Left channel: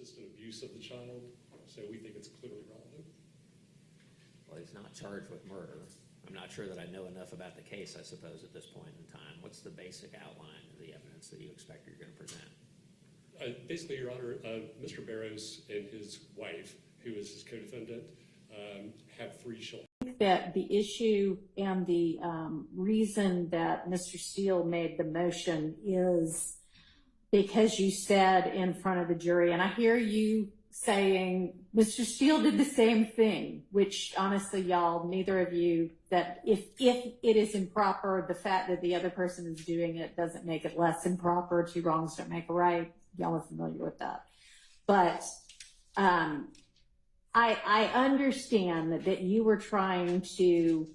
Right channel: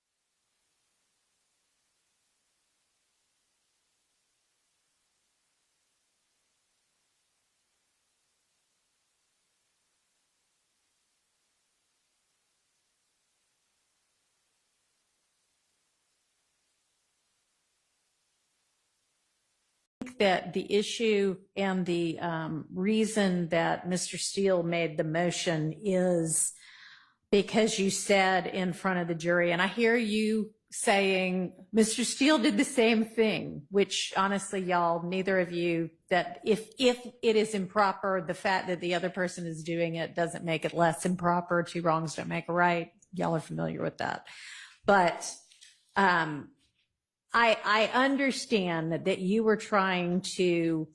consistent abuse of the child, so we think it's clearly relevant. Well, he's not charged with murder. I'm not sure that I know enough about the case, I suppose, at this point in time. What's the basic outline of the evidence that you expect you're going to present? Basically, Your Honor, Mr. Barrows and his wife, who is his co-defendant, have 3 children. That the issue and the reason that Mr. Steele made the motion is because you said in front of the jury, and I hear you saying Mr. Steele did the same thing, which honestly, y'all, neither of you, that if it is improper, the fact that the other person is doing it doesn't make it less improper. 2 wrongs don't make a right. Y'all are familiar with that. But I understand that you were trying to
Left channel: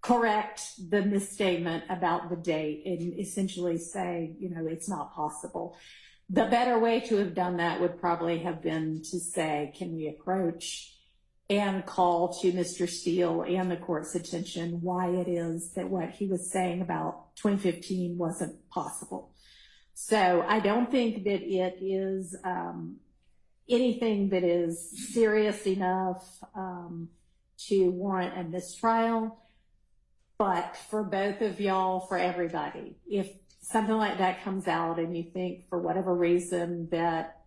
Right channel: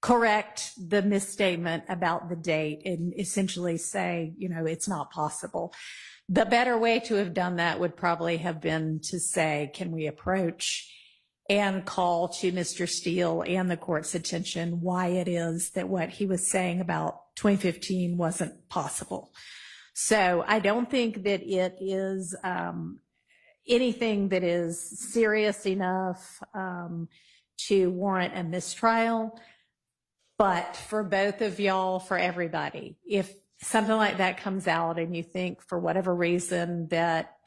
correct the misstatement about the date and essentially say, you know, it's not possible. The better way to have done that would probably have been to say, can we approach and call to Mr. Steele and the court's attention why it is that what he was saying about 2015 wasn't possible. So I don't think that it is anything that is serious enough to warrant a mistrial. But for both of y'all, for everybody, if something like that comes out and you think for whatever reason that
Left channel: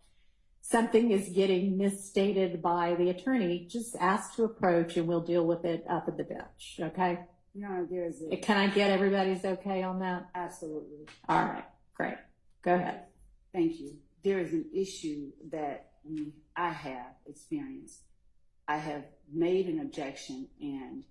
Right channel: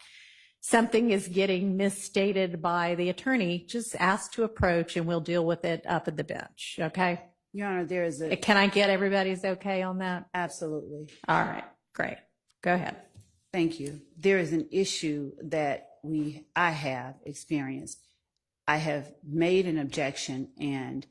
something is getting misstated by the attorney, just ask to approach and we'll deal with it up at the bench, okay? Your Honor, there is a... Can I get everybody's okay on that? Absolutely. All right, great. Go ahead. Thank you. There is an issue that I have experienced. I have made an objection, and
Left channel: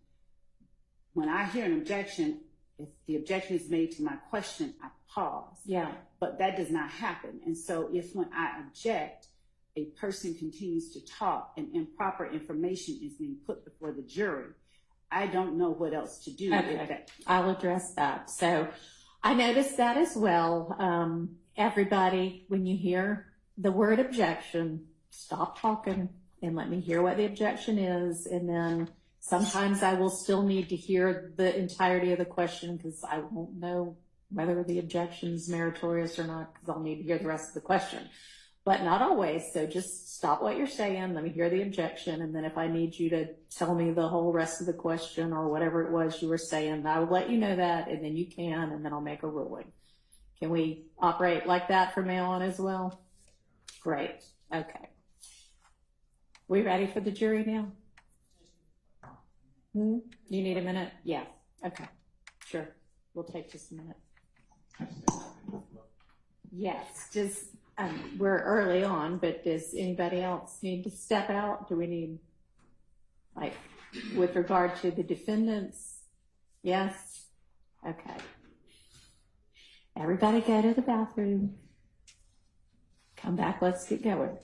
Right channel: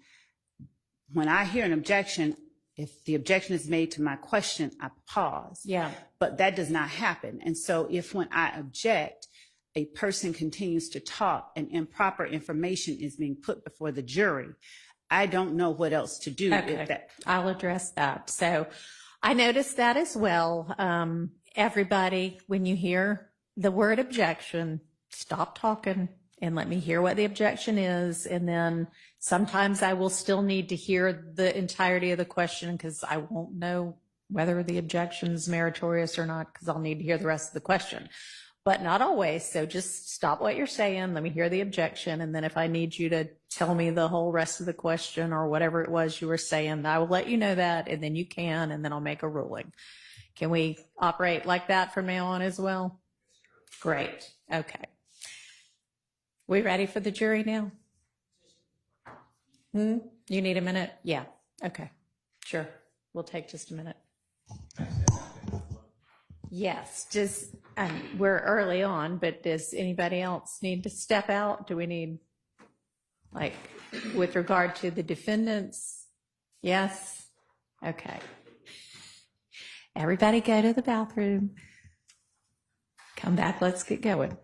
when I hear an objection, if the objection is made to my question, I pause. Yeah. But that does not happen. And so if when I object, a person continues to talk and improper information is being put before the jury, I don't know what else to do. Okay. I'll address that. So I noticed that as well. Everybody, when you hear the word objection, stop talking and let me hear what the objection is. And then sometimes I will still need to hear the entirety of the question because I won't know whether the objection is meritorious or not because I'll need to hear the rest of the question. But not always. So just stop what you're saying. Let me hear the objection. And then if I need you to tell me the whole rest of the question or whatever it was you were saying, I will let you know that. And then you can, and then I'll make a ruling. Can we operate like that from now on as well? Great. Okay. We ready for the jury now? You need a minute? Yeah. Okay. Sure. We'll take just a minute. Yes. Just, we're early on, but does anybody else need to step out? Do we need, like, with regard to the defendants? Yes? Okay. Everybody go to the bathroom. Come back. Let's get going.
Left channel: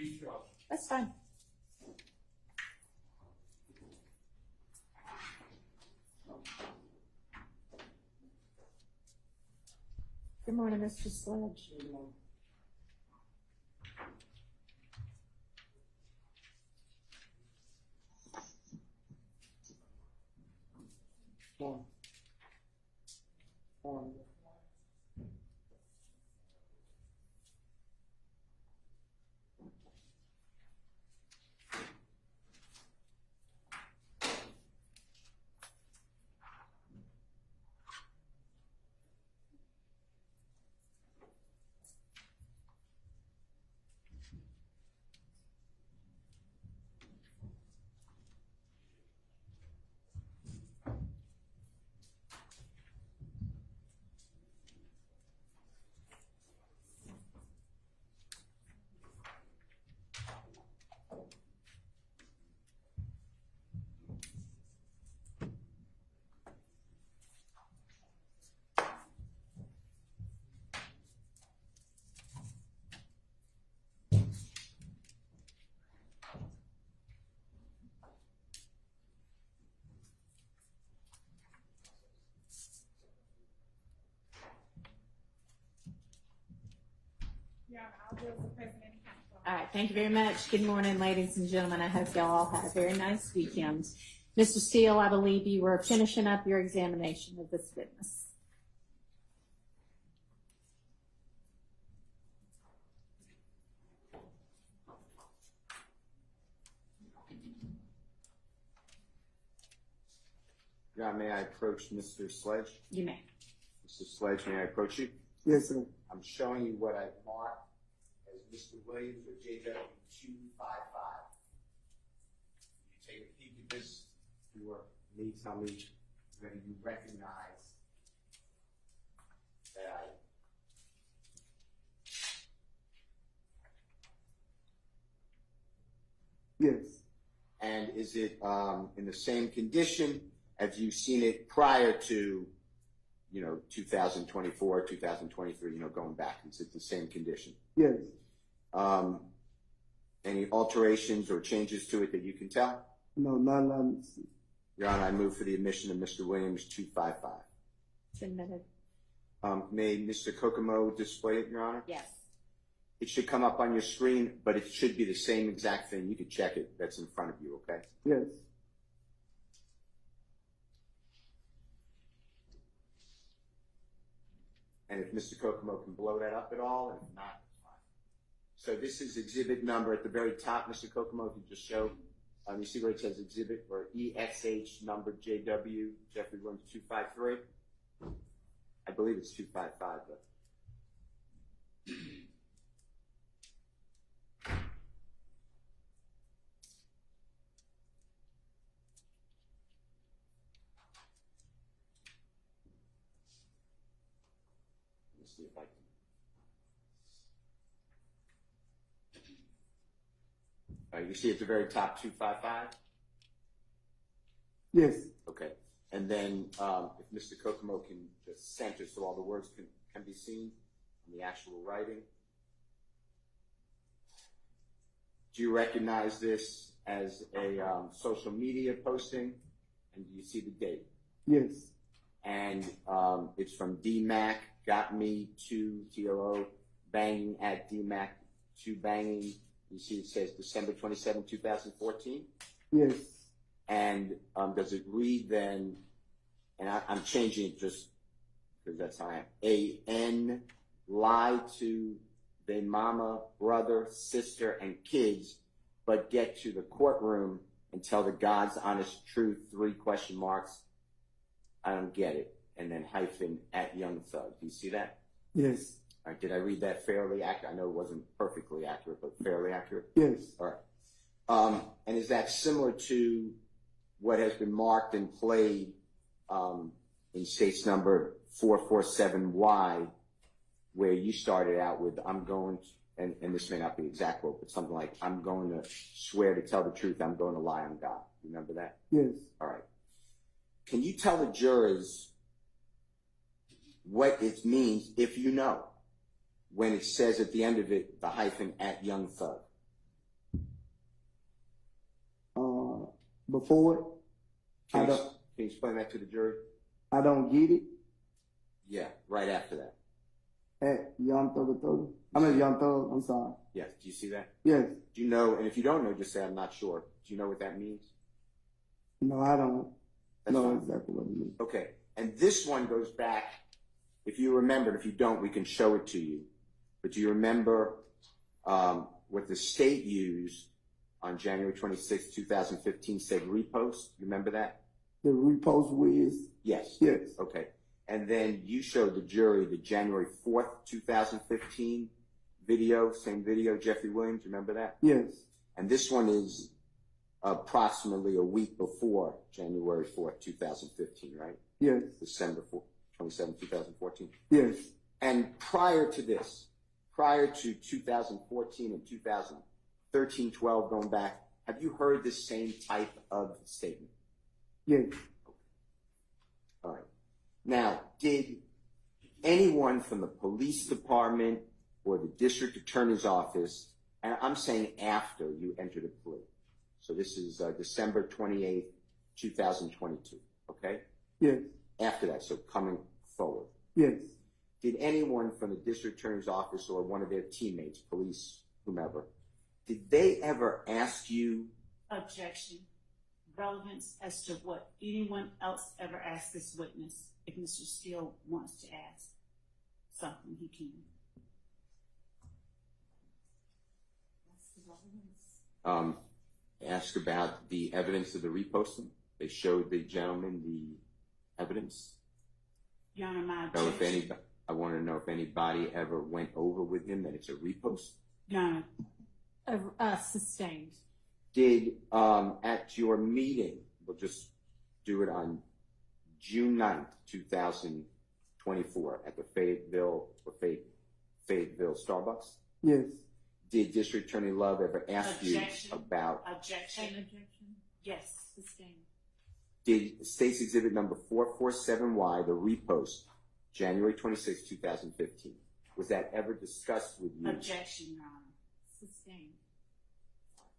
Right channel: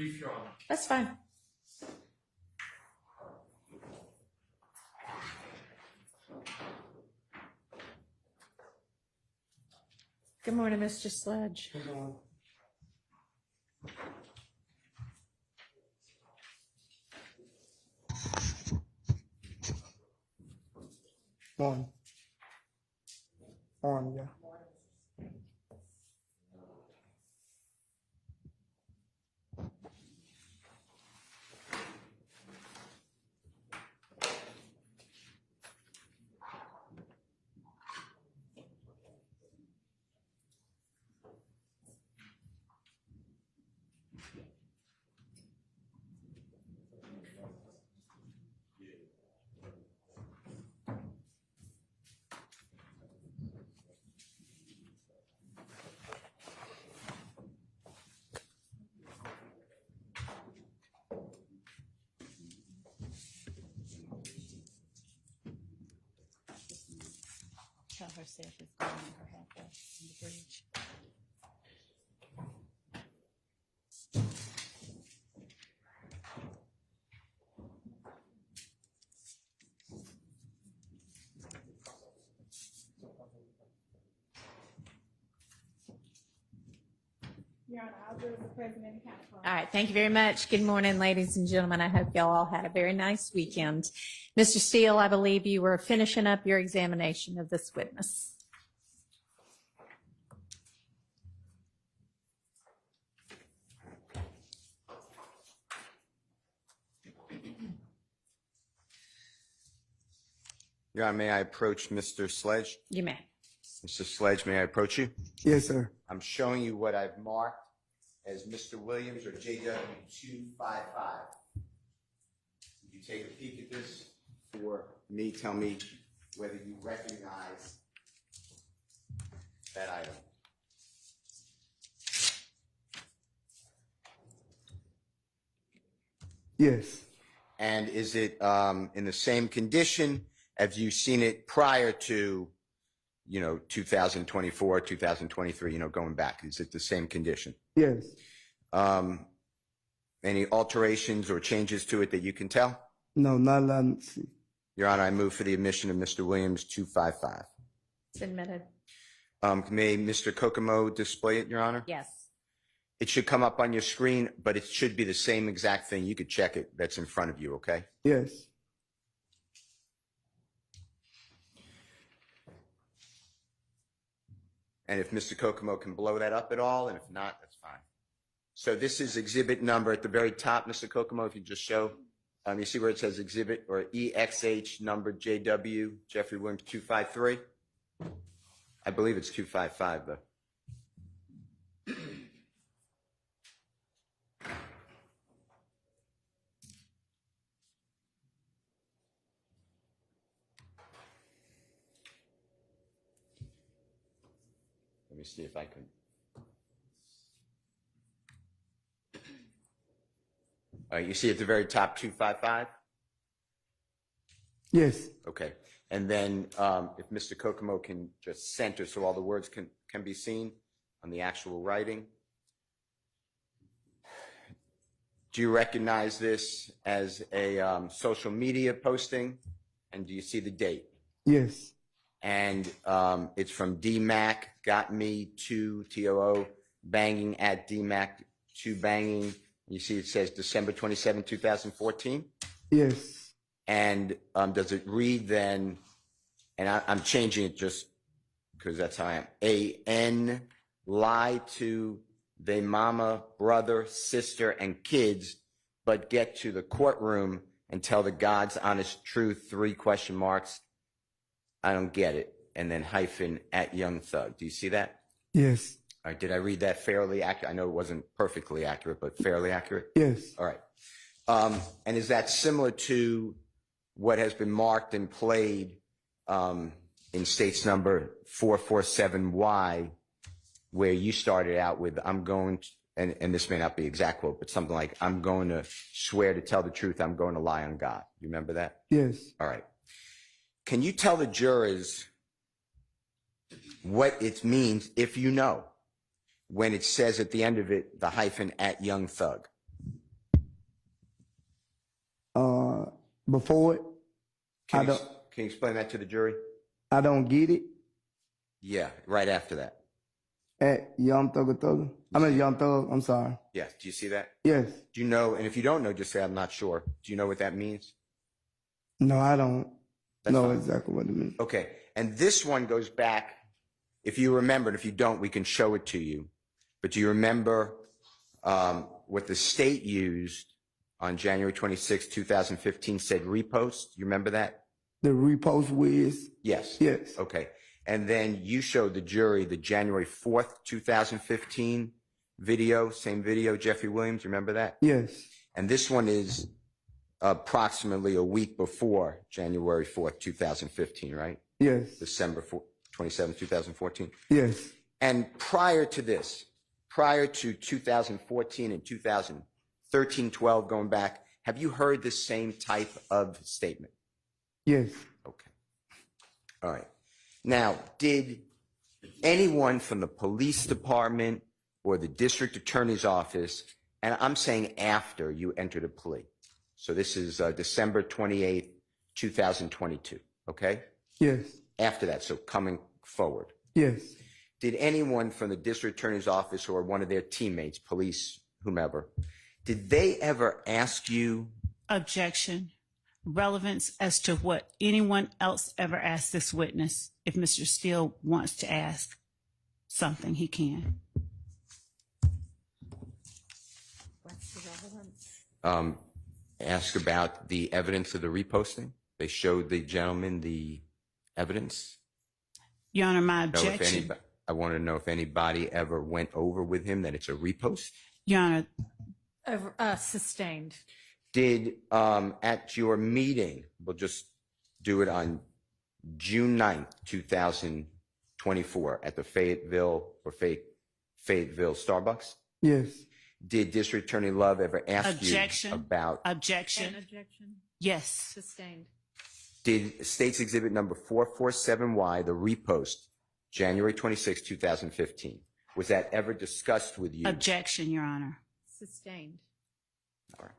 brief, Your Honor. That's fine. Good morning, Mr. Sledge. On, yeah. Tell her Seth is giving her half on the bridge. All right, thank you very much. Good morning, ladies and gentlemen. I hope y'all all had a very nice weekend. Mr. Steele, I believe you were finishing up your examination of this witness. Your Honor, may I approach Mr. Sledge? You may. Mr. Sledge, may I approach you? Yes, sir. I'm showing you what I've marked as Mr. Williams or JW 255. You take a peek at this for me, tell me whether you recognize that item. Yes. And is it in the same condition? Have you seen it prior to, 2024, 2023, going back? Is it the same condition? Yes. Any alterations or changes to it that you can tell? No, not allowed to see. Your Honor, I move for the admission of Mr. Williams 255. It's admitted. May Mr. Kokomo display it, Your Honor? Yes. It should come up on your screen, but it should be the same exact thing. You could check it. That's in front of you, okay? Yes. And if Mr. Kokomo can blow that up at all, and if not, that's fine. So this is exhibit number at the very top, Mr. Kokomo, if you just show. You see where it says exhibit or EXH number JW, Jeffrey Williams 253? I believe it's 255, though. Let me see if I can. All right, you see at the very top 255? Yes. Okay. And then if Mr. Kokomo can just center so all the words can be seen on the actual writing. Do you recognize this as a social media posting? And do you see the date? Yes. And it's from DMAC, got me to TOO, banging at DMAC to banging. You see it says December 27, 2014? Yes. And does it read then, and I'm changing it just because that's how I am, A-N, lie to they mama, brother, sister, and kids, but get to the courtroom and tell the God's honest truth, 3 question marks. I don't get it. And then hyphen at Young Thug. Do you see that? Yes. All right, did I read that fairly accurate? I know it wasn't perfectly accurate, but fairly accurate? Yes. All right. And is that similar to what has been marked and played in states number 447Y, where you started out with, I'm going to, and this may not be exact quote, but something like, I'm going to swear to tell the truth, I'm going to lie on God. You remember that? Yes. All right. Can you tell the jurors what it means, if you know, when it says at the end of it, the hyphen at Young Thug? Before it, Can I you, don't, can you explain that to the jury? I don't get it. Yeah, right after that. At Young Thug. I mean Young Thug. I'm sorry. Yes, do you see that? Yes. Do you know, and if you don't know, just say, I'm not sure. Do you know what that means? No, I don't That's know fine. exactly what it means. Okay, and this one goes back, if you remember, if you don't, we can show it to you. But do you remember what the state used on January 26, 2015, said repost? You remember that? The repost whiz. Yes. Yes. Okay. And then you showed the jury the January 4th, 2015 video, same video, Jeffrey Williams, you remember that? Yes. And this one is approximately a week before January 4th, 2015, right? Yes. December 27, 2014. Yes. And prior to this, prior to 2014 and 2013, 12 going back, have you heard the same type of statement? Yes. Okay. All right. Now, did anyone from the police department or the district attorney's office, and I'm saying after you entered a plea, so this is December 28th, 2022, okay? Yes. After that, so coming forward. Yes. Did anyone from the district attorney's office or one of their teammates, police, whomever, did they ever ask you? Objection. Relevance as to what anyone else ever asked this witness. If Mr. Steele wants to ask something, he can. What's the relevance? Ask about the evidence of the reposting? They showed the gentleman the evidence? Your Honor, my Know if objection. I want to know if anybody ever went over with him that it's a repost? Your Honor, Sustained. Did, at your meeting, we'll just do it on June 9th, 2024, at the Fayetteville Starbucks, Yes. did District Attorney Love ever ask Objection. you about, objection. objection. Yes. Sustained. did State's Exhibit number 447Y, the repost, January 26, 2015, was that ever discussed with you? Objection, Your Honor. Sustained. All right.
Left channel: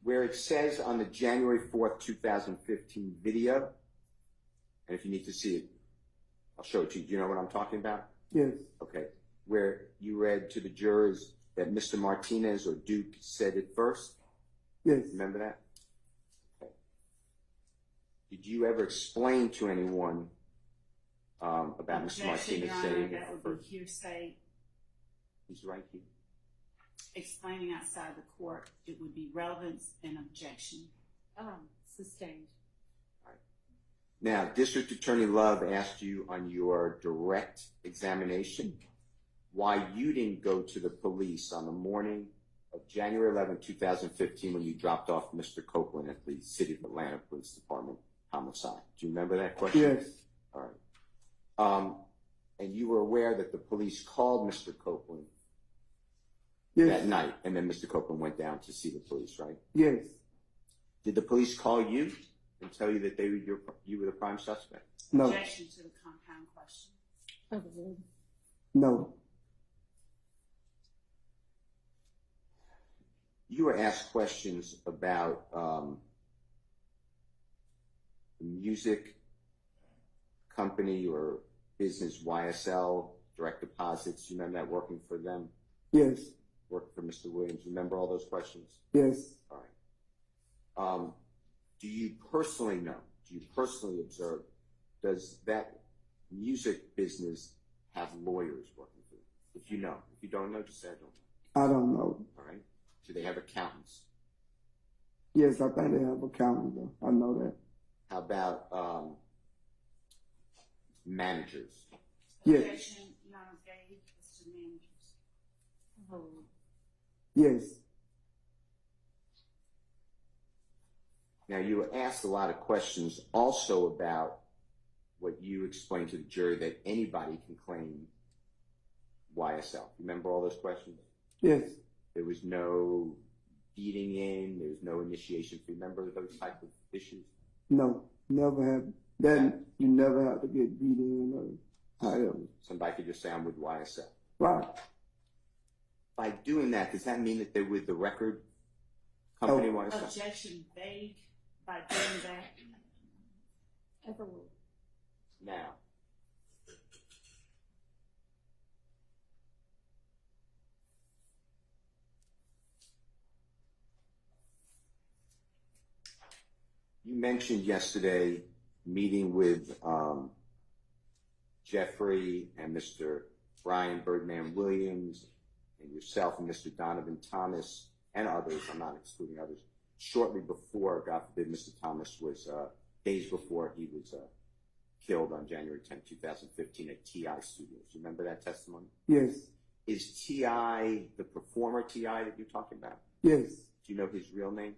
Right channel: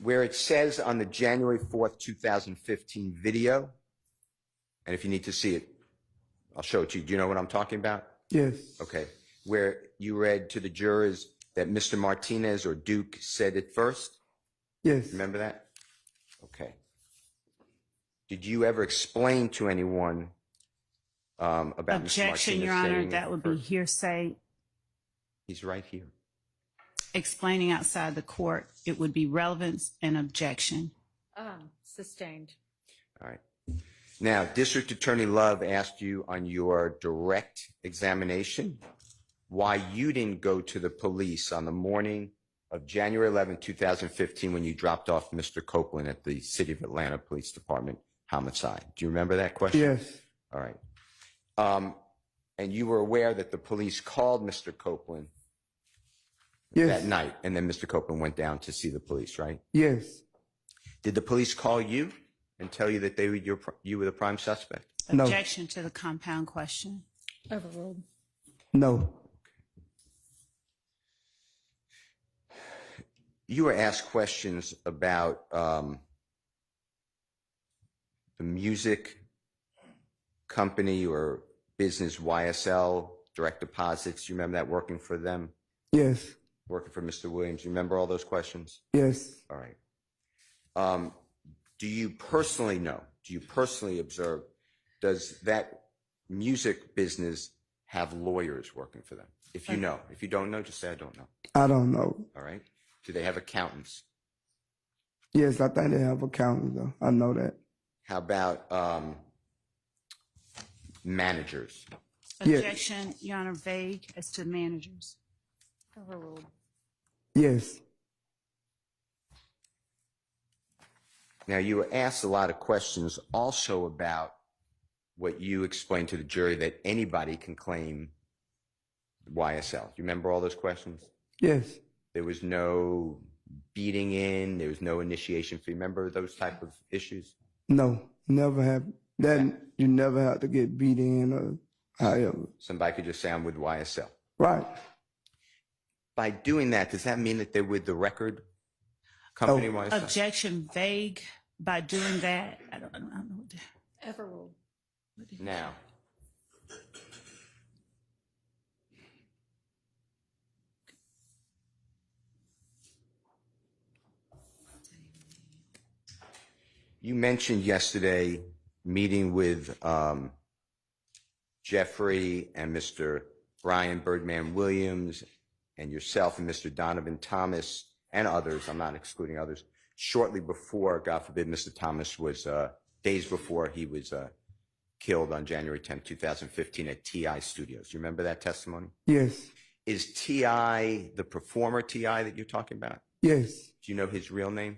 Where it says on the January 4th, 2015 video, and if you need to see it, I'll show it to you. Do you know what I'm talking about? Yes. Okay. Where you read to the jurors that Mr. Martinez or Duke said it first? Yes. Remember that? Okay. Did you ever explain to anyone about Mr. Objection, Martinez Your Honor. saying That it would be first? hearsay. He's right here. Explaining outside the court, it would be relevance and objection. Sustained. All right. Now, District Attorney Love asked you on your direct examination why you didn't go to the police on the morning of January 11, 2015, when you dropped off Mr. Copeland at the City of Atlanta Police Department homicide. Do you remember that question? Yes. All right. And you were aware that the police called Mr. Copeland Yes. that night, and then Mr. Copeland went down to see the police, right? Yes. Did the police call you and tell you that you were the prime suspect? No. Objection to the compound question. Overruled. No. You were asked questions about the music company or business YSL, direct deposits. You remember that, working for them, Yes. working for Mr. Williams? You remember all those questions? Yes. All right. Do you personally know, do you personally observe, does that music business have lawyers working for them? If you know. If you don't know, just say I don't know. I don't know. All right. Do they have accountants? Yes, I think they have accountants though. I know that. How about managers? Yes. Objection, Your Honor, vague as to managers. Overruled. Yes. Now, you were asked a lot of questions also about what you explained to the jury, that anybody can claim YSL. Do you remember all those questions? Yes. There was no beating in, there was no initiation fee. Remember those type of issues? No. Never have. That you never have to get beat in or however. Somebody could just say, I'm with YSL. Right. By doing that, does that mean that they're with the record company? Oh. Objection vague by doing that. I don't know what the- Overruled. Now, you mentioned yesterday meeting with Jeffrey and Mr. Brian Birdman Williams and yourself and Mr. Donovan Thomas and others, I'm not excluding others, shortly before, God forbid, Mr. Thomas was, days before he was killed on January 10, 2015 at TI Studios. Do you remember that testimony? Yes. Is TI the performer TI that you're talking about? Yes. Do you know his real name?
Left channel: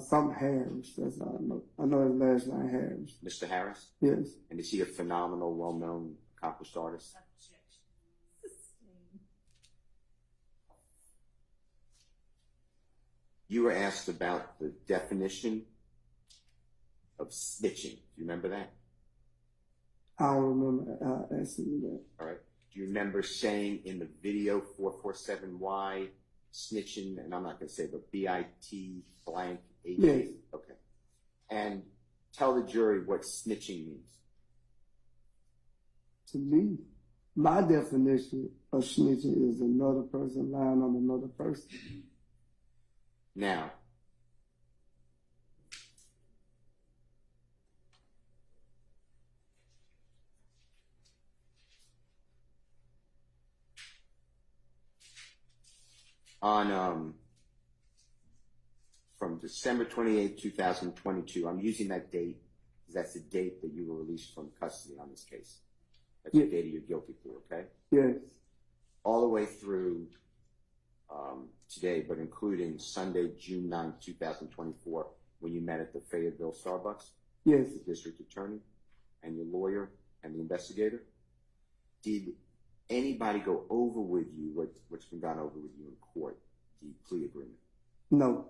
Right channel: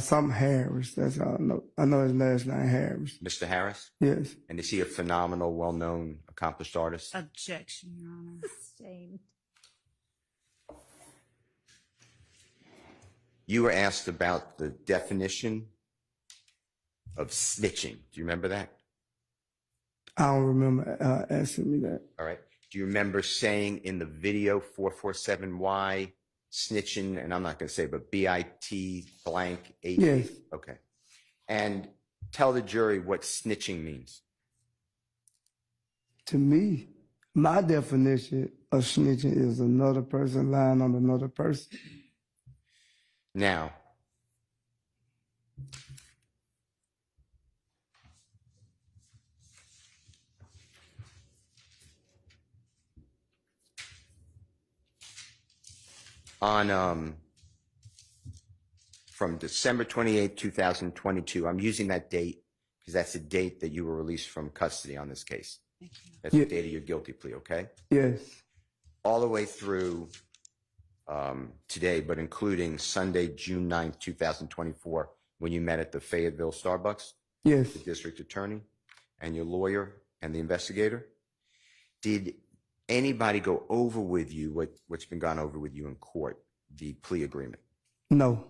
Some Harris. That's all I know. I know his last name Harris. Mr. Harris? Yes. And is he a phenomenal, well-known, accomplished artist? Objection, Your Honor. Sustained. You were asked about the definition of snitching. Do you remember that? I don't remember asking me that. All right. Do you remember saying in the video 447Y snitching, and I'm not going to say, but BIT blank 8? Yes. Okay. And tell the jury what snitching means. To me, my definition of snitching is another person lying on another person. Now, on from December 28, 2022, I'm using that date because that's the date that you were released from custody on this case. That's the date of your guilty plea, okay? Yes. All the way through today, but including Sunday, June 9th, 2024, when you met at the Fayetteville Starbucks, Yes. the district attorney and your lawyer and the investigator. Did anybody go over with you what's been gone over with you in court, the plea agreement? No.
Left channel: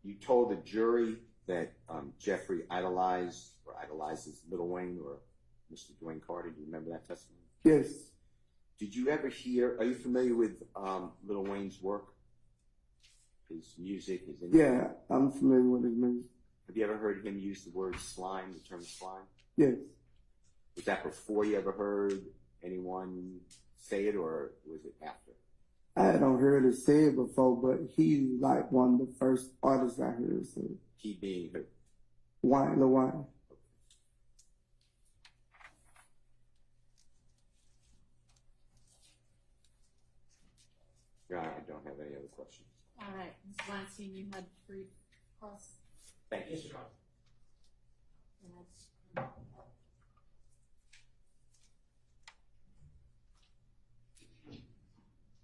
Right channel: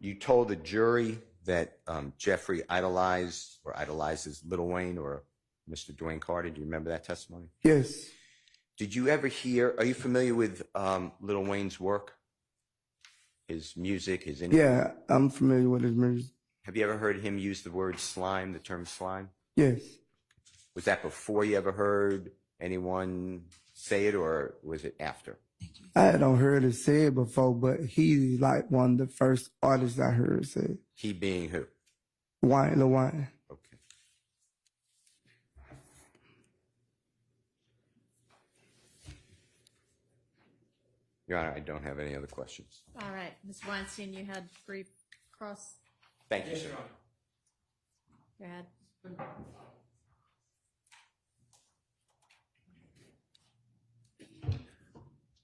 You told the jury that Jeffrey idolizes Lil Wayne or Mr. Dwayne Carter. Do you remember that testimony? Yes. Did you ever hear, are you familiar with Lil Wayne's work? His music, his Yeah, I'm familiar with his music. Have you ever heard him use the word slime, the term slime? Yes. Was that before you ever heard anyone say it, or was it after? I had not heard it said before, but he's like one of the first artists I heard say it. He being who? Lil Wayne. Okay. Your Honor, I don't have any other questions. All right, Ms. Weinstein, you had brief cross. Thank you. Go ahead.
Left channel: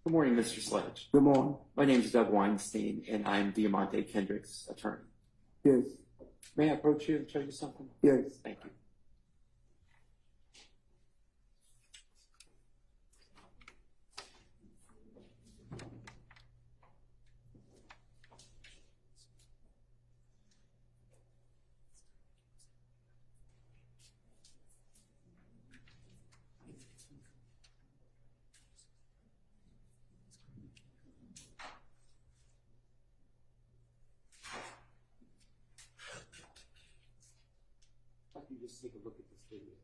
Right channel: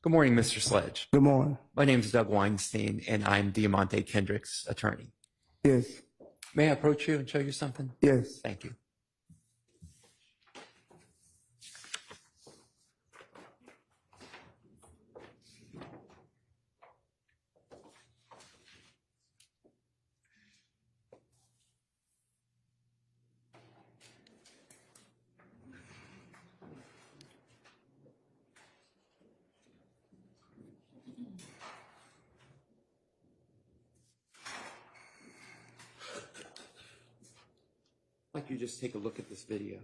Good morning, Mr. Sledge. Good morning. My name is Doug Weinstein, and I'm Diamante Kendrick's attorney. Yes. May I approach you and show you something? Yes. Thank you. I'd like you to just take a look at this video.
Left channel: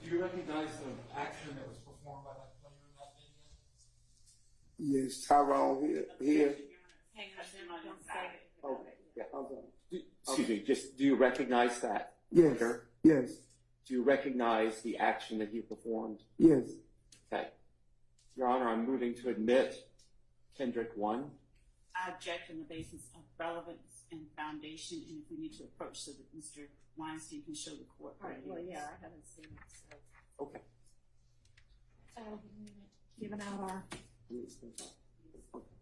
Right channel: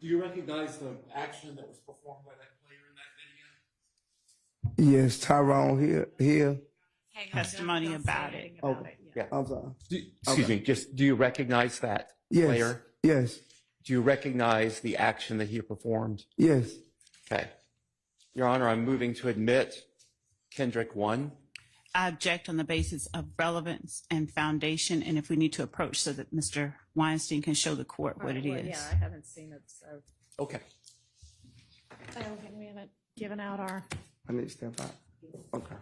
Do you recognize the action that was performed by that player in that video? Yes, Tyrone here. Testimony about it. Yeah. I'm sorry. Excuse me, just do you recognize that Yes. player? Yes. Do you recognize the action that he performed? Yes. Okay. Your Honor, I'm moving to admit Kendrick 1. I object on the basis of relevance and foundation, and if we need to approach so that Mr. Weinstein can show the court what it Well, is. Yeah, I haven't seen it, so. Okay. Oh, and we haven't given out our. I need to step out. Okay.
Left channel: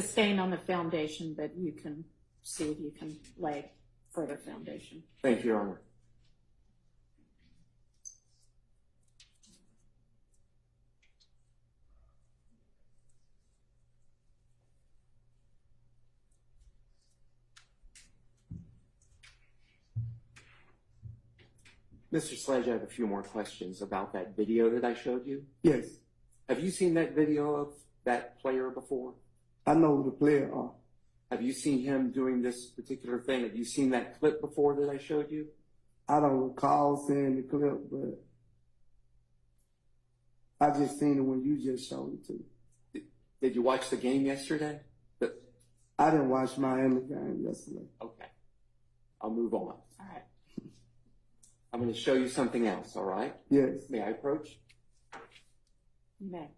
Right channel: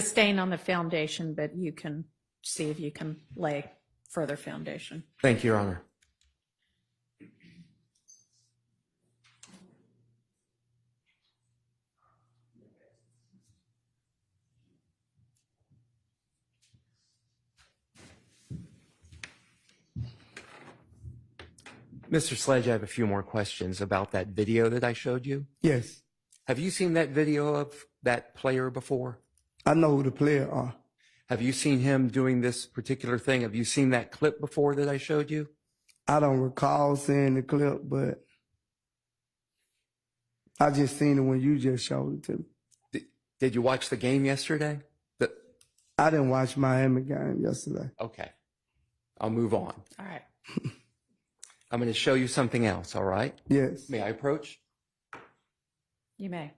sustain on the foundation, but you can see if you can lay further foundation. Thank you, Your Honor. Mr. Sledge, I have a few more questions about that video that I showed you. Yes. Have you seen that video of that player before? I know who the player are. Have you seen him doing this particular thing? Have you seen that clip before that I showed you? I don't recall seeing the clip, but I just seen it when you just showed it to me. Did you watch the game yesterday? I didn't watch Miami game yesterday. Okay. I'll move on. All right. I'm going to show you something else, all right? Yes. May I approach? You may.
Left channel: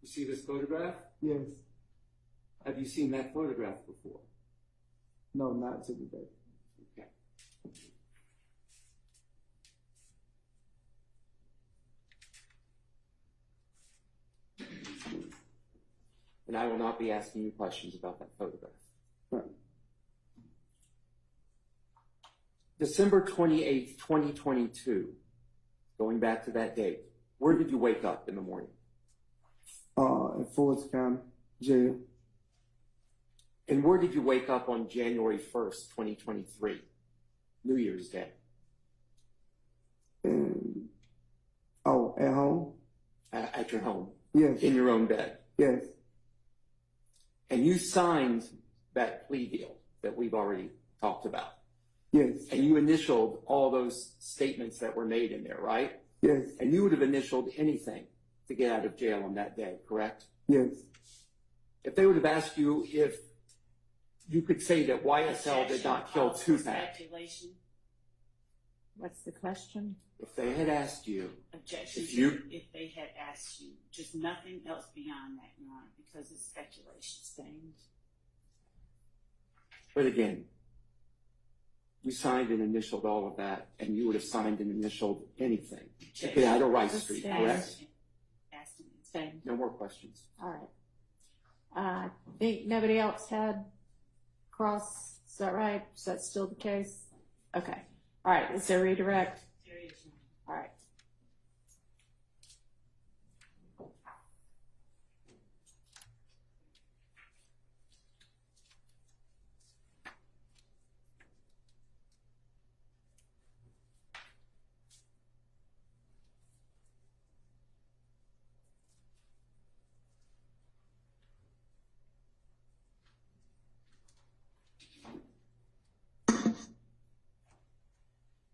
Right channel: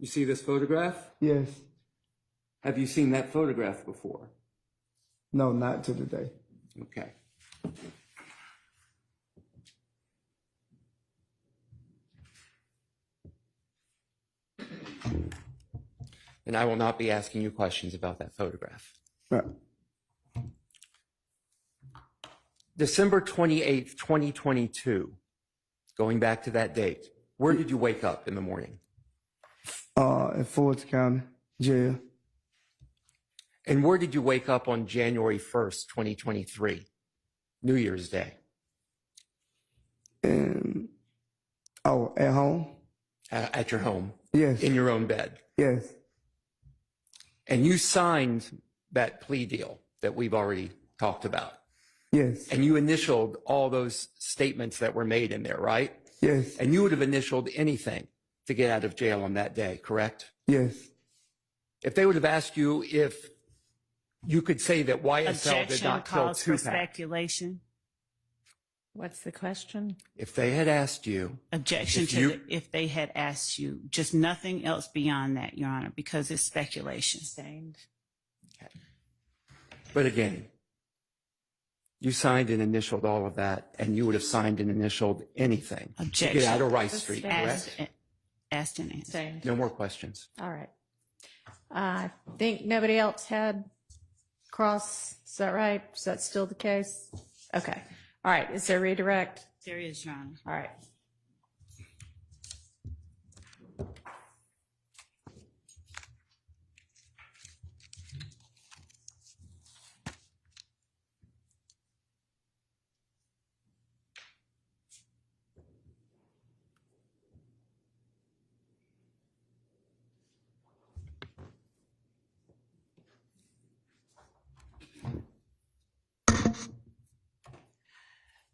You see this photograph? Yes. Have you seen that photograph before? No, not to today. Okay. And I will not be asking you questions about that photograph. Right. December 28th, 2022, going back to that date, where did you wake up in the morning? At Fulton County Jail. And where did you wake up on January 1st, 2023, New Year's Day? And at home? At your home? Yes. In your own bed? Yes. And you signed that plea deal that we've already talked about. Yes. And you initialed all those statements that were made in there, right? Yes. And you would have initialed anything to get out of jail on that day, correct? Yes. If they would have asked you if you could say that YSL did Objection not kill calls for Tupac, speculation. What's the question? if they had asked you, Objection If to you- if they had asked you, just nothing else beyond that, Your Honor, because it's speculation. Sustained. but again, you signed and initialed all of that, and you would have signed and initialed anything to Objection. get out of Rice Street, Sustained. correct? Asked and answered. Sustained. No more questions. All right. I think nobody else had cross. Is that right? Is that still the case? Okay. All right. Is there redirect? There is, Your Honor. All right.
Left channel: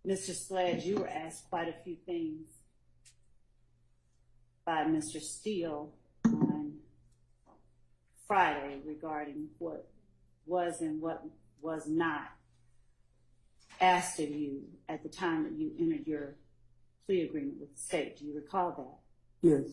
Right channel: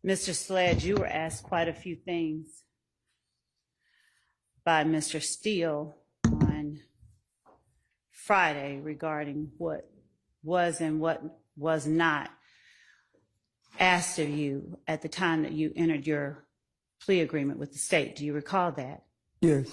Mr. Sledge, you were asked quite a few things by Mr. Steele on Friday regarding what was and what was not asked of you at the time that you entered your plea agreement with the state. Do you recall that? Yes.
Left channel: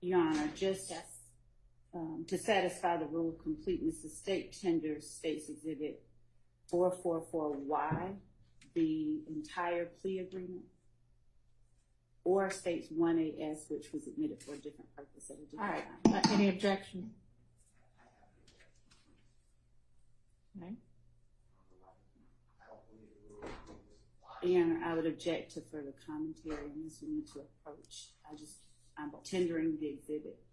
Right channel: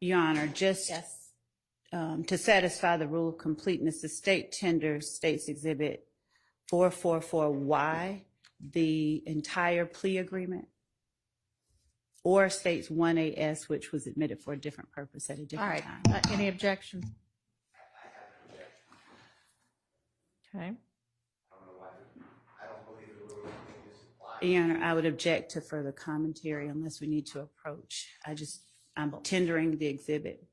Your Honor, just Yes. to satisfy the rule of completeness, the state tenders State's Exhibit 444Y, the entire plea agreement, or states 1AS, which was admitted for a different purpose at a All different right. time. Any objection? Okay. Your Honor, I would object to further commentary unless we need to approach. I'm tendering the exhibit.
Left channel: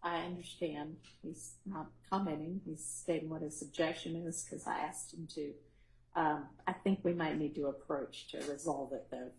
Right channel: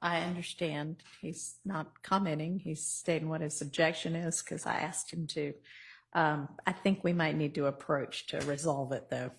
I understand. He's not commenting. He's stating what his objection is because I asked him to. I think we might need to approach to resolve it, though.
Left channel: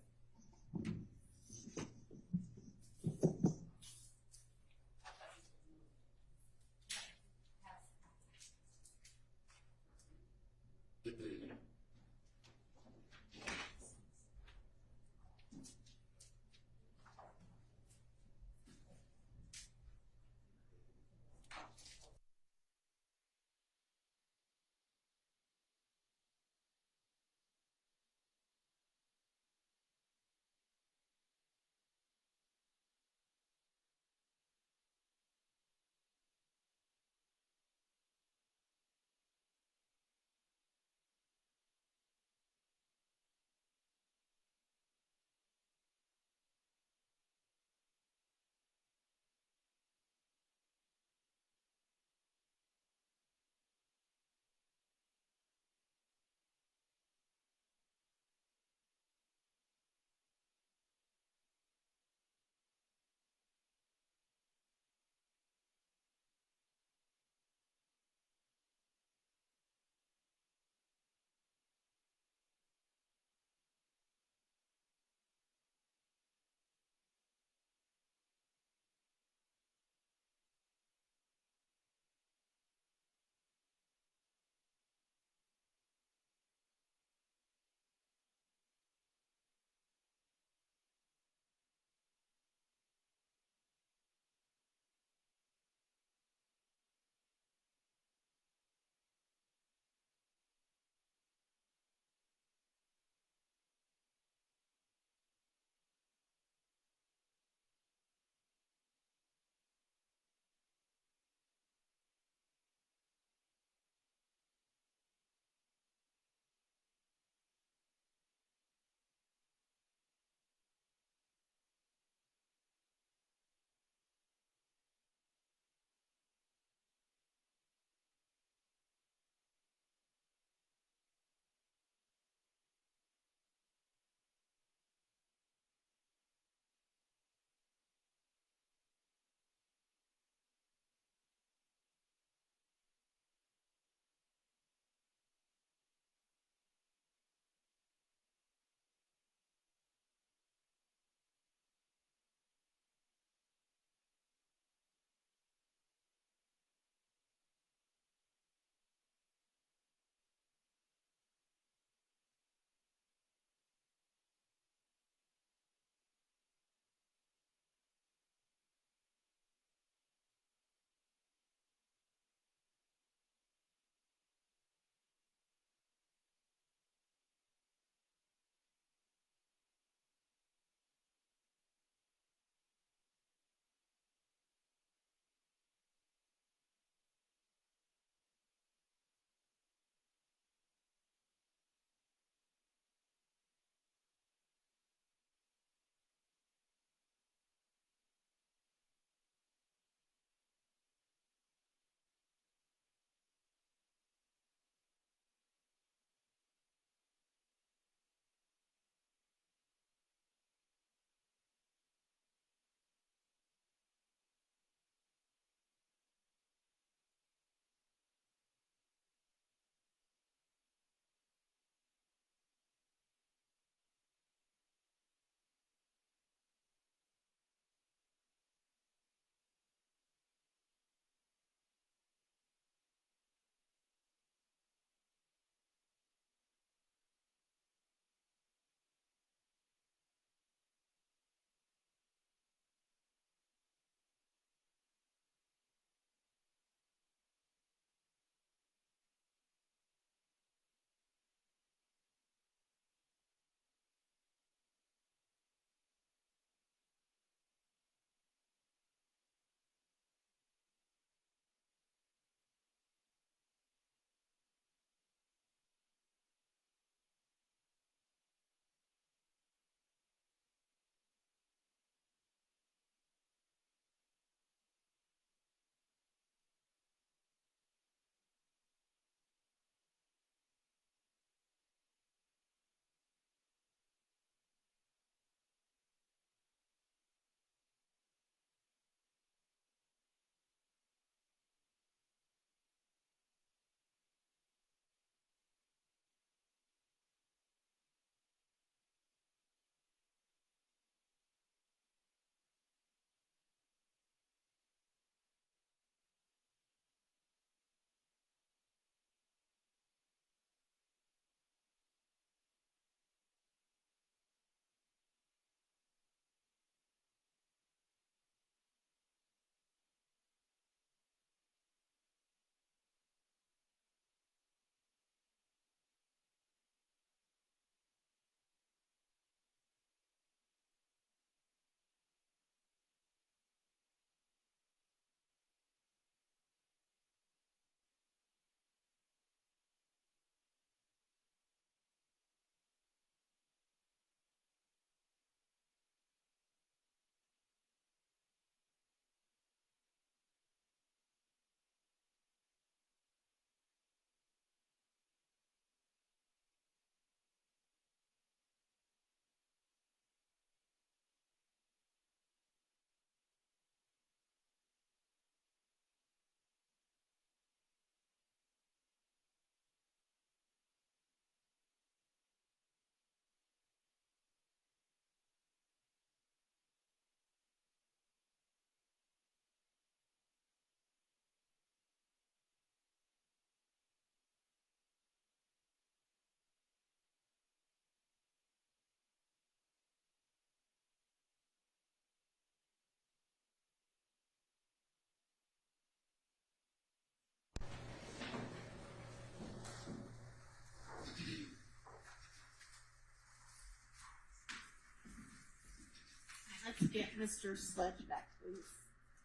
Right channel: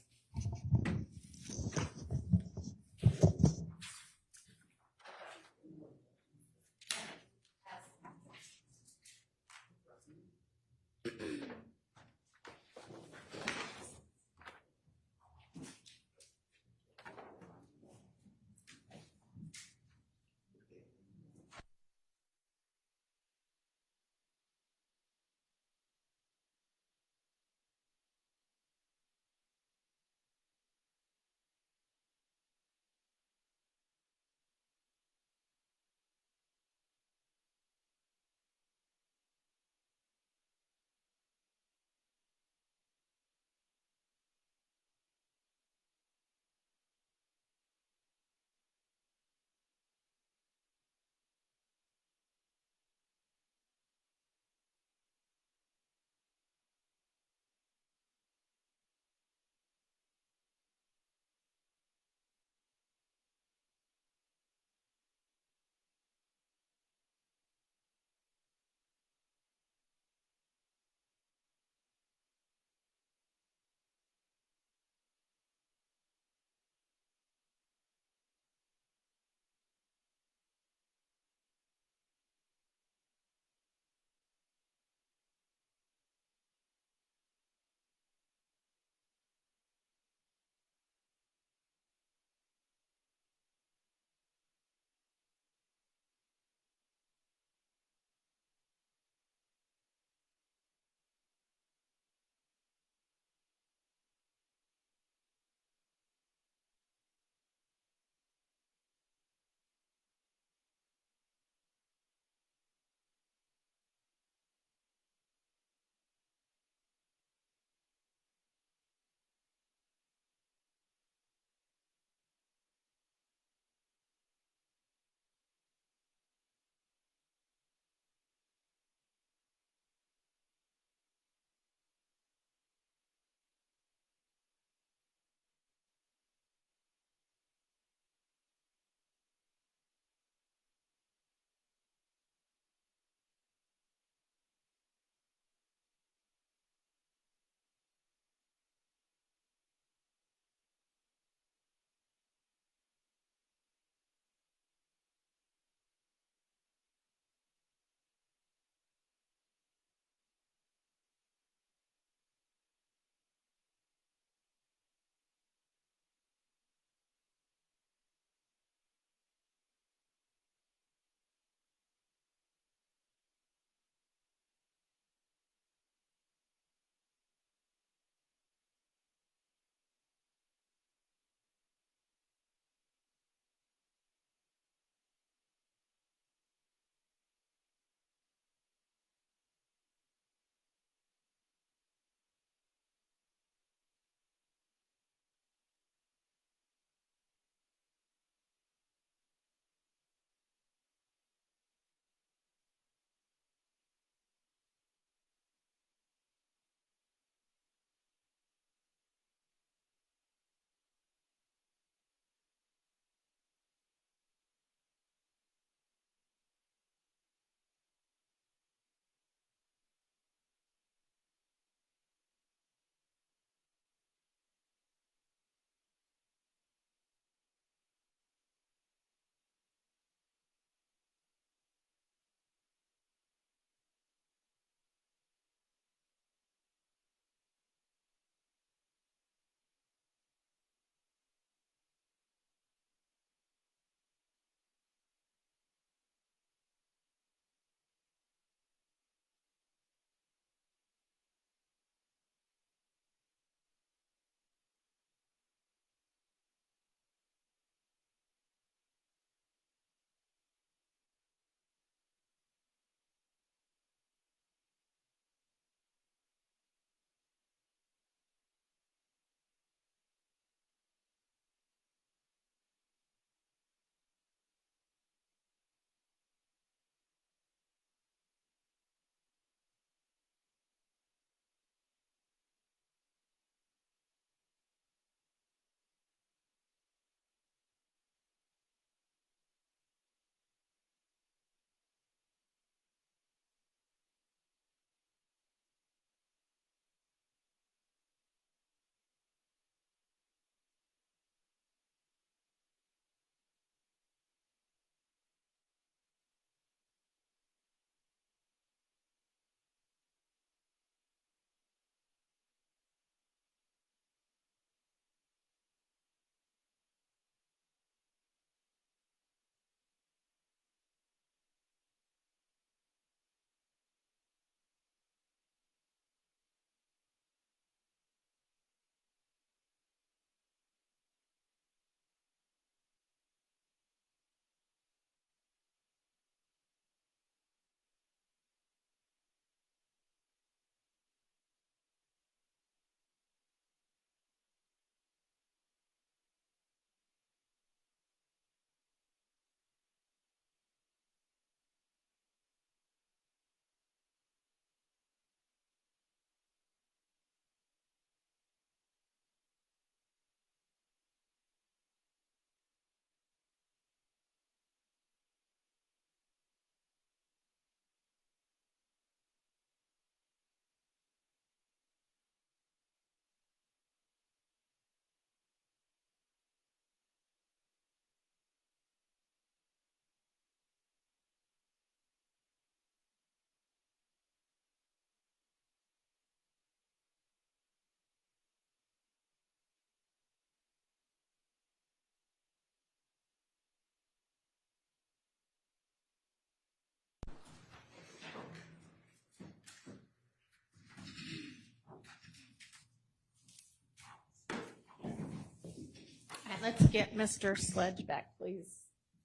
let's get Mr. Sledge back, please.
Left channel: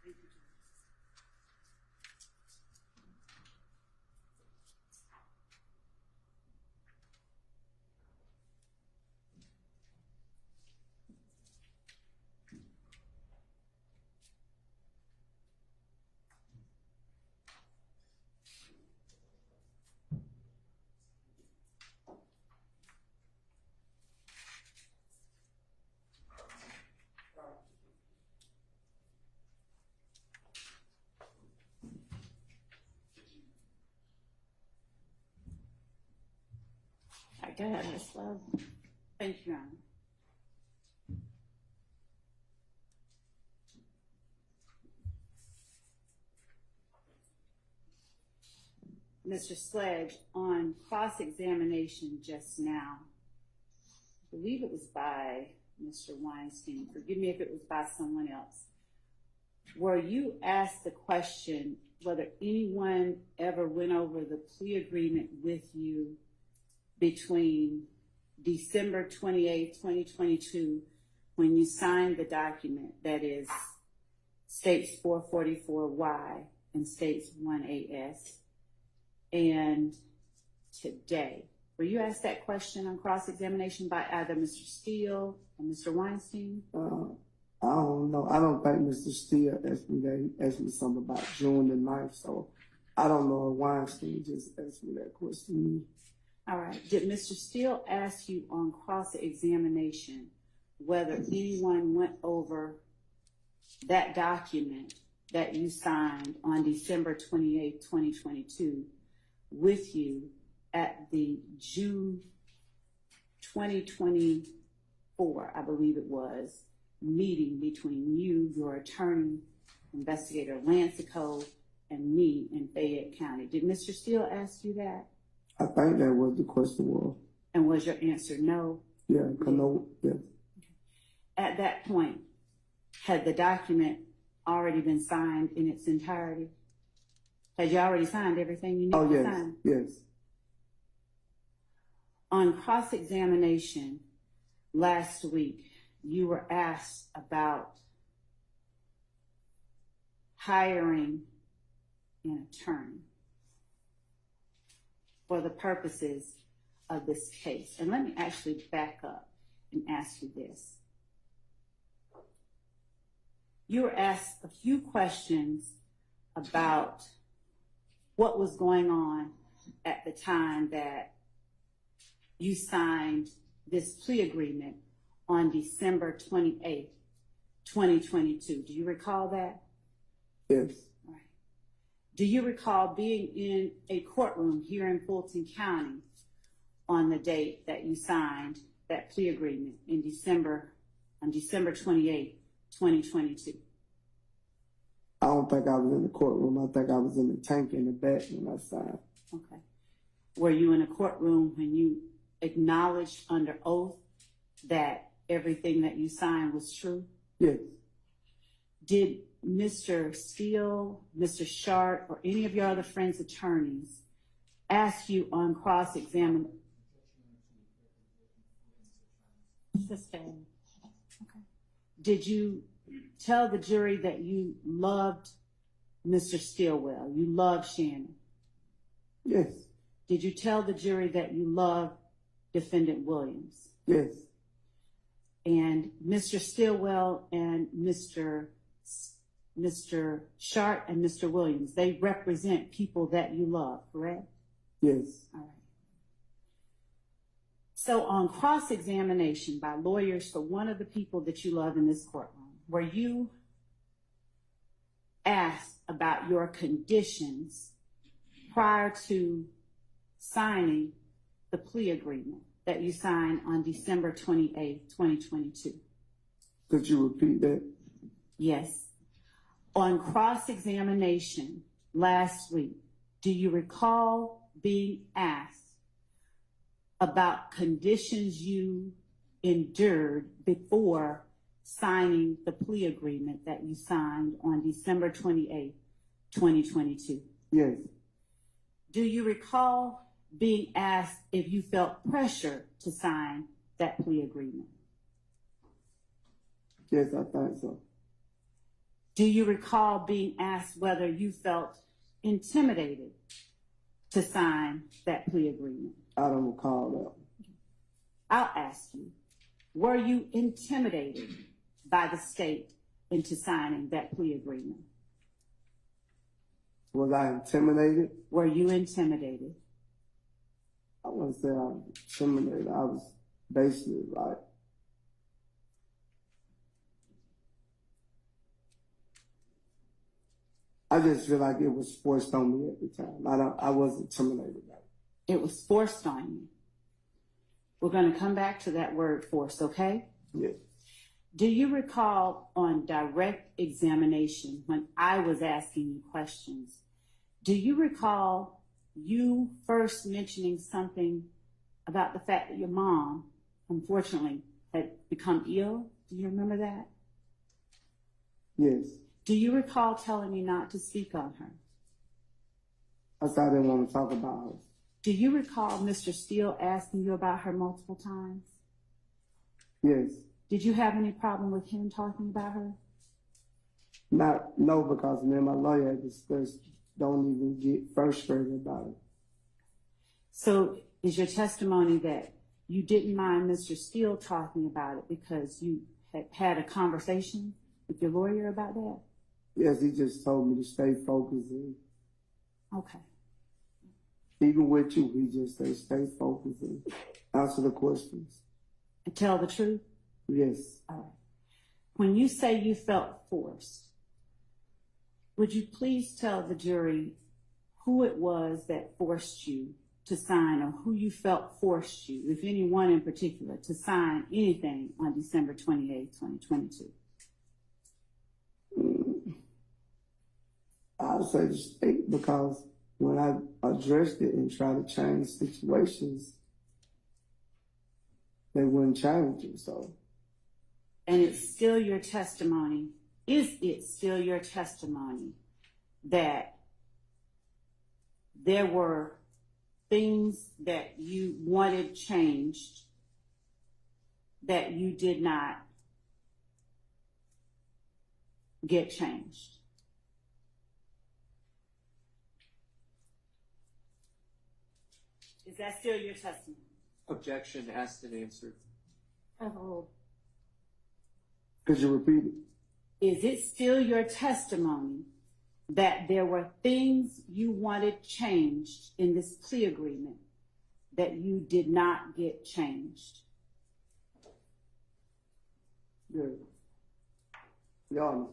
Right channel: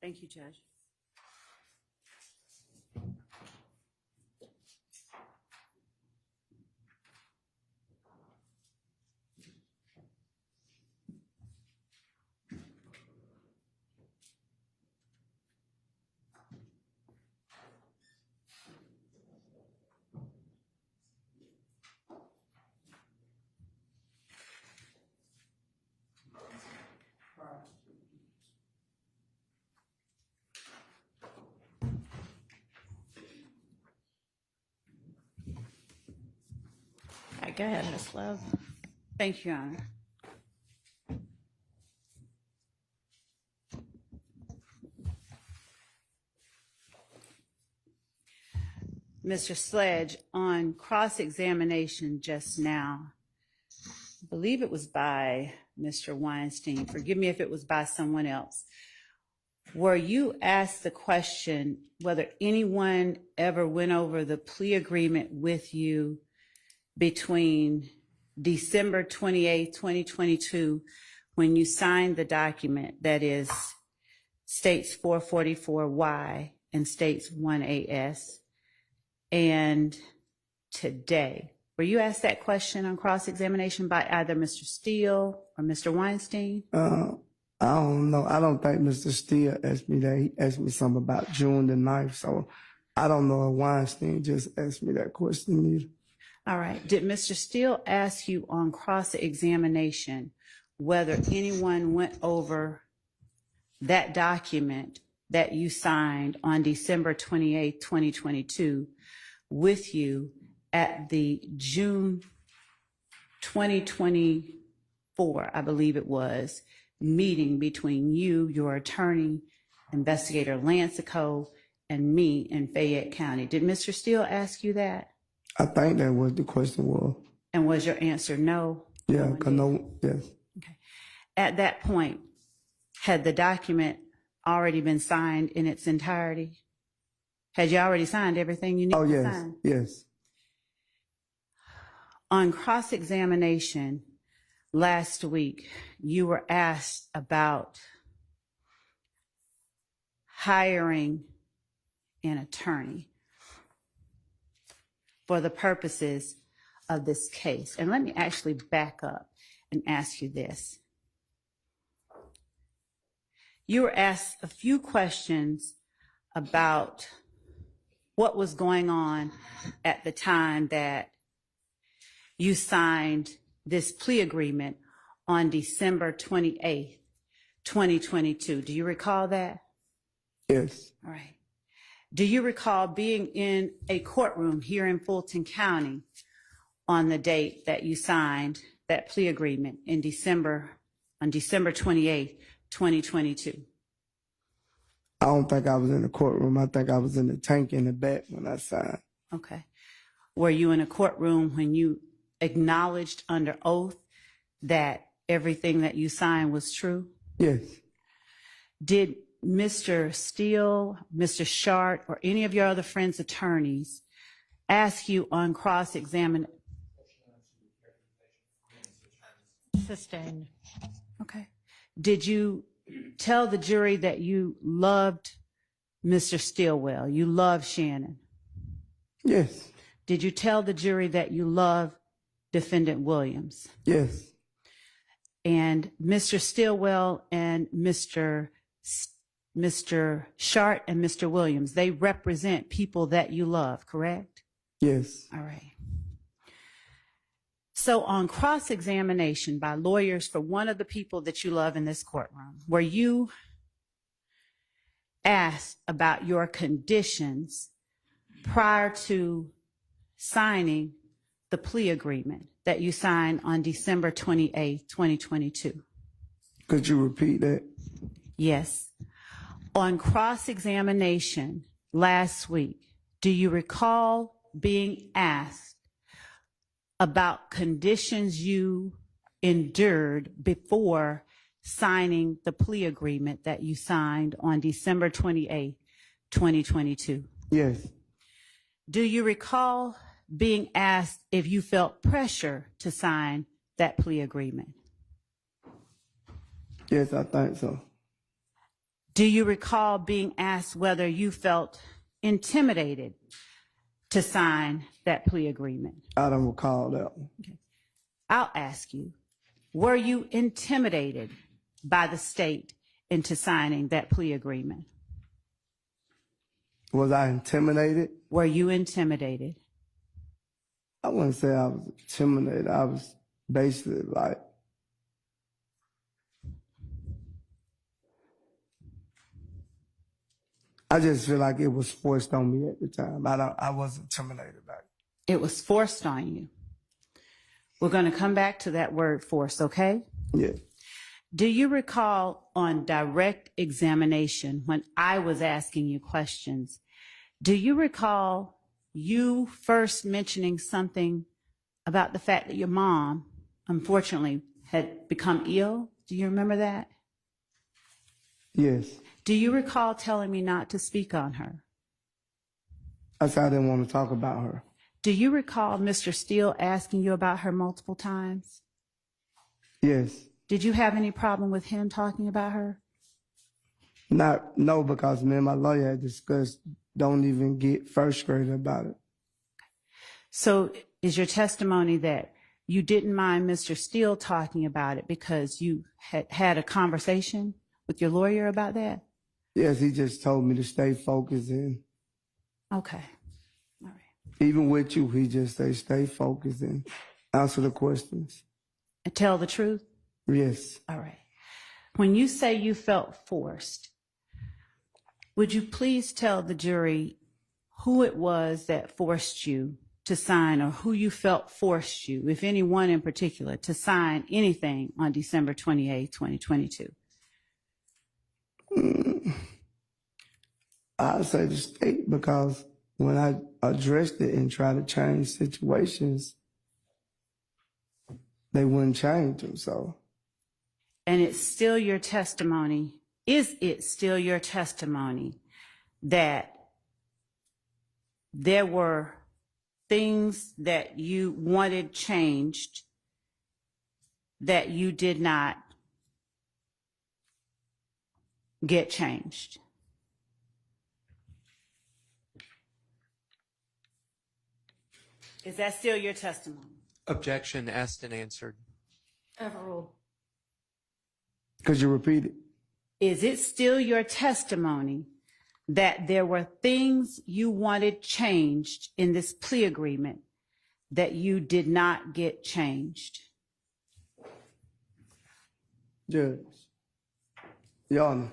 Thank you, Judge. Go ahead, Ms. Love. Thank you, Your Honor. Mr. Sledge, on cross-examination just now, I believe it was by Mr. Weinstein. Forgive me if it was by someone else. Were you asked the question whether anyone ever went over the plea agreement with you between December 28, 2022, when you signed the document that is states 444Y and states 1AS, and today? Were you asked that question on cross-examination by either Mr. Steele or Mr. Weinstein? I don't know. I don't think Mr. Steele asked me that. He asked me something about June the 9th, so I don't know if Weinstein just asked me that question either. All right. Did Mr. Steele ask you on cross-examination whether anyone went over that document that you signed on December 28, 2022 with you at the June 2024, I believe it was, meeting between you, your attorney, Investigator Lancico, and me in Fayette County? Did Mr. Steele ask you that? I think that was the question was. And was your answer no? Yeah, because no, yes. Okay. At that point, had the document already been signed in its entirety? Had you already signed everything you needed to sign? Yes. On cross-examination last week, you were asked about hiring an attorney for the purposes of this case. And let me actually back up and ask you this. You were asked a few questions about what was going on at the time that you signed this plea agreement on December 28th, 2022. Do you recall that? Yes. All right. Do you recall being in a courtroom here in Fulton County on the date that you signed that plea agreement on December 28th, 2022? I don't think I was in the courtroom. I think I was in the tank in the back when I signed. Okay. Were you in a courtroom when you acknowledged under oath that everything that you signed was true? Yes. Did Mr. Steele, Mr. Shart, or any of your other friends' attorneys ask you on cross-examination? Sustained. Okay. Did you tell the jury that you loved Mr. Stillwell, you loved Shannon? Yes. Did you tell the jury that you loved Defendant Williams? Yes. And Mr. Stillwell and Mr. Shart and Mr. Williams, they represent people that you love, correct? Yes. All right. So on cross-examination by lawyers for one of the people that you love in this courtroom, were you asked about your conditions prior to signing the plea agreement that you signed on December 28, 2022? Could you repeat that? Yes. On cross-examination last week, do you recall being asked about conditions you endured before signing the plea agreement that you signed on December 28, 2022? Yes. Do you recall being asked if you felt pressure to sign that plea agreement? Yes, I think so. Do you recall being asked whether you felt intimidated to sign that plea agreement? I don't recall that one. I'll ask you, were you intimidated by the state into signing that plea agreement? Was I intimidated? Were you intimidated? I wouldn't say I was intimidated. I was basically like, I just feel like it was forced on me at the time. I wasn't intimidated by it. It was forced on you. We're going to come back to that word forced, okay? Yeah. Do you recall on direct examination when I was asking you questions, do you recall you first mentioning something about the fact that your mom, unfortunately, had become ill? Do you remember that? Yes. Do you recall telling me not to speak on her? I said I didn't want to talk about her. Do you recall Mr. Steele asking you about her multiple times? Yes. Did you have any problem with him talking about her? No, because me and my lawyer had discussed, don't even get frustrated about it. So is your testimony that you didn't mind Mr. Steele talking about it because you had a conversation with your lawyer about that? Yes, he just told me to stay focused and Okay. All right. even with you, he just say stay focused and answer the questions. And tell the truth? Yes. All right. When you say you felt forced, would you please tell the jury who it was that forced you to sign, or who you felt forced you, if anyone in particular, to sign anything on December 28, 2022? I'd say the state, because when I addressed it and tried to change situations, they wouldn't change them. So, And it's still your testimony, is it still your testimony that there were things that you wanted changed that you did not get changed? Is that still your testimony? Objection asked and answered. Overruled. could you repeat it? Is it still your testimony that there were things you wanted changed in this plea agreement that you did not get changed? Judge. Your Honor,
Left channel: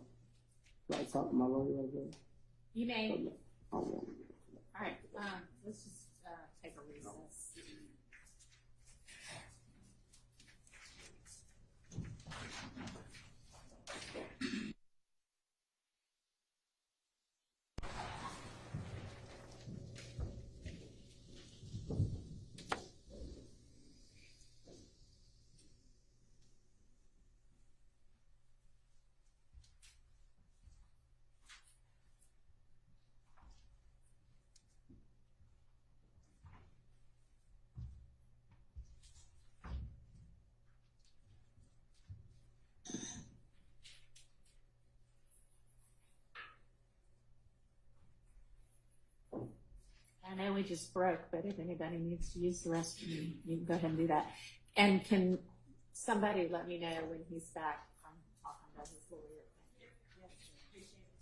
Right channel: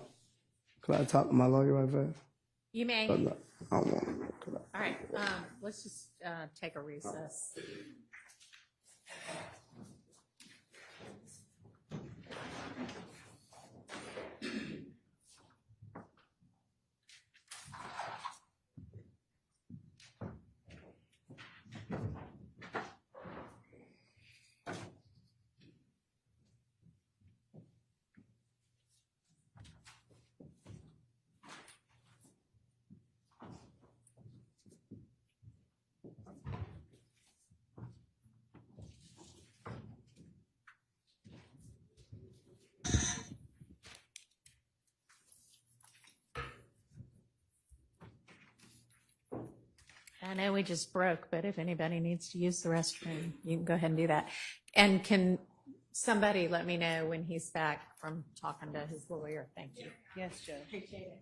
could I talk to my lawyer right fast? You may. I don't want to. All right, let's just take a recess. I know we just broke, but if anybody needs to use the restroom, you can go ahead and do that. And can somebody let me know when he's back from talking to his lawyer? Thank you. Yes, Judge. Appreciate it.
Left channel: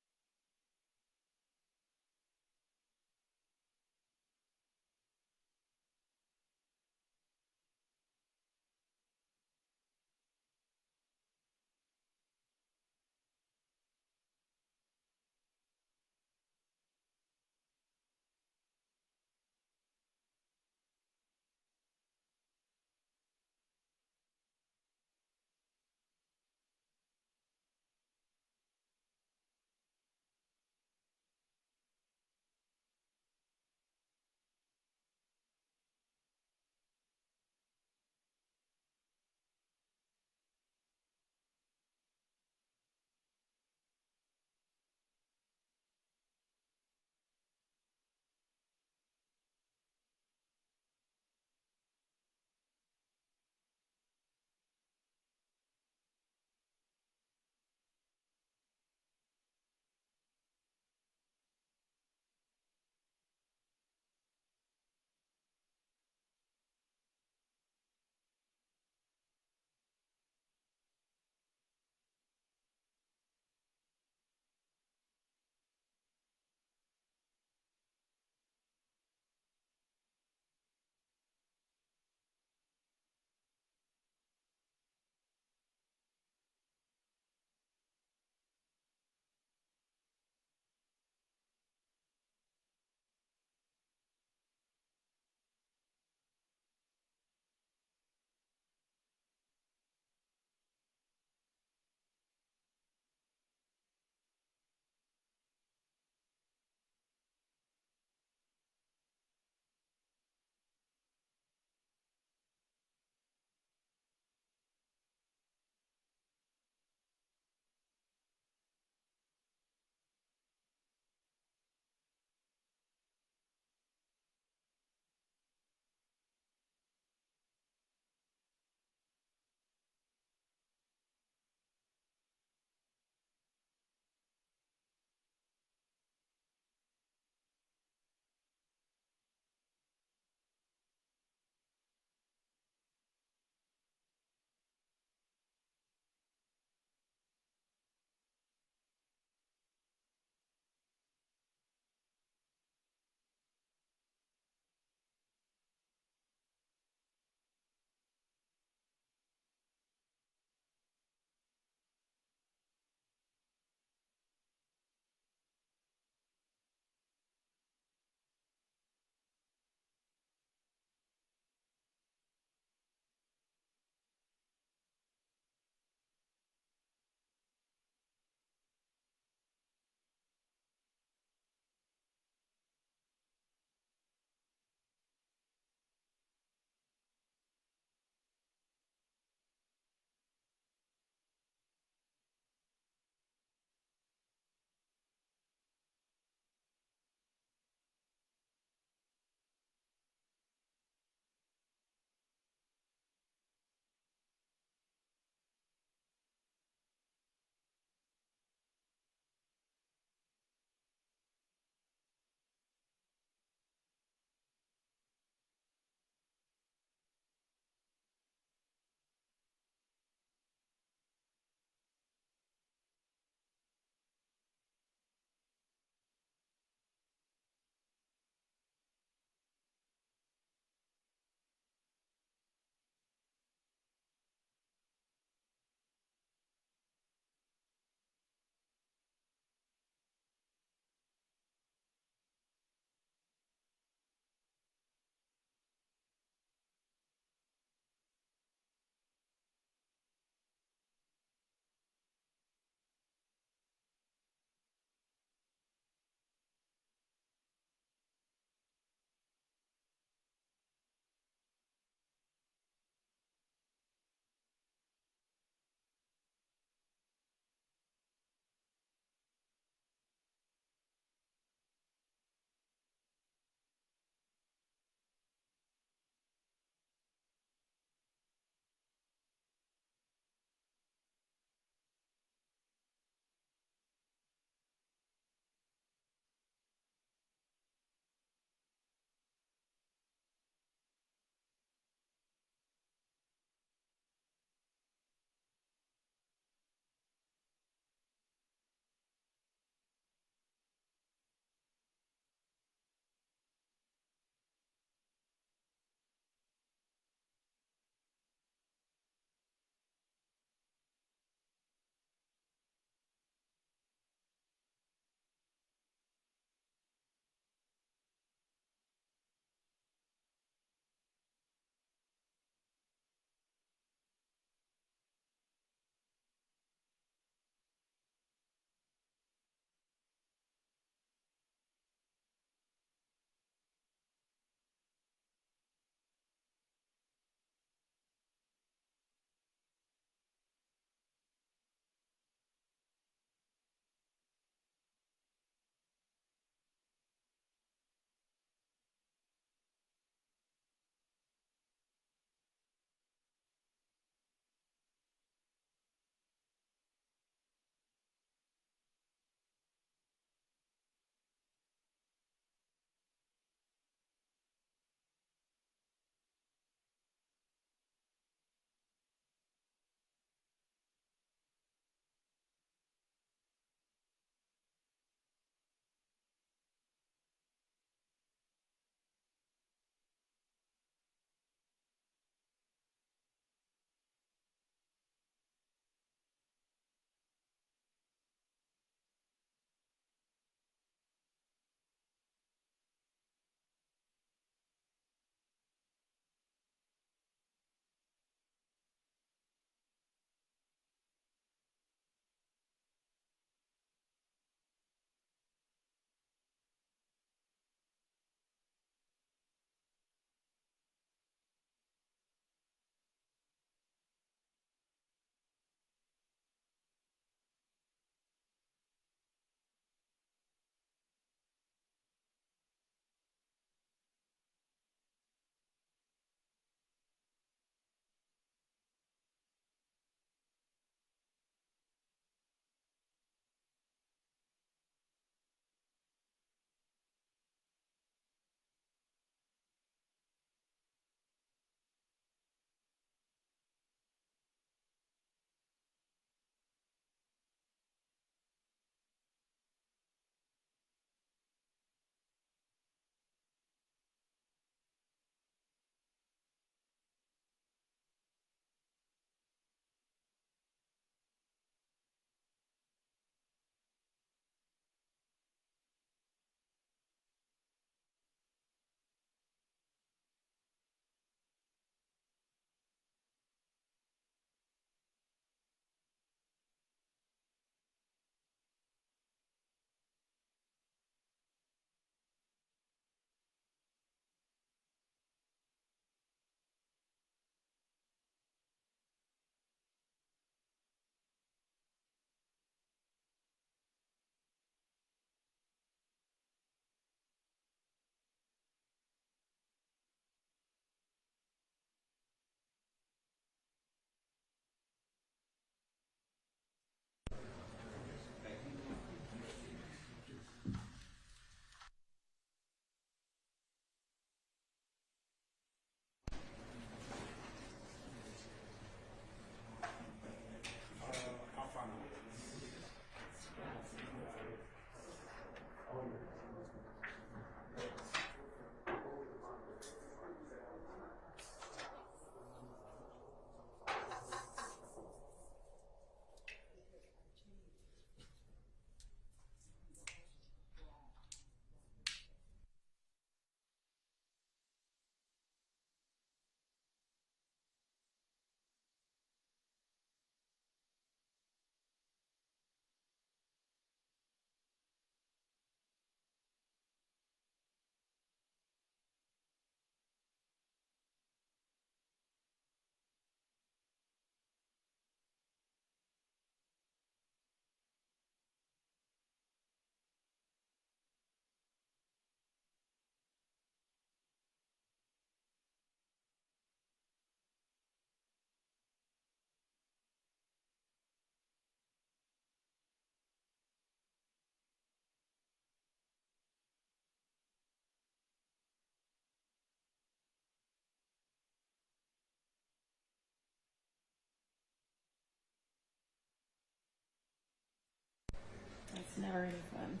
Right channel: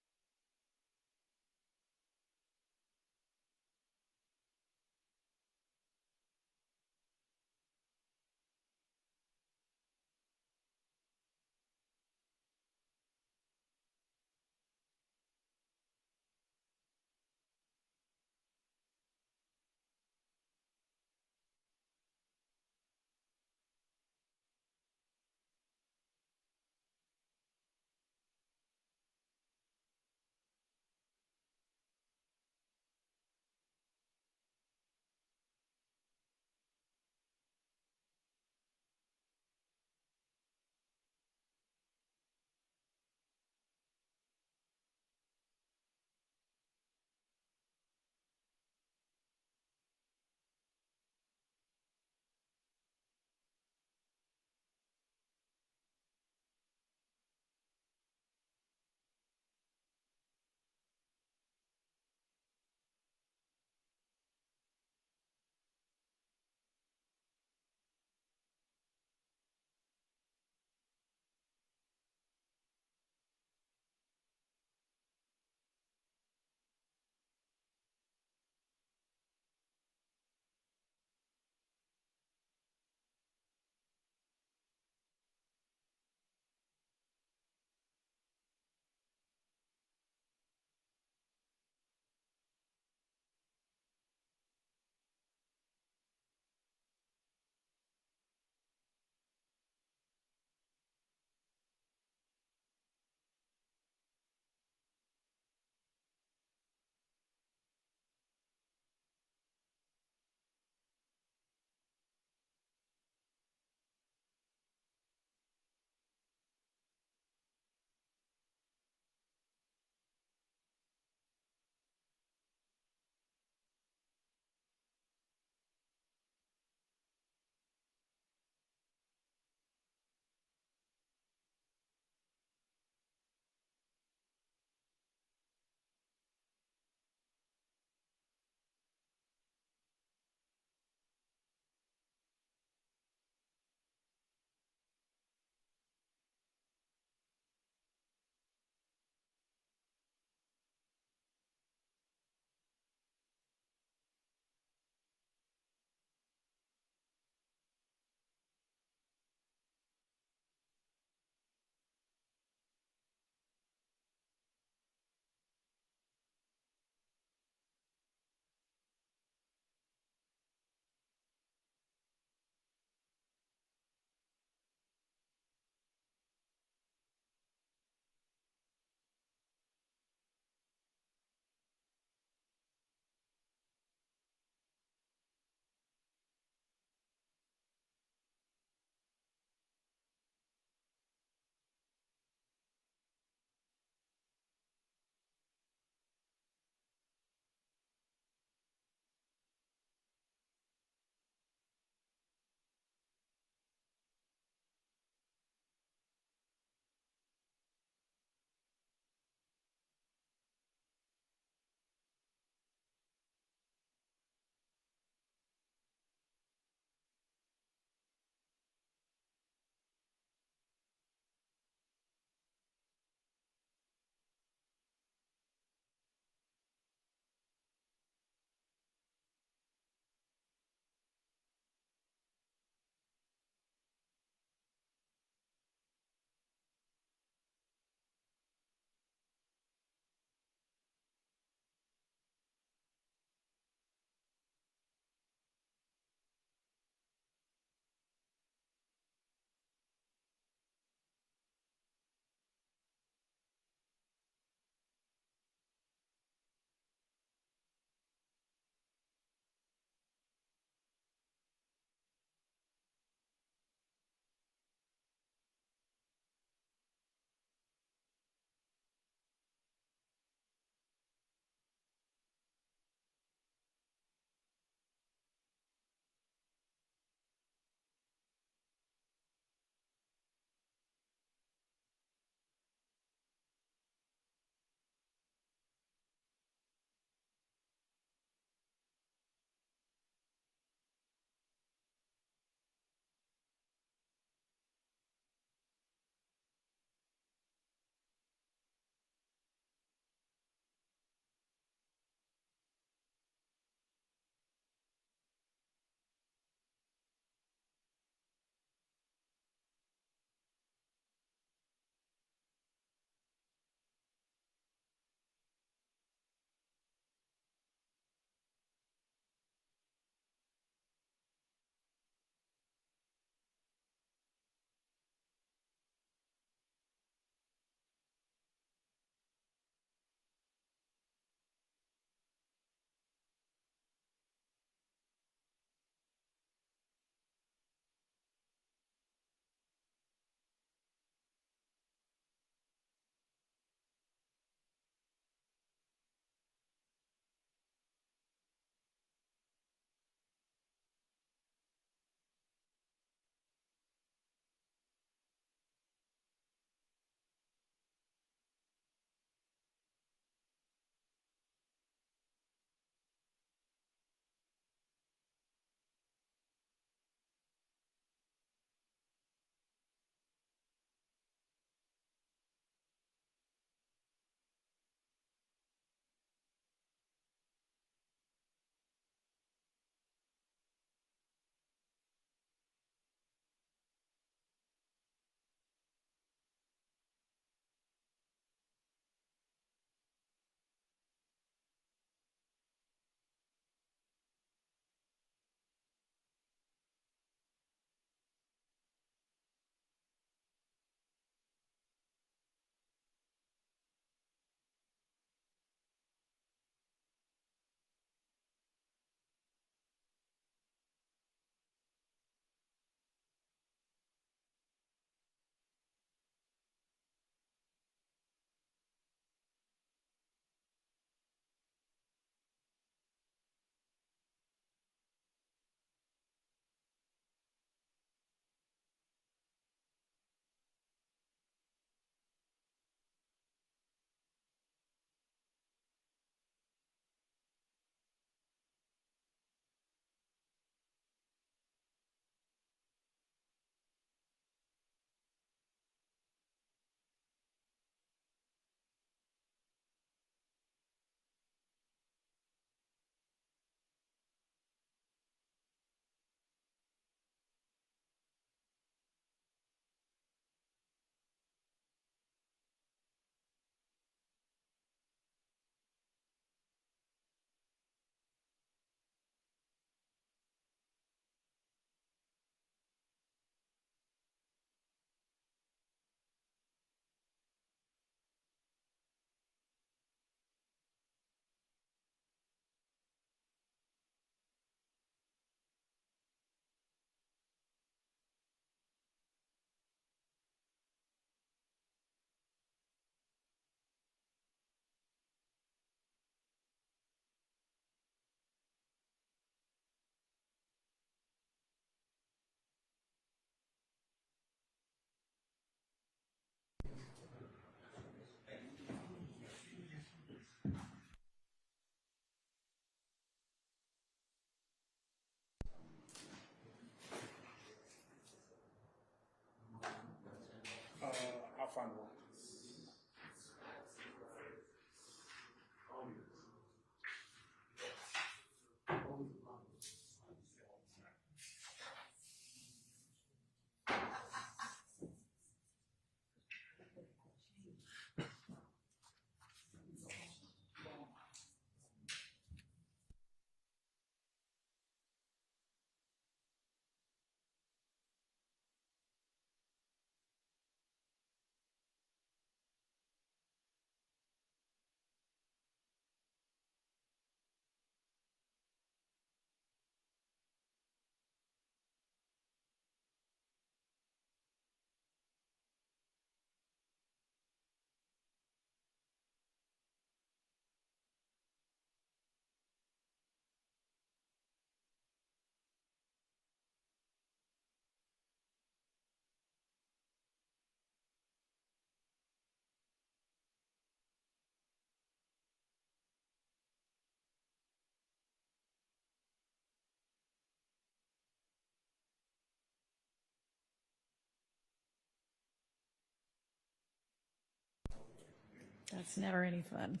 It's never any fun.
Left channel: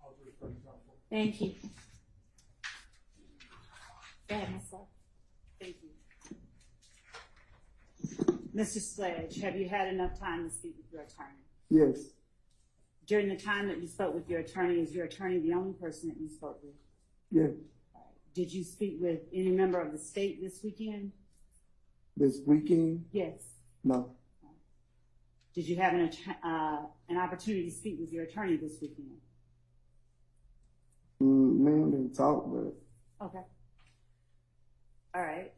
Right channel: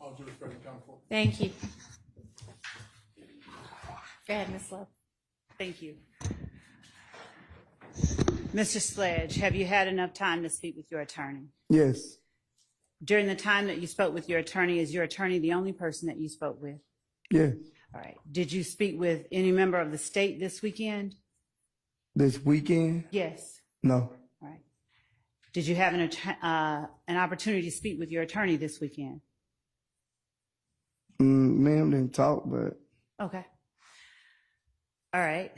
I'll do it for you, counsel. Thank you. Go ahead, Ms. Love. Thank you. Mr. Sledge, have you had enough time to speak with your attorney? Yes, During the time that you spoke with your attorney, is your attorney the only person that you spoke with? yes. All right. Did you speak with any member of the state this weekend? This weekend? Yes. No. All right. Did you have an opportunity to speak with your attorney this weekend? Ma'am didn't talk, but Okay. All right.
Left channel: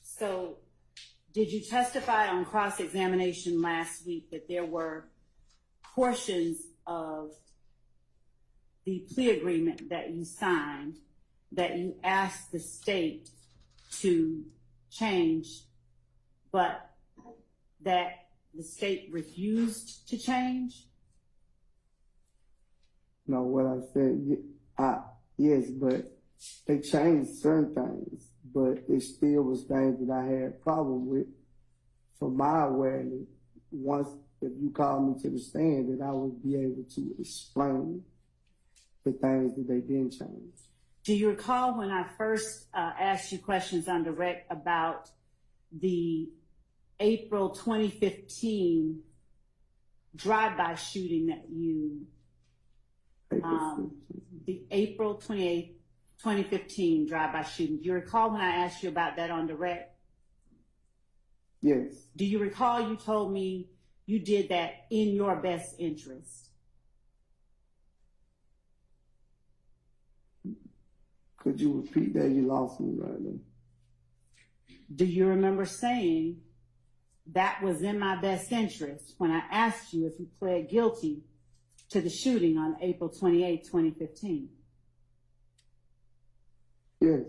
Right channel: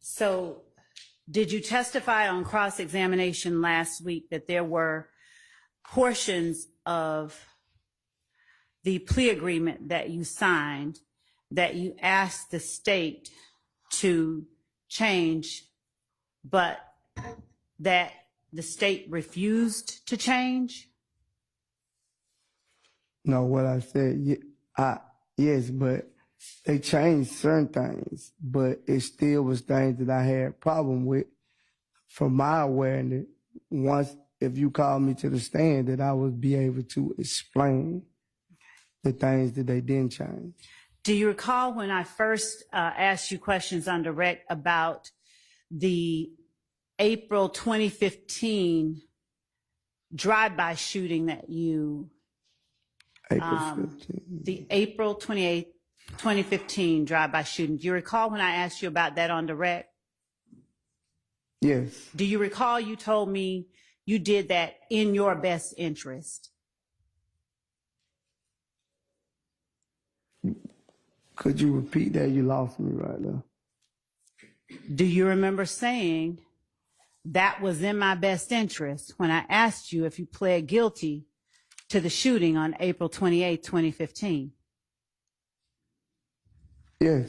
So did you testify on cross-examination last week that there were portions of the plea agreement that you signed that you asked the state to change, but that the state refused to change? no, what I said, yes, but they changed certain things, but it still was things that I had problem with. From my awareness, once if you call me to the stand, that I would be able to explain the things that they didn't change. Do you recall when I first asked you questions on direct about the April 2015 drive-by shooting that you, April 15. the April 28th, 2015 drive-by shooting? Do you recall when I asked you about that on direct? Yes, Do you recall you told me you did that in your best interest? could you repeat that? You lost me right now. Do you remember saying that was in my best interest when I asked you if you pled guilty to the shooting on April 28, 2015? Yes,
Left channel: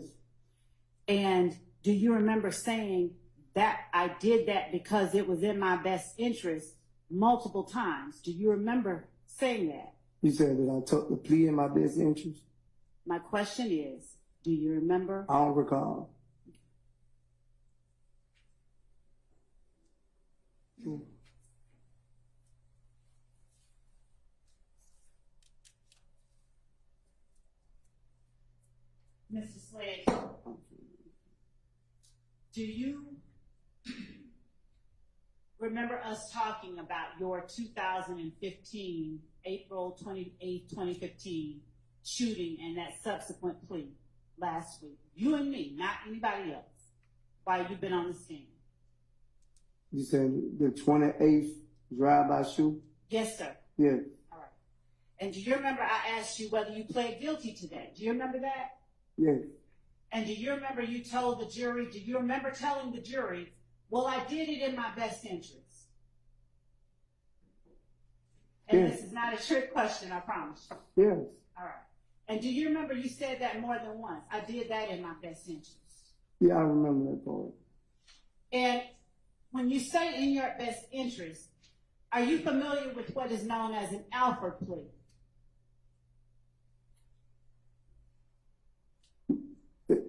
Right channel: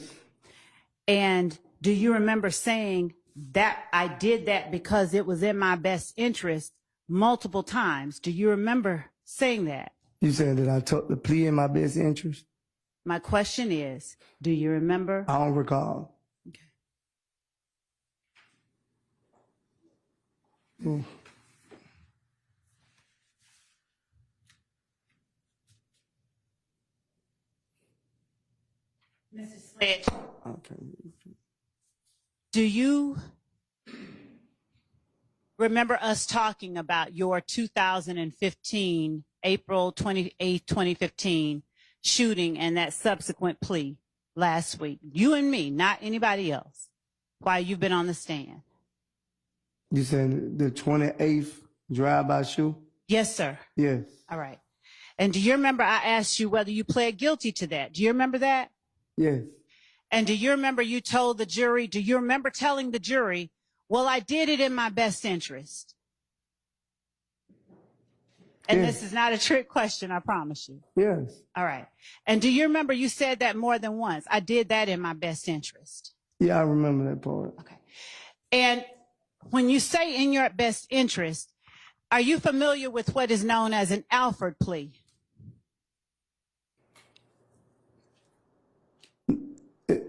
And do you remember saying that I did that because it was in my best interest multiple times? Do you remember saying that? you said that I took the plea in my best interest. My question is, do you remember? I don't recall. Mm. Mr. Sledge, Okay. do you remember us talking about your 2015, April 28, 2015 shooting and that subsequent plea last week? You and me, not anybody else, while you've been on the stand. You said the 28th drive-by shoot? Yes, sir. Yes, All right. And do you remember I asked you whether you pled guilty to that? Do you remember that? yes, And do you remember you told the jury, do you remember telling the jury, well, I did it in my best interest? And Yes. this is not a trick question, I promise you. yes, All right. And do you remember you said that more than once? I did that in my best interest. yeah, I remember that part. Okay. And when you say in your best interest, are you familiar with what is known as an Alford plea?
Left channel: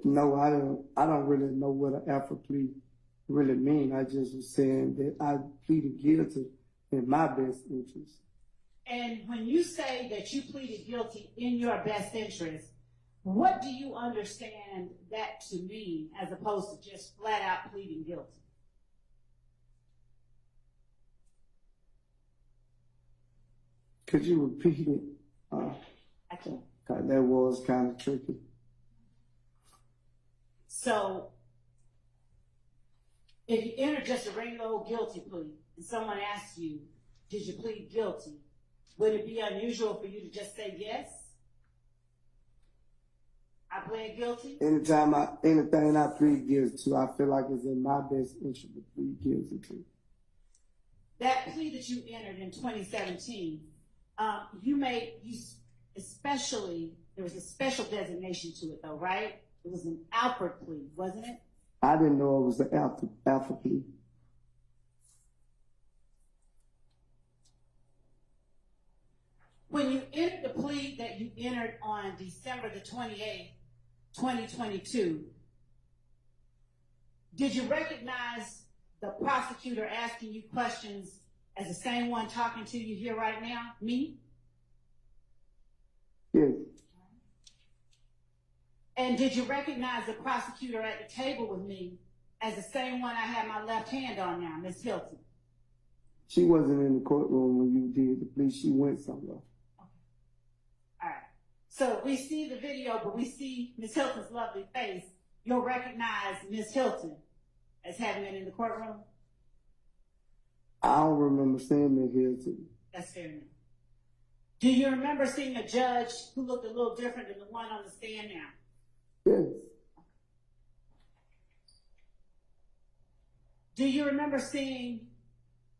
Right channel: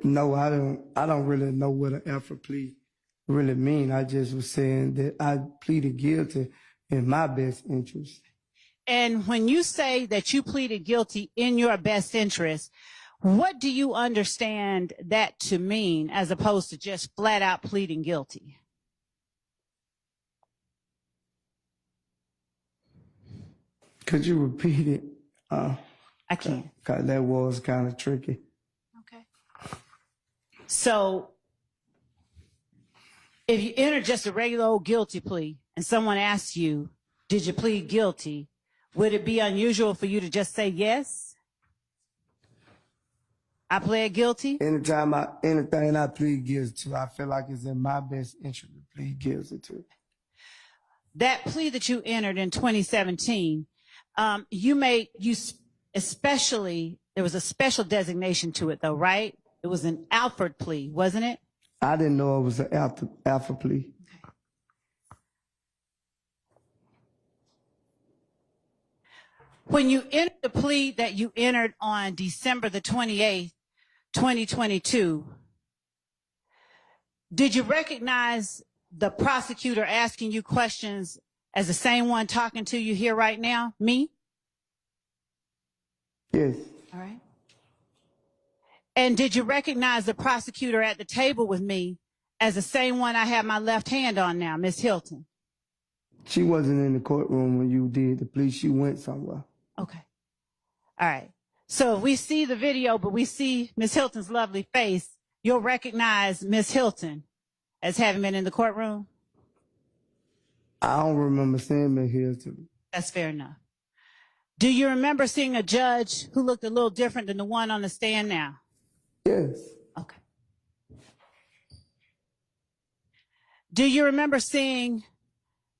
No, I don't really know what an alpha plea really mean. I just was saying that I pleaded guilty in my best interest. And when you say that you pleaded guilty in your best interest, what do you understand that to mean as opposed to just flat out pleading guilty? Could you repeat it? I can. 'Cause that was kind of tricky. Okay. So if you enter just a regular old guilty plea and someone asks you, did you plead guilty? Would it be unusual for you to just say yes? I pled guilty? Anything I plead guilty to, I feel like it's in my best interest to plead guilty to. That plea that you entered in 2017, there was a special designation to it though, right? It was an Alford plea, wasn't it? I didn't know it was an alpha plea. When you entered the plea that you entered on December the 28th, 2022, did you recognize the prosecutor asking you questions as the same one talking to you here right now, me? Yes. All right. And did you recognize the prosecutor at the table with me as the same one I have my left hand on now, Miss Hilton? She wasn't in the courtroom when you did the plea. She went somewhere. Okay. All right. So if we see the video, but we see Miss Hilton's lovely face, you'll recognize Miss Hilton as having been in the courtroom? I don't remember seeing me here too. That's fair enough. Do you remember seeing a judge who looked a little different than the one on the stand now? Yes. Okay. Do you remember seeing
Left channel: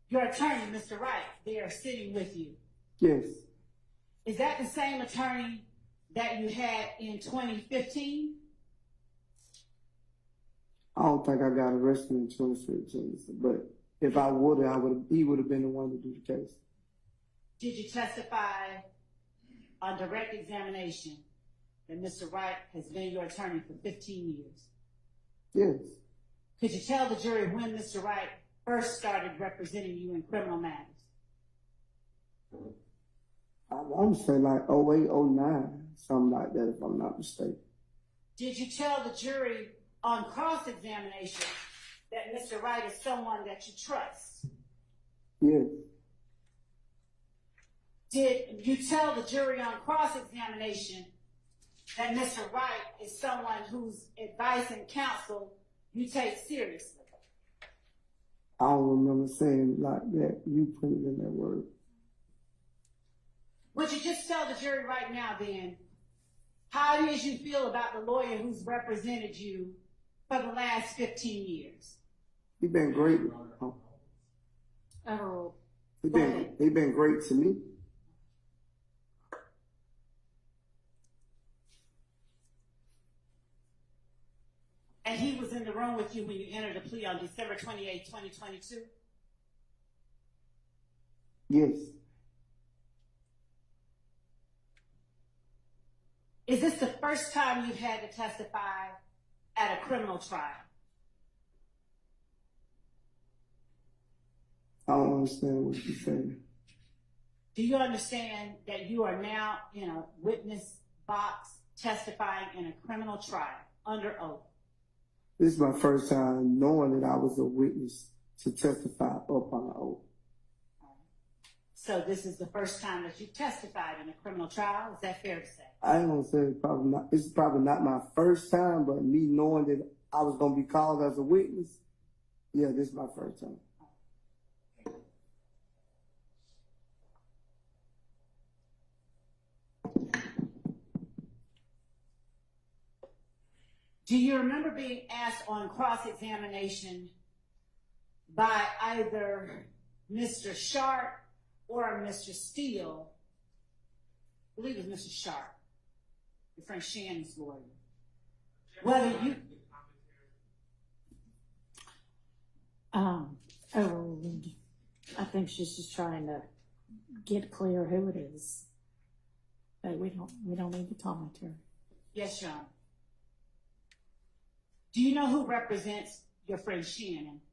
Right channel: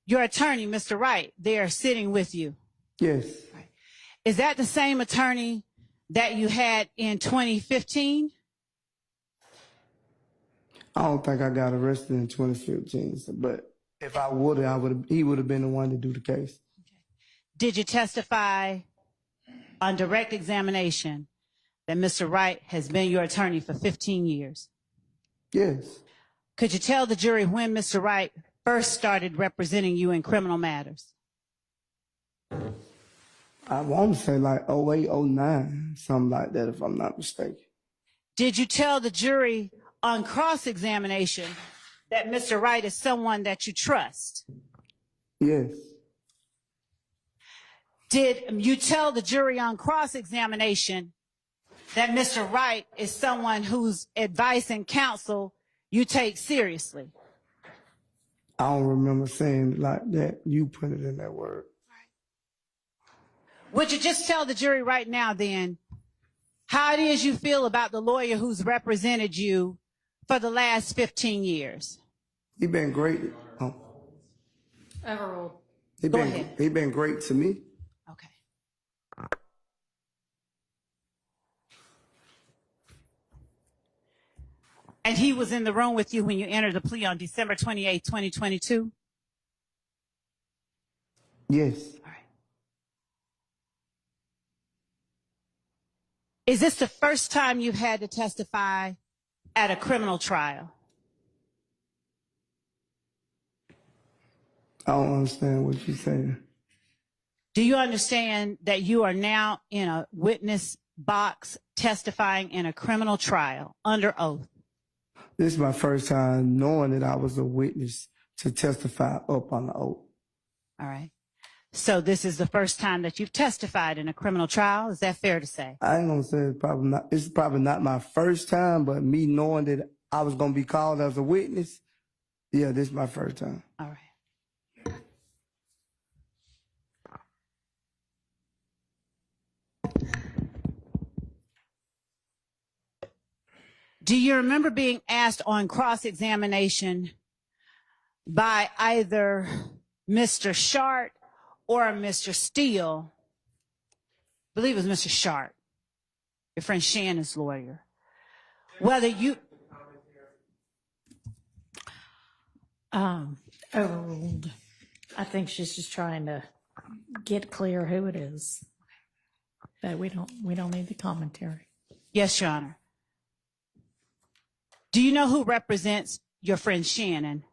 your attorney, Mr. Wright, there sitting with you? Yes. Is that the same attorney that you had in 2015? I don't think I got arrested in 2015, but if I would have, he would have been the one to do the case. Did you testify on direct examination that Mr. Wright has been your attorney for 15 years? Yes. Could you tell the jury when Mr. Wright first started representing you in criminal matters? I want to say like 08, 09, something like that, if I'm not mistaken. Did you tell the jury on cross-examination that Mr. Wright is someone that you trust? Yes. Did you tell the jury on cross-examination that Mr. Wright is someone whose advice and counsel you take seriously? I don't remember saying it like that. You put it in that word. Would you just tell the jury right now then how it is you feel about the lawyer who's represented you for the last 15 years? He been great. Oh. Overruled. He been great to me. Okay. And he was in the room with you when you entered the plea on December 28, 2022? Yes. Is this the first time you've had to testify at a criminal trial? I don't understand what you're saying. Do you understand that you are now in a witness box testifying in a criminal trial under oath? This is my first time knowing that I was a witness to testify up on the oath. All right. So this is the first time that you've testified in a criminal trial. Is that fair to say? I ain't gonna say it's probably not my first time, but me knowing that I was gonna be called as a witness, yeah, this is my first time. All right. Do you remember being asked on cross-examination by either Mr. Sharp or Mr. Steele? I believe it was Mr. Sharp, your friend Shannon's lawyer. Whether you... Oh, I think she's just trying to get clear who it is. But we don't need the commentary. Yes, Your Honor. Do you know who represents your friend Shannon?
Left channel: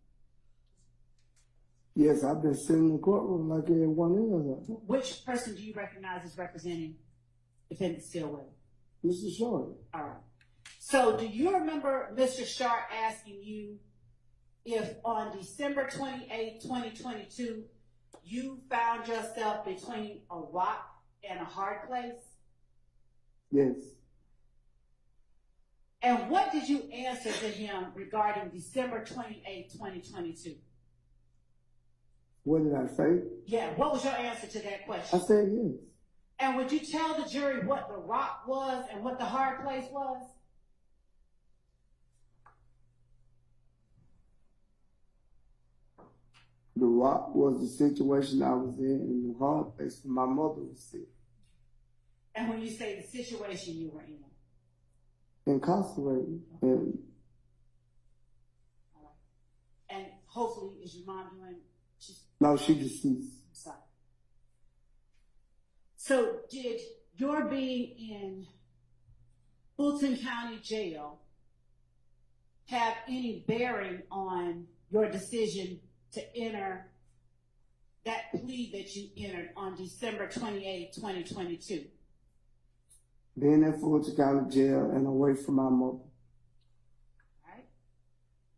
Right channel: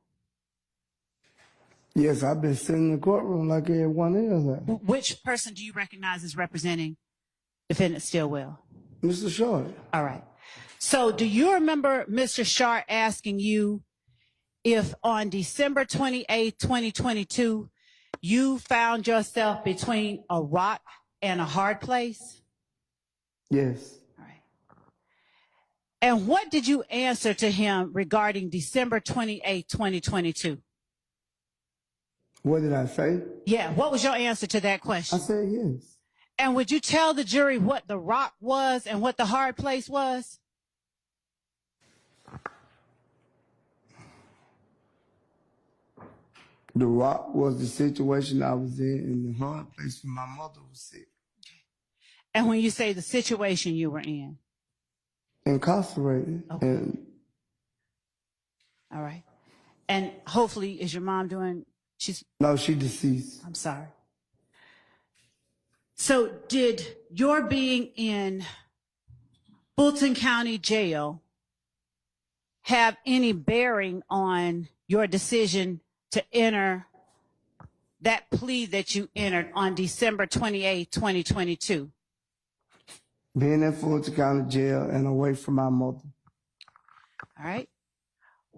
Yes, I've been sitting in the courtroom like everyone else. Which person do you recognize as representing defendant Stillwell? Mr. Short. All right. So do you remember Mr. Sharp asking you if on December 28, 2022, you found yourself between a rock and a hard place? Yes. All right. And what did you answer to him regarding December 28, 2022? What did I say? Yeah, what was your answer to that I question? said yes. And would you tell the jury what the rock was and what the hard place was? The rock was the situation I was in, and the hard place where my mother was sick. And when you say the situation you were in? Incarcerated. Okay. And All right. And hopefully, is your mom doing, no, she deceased. I'm sorry. So did your being in Fulton County Jail have any bearing on your decision to enter that plea that you entered on December 28, 2022? Being in Fulton County Jail and away from my mother. All right.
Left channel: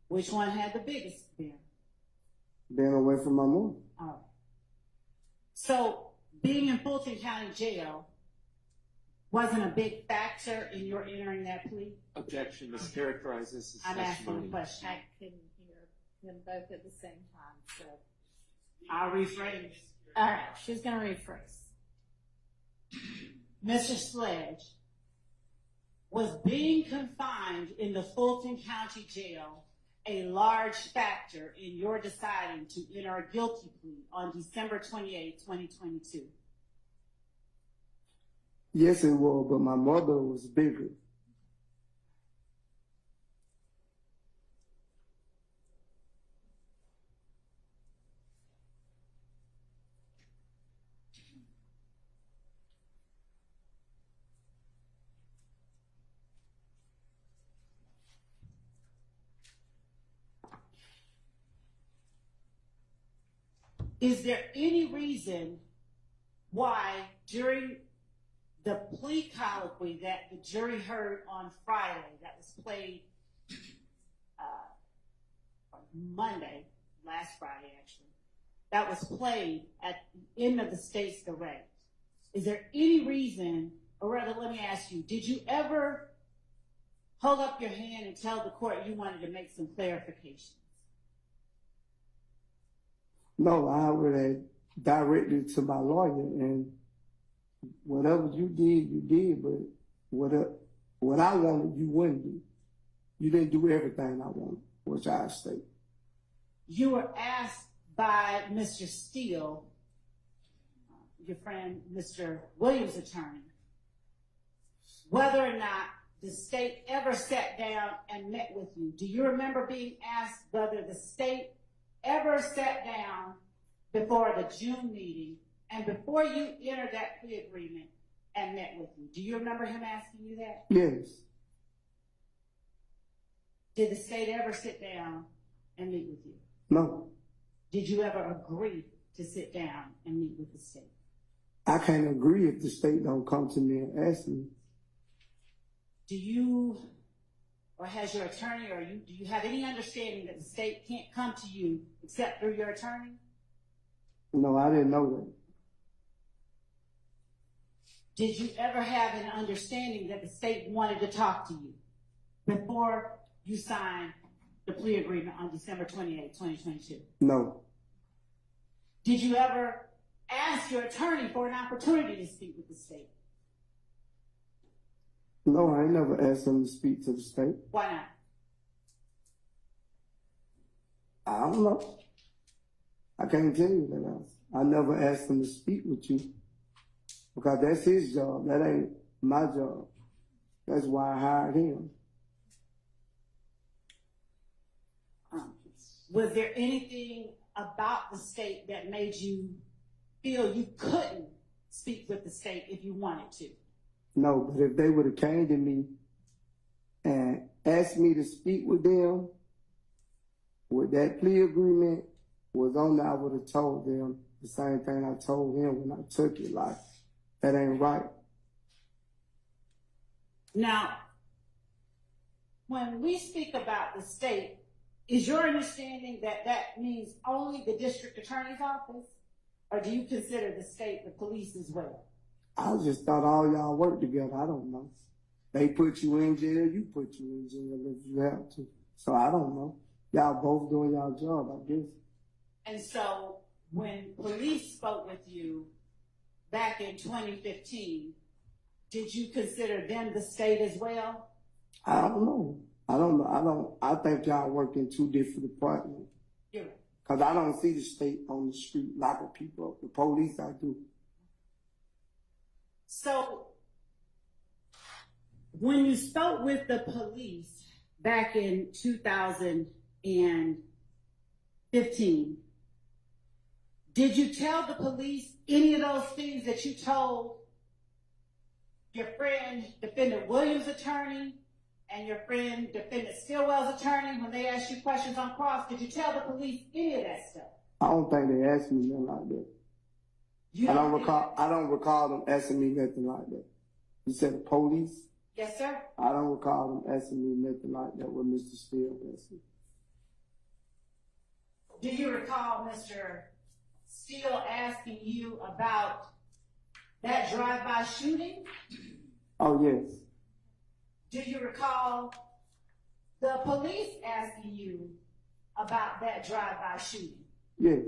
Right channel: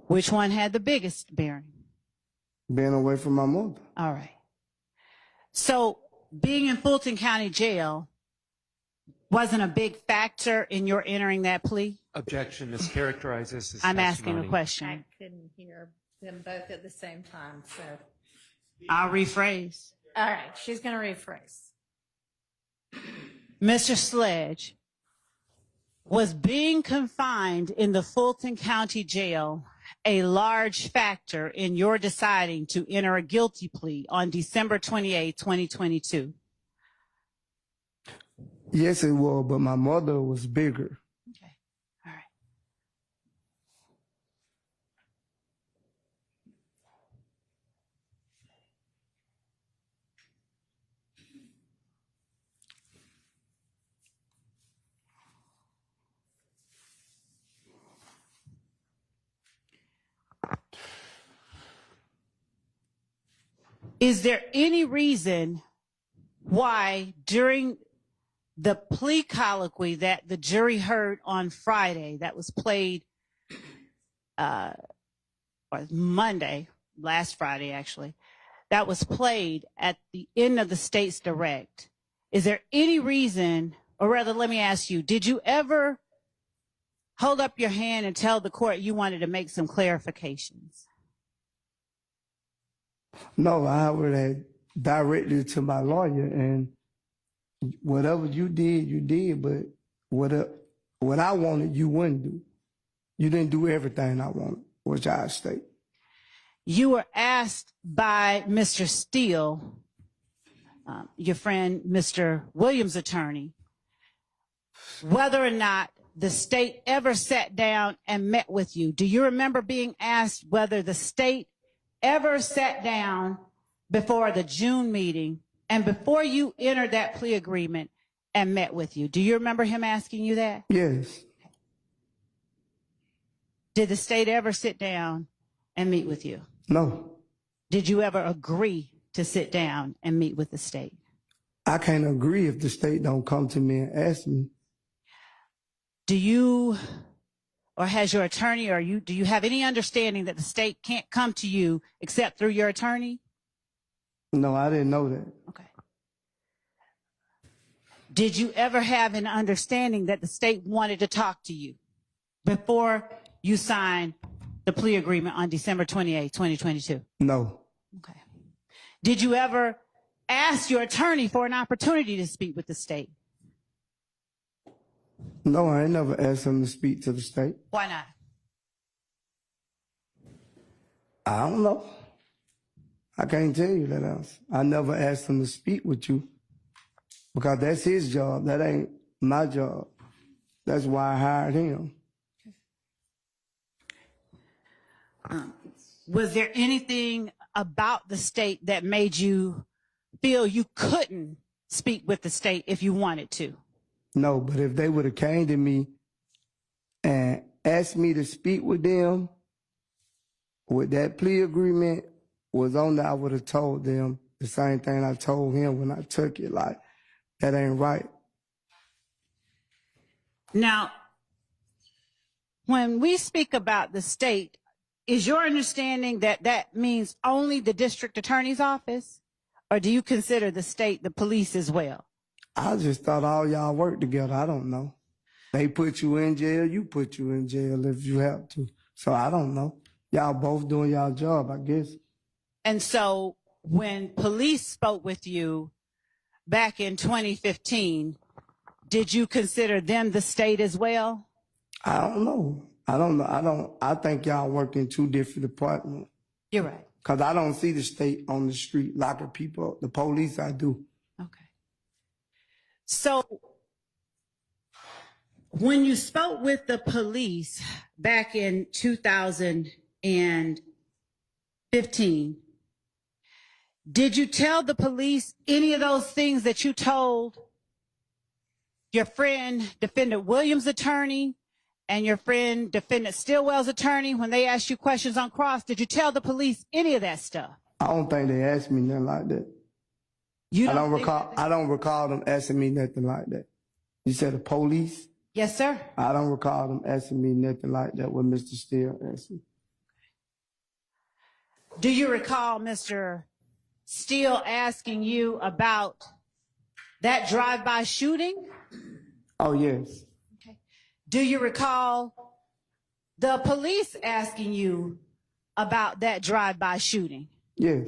Which one had the biggest bearing? Being away from my mother. All right. So being in Fulton County Jail wasn't a big factor in your entering that plea? Objection, mischaracterizes his I'm asking a testimony. question. I couldn't hear them both at the same time, so. I'll rephrase. All right, she's going to rephrase. Mr. Sledge, was being confined in the Fulton County Jail a large factor in your deciding to enter a guilty plea on December 28, 2022? Yes, it was, but my mother was bigger. Okay. All right. Is there any reason why during the plea colloquy that the jury heard on Friday, that was played, or Monday, last Friday actually, that was played at the end of the state's direct, is there any reason, or rather let me ask you, did you ever hold up your hand and tell the court you wanted to make some clarifications? No, I would have directed it to my lawyer, and whatever you did, but what I wanted, you wouldn't do. You didn't do everything I wanted, which I state. You were asked by Mr. Steele, your friend, Mr. Williams' attorney, whether or not the state ever sat down and met with you. Do you remember being asked whether the state ever sat down before the June meeting and before you entered that plea agreement and met with you? Do you remember him asking you that? Yes. Did the state ever sit down and meet with you? No. Did you ever agree to sit down and meet with the state? I can't agree if the state don't come to me and ask me. Do you, or has your attorney, or do you have any understanding that the state can't come to you except through your attorney? No, I didn't know that. Okay. Did you ever have an understanding that the state wanted to talk to you before you signed the plea agreement on December 28, 2022? No. Okay. Did you ever ask your attorney for an opportunity to speak with the state? No, I ain't never asked him to speak to the state. Why not? I don't know. I can't tell you that else. I never asked him to speak with you because that's his job. That ain't my job. That's why I hired him. Was there anything about the state that made you feel you couldn't speak with the state if you wanted to? No, but if they would have came to me and asked me to speak with them, with that plea agreement was on there, I would have told them the same thing I told him when I took it, like, that ain't right. Now, when we speak about the state, is your understanding that that means only the district attorney's office? Or do you consider the state the police as well? I just thought all y'all work together. I don't know. They put you in jail, you put you in jail if you have to. So I don't know. Y'all both doing y'all job, I guess. And so when police spoke with you back in 2015, did you consider them the state as well? I don't know. I think y'all work in two different departments. You're right. Because I don't see the state on the street locking people up. The police, I do. Okay. So when you spoke with the police back in 2015, did you tell the police any of those things that you told your friend, Defendant Williams' attorney, and your friend, Defendant Stillwell's attorney, when they asked you questions on cross? Did you tell the police any of that stuff? I don't think they asked me nothing like that. I don't recall them asking me nothing like that. You said the police? Yes, sir. I don't recall them asking me nothing like that what Mr. Steele asked me. Do you recall Mr. Steele asking you about that drive-by shooting? Oh, yes. Okay. Do you recall the police asking you about that drive-by shooting? Yes.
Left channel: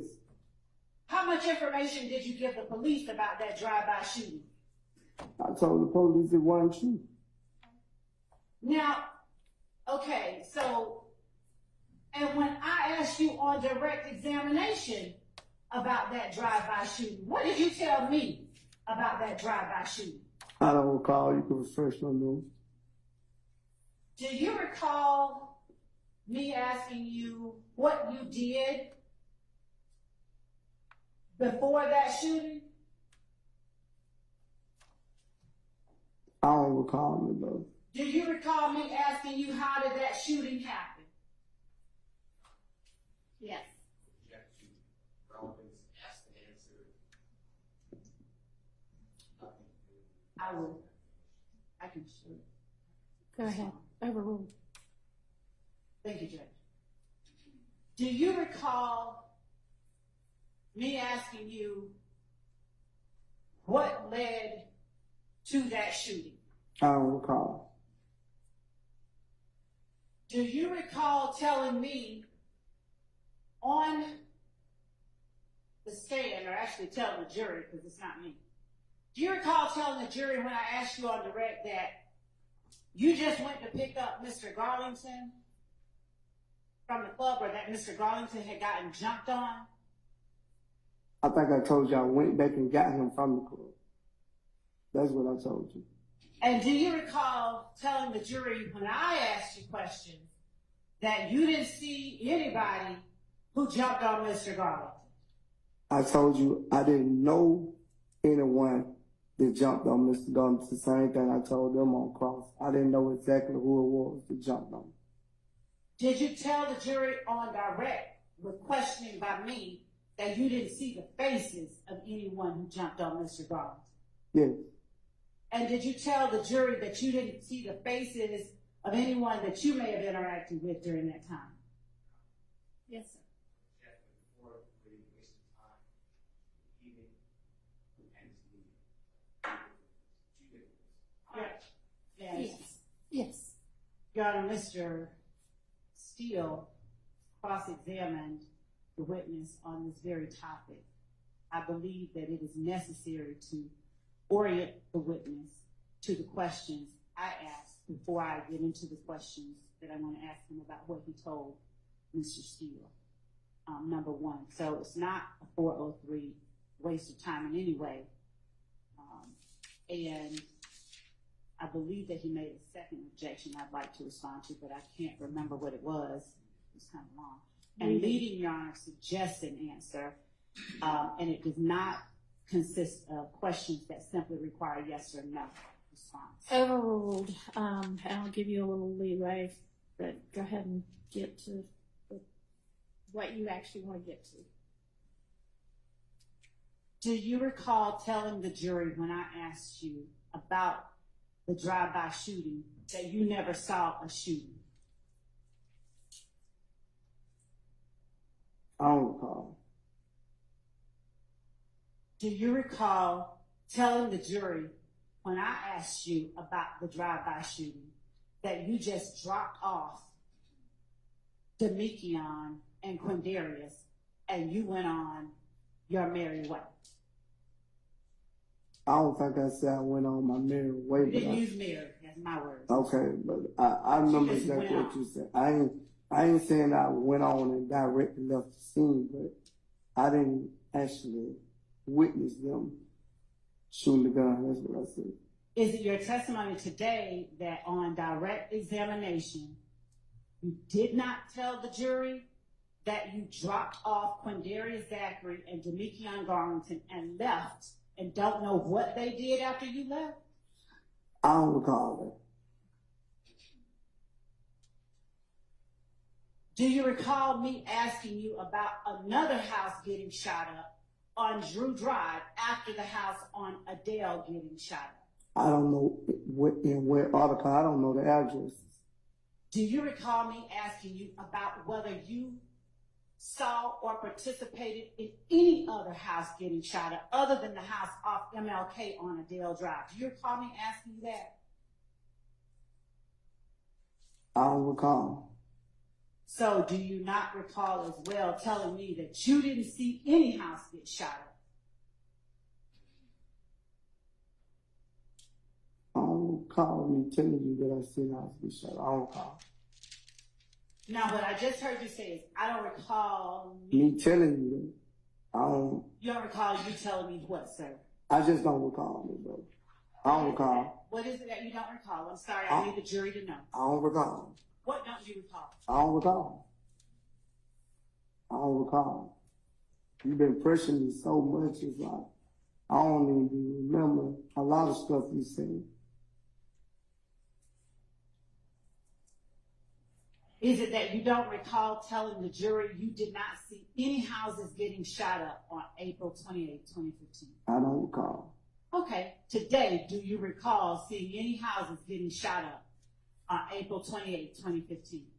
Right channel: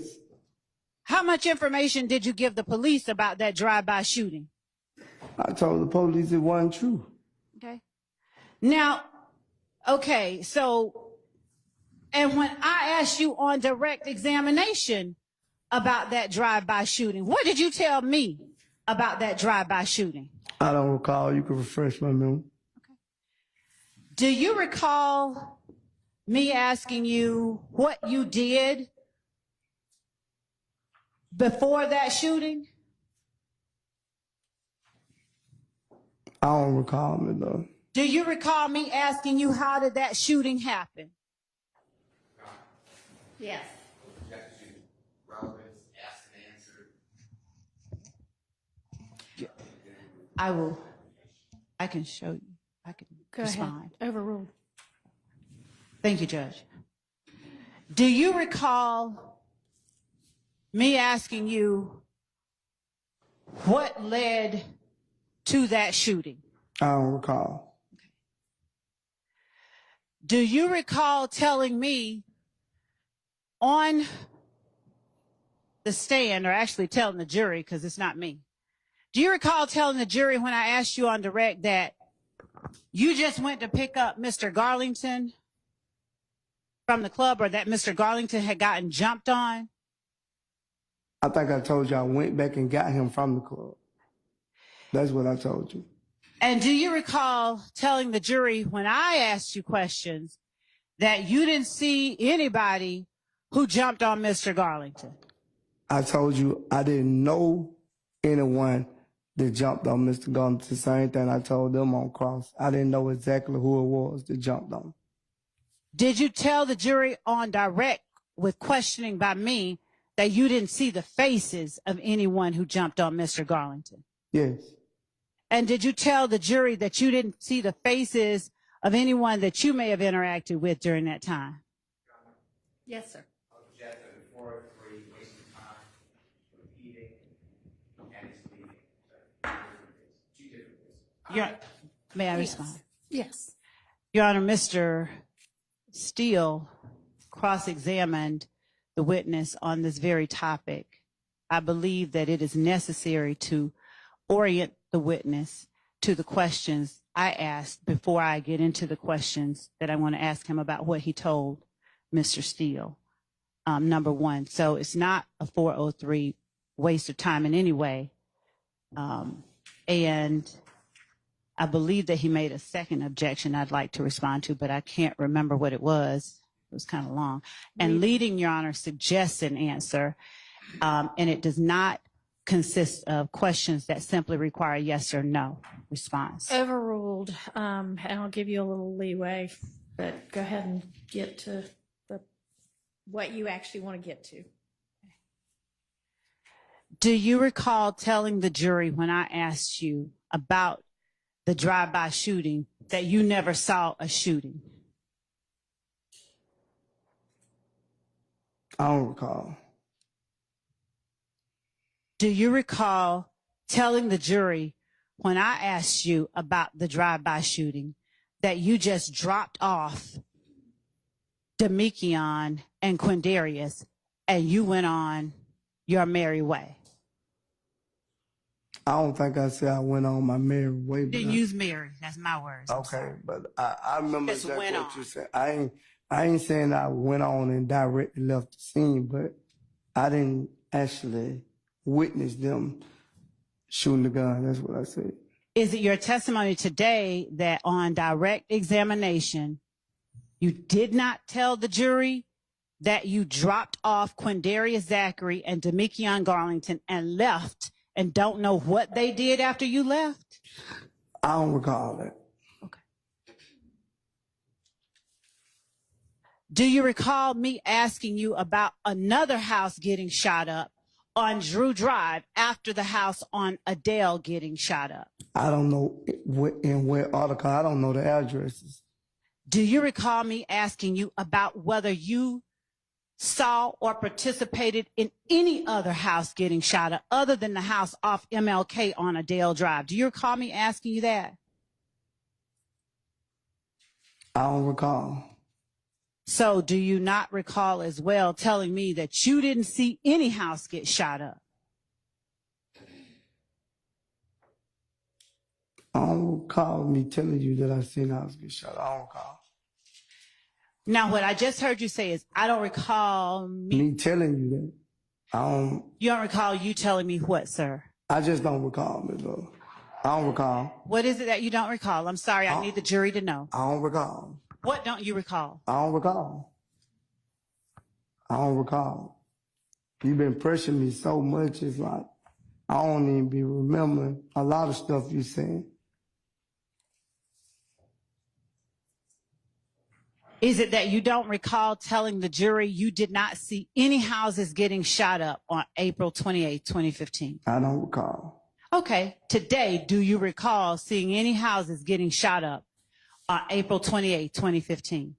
How much information did you give the police about that drive-by shooting? I told the police it wasn't true. Okay. Now, okay, so, and when I asked you on direct examination about that drive-by shooting, what did you tell me about that drive-by shooting? I don't recall. You can refresh my memory. Do you recall me asking you what you did before that shooting? I don't recall it, though. Do you recall me asking you how did that shooting happen? Yes. Relevance, asked and answered. I can show you. I can respond. Overruled. Thank you, Judge. Do you recall me asking you what led to that shooting? I don't recall. Do you recall telling me on the stand, or actually telling the jury, because it's not me, do you recall telling the jury when I asked you on direct that you just went to pick up Mr. Garlington from the club, or that Mr. Garlington had gotten jumped on? I think I told you I went back and got him from the club. That's what I told you. And do you recall telling the jury when I asked you questions that you didn't see anybody who jumped on Mr. Garlington? I told you I didn't know anyone that jumped on Mr. Garlington. The same thing I told them on cross. I didn't know exactly who it was that jumped on. Did you tell the jury on direct with questioning by me that you didn't see the faces of anyone who jumped on Mr. Garlington? Yes. And did you tell the jury that you didn't see the faces of anyone that you may have interacted with during that time? Yes, sir. May I respond? Yes. Your Honor, Mr. Steele cross-examined the witness on this very topic. I believe that it is necessary to orient the witness to the questions I asked before I get into the questions that I want to ask him about what he told Mr. Steele, number one. So it's not a 403 waste of time in any way. And I believe that he made a second objection I'd like to respond to, but I can't remember what it was. It was kind of long. And leading, Your Honor, suggests an answer, and it does not consist of questions that simply require a yes or no response. Overruled. And I'll give you a little leeway, but go ahead and get to what you actually want to get to. Do you recall telling the jury when I asked you about the drive-by shooting that you never saw a shooting? I don't recall. Do you recall telling the jury when I asked you about the drive-by shooting that you just dropped off Demekion and Quindarius and you went on your merry way? I don't think I said I went on my merry way. You didn't use merry. That's my words. Okay, but I remember just exactly went what you on. said. I ain't saying I went on and directly left the scene, but I didn't actually witness them shooting the gun. That's what I said. Is it your testimony today that on direct examination, you did not tell the jury that you dropped off Quindarius Zachary and Demekion Garlington and left and don't know what they did after you left? I don't recall that. Okay. Do you recall me asking you about another house getting shot up on Drew Drive after the house on Adele getting shot up? I don't know in what article. I don't know the addresses. Do you recall me asking you about whether you saw or participated in any other house getting shot up other than the house off MLK on Adele Drive? Do you recall me asking you that? I don't recall. So do you not recall as well telling me that you didn't see any house get shot up? I don't recall me telling you that I seen a house get shot. I don't recall. Now, what I just heard you say is, I don't recall me. Me telling you that. I don't. You don't recall you telling me what, sir? I just don't recall, Ms. Lowe. I don't recall. What is it that you don't recall? I'm sorry, I need the jury to know. I don't recall. What don't you recall? I don't recall. I don't recall. You've been pressuring me so much, it's like I don't even be remembering a lot of stuff you saying. Is it that you don't recall telling the jury you did not see any houses getting shot up on April 28, 2015? I don't recall. Okay. Today, do you recall seeing any houses getting shot up on April 28, 2015?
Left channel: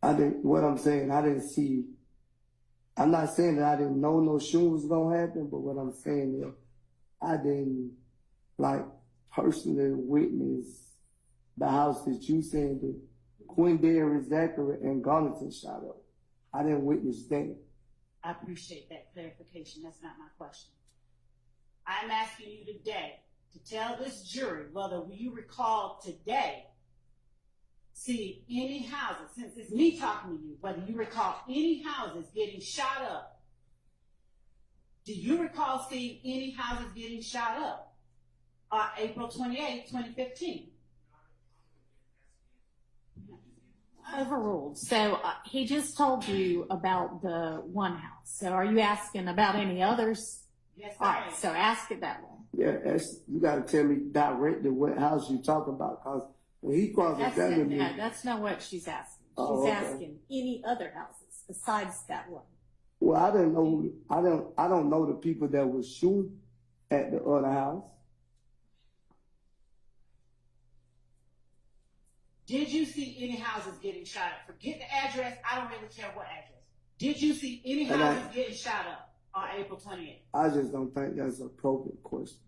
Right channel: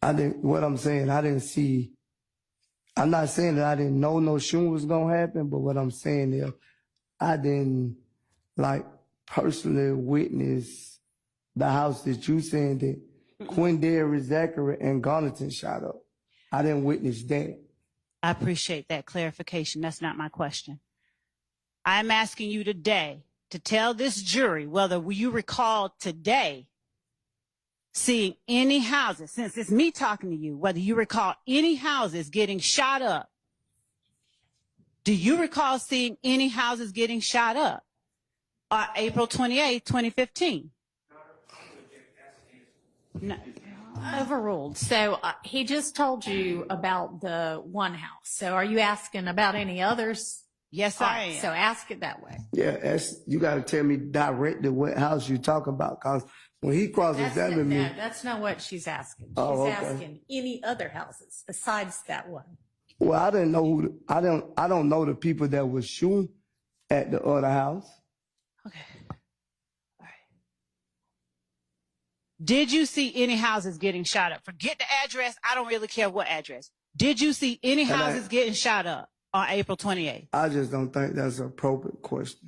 I didn't, what I'm saying, I didn't see, I'm not saying that I didn't know no shooting was gonna happen, but what I'm saying is I didn't like personally witness the house that you saying that Quindarius Zachary and Garlington shot up. I didn't witness that. I appreciate that clarification. That's not my question. I'm asking you today to tell this jury whether you recall today seeing any houses, since it's me talking to you, whether you recall any houses getting shot up. Do you recall seeing any houses getting shot up on April 28, 2015? No. Overruled. So he just told you about the one house. So are you asking about any others? Yes, All I right, am. so ask it that way. Yeah, you got to tell me directly what house you talking about, cause when he cross-examined me, That's not what she's asking. She's Oh, okay. asking any other houses besides that one. well, I didn't know I don't know the people that was shooting at the other house. Okay. All right. Did you see any houses getting shot up? Forget the address. I don't really care what address. Did you see any houses getting shot up on April 28th? I just don't think that's an appropriate question.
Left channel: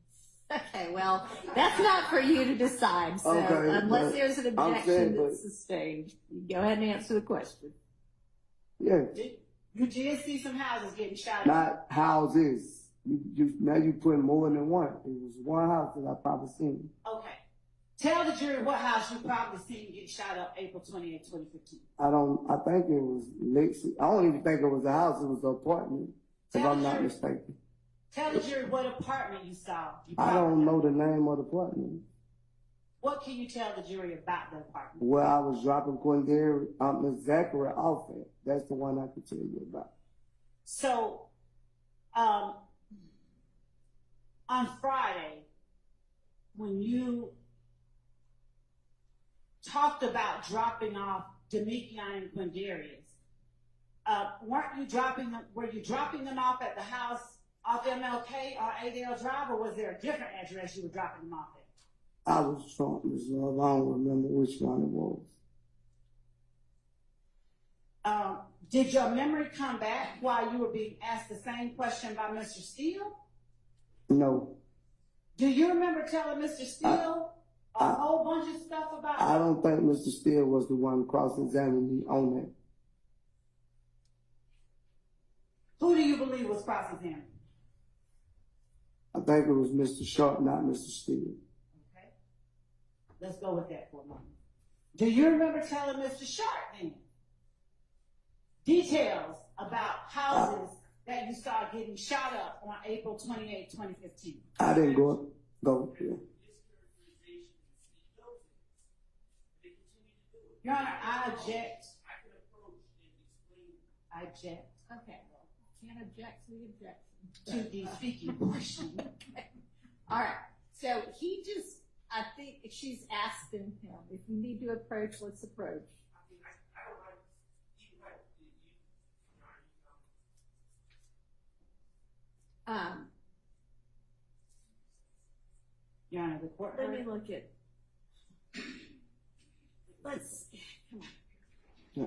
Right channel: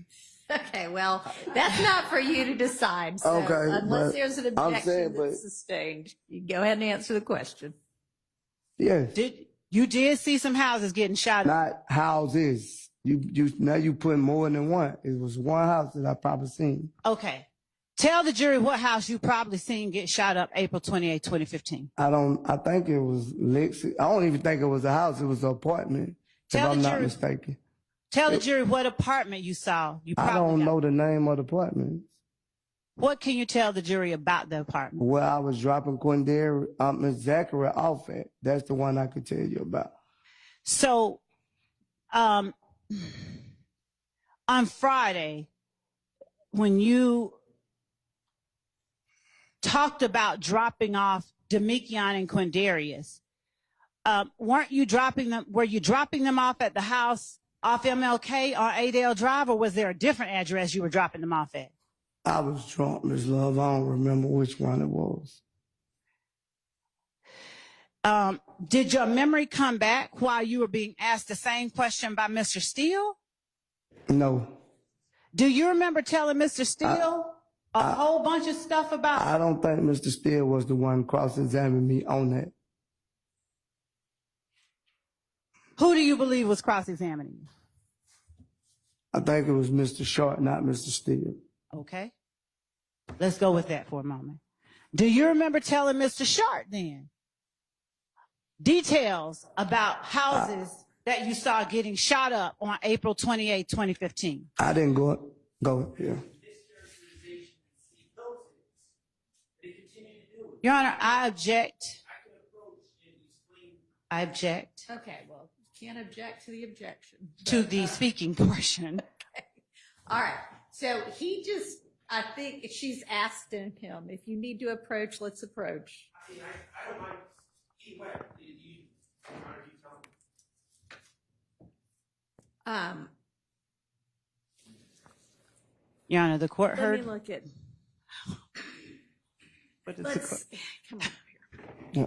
Okay, well, that's not for you to decide. So Okay, unless but there's an I'm objection saying, that's but- sustained, you go ahead and answer the question. Yeah, You did see some houses getting shot up? not houses. You now you put more than one. It was one house that I probably seen. Okay. Tell the jury what house you probably seen get shot up April 28, 2015. I think it was Lexi. I don't even think it was a house. It was an apartment if Tell I'm the not jury. mistaken. Tell the jury what apartment you saw. You I probably don't know the name of the apartment. What can you tell the jury about the apartment? Where I was dropping Miss Zachary off at. That's the one I could tell you about. So, on Friday, when you talked about dropping off Demekion and Quindarius, weren't you dropping them? Were you dropping them off at the house off MLK on Adel Drive, or was there a different address you were dropping them off at? I was drunk, Miss Love. I don't remember which one it was. Did your memory come back while you were being asked the same question by Mr. Steele? No. Do you remember telling Mr. Steele a whole bunch of stuff about? I don't think Mr. Steele was the one cross-examining me on that. Who do you believe was cross-examining you? I think it was Mr. Short, not Mr. Steele. Okay. Let's go with that for a moment. Do you remember telling Mr. Short then details about houses that you saw getting shot up on April 28, 2015? I didn't go here. Your Honor, I object. I object Okay, well, can't object to the objection. to the speaking portion. Okay. All right. So I think she's asked him, if you need to approach, let's approach. I mean, I don't mind either way. Your Honor, the court Let me heard. look at, What is the let's, court? come on up here. Yeah.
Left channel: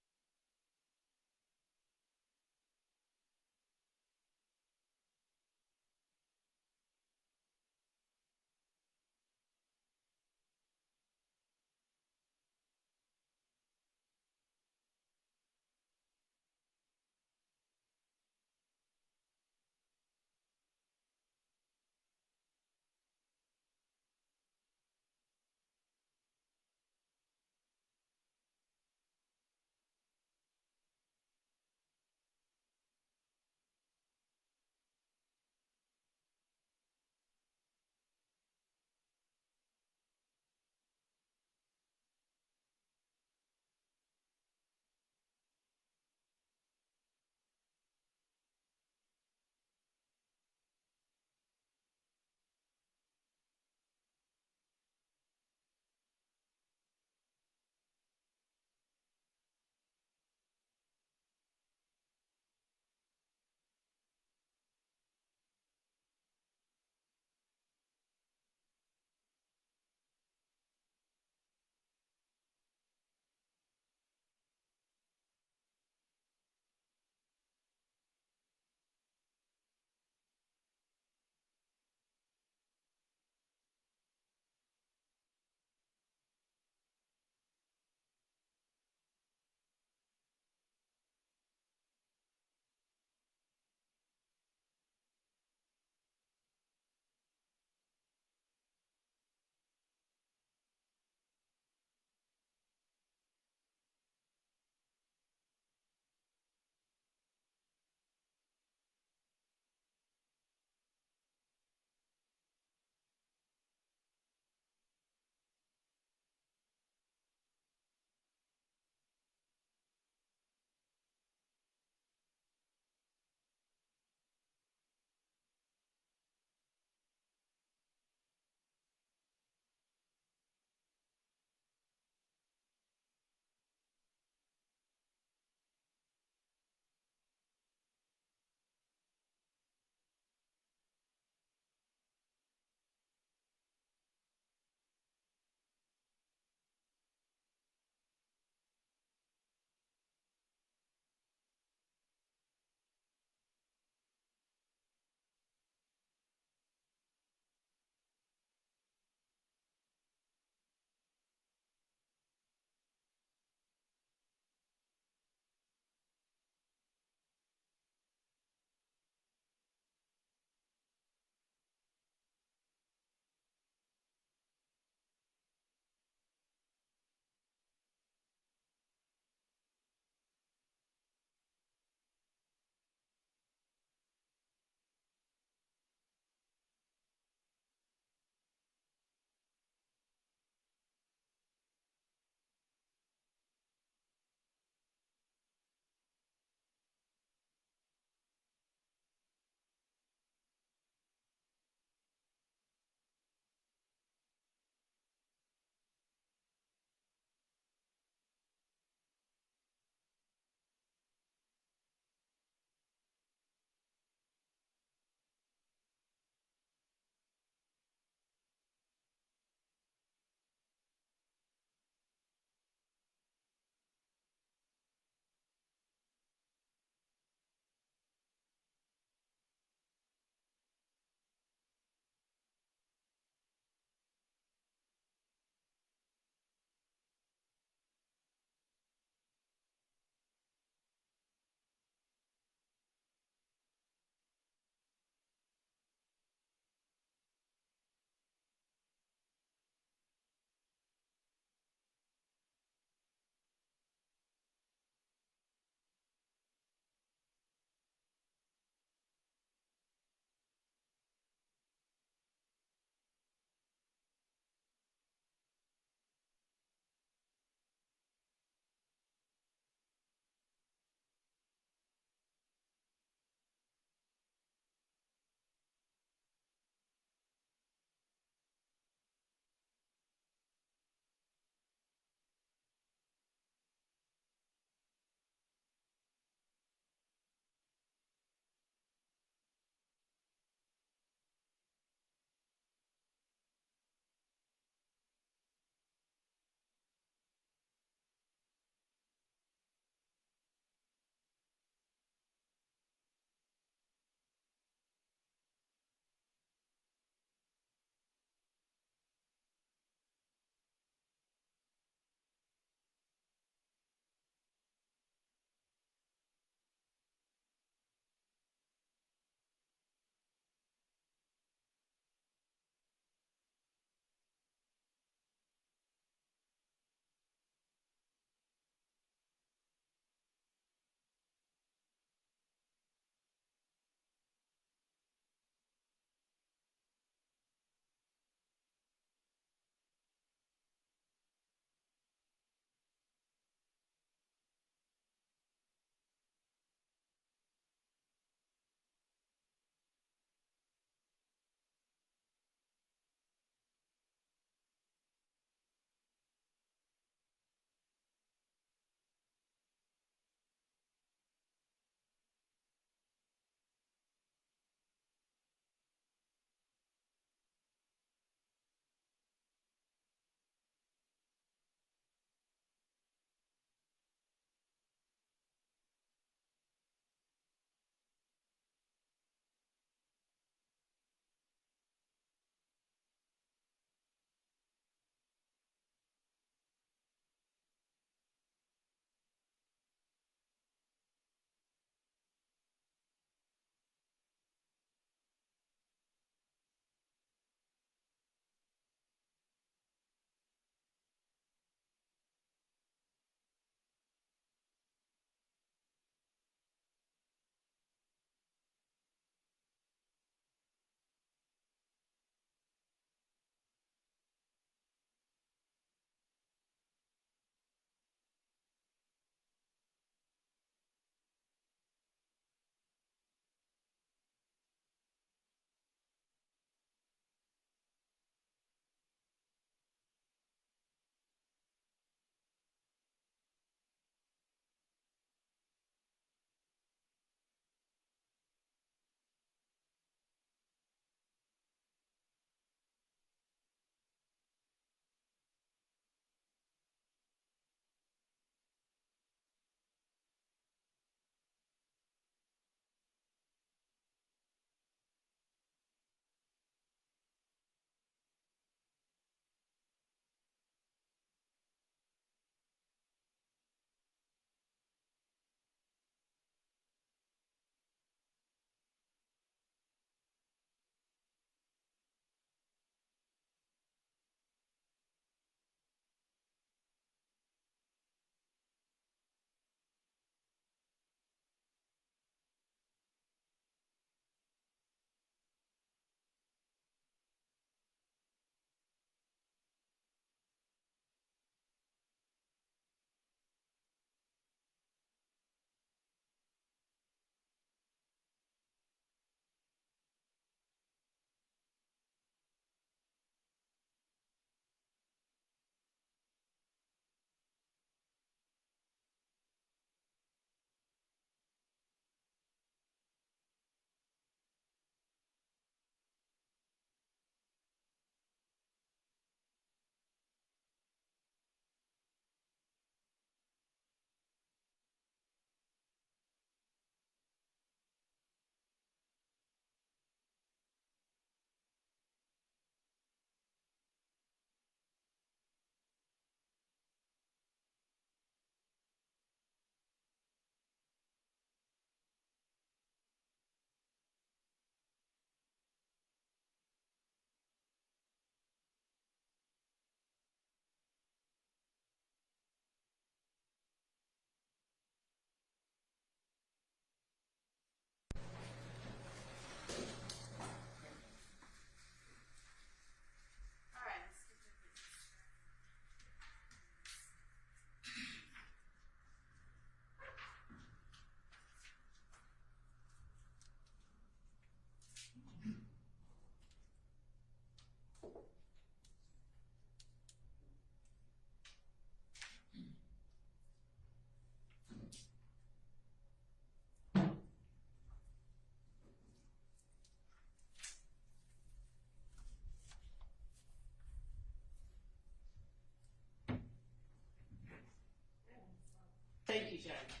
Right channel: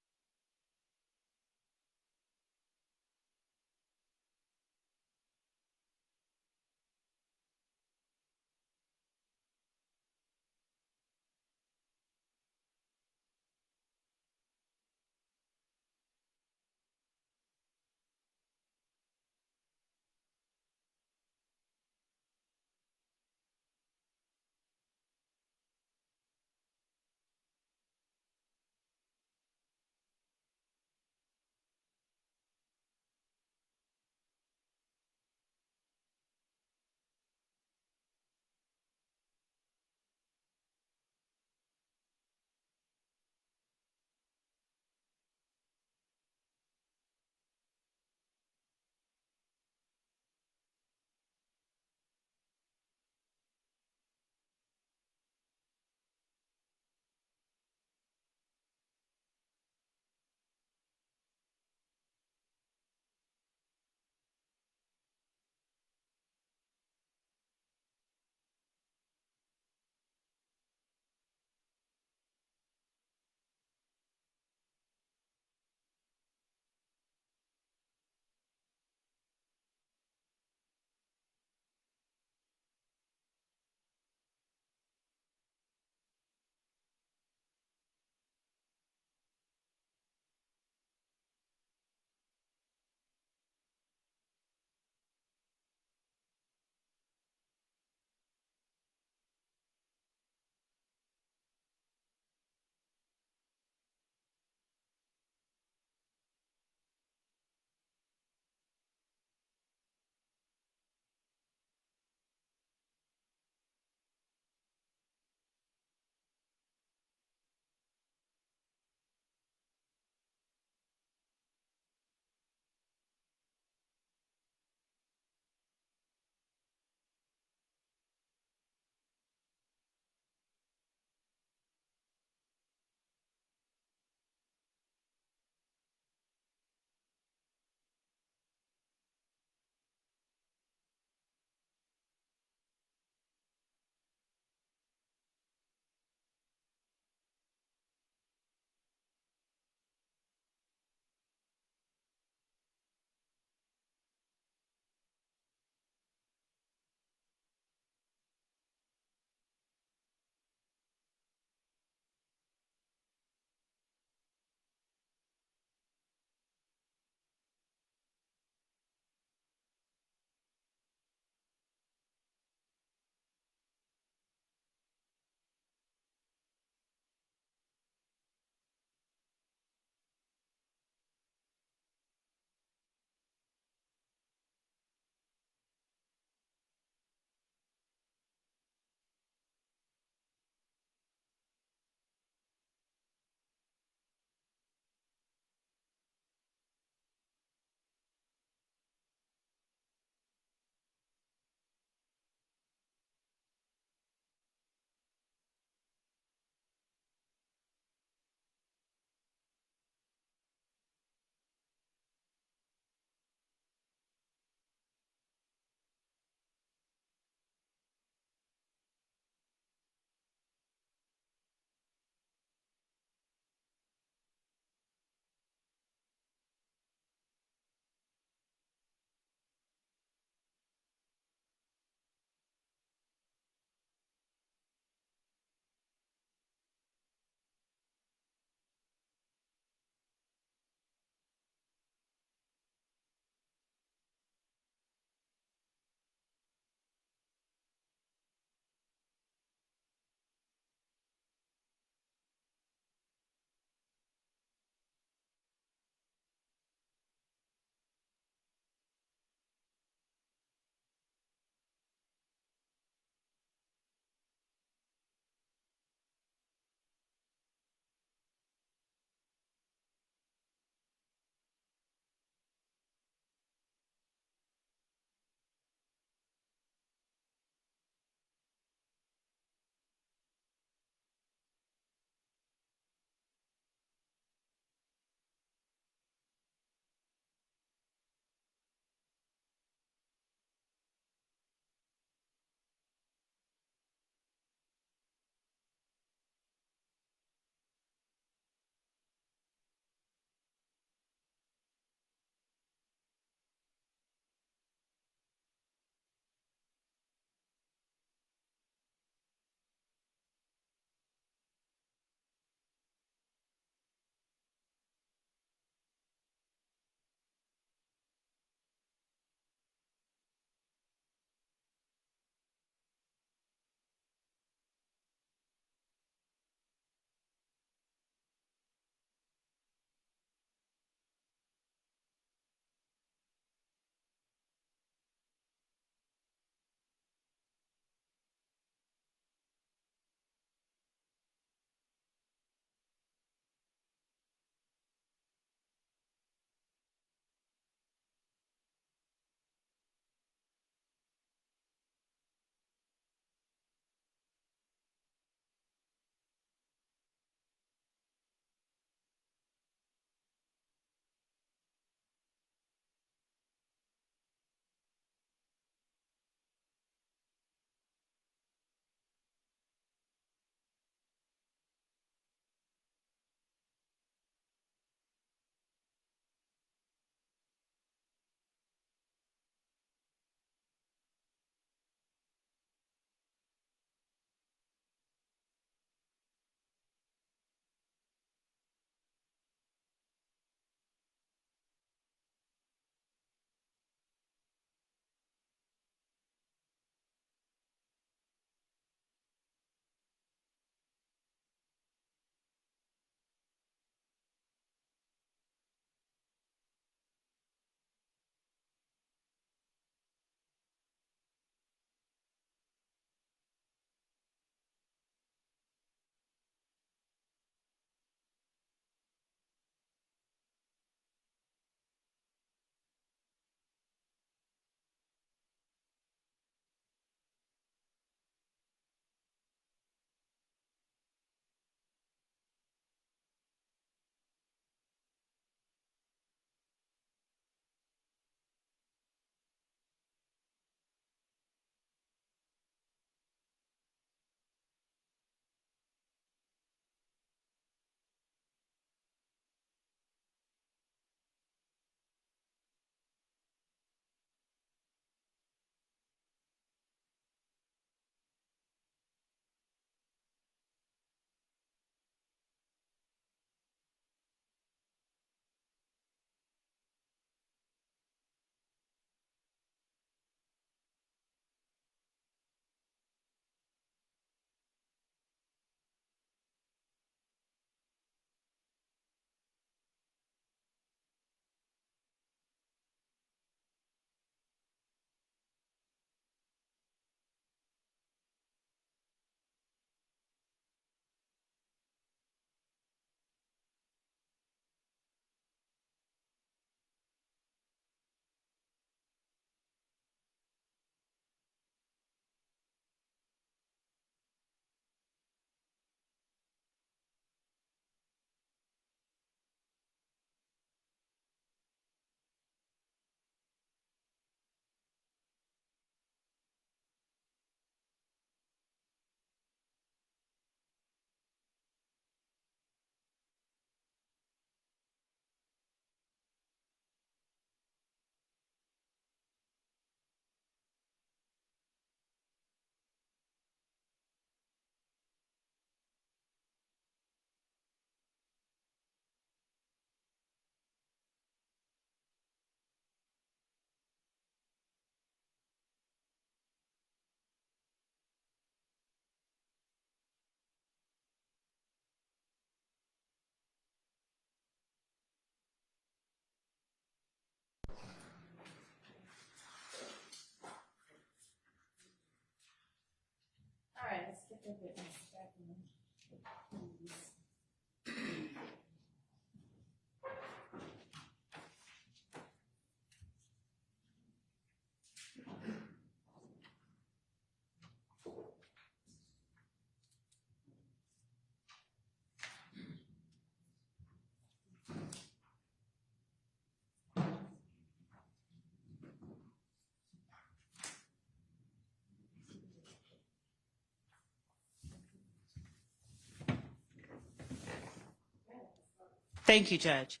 Thank you, Judge.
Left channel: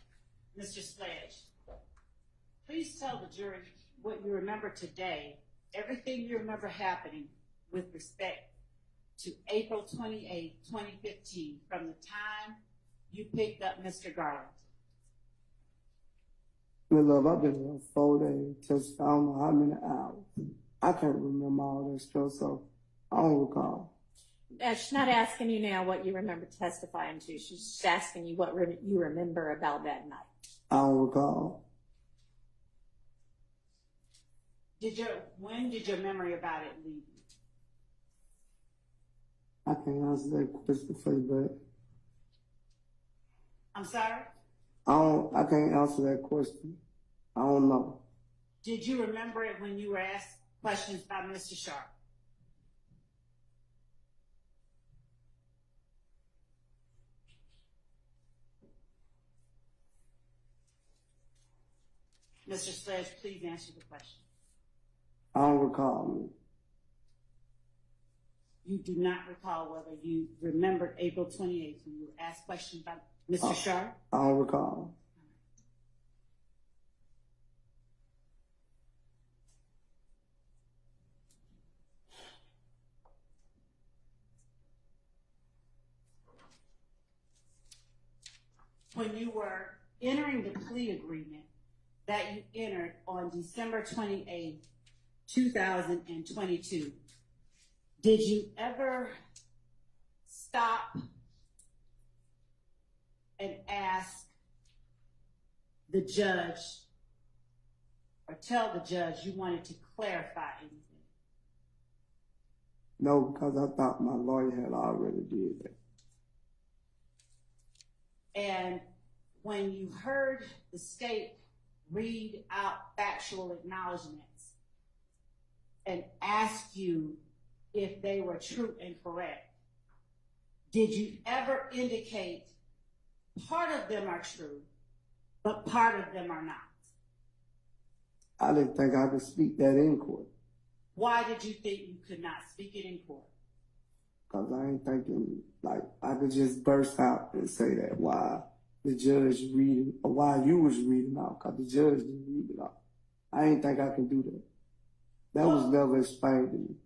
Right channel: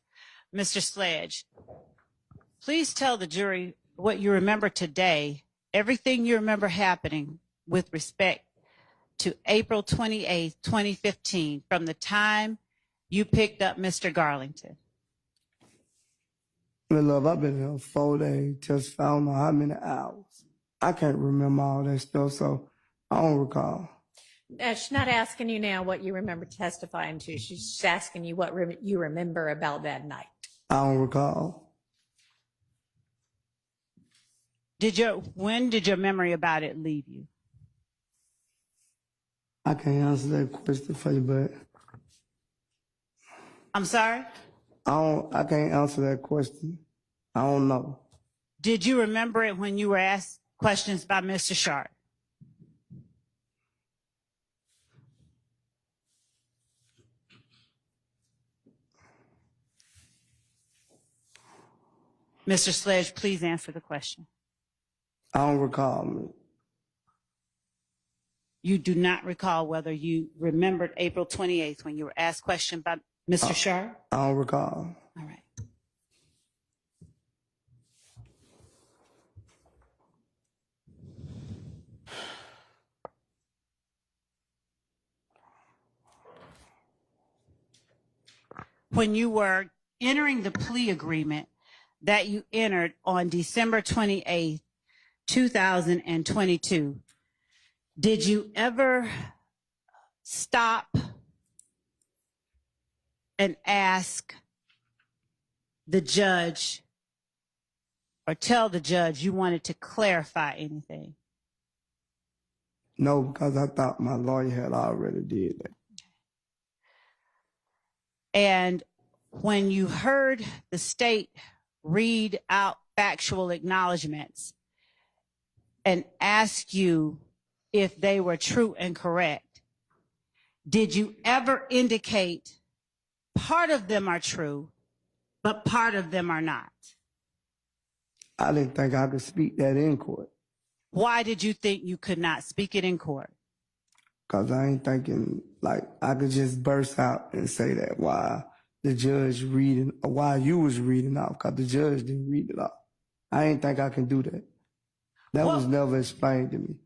Mr. Sledge, please tell the jury what you remember today, everything you remember happening with respect to April 28th, 2015, from the time you picked up Mr. Garlington. Well, love, I've been here 4 days, just I don't know how many hours. I can't remember all that stuff, so I don't recall. She's not asking you now what you remember testifying to. She's just asking you what you remember about that night. I don't recall. When did your memory about it leave you? I can't answer that question for you, but I'm sorry? I can't answer that question. I don't know. Did you remember it when you were asked questions by Mr. Sharp? Mr. Sledge, please answer the question. I don't recall. You do not recall whether you remembered April 28th when you were asked questions by Mr. Sharp? I don't recall. All right. When you were entering the plea agreement that you entered on December 28th, 2022, did you ever stop and ask the judge or tell the judge you wanted to clarify anything? No, because I thought my lawyer had already did that. And when you heard the state read out factual acknowledgments and ask you if they were true and correct, did you ever indicate part of them are true, but part of them are not? I didn't think I could speak that in court. Why did you think you could not speak it in court? Because I ain't thinking like I could just burst out and say that while the judge reading, or while you was reading off, because the judge didn't read it off. I ain't think I can do that. That was never explained to me.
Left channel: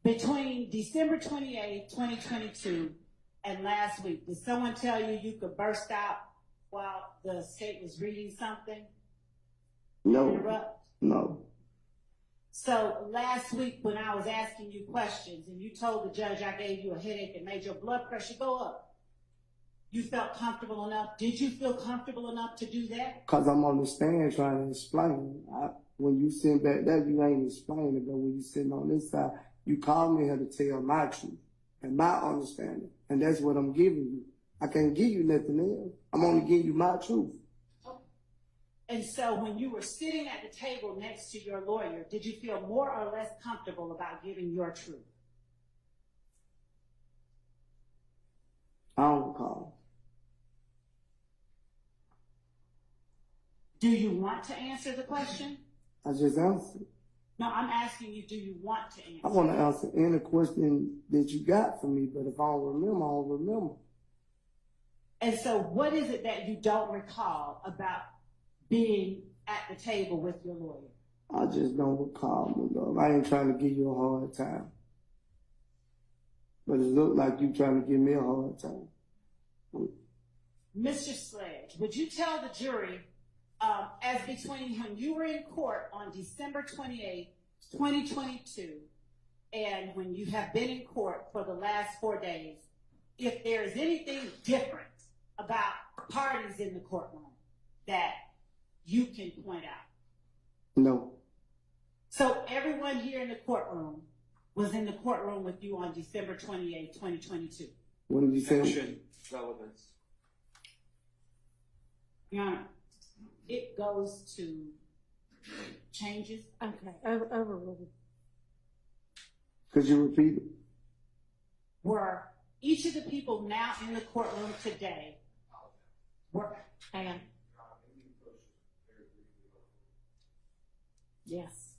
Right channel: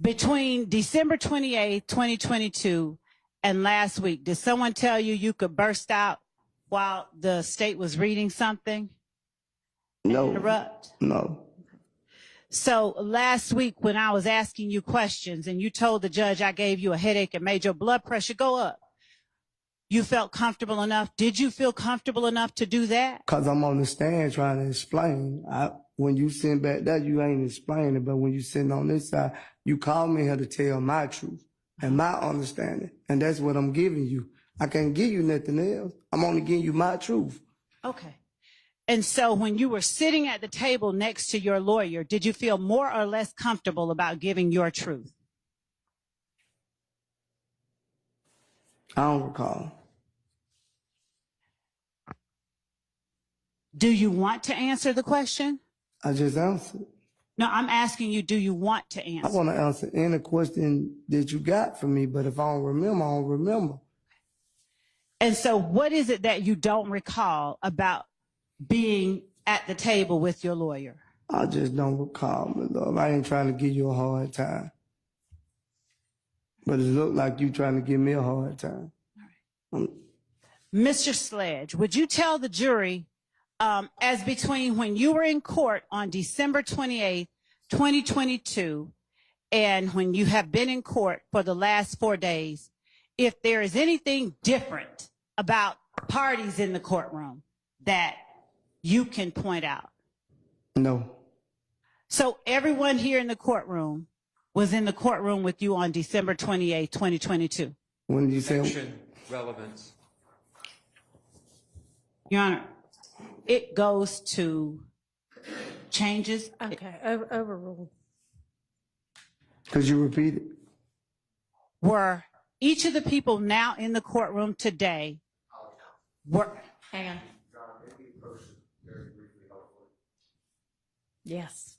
Between December 28th, 2022 and last week, did someone tell you you could burst out while the state was reading something? No. Interrupt? No. So last week when I was asking you questions and you told the judge I gave you a headache and made your blood pressure go up, you felt comfortable enough? Did you feel comfortable enough to do that? Because I'm on the stand trying to explain. When you sitting back there, you ain't explaining. But when you sitting on this side, you call me here to tell my truth and my understanding. And that's what I'm giving you. I can't give you nothing else. I'm only giving you my truth. Okay. And so when you were sitting at the table next to your lawyer, did you feel more or less comfortable about giving your truth? I don't recall. Do you want to answer the question? I just answered. No, I'm asking you, do you want to I answer? want to answer any question that you got for me, but if I don't remember, I don't remember. And so what is it that you don't recall about being at the table with your lawyer? I just don't recall, my love. I ain't trying to give you a hard time. But it looked like you trying to give me a hard time. Mr. Sledge, would you tell the jury, as between when you were in court on December 28th, 2022, and when you have been in court for the last 4 days, if there is anything different about parties in the courtroom that you can point out? No. So everyone here in the courtroom was in the courtroom with you on December 28, 2022. When did you say? Action, relevance. Your Honor, it goes to changes. Okay, overruled. Could you repeat it? Were each of the people now in the courtroom today were, Hang on. Yes.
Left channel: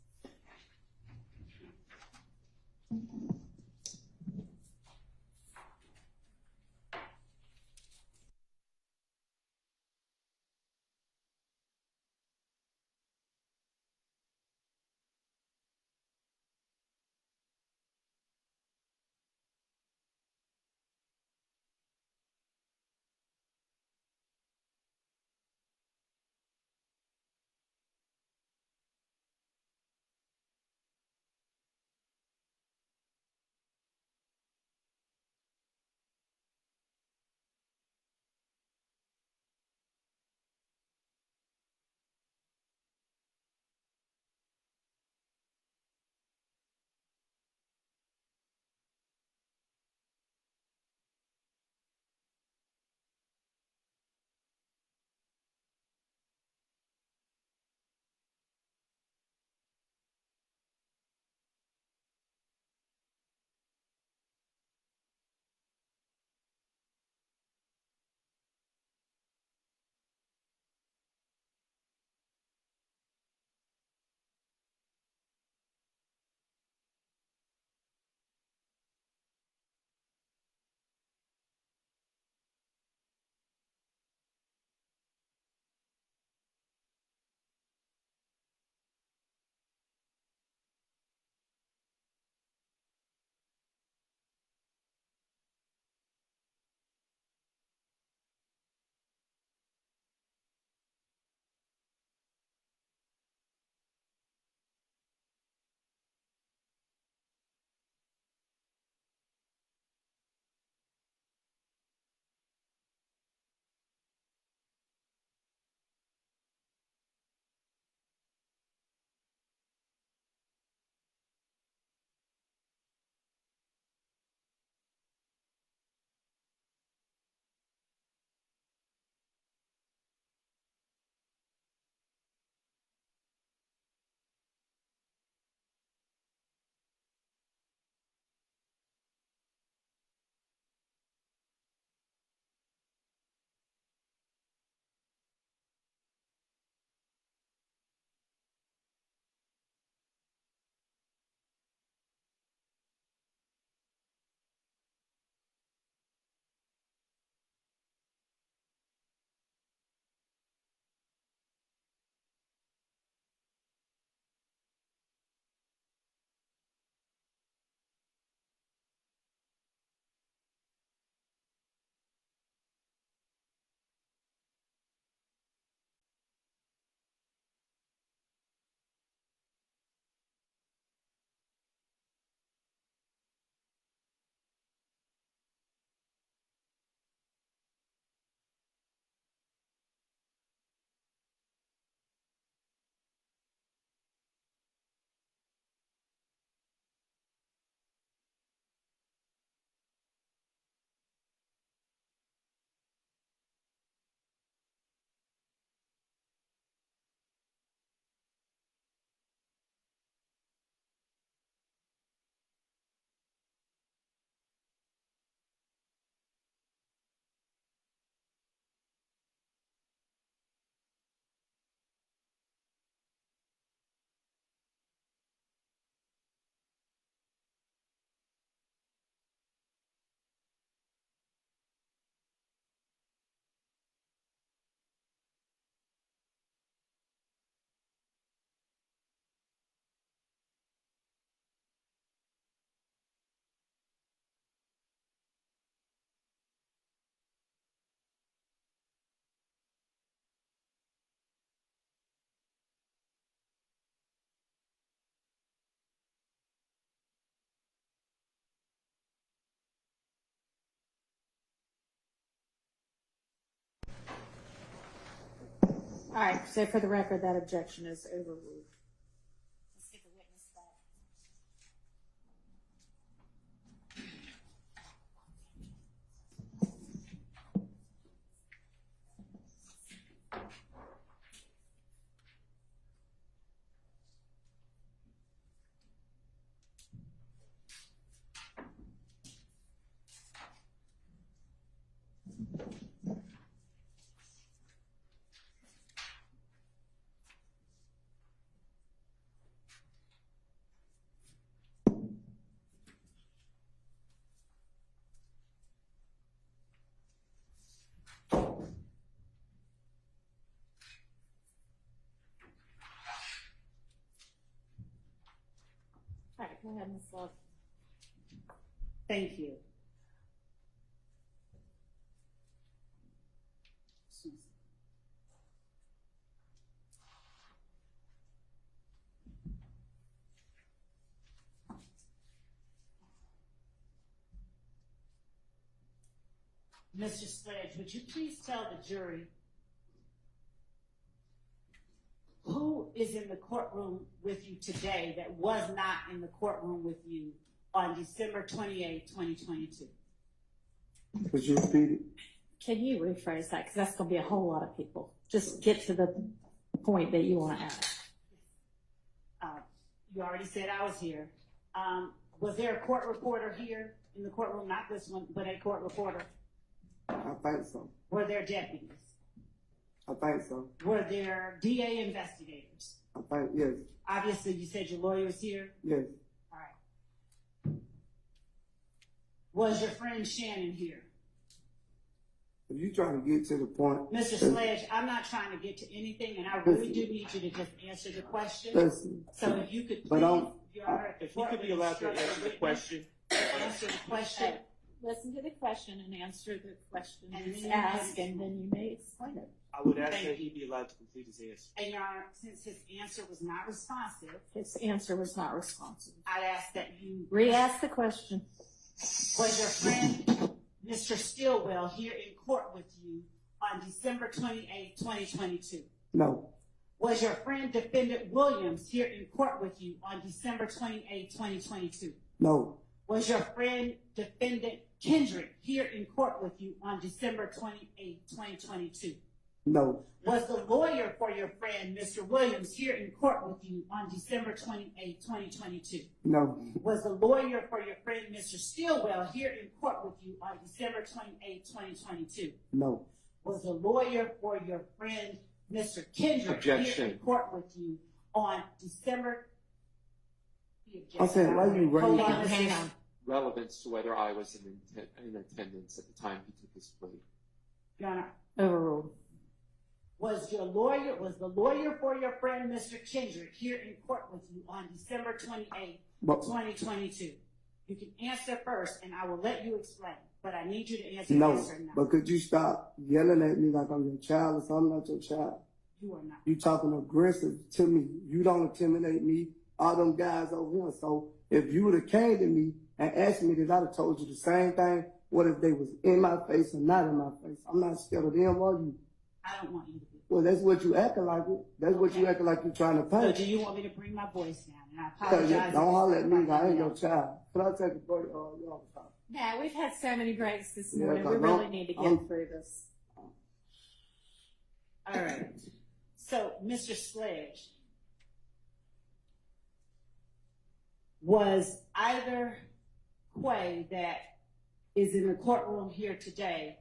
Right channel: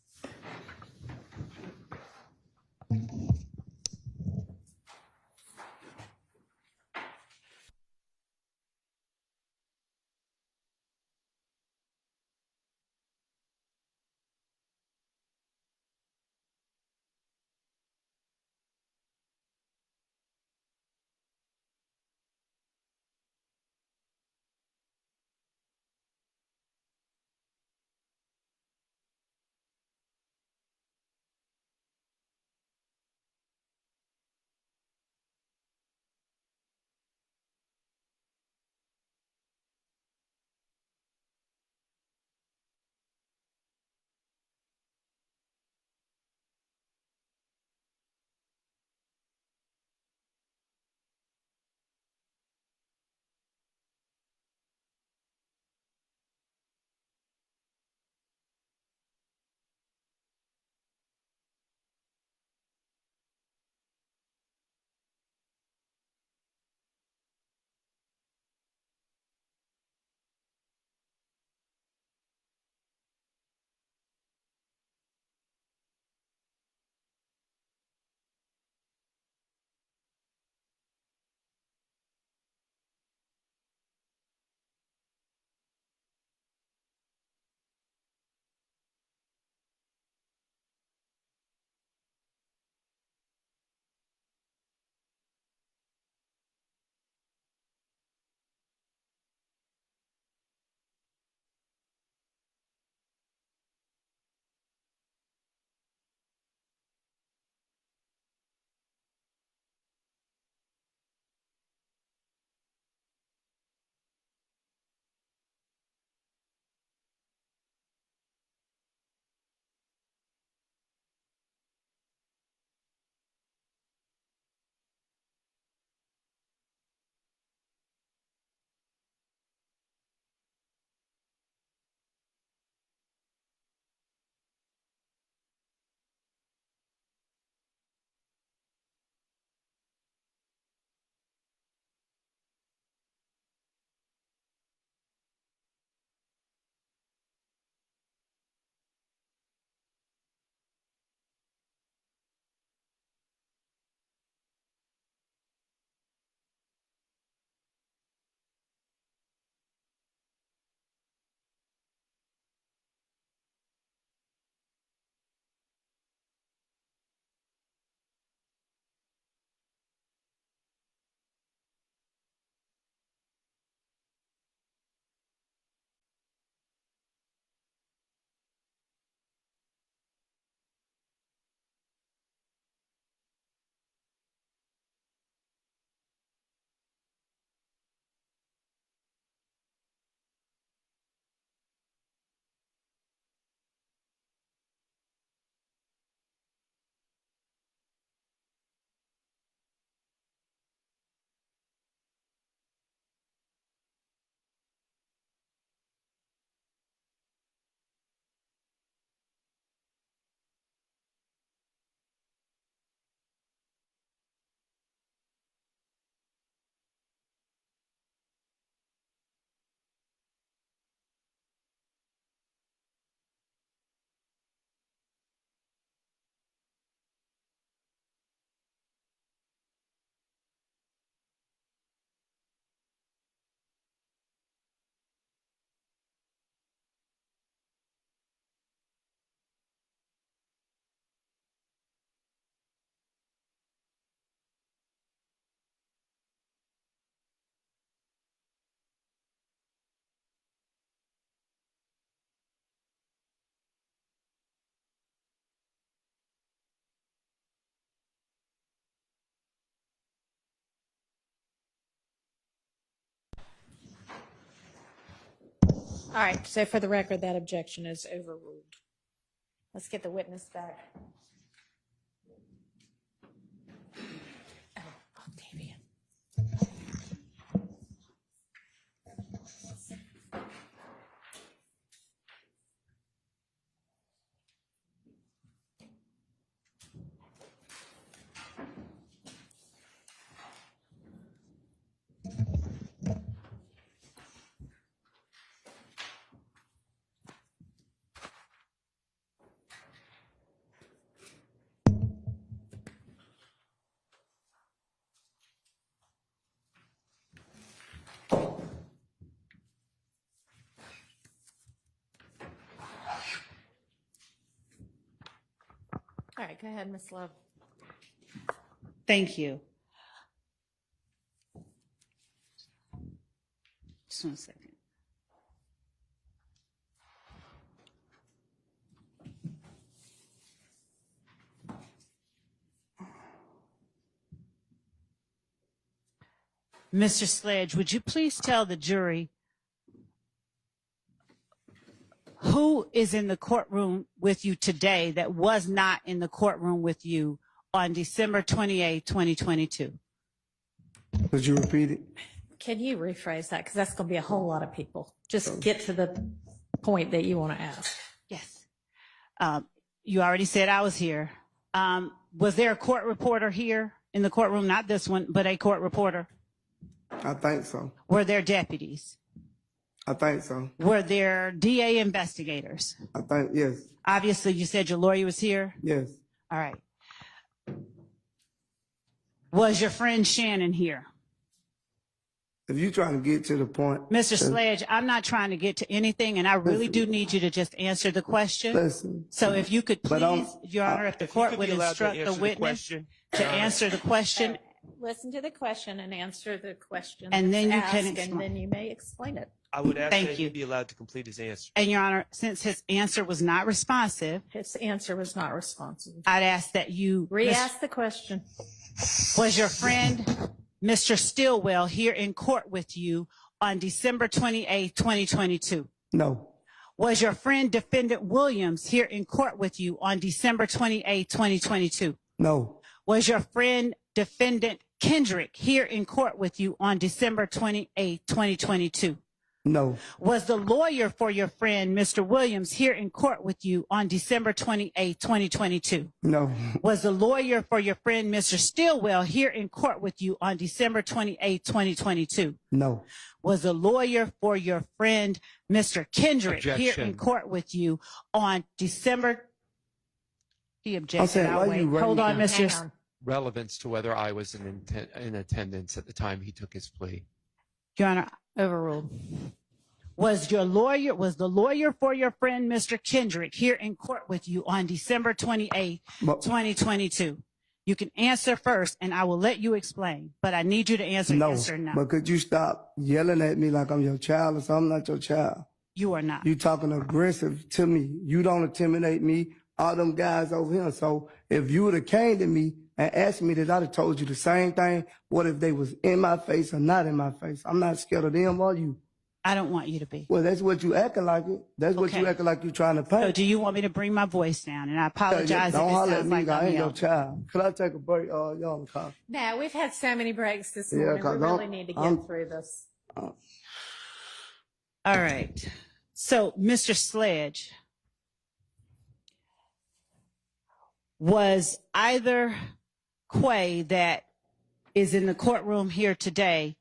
All right, so for the record, that objection is overruled. Let's get the witness back. ahead, Ms. Love. Thank you. Just 1 second. Mr. Sledge, would you please tell the jury who is in the courtroom with you today that was not in the courtroom with you on December 28, 2022? Could you repeat it? Can you rephrase that? Because that's going to be a whole lot of people. Just get to the point that you want to ask. Yes. You already said I was here. Was there a court reporter here in the courtroom? Not this one, but a court reporter? I think so. Were there deputies? I think so. Were there DA investigators? I think, yes. Obviously, you said your lawyer was here? Yes. All right. Was your friend Shannon here? If you're trying to get to the point. Mr. Sledge, I'm not trying to get to anything, and I really do need you to just answer the question. Listen. So if you could But please, Your Honor, if the court would instruct the witness to answer the question, Listen to the question and answer the question. And then that's you can asked, and explain. then you may explain it. I would ask Thank that you. he be allowed to complete his answer. and Your Honor, since his answer was not responsive, His answer was not responsive. I'd ask that you, Re-ask the question. was your friend, Mr. Stillwell, here in court with you on December 28, 2022? No. Was your friend, Defendant Williams, here in court with you on December 28, 2022? No. Was your friend, Defendant Kendrick, here in court with you on December 28, 2022? No. Was the lawyer for your friend, Mr. Williams, here in court with you on December 28, 2022? No. Was the lawyer for your friend, Mr. Stillwell, here in court with you on December 28, 2022? No. Was the lawyer for your friend, Mr. Kendrick, here in Objection. court with you on December? He I objected. said, I'll why wait. you Hold raising- on, Mr. Hang on. Relevance to whether I was in attendance at the time he took his plea. Your Honor, Overruled. was the lawyer for your friend, Mr. Kendrick, here in court with you on December 28, But- 2022? You can answer first, and I will let you explain, but I need you to answer No. yes or no. But could you stop yelling at me like I'm your child or something? I'm not your child. You are not. You talking aggressive to me. You don't intimidate me. All them guys over here. So if you would have came to me and asked me that, I'd have told you the same thing. What if they was in my face or not in my face? I'm not scared of them or you. I don't want you to be. Well, that's what you acting like it. That's what you Okay. acting like you trying to So pay. do you want me to bring my voice down? And I apologize if Don't it holler at sounds me. like I I'm ain't your yelling. child. Could I take a break? Y'all in the car. Now, we've had so many breaks this Yeah, morning. We 'cause really I'm- need to get I'm- through this. All right. So, Mr. Sledge, was either Quay that is in the courtroom here today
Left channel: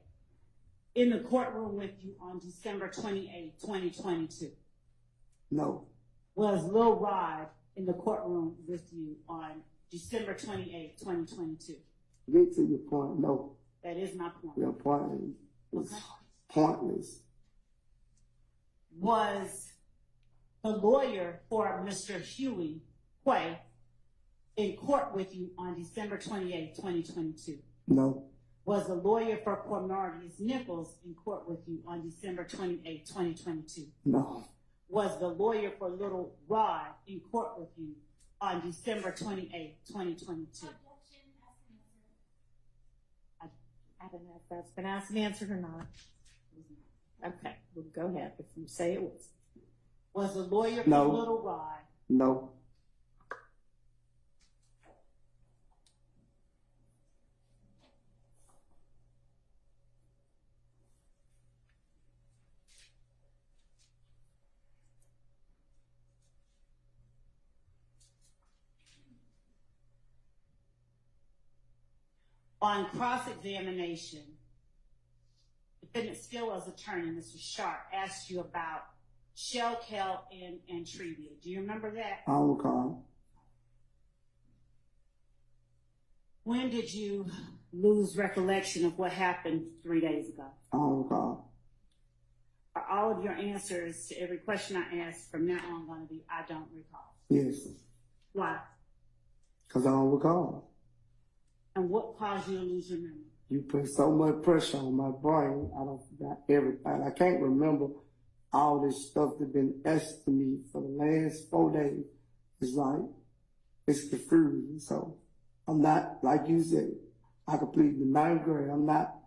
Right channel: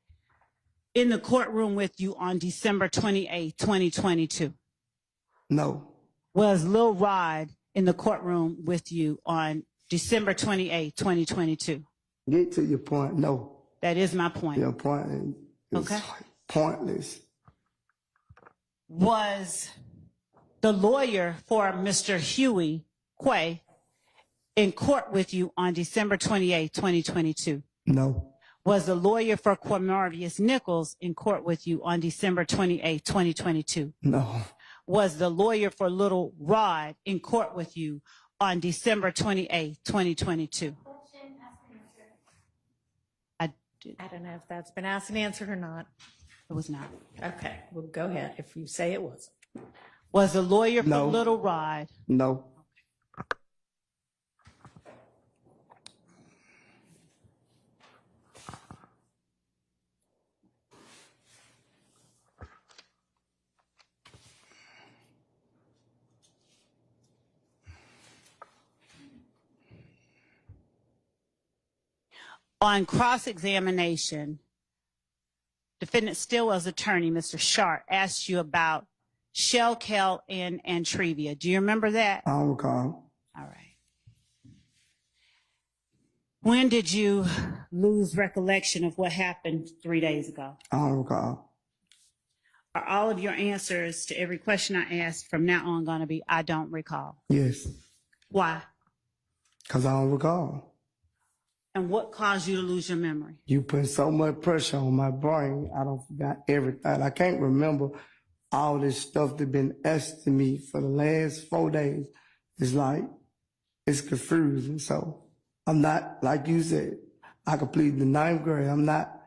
in the courtroom with you on December 28, 2022? No. Was Lil Rod in the courtroom with you on December 28, 2022? Get to your point. No. That is my point. Your point is Okay. pointless. Was the lawyer for Mr. Huey Quay in court with you on December 28, 2022? No. Was the lawyer for Quamarius Nichols in court with you on December 28, 2022? No. Was the lawyer for Little Rod in court with you on December 28, 2022? I don't know if that's been asked and answered or not. It was not. Okay, well, go ahead if you say it was. Was the lawyer for No. Little Rod? No. On cross-examination, Defendant Stillwell's attorney, Mr. Sharp, asked you about Shell, Kel, and Antrevia. Do you remember that? I don't recall. All right. When did you lose recollection of what happened 3 days ago? I don't recall. Are all of your answers to every question I ask from now on going to be, I don't recall? Yes. Why? Because I don't recall. And what caused you to lose your memory? You put so much pressure on my brain, I don't forgot everything. I can't remember all this stuff that been asked to me for the last 4 days. It's like, it's confusing. So I'm not, like you said, I completed the 9th grade. I'm not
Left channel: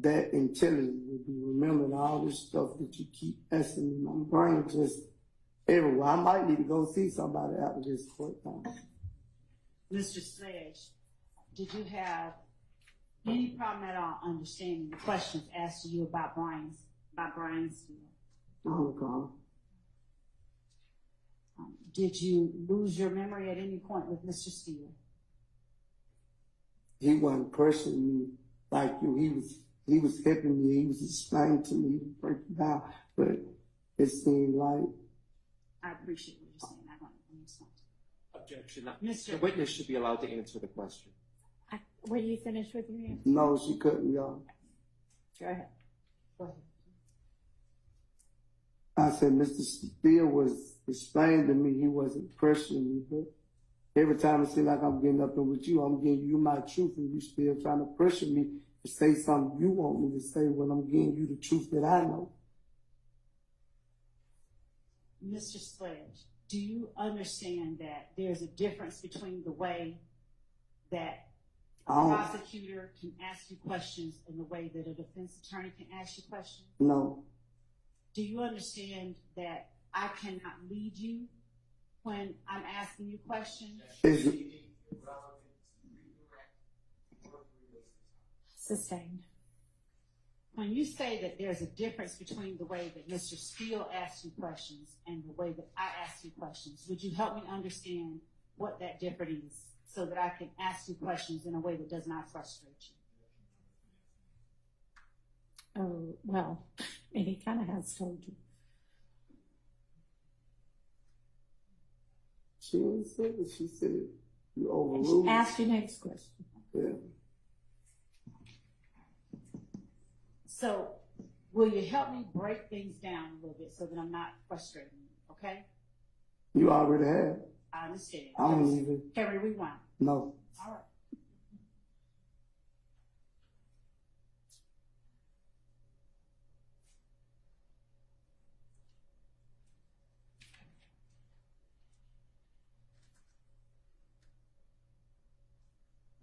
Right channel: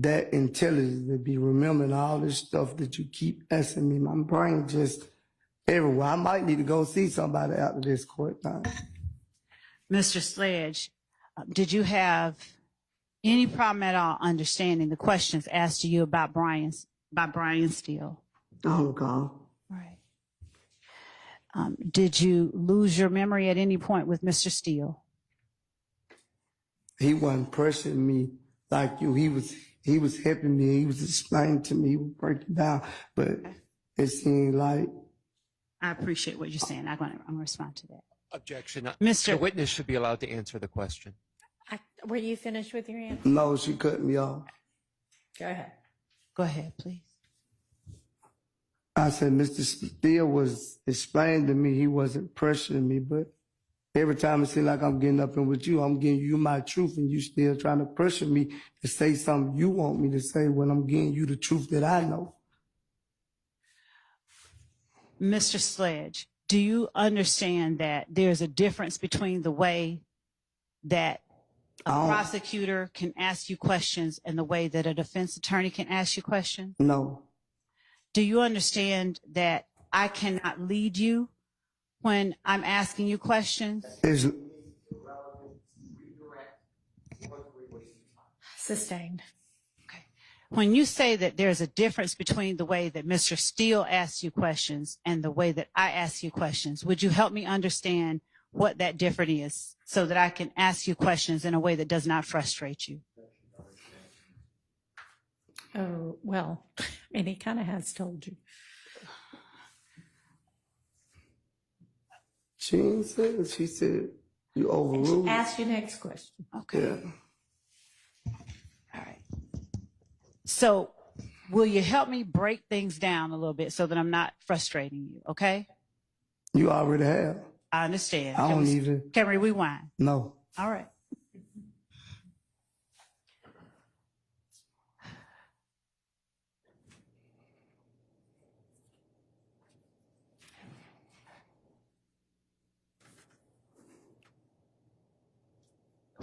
that intelligent to be remembering all this stuff that you keep asking me. My brain just everywhere. I might need to go see somebody after this court time. Mr. Sledge, did you have any problem at all understanding the questions asked to you about Brian Steele? I don't recall. Right. Did you lose your memory at any point with Mr. Steele? He wasn't pressuring me like you. He was helping me. He was explaining to me. He was breaking down. But it seemed like. I appreciate what you're saying. I'm going to respond to that. Objection. Mr. The witness should be allowed to answer the question. Were you finished with your answer? No, she cut me off. Go ahead. Go ahead, please. I said, Mr. Steele was explaining to me he wasn't pressuring me, but every time it seems like I'm getting up in with you, I'm giving you my truth, and you still trying to pressure me to say something you want me to say when I'm giving you the truth that I know. Mr. Sledge, do you understand that there's a difference between the way that a prosecutor can ask you questions and the way that a defense attorney can ask you questions? No. Do you understand that I cannot lead you when I'm asking you questions? Sustained. Okay. When you say that there's a difference between the way that Mr. Steele asks you questions and the way that I ask you questions, would you help me understand what that difference is so that I can ask you questions in a way that does not frustrate you? Oh, well, I mean, he kind of has told you. She ain't said it. She said you overruled. Ask your next question. Okay. Yeah. All right. So will you help me break things down a little bit so that I'm not frustrating you, okay? You already have. I understand. I don't even. Can we rewind? No. All right.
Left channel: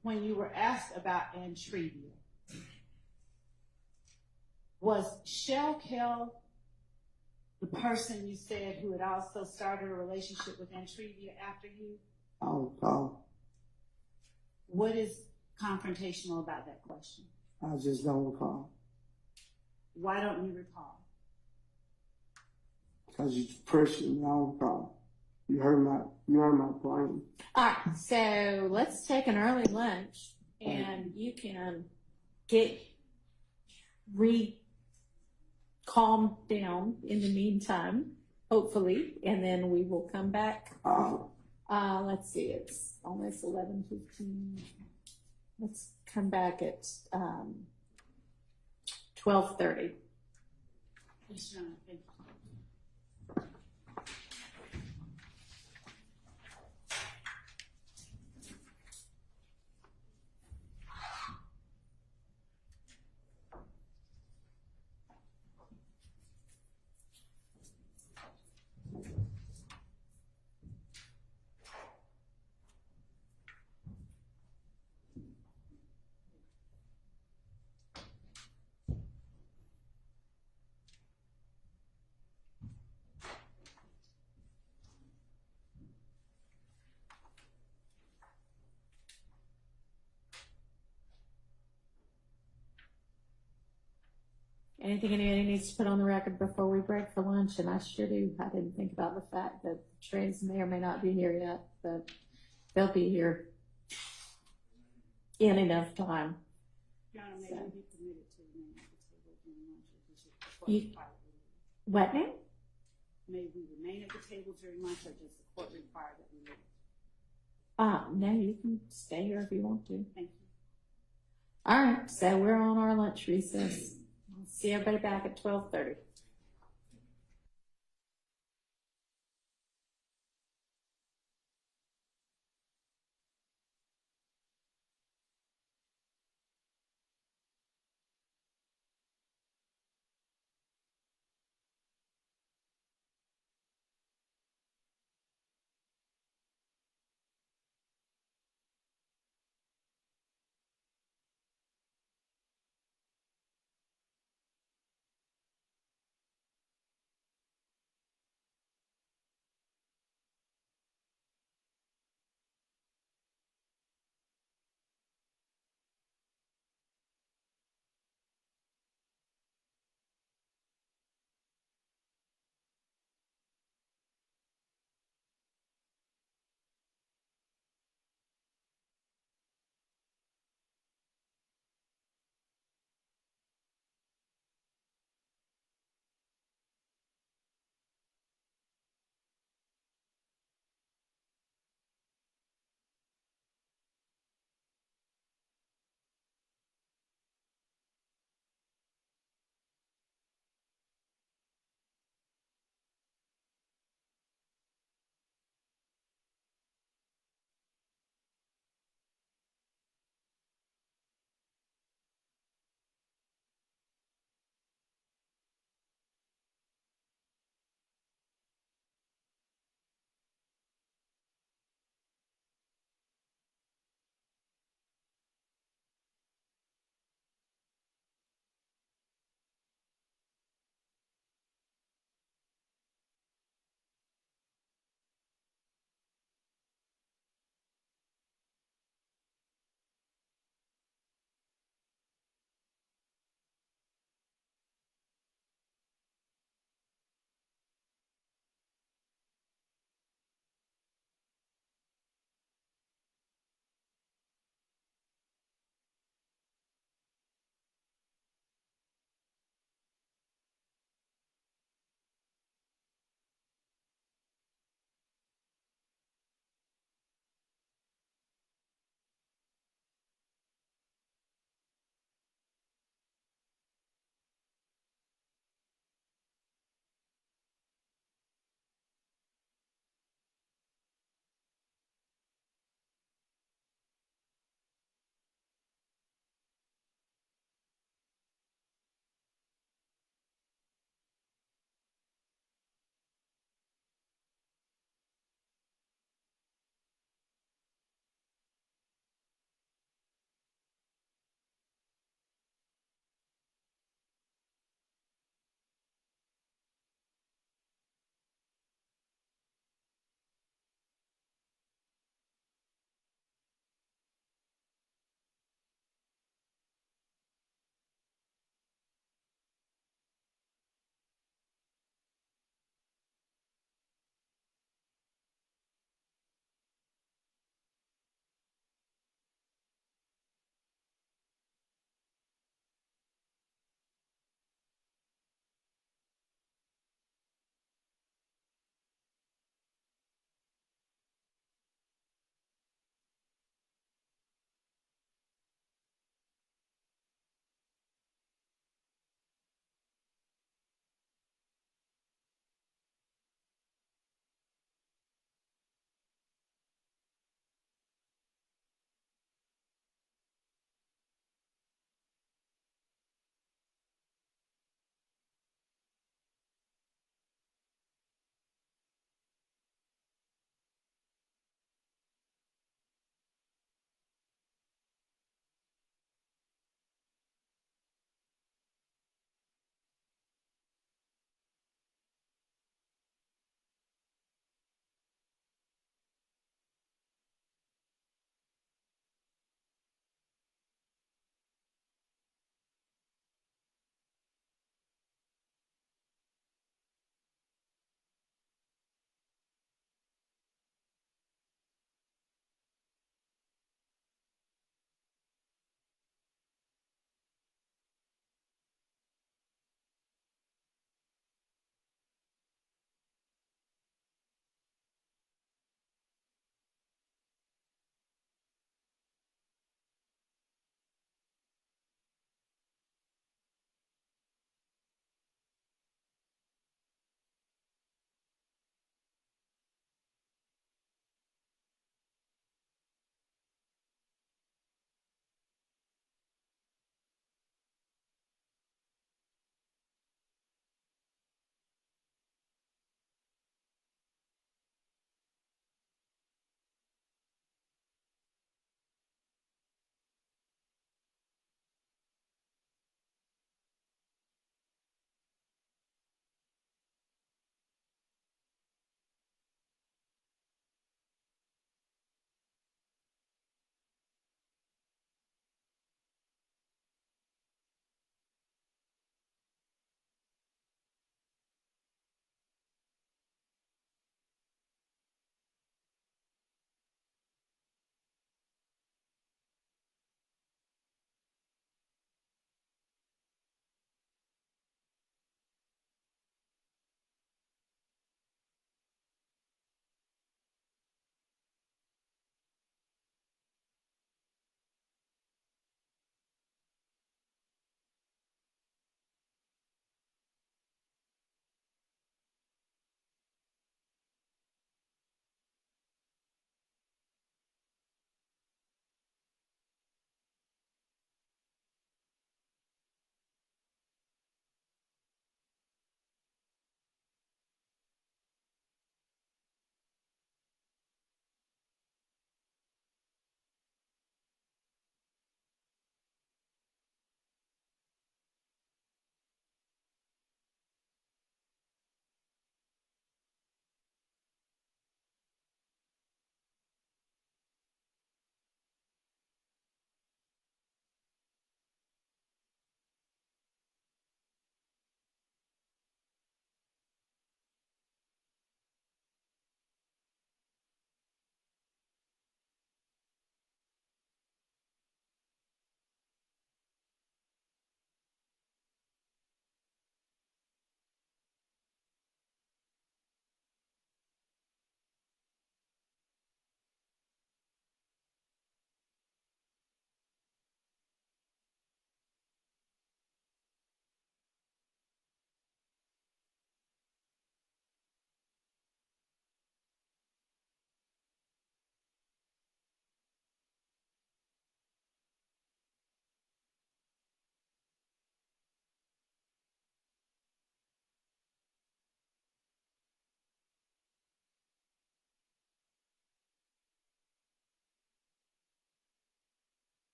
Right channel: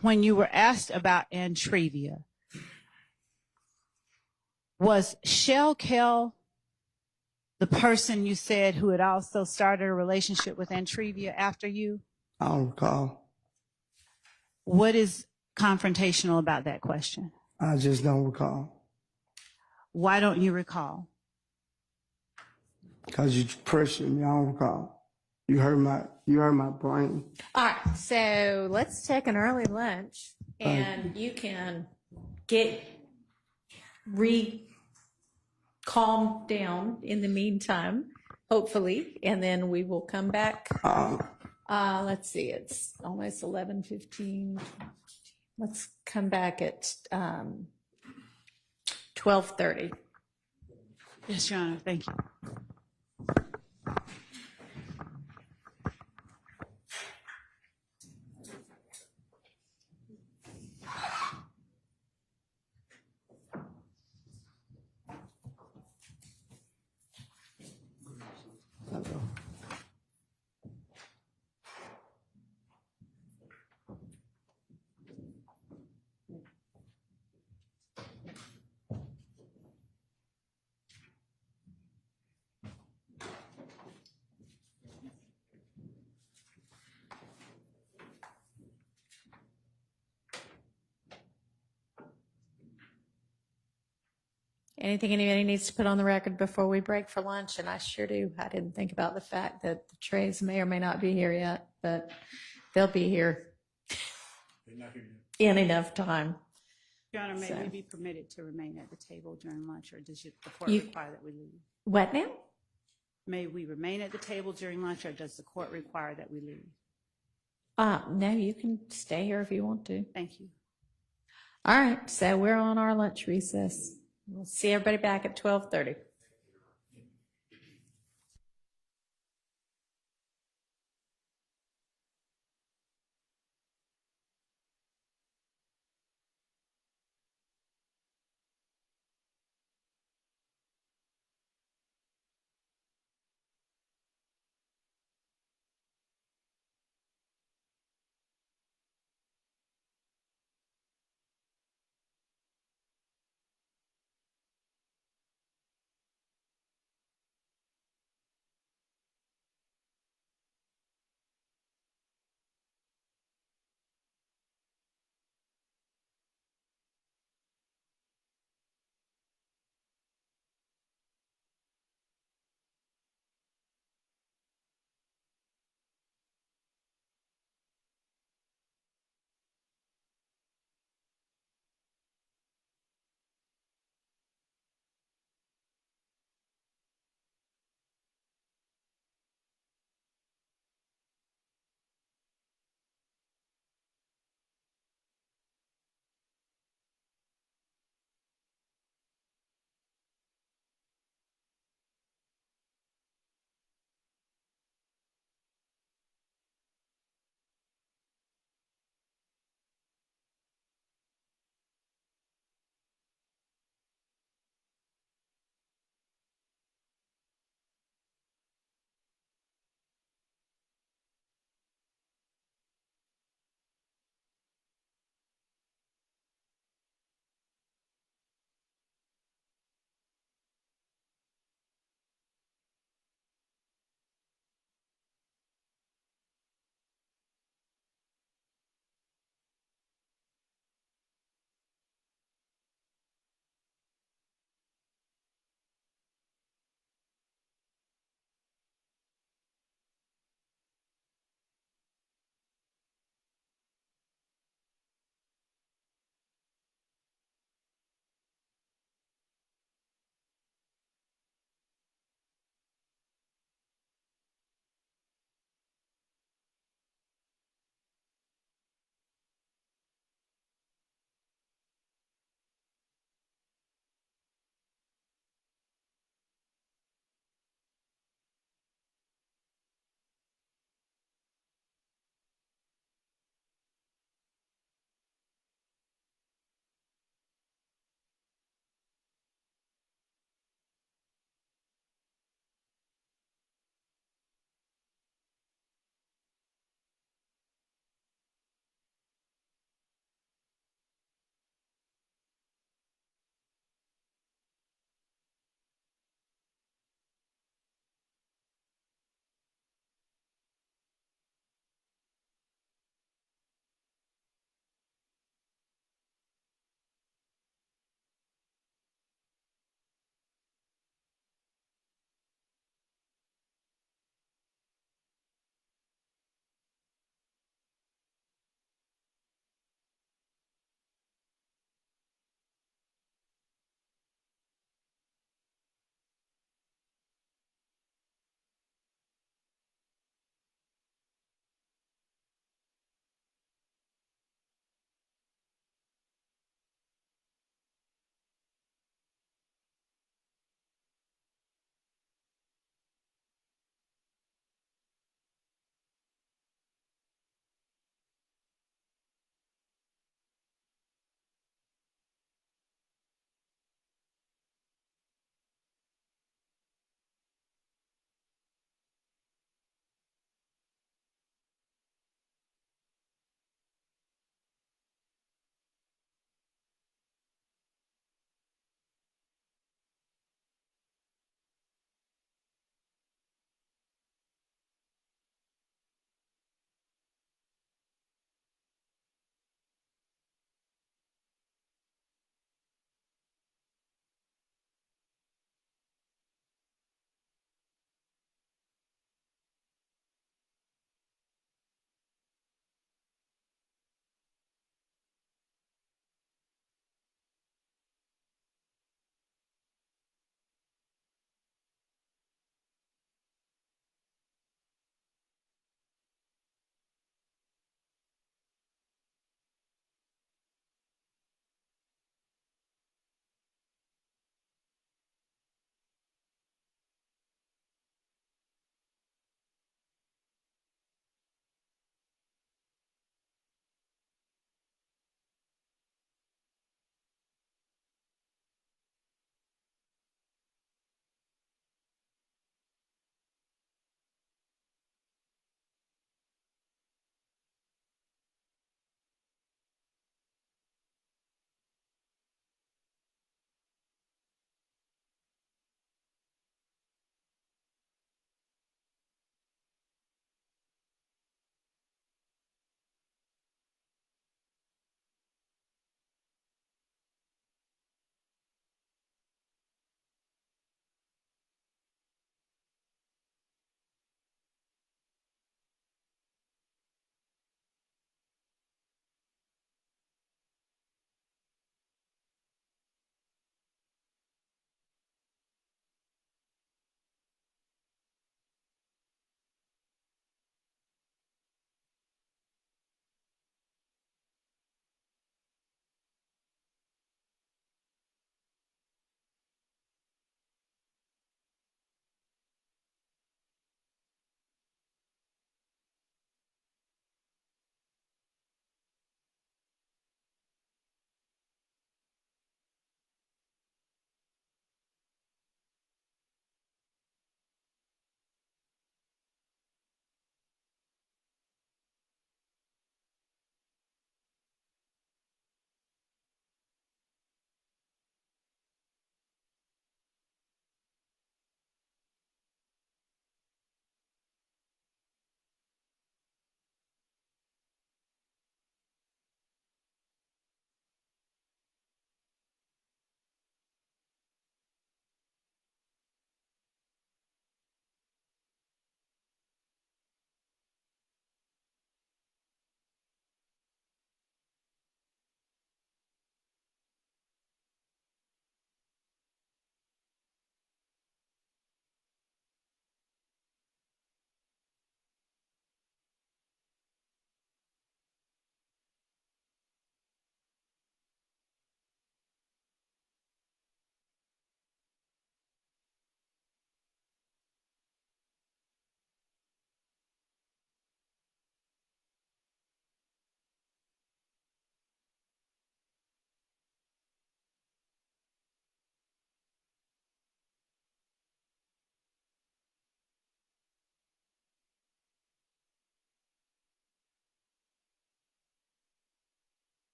When you were asked about Antrevia, was Shell Kell the person you said who had also started a relationship with Antrevia after you? I don't recall. What is confrontational about that question? I just don't recall. Why don't you recall? Because you pressured me. I don't recall. You hurt my brain. All right, so let's take an early lunch, and you can calm down in the meantime, hopefully, and then we will come back. Let's see, it's almost 11:15. Let's come back at 12:30. Yes, Your Honor, thank you. Anything anybody needs to put on the record before we break for lunch? And I sure do. I didn't think about the fact that the trays may or may not be here yet, but they'll be here in enough time. Your Honor, may So. we be permitted to remain at the table during lunch, or does the court You- require that we leave? What now? May we remain at the table during lunch, or does the court require that we leave? No, you can stay here if you want to. Thank you. All right, so we're on our lunch recess. We'll see everybody back at 12:30.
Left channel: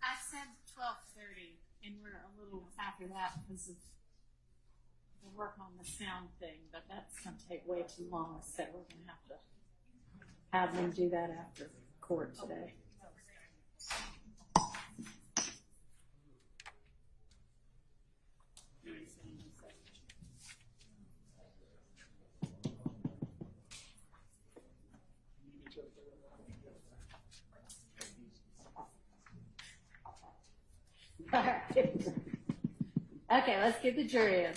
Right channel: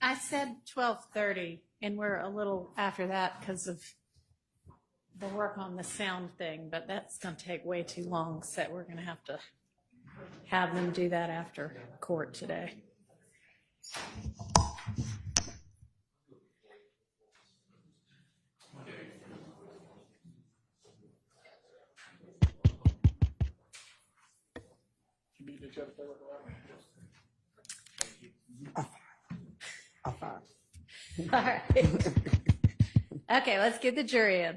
I said 12:30, and we're a little after that because of the work on the sound thing, but that's going to take way too long, so we're going to have them do that after court today. All right. Okay, let's get the jury in.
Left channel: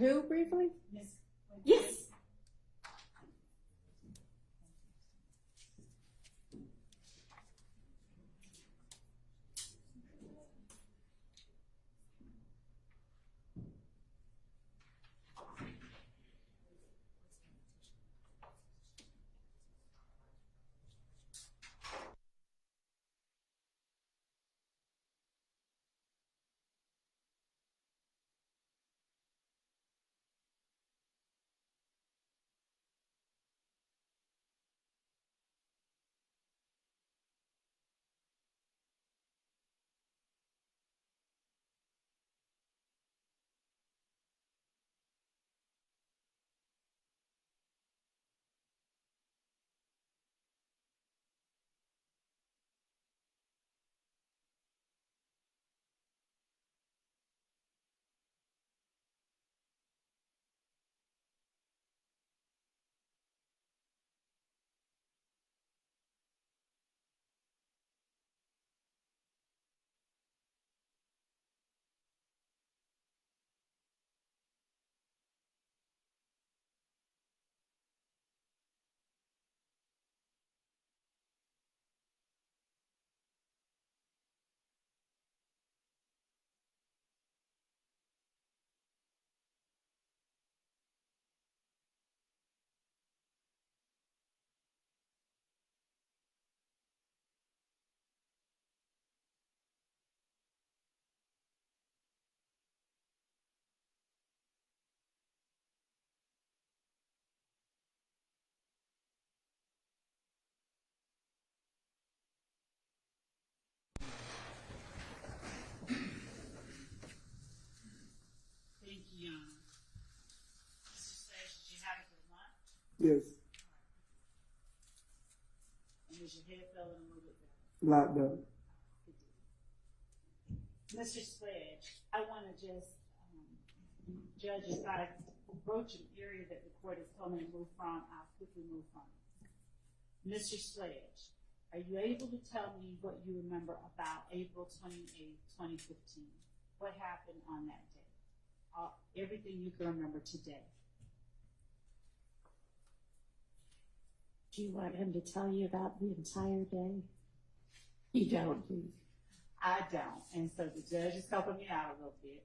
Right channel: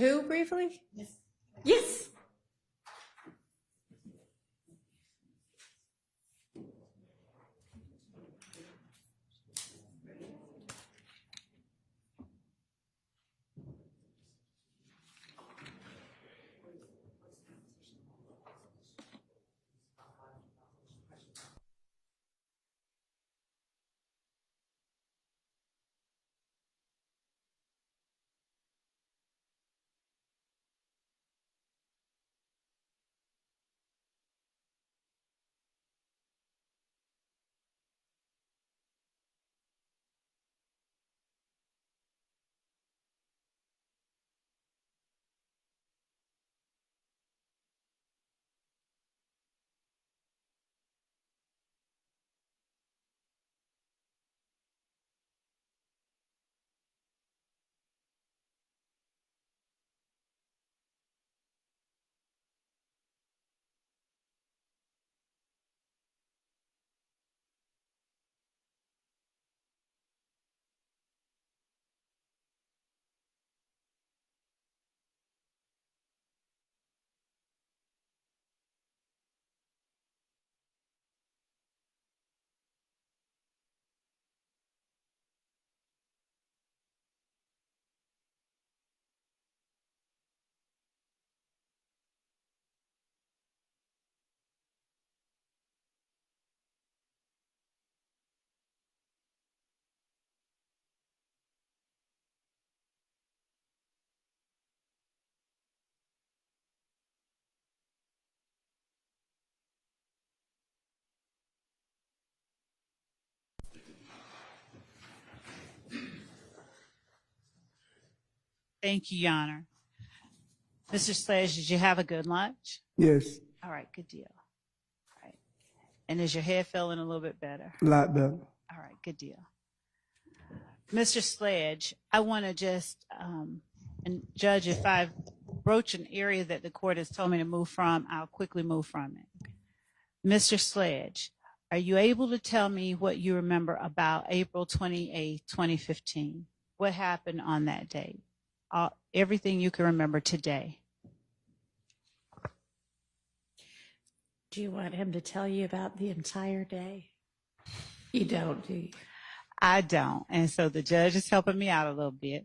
Who briefly? Yes. Thank you, Your Honor. Mr. Sledge, did you have a good lunch? Yes, All right, good deal. All right. And is your head feeling a little bit better? a lot better. All right, good deal. Mr. Sledge, I want to just, and Judge, if I broach an area that the court has told me to move from, I'll quickly move from it. Mr. Sledge, are you able to tell me what you remember about April 28, 2015? What happened on that date? Everything you can remember today. Do you want him to tell you about the entire day? You don't, do you? I don't. And so the judge is helping me out a little bit.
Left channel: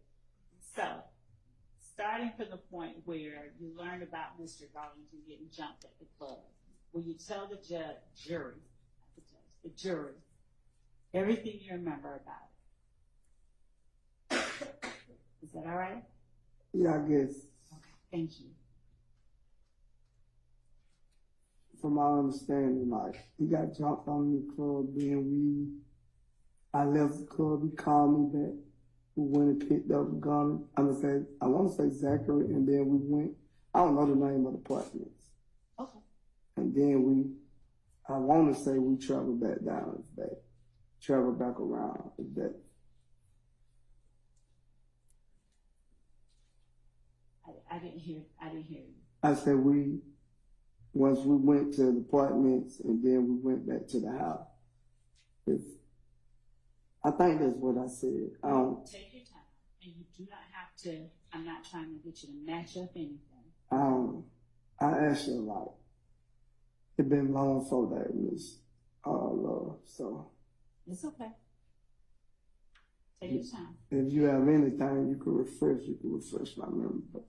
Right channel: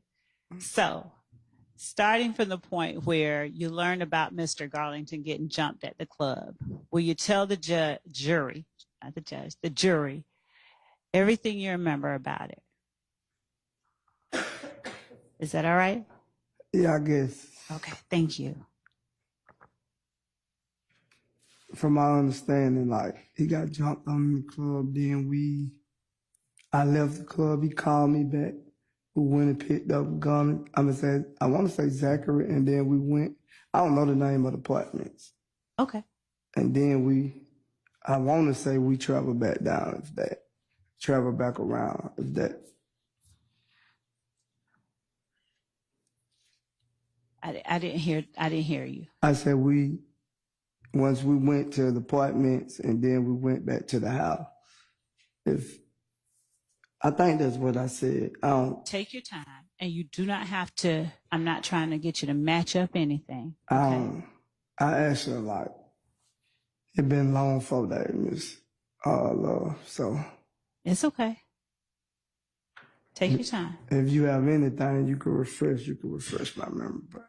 So, starting from the point where you learned about Mr. Garlington getting jumped at the club, will you tell the jury, not the judge, the jury, everything you remember about it? Is that all right? Yeah, I guess. Okay, thank you. From my understanding, like, he got jumped on in the club, then I left the club, he called me back, we went and picked up a gun, I want to say Zachary, and then we went, I don't know the name of the apartments. Okay. And then I want to say we traveled back down, traveled back around, if that. I didn't hear you. I said once we went to the apartments and then we went back to the house. I think that's what I said. Take your time, and you do not have to, I'm not trying to get you to match up anything. Okay? I actually it been long for that, Miss Love, so. It's okay. Take your time. If you have anything, you can refresh my memory. But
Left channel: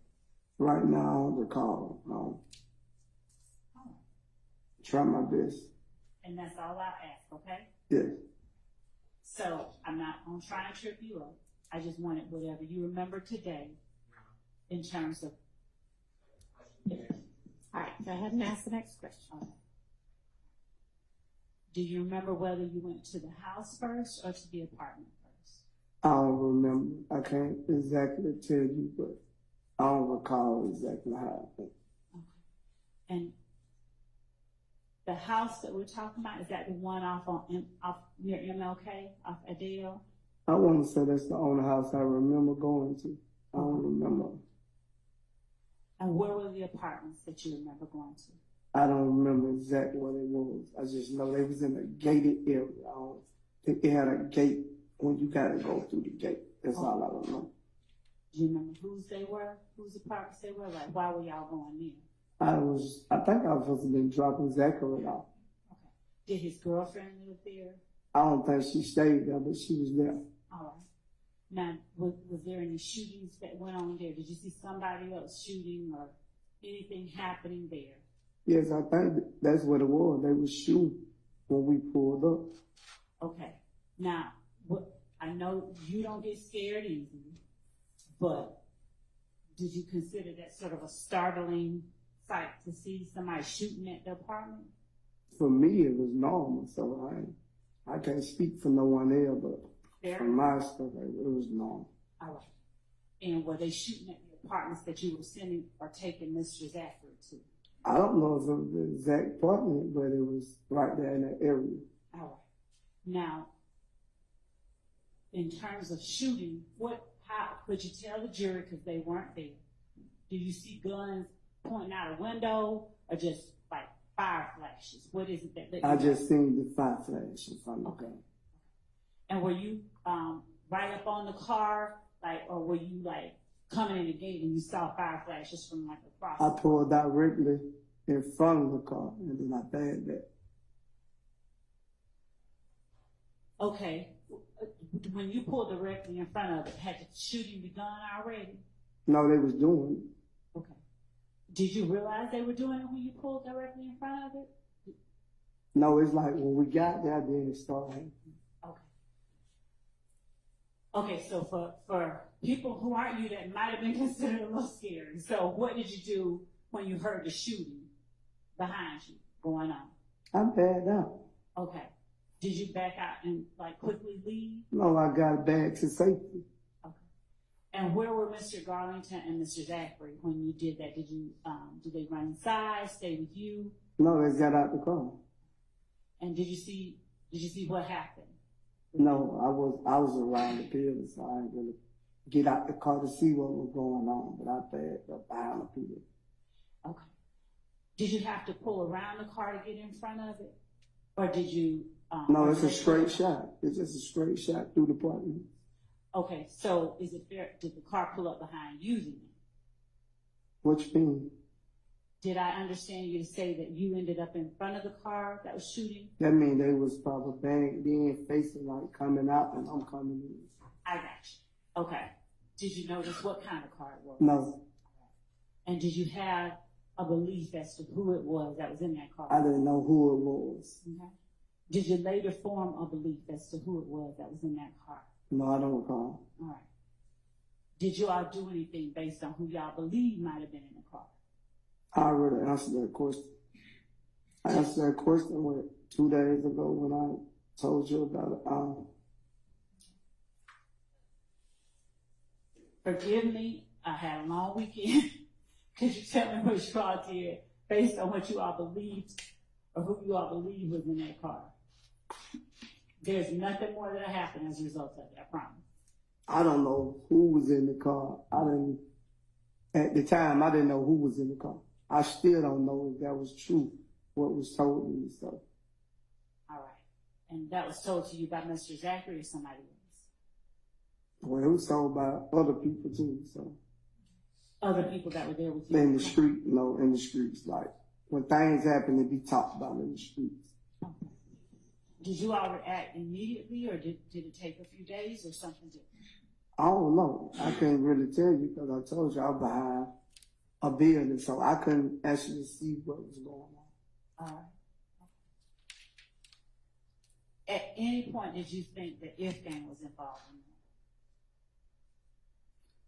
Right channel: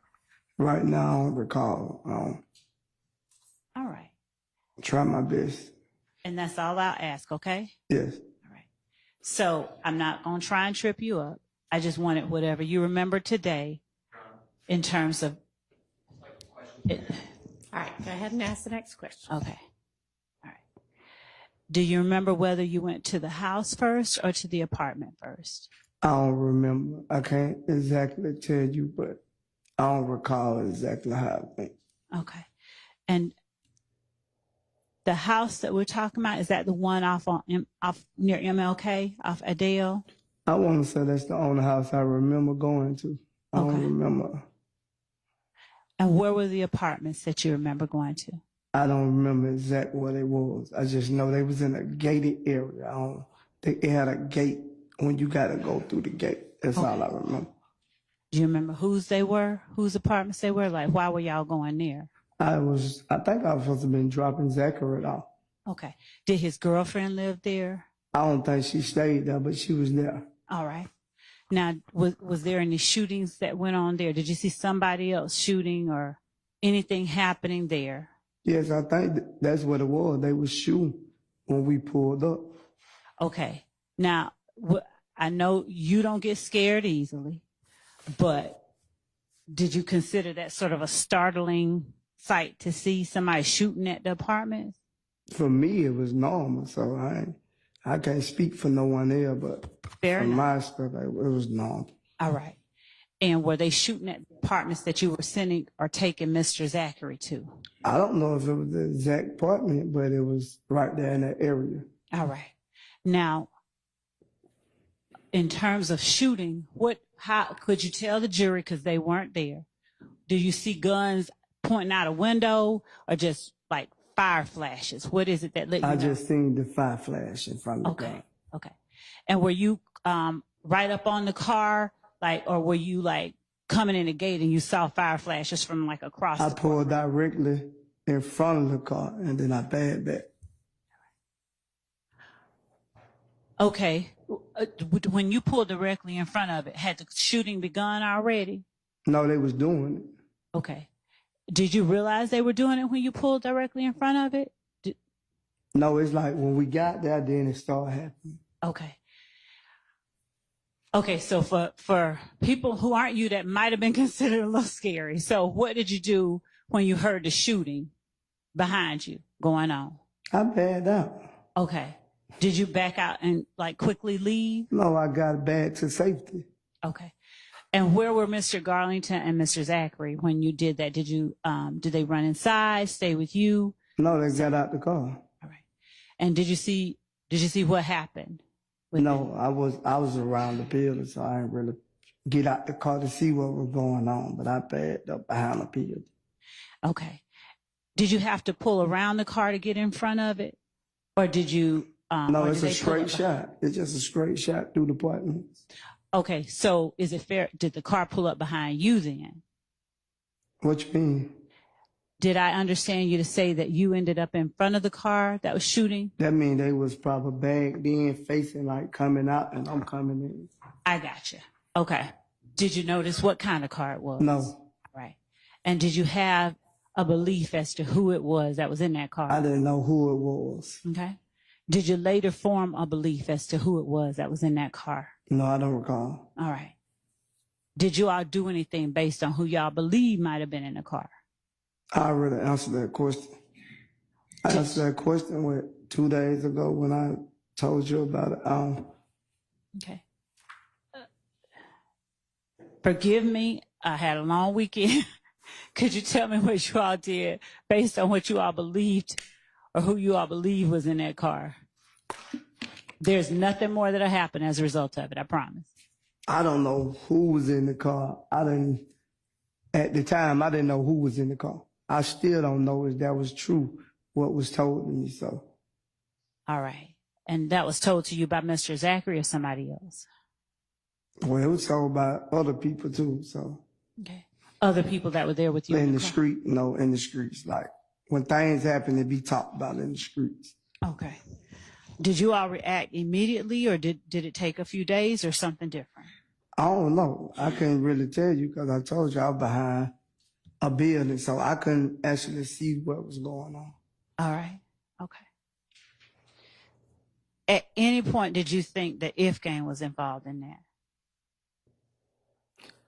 right now, I don't recall. All right. Try my best. And that's all I'll ask, okay? Yes. All right. So I'm not going to try and trip you up. I just wanted whatever you remember today in terms of it. All right, go ahead and ask the next question. Okay. All right. Do you remember whether you went to the house first or to the apartment first? I don't remember. I can't exactly tell you, but I don't recall exactly how it went. Okay. And the house that we're talking about, is that the one off near MLK, off Adele? I want to say that's the only house I remember going to. I Okay. don't remember. And where were the apartments that you remember going to? I don't remember exactly what it was. I just know they was in a gated area. I don't think it had a gate when you got to go through the gate. That's all I remember. Do you remember whose they were? Whose apartments they were? Like, why were y'all going there? I think I was supposed to have been dropping Zachary off. Okay. Did his girlfriend live there? I don't think she stayed there, but she was there. All right. Now, was there any shootings that went on there? Did you see somebody else shooting or anything happening there? Yes, I think that's what it was. They was shooting when we pulled up. Okay. Now, I know you don't get scared easily, but did you consider that sort of a startling sight to see somebody shooting at the apartment? For me, it was normal, so I can't speak for no one else, but Fair for enough. my stuff, it was normal. All right. And were they shooting at apartments that you were sending or taking Mr. Zachary to? I don't know if it was the exact apartment, but it was right there in that area. All right. Now, in terms of shooting, how could you tell the jury, because they weren't there? Do you see guns pointing out a window or just like fire flashes? What is it that let you I know? just seen the fire flash in front of the Okay. car. Okay. And were you right up on the car, or were you like coming in the gate and you saw fire flashes from like across? I the pulled directly in front of the car, and then I backed back. Okay. When you pulled directly in front of it, had the shooting begun already? No, they was doing it. Okay. Did you realize they were doing it when you pulled directly in front of it? No, it's like when we got there, then it started happening. Okay. Okay, so for people who aren't you, that might have been considered a little scary. So what did you do when you heard the shooting behind you going on? I backed out. Okay. Did you back out and like quickly leave? No, I got back to safety. Okay. And where were Mr. Garlington and Mr. Zachary when you did that? Did they run inside, stay with you? No, they got out the car. All right. And did you see what happened? No, I was around the building, so I didn't really get out the car to see what was going on, but I backed up behind the building. Okay. Did you have to pull around the car to get in front of it? Or did you... No, or it's did a they pull straight shot. It's just a straight shot through the apartments. Okay, so is it fair? Did the car pull up behind you then? What you mean? Did I understand you to say that you ended up in front of the car that was shooting? That mean they was probably back then facing like coming out and I'm coming in. I got you. Okay. Did you notice what kind of car it was? No. Right. And did you have a belief as to who it was that was in that car? I didn't know who it was. Okay. Did you later form a belief as to who it was that was in that car? No, I don't recall. All right. Did you all do anything based on who y'all believe might have been in the car? I already answered that question. I answered that question 2 days ago when I told you about it. Okay. Forgive me. I had a long weekend. Could you tell me what you all did based on what you all believed or who you all believe was in that car? There's nothing more that'll happen as a result of it, I promise. I don't know who was in the car. At the time, I didn't know who was in the car. I still don't know if that was true, what was told to me, so. All right. And that was told to you by Mr. Zachary or somebody else? Well, it was told by other people too, so. Okay. Other people that were there with you? In the street, in the streets. Like, when things happen, it be talked about in the streets. Okay. Did you all react immediately, or did it take a few days or something different? I don't know. I couldn't really tell you because I told you I was behind a building, so I couldn't actually see what was going on. All right. Okay. At any point, did you think the if gang was involved in that?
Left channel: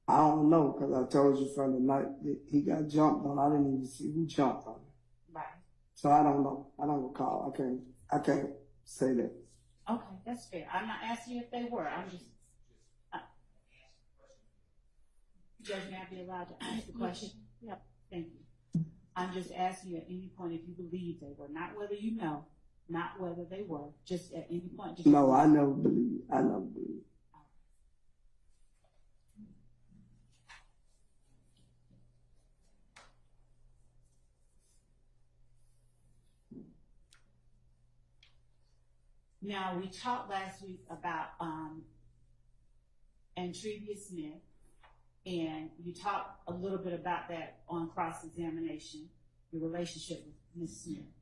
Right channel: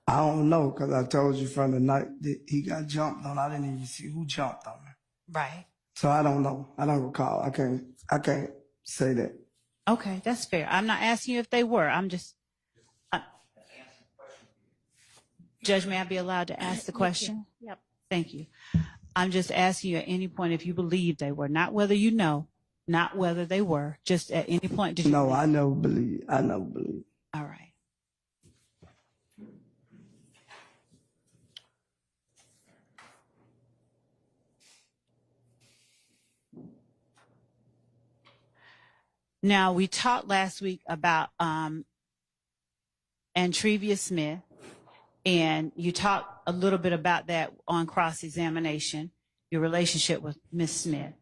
I don't know because I told you from the night that he got jumped on, I didn't even see who jumped on him. Right. So I don't know. I don't recall. I can't say that. Okay, that's fair. I'm not asking you if they were. I'm just. Judge, may I be allowed to ask the question? Yep. Thank you. I'm just asking you at any point if you believe they were, not whether you know, not whether they were, just at any point did you No, believe? I never believe. I never believe. All right. Now, we talked last week about Antrevia Smith, and you talked a little bit about that on cross-examination, your relationship with Miss Smith.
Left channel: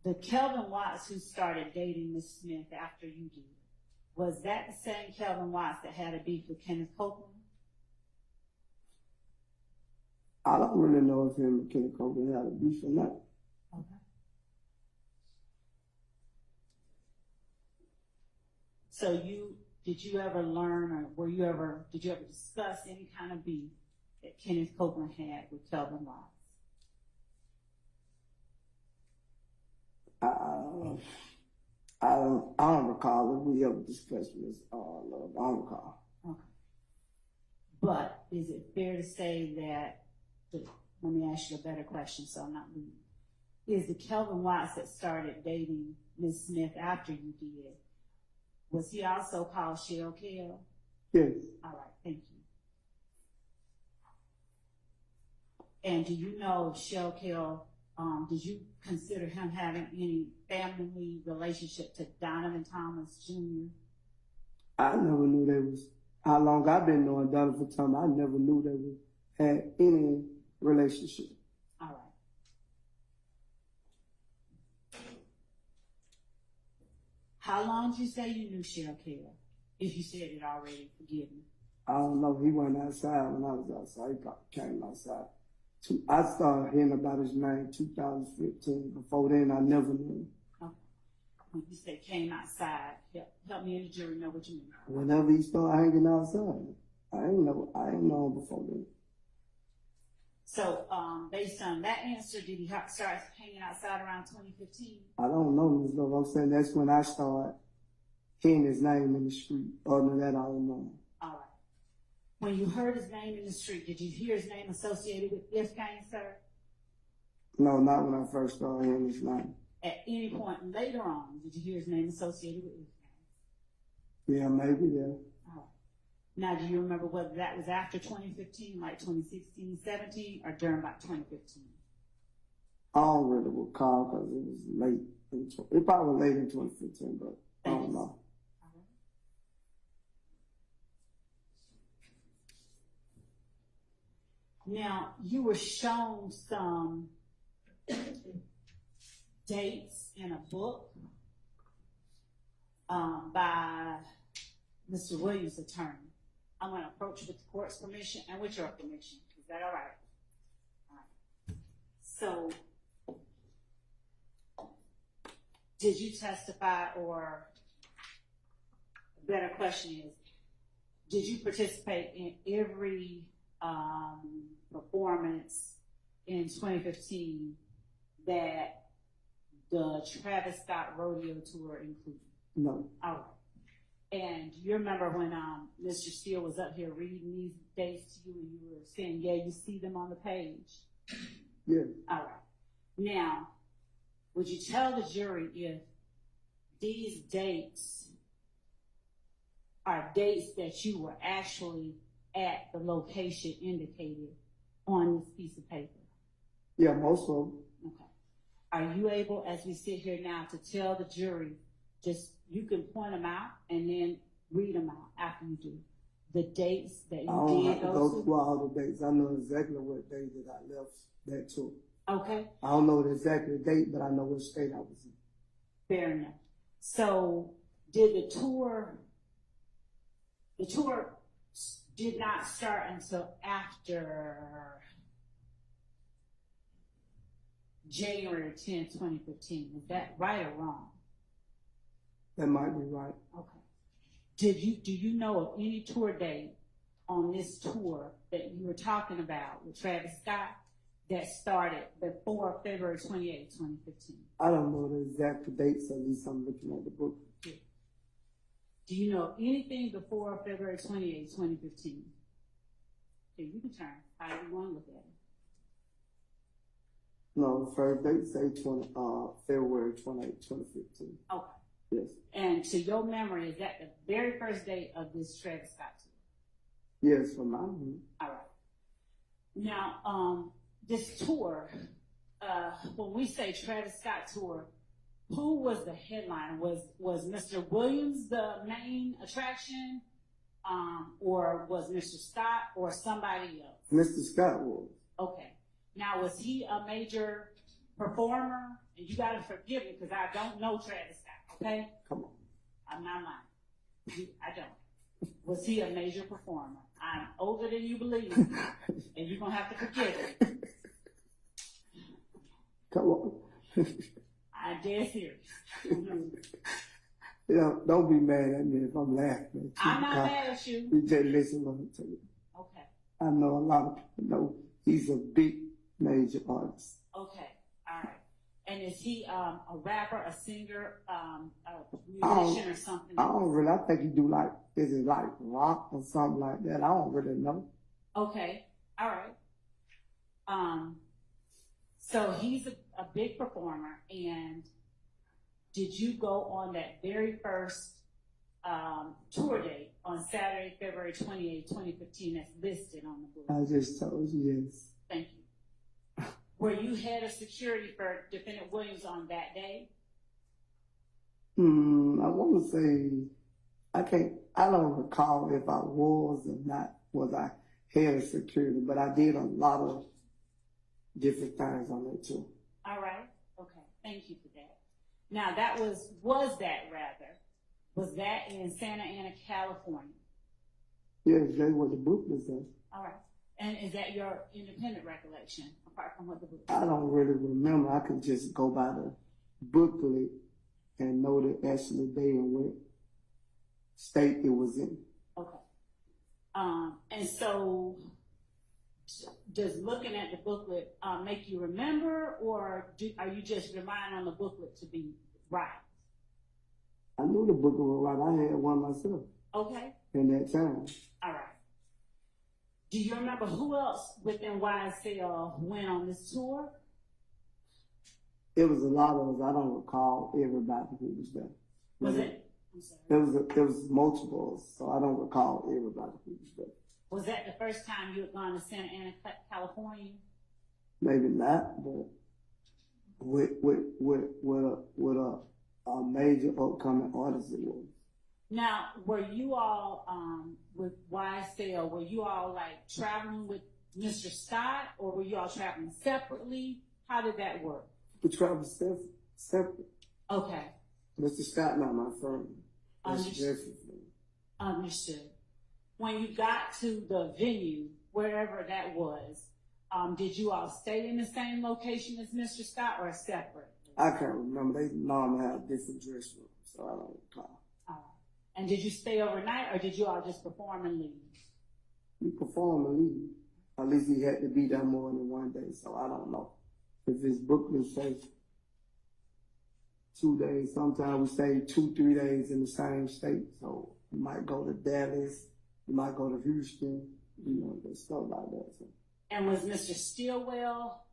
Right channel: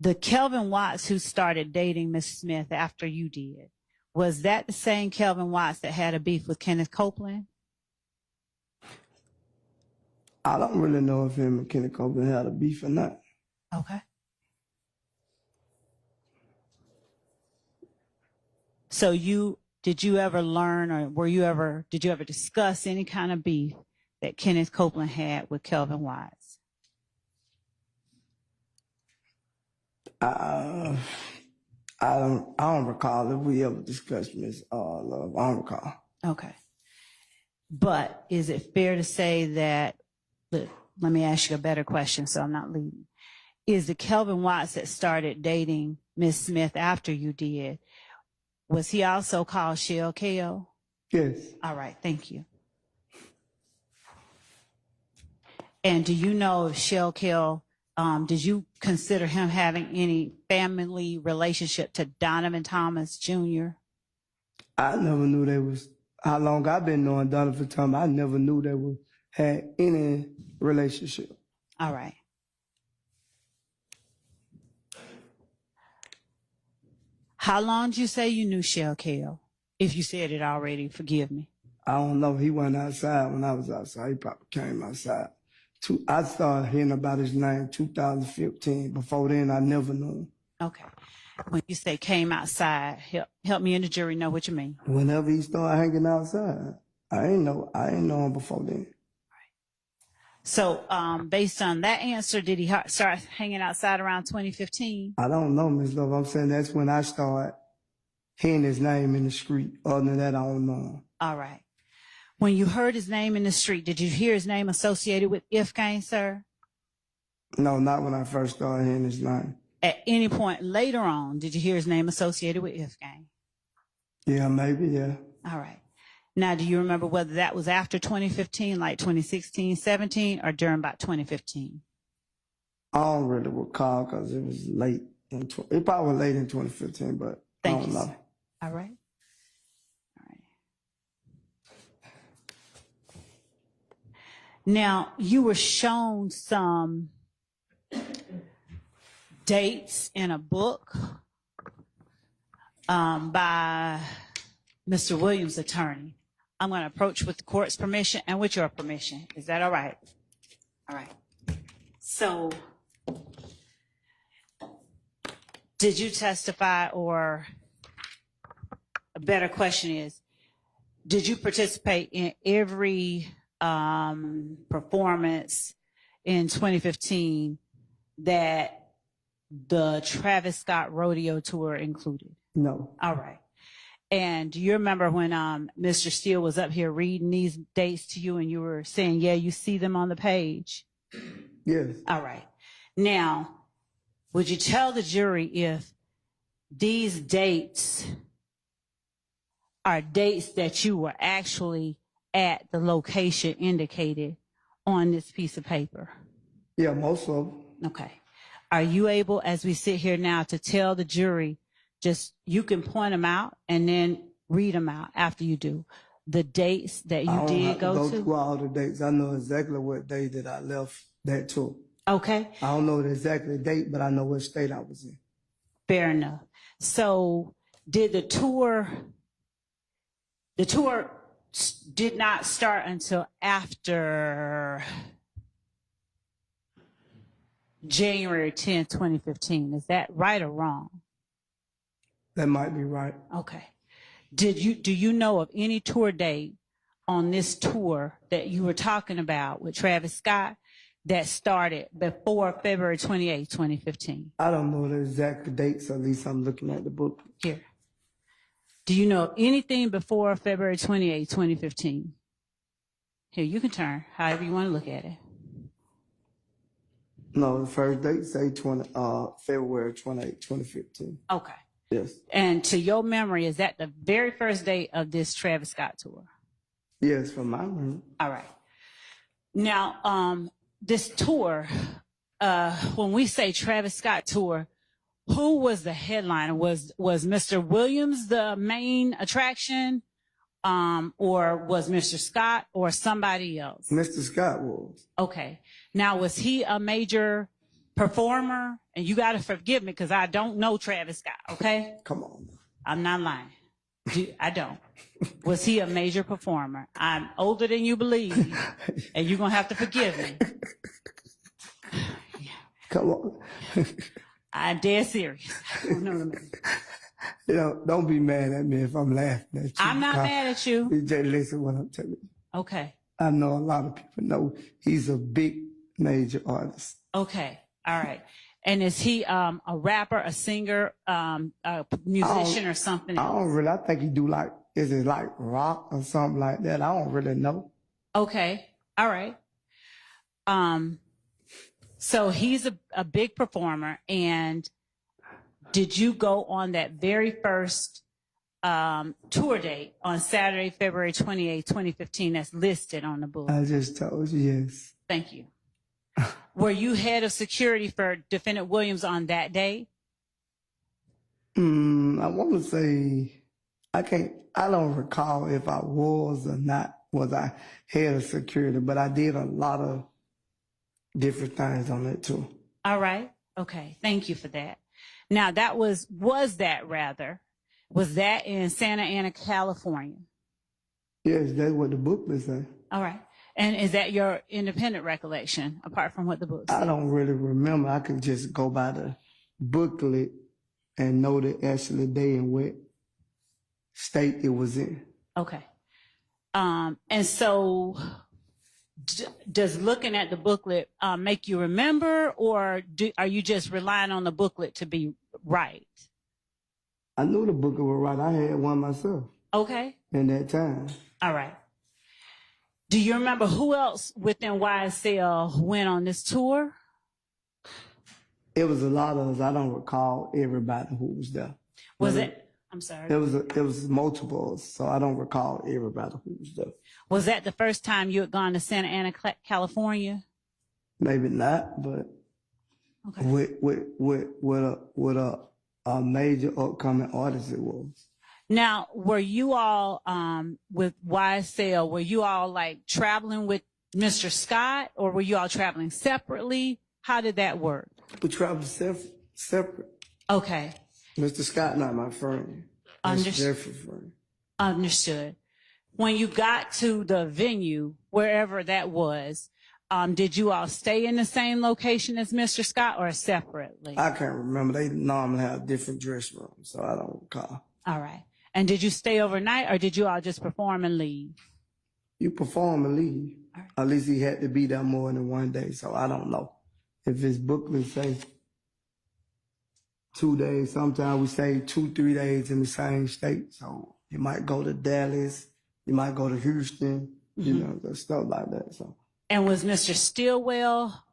The Kelvin Watts who started dating Miss Smith after you did, was that the same Kelvin Watts that had a beef with Kenneth Copeland? I don't really know if him and Kenny Copeland had a beef or not. Okay. So did you ever learn, or did you ever discuss any kind of beef that Kenneth Copeland had with Kelvin Watts? I don't recall if we ever discussed Miss Love. I don't recall. Okay. But is it fair to say that, let me ask you a better question so I'm not leading. Is the Kelvin Watts that started dating Miss Smith after you did, was he also called Shell KO? Yes. All right, thank you. And do you know if Shell KO, did you consider him having any family relationship to Donovan Thomas Jr.? I never knew they was, how long I've been knowing Donovan Thomas, I never knew they had any relationship. All right. How long did you say you knew Shell KO? If you said it already, forgive me. I don't know. He went outside when I was outside. He probably came outside. I started hearing about his name 2015. Before then, I never knew him. Okay. When you say came outside, help me and the jury know what you mean. Whenever he started hanging outside, I ain't know him before then. So, based on that answer, did he start hanging outside around 2015? I don't know, Ms. Love. I'm saying that's when I started hearing his name in the street. Other than that, I don't know him. All right. When you heard his name in the street, did you hear his name associated with If Gang, sir? No, not when I first started hearing his name. At any point later on, did you hear his name associated with If Gang? Yeah, maybe, yeah. All right. Now, do you remember whether that was after 2015, like 2016, 17, or during about 2015? I don't really recall because it was late. It probably was late in 2015, but I don't know. Sir. All right. Now, you were shown some dates in a book by Mr. Williams' attorney. I'm going to approach with the court's permission and with your permission. Is that all right? All right. So, did you testify, or a better question is, did you participate in every performance in 2015 that the Travis Scott rodeo tour included? No. All right. And do you remember when Mr. Steele was up here reading these dates to you and you were saying, yeah, you see them on the page? Yes. All right. Now, would you tell the jury if these dates are dates that you were actually at the location indicated on this piece of paper? Yeah, most of them. Okay. Are you able, as we sit here now, to tell the jury, just you can point them out and then read them out after you do, the dates that you did go go to? through all the dates. I know exactly what day that I left that tour. Okay, I don't know the exact date, but I know what state I was in. fair enough. So did the tour did not start until after January 10th, 2015. Is that right or wrong? That might be right. Okay. Do you know of any tour date on this tour that you were talking about with Travis Scott that started before February 28th, 2015? I don't know the exact dates, at least I'm looking at the book. Here. Do you know of anything before February 28th, 2015? Here, you can turn however you want to look at it. No, the first date say February 28, 2015. Okay. Yes. And to your memory, is that the very first date of this Travis Scott tour? Yes, from my room. All right. Now, this tour, when we say Travis Scott tour, who was the headliner? Was Mr. Williams the main attraction, or was Mr. Scott or somebody else? Mr. Scott was. Okay. Now, was he a major performer? And you got to forgive me because I don't know Travis Scott, okay? Come on. I'm not lying. I don't. Was he a major performer? I'm older than you believe, and you're going to have to forgive me. Come on. I'm dead serious. I don't know what I mean. You know, don't be mad at me if I'm laughing at you. I'm not mad at you. You just listen what I'm telling you. Okay. I know a lot of people know he's a big major artist. Okay. All right. And is he a rapper, a singer, a musician, or something I else? don't really. I think he do like, is it like rock or something like that? I don't really know. Okay. All right. So he's a big performer. And did you go on that very first tour date on Saturday, February 28, 2015, that's listed on the book? I just told you yes. Thank you. Were you head of security for Defendant Williams on that day? I want to say, I don't recall if I was or not, was I head of security, but I did a lot of different things on that too. All right. Okay. Thank you for that. Now was that in Santa Ana, California? Yes, that's what the booklet says. All right. And is that your independent recollection, apart from what the book says? I don't really remember. I can just go by the booklet and know the actual day and what state it was in. Okay. And so does looking at the booklet make you remember, or are you just relying on the booklet to be right? I knew the booklet was right. I had one myself. Okay. In that time. All right. Do you remember who else within YSL went on this tour? It was a lot of us. I don't recall everybody who was there. I'm sorry. It was multiples, so I don't recall everybody who was there. Was that the first time you had gone to Santa Ana, California? Maybe not, but Okay. with a major upcoming artist it was. Now, were you all with YSL? Were you all like traveling with Mr. Scott, or were you all traveling separately? How did that work? We traveled separate. Okay. Mr. Scott, not my friend. That's Jeffrey's friend. Understood. When you got to the venue, wherever that was, did you all stay in the same location as Mr. Scott or separately? I can't remember. They normally have different dress rooms, so I don't recall. All right. And did you stay overnight, or did you all just perform and leave? You perform and leave. All right. At least he had to be there more than one day, so I don't know. If his booklet say 2 days, sometimes we stay 2-3 days in the same state. So you might go to Dallas, you might go to Houston, you know, stuff like that. So. And was Mr. Stillwell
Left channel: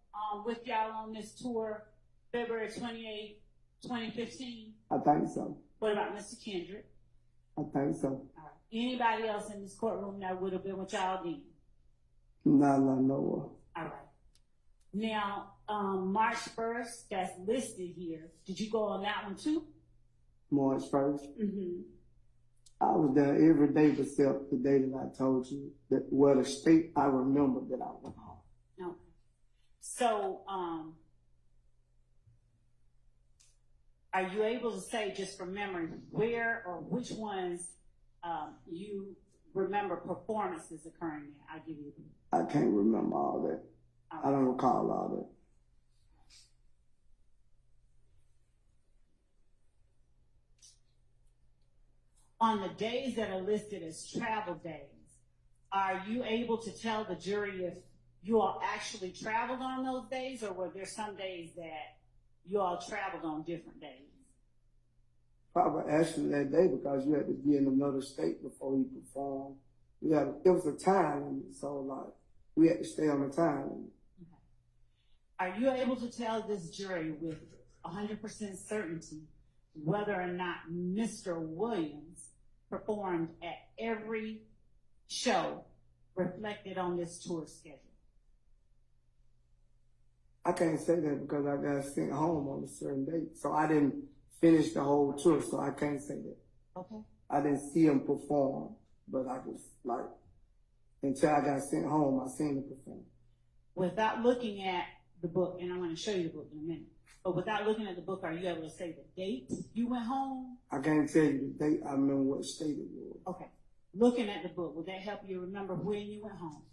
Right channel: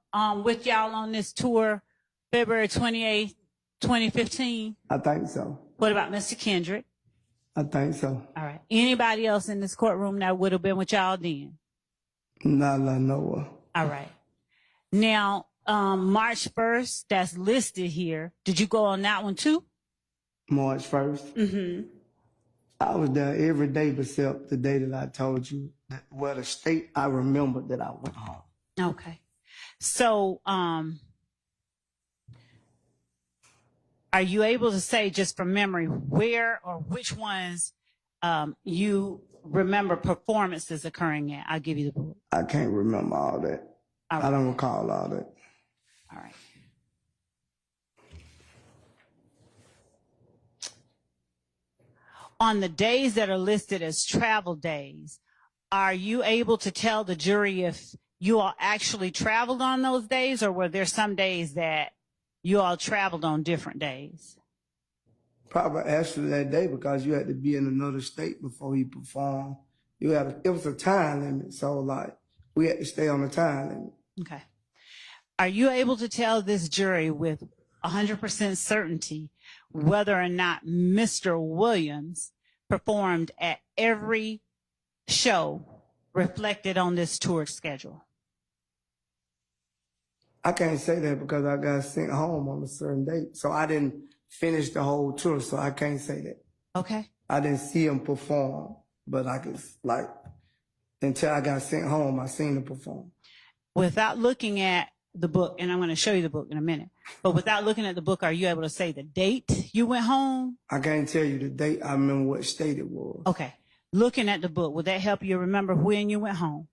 with y'all on this tour February 28th, 2015? I think so. What about Mr. Kendrick? I think so. All right. Anybody else in this courtroom that would have been with y'all then? Not I know of. All right. Now, March 1st, that's listed here. Did you go on that one too? March 1st? Mm-hmm. I was there every day except the day that I told you that, well, the state I remember that I went home. Okay. So, are you able to say, just from memory, where or which ones you remember performances occurring at? I'll give you the book. I can't remember all that. All I right. don't recall all that. All right. On the days that are listed as travel days, are you able to tell the jury if you all actually traveled on those days, or were there some days that you all traveled on different days? Probably actually that day because you had to be in another state before he performed. It was a time limit, so like we had to stay on the time limit. Okay. Are you able to tell this jury with 100% certainty whether or not Mr. Williams performed at every show reflected on this tour schedule? I can't say that because I got sent home on a certain date, so I didn't finish the whole tour, so I can't say that. Okay. I didn't see him perform, but I could like until I got sent home, I seen him perform. Without looking at the book, and I'm going to show you the book in a minute, but without looking at the book, are you able to say the date you went home? I can't tell you the date. I remember what state it was. Okay. Looking at the book, would that help you remember when you went home?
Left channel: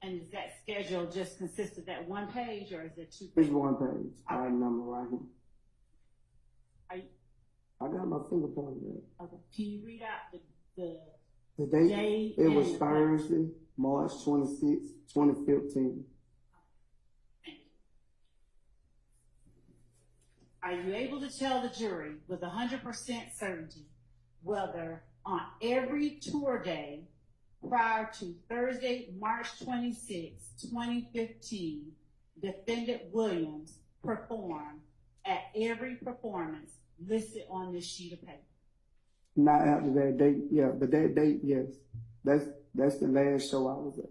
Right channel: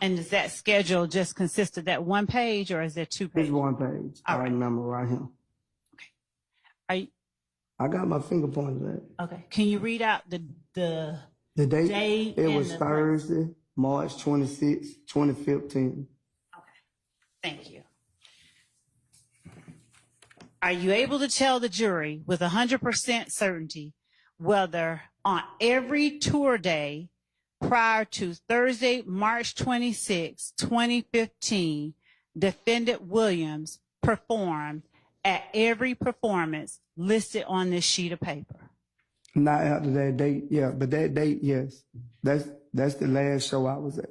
And does that schedule just consist of that one page, or is there two It's pages? one page. All I right. remember right here. Are you, I got my finger pointed at. okay. Can you read out the The date, date it and was the- Thursday, March 26, 2015. Thank you. Are you able to tell the jury with 100% certainty whether on every tour day prior to Thursday, March 26, 2015, defendant Williams performed at every performance listed on this sheet of paper? Not after that date, yeah, but that date, yes. That's the last show I was at.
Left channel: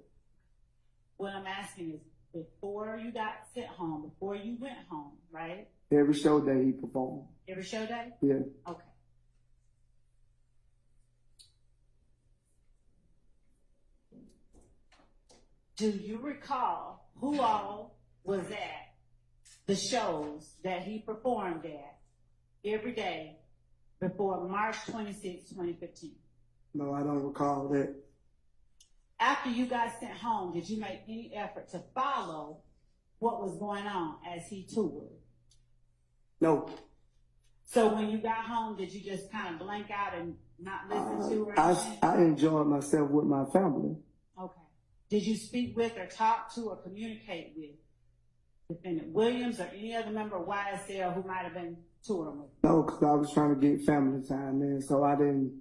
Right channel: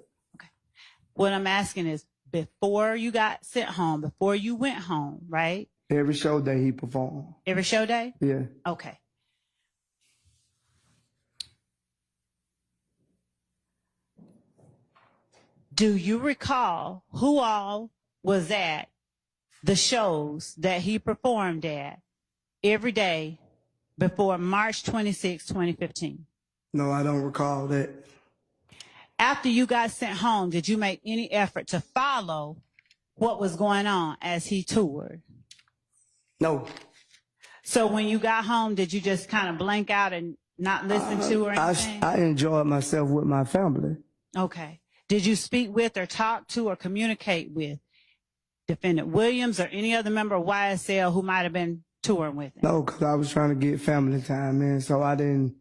What I'm asking is, before you got sent home, before you went home, right? Every show that he performed. Every show day? Yeah. Okay. Do you recall who all was at the shows that he performed at every day before March 26, 2015? No, I don't recall that. After you got sent home, did you make any effort to follow what was going on as he toured? No. So when you got home, did you just kind of blank out and not listen to or anything? I enjoyed myself with my family. Okay. Did you speak with or talk to or communicate with Defendant Williams or any other member of YSL who might have been touring with him? No, because I was trying to get family time in, so I didn't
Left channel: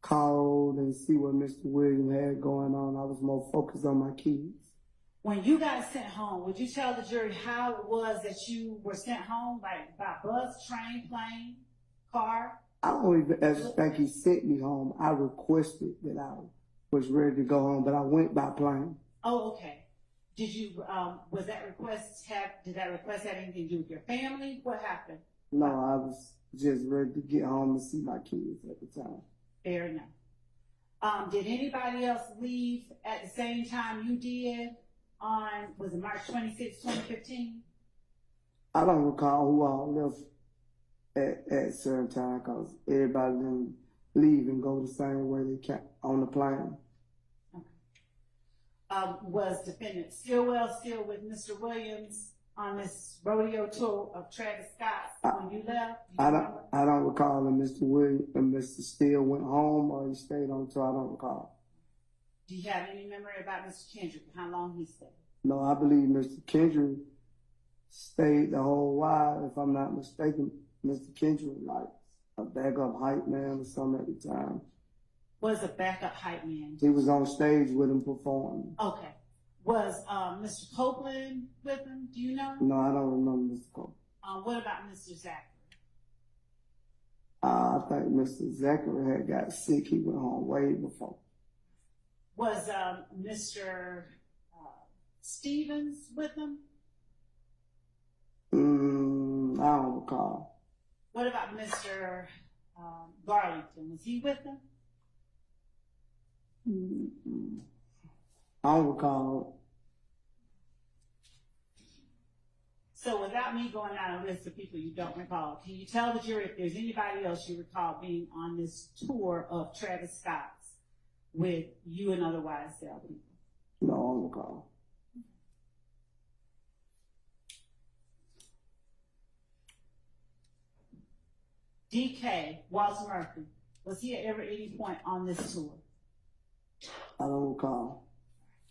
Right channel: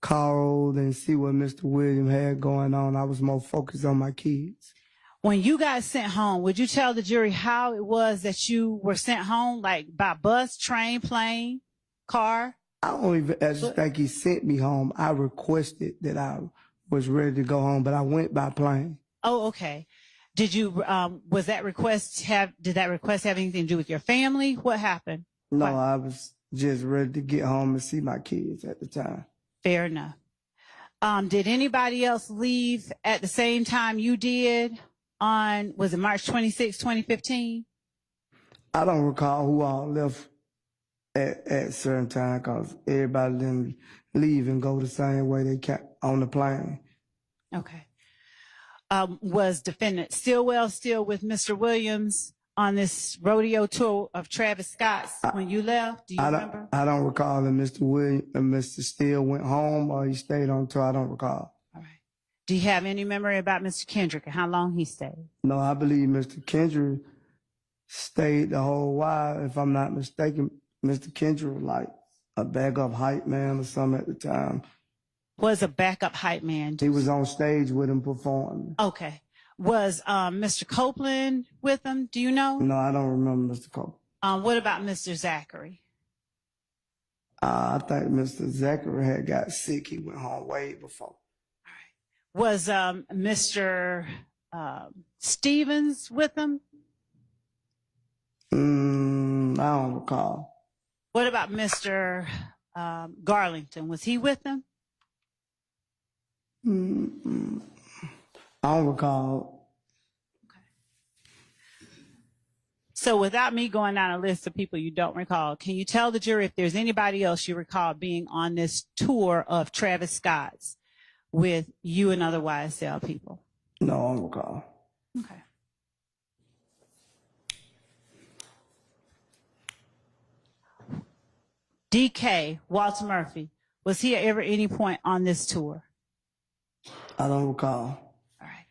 call and see what Mr. Williams had going on. I was more focused on my kids. When you got sent home, would you tell the jury how it was that you were sent home, like by bus, train, plane, car? I don't even actually think he sent me home. I requested that I was ready to go home, but I went by plane. Oh, okay. Did you, did that request have anything to do with your family? What happened? No, I was just ready to get home and see my kids at the time. Fair enough. Did anybody else leave at the same time you did on, was it March 26, 2015? I don't recall who all left at certain time because everybody didn't leave and go the same way they kept on the plane. Okay. Was Defendant Stillwell still with Mr. Williams on this rodeo tour of Travis Scott's when you left? Do you remember? I don't recall if Mr. Williams and Mr. Steele went home or he stayed on tour. I don't recall. All right. Do you have any memory about Mr. Kendrick and how long he stayed? No, I believe Mr. Kendrick stayed the whole while. If I'm not mistaken, Mr. Kendrick was like a backup hype man or something at the time. Was a backup hype man? He was on stage with him performing. Okay. Was Mr. Copeland with him? Do you know? No, I don't remember Mr. Cole. What about Mr. Zachary? I think Mr. Zachary had got sick. He went home way before. Was Mr. Stevens with him? I don't recall. What about Mr. Garlington? Was he with them? I don't recall. So without me going down a list of people you don't recall, can you tell the jury if there's anybody else you recall being on this tour of Travis Scott's with you and other YSL people? No, I don't recall. Okay. DK, Walter Murphy, was he ever at any point on this tour? I don't recall. All right.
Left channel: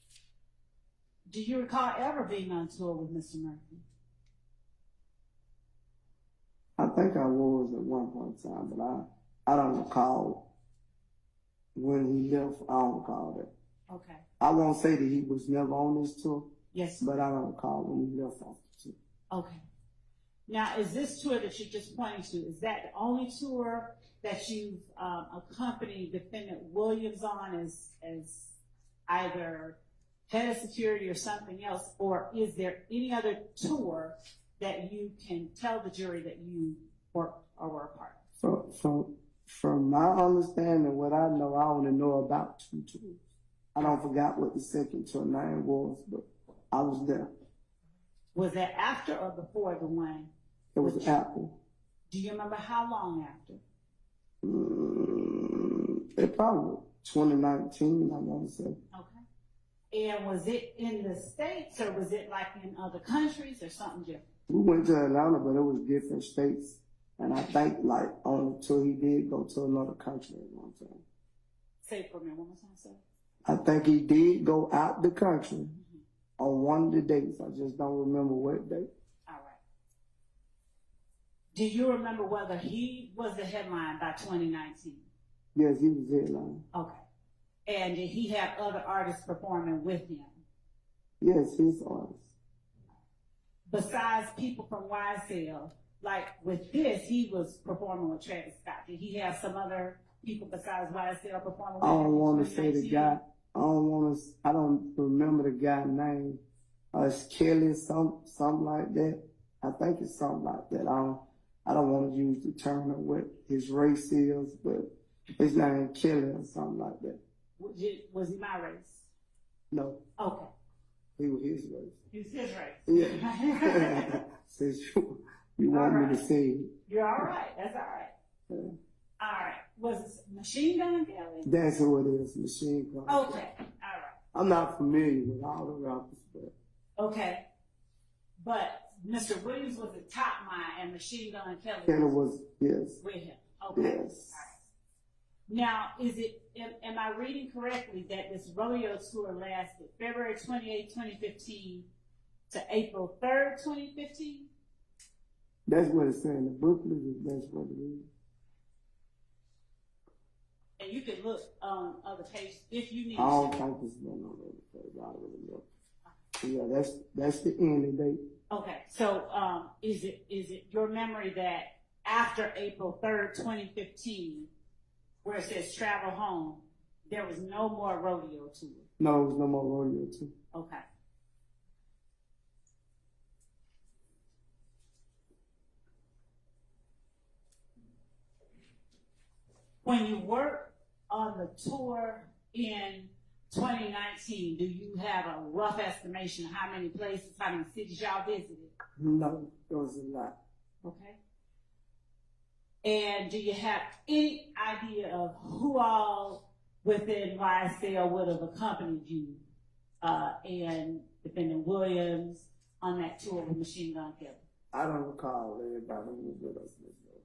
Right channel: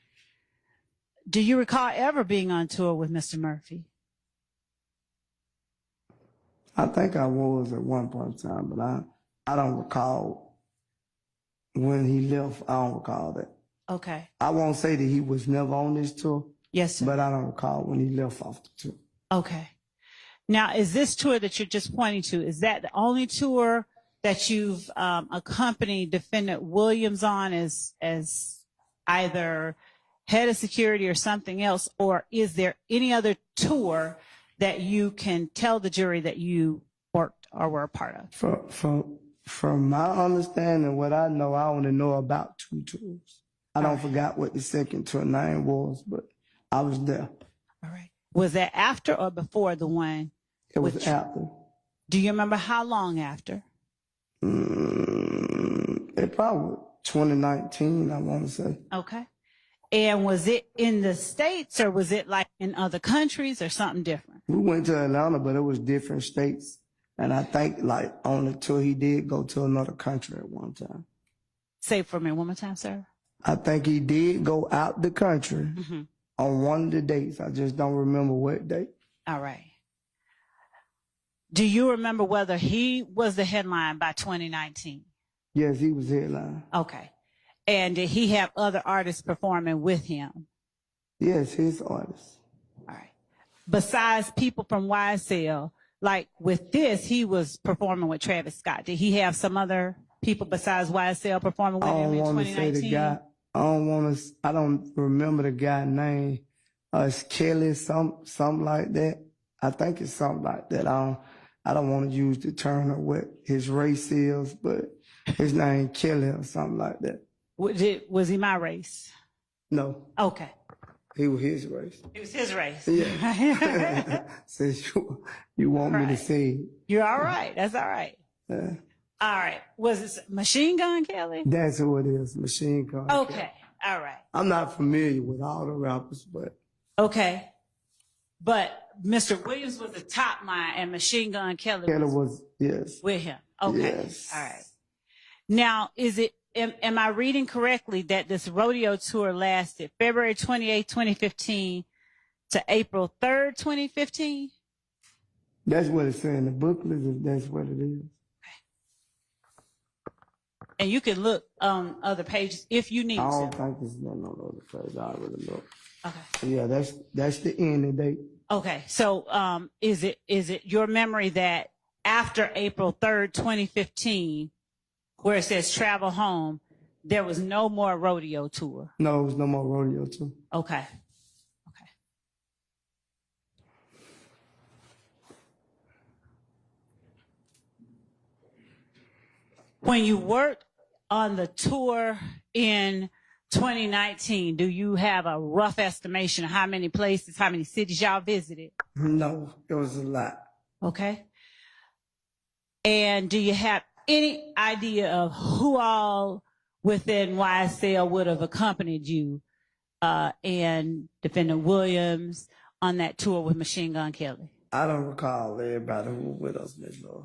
Do you recall ever being on tour with Mr. Murphy? I think I was at one point in time, but I don't recall when he left. I don't recall that. Okay. I won't say that he was never on this tour, Yes, sir. but I don't recall when he left off the tour. Okay. Now, is this tour that you're just pointing to, is that the only tour that you've accompanied Defendant Williams on as either head of security or something else, or is there any other tour that you can tell the jury that you worked or were a part of? From my understanding, what I know, I only know about 2 tours. I don't forgot what the second tour name was, but I was there. All right. Was that after or before the one? It was after. Do you remember how long after? It probably 2019, I want to say. Okay. And was it in the States or was it like in other countries or something different? We went to Atlanta, but it was different states. And I think like on the tour, he did go to another country at one time. Say it for me one more time, sir. I think he did go out the country on one of the dates. I just don't remember what date. All right. Do you remember whether he was the headline by 2019? Yes, he was headline. Okay. And did he have other artists performing with him? Yes, his artist. All right. Besides people from YSL, like with this, he was performing with Travis Scott. Did he have some other people besides YSL performing with I him don't in want to 2019? say the guy. I don't remember the guy's name. It's Kelly, something like that. I think it's something like that. I don't want to use the term of what his race is, but his name Kelly or something like that. Was he my race? No, Okay. he was his race. It was his race. Yeah. Since you want me to say it. You're all right. That's all right. Yeah. All right. Was it Machine Gun Kelly? That's who it is, Machine Gun. Okay. All right. I'm not familiar with all the rappers, but Okay. But Mr. Williams was the top line and Machine Gun Kelly Kelly was was, yes. with him. Okay. Yes. All right. Now, am I reading correctly that this rodeo tour lasted February 28, 2015 to April 3rd, 2015? That's what it said in the booklet. That's what it is. And you can look on other pages if you need I don't to. think it's no other page. I already know. Okay. Yeah, that's the ending date. Okay. So, is it your memory that after April 3rd, 2015, where it says travel home, there was no more rodeo tour? No, it was no more rodeo too. Okay. Okay. When you worked on the tour in 2019, do you have a rough estimation of how many places, how many cities y'all visited? No, it was a lot. Okay. And do you have any idea of who all within YSL would have accompanied you and Defendant Williams on that tour with Machine Gun Kelly? I don't recall everybody who was with us, Miss Laura.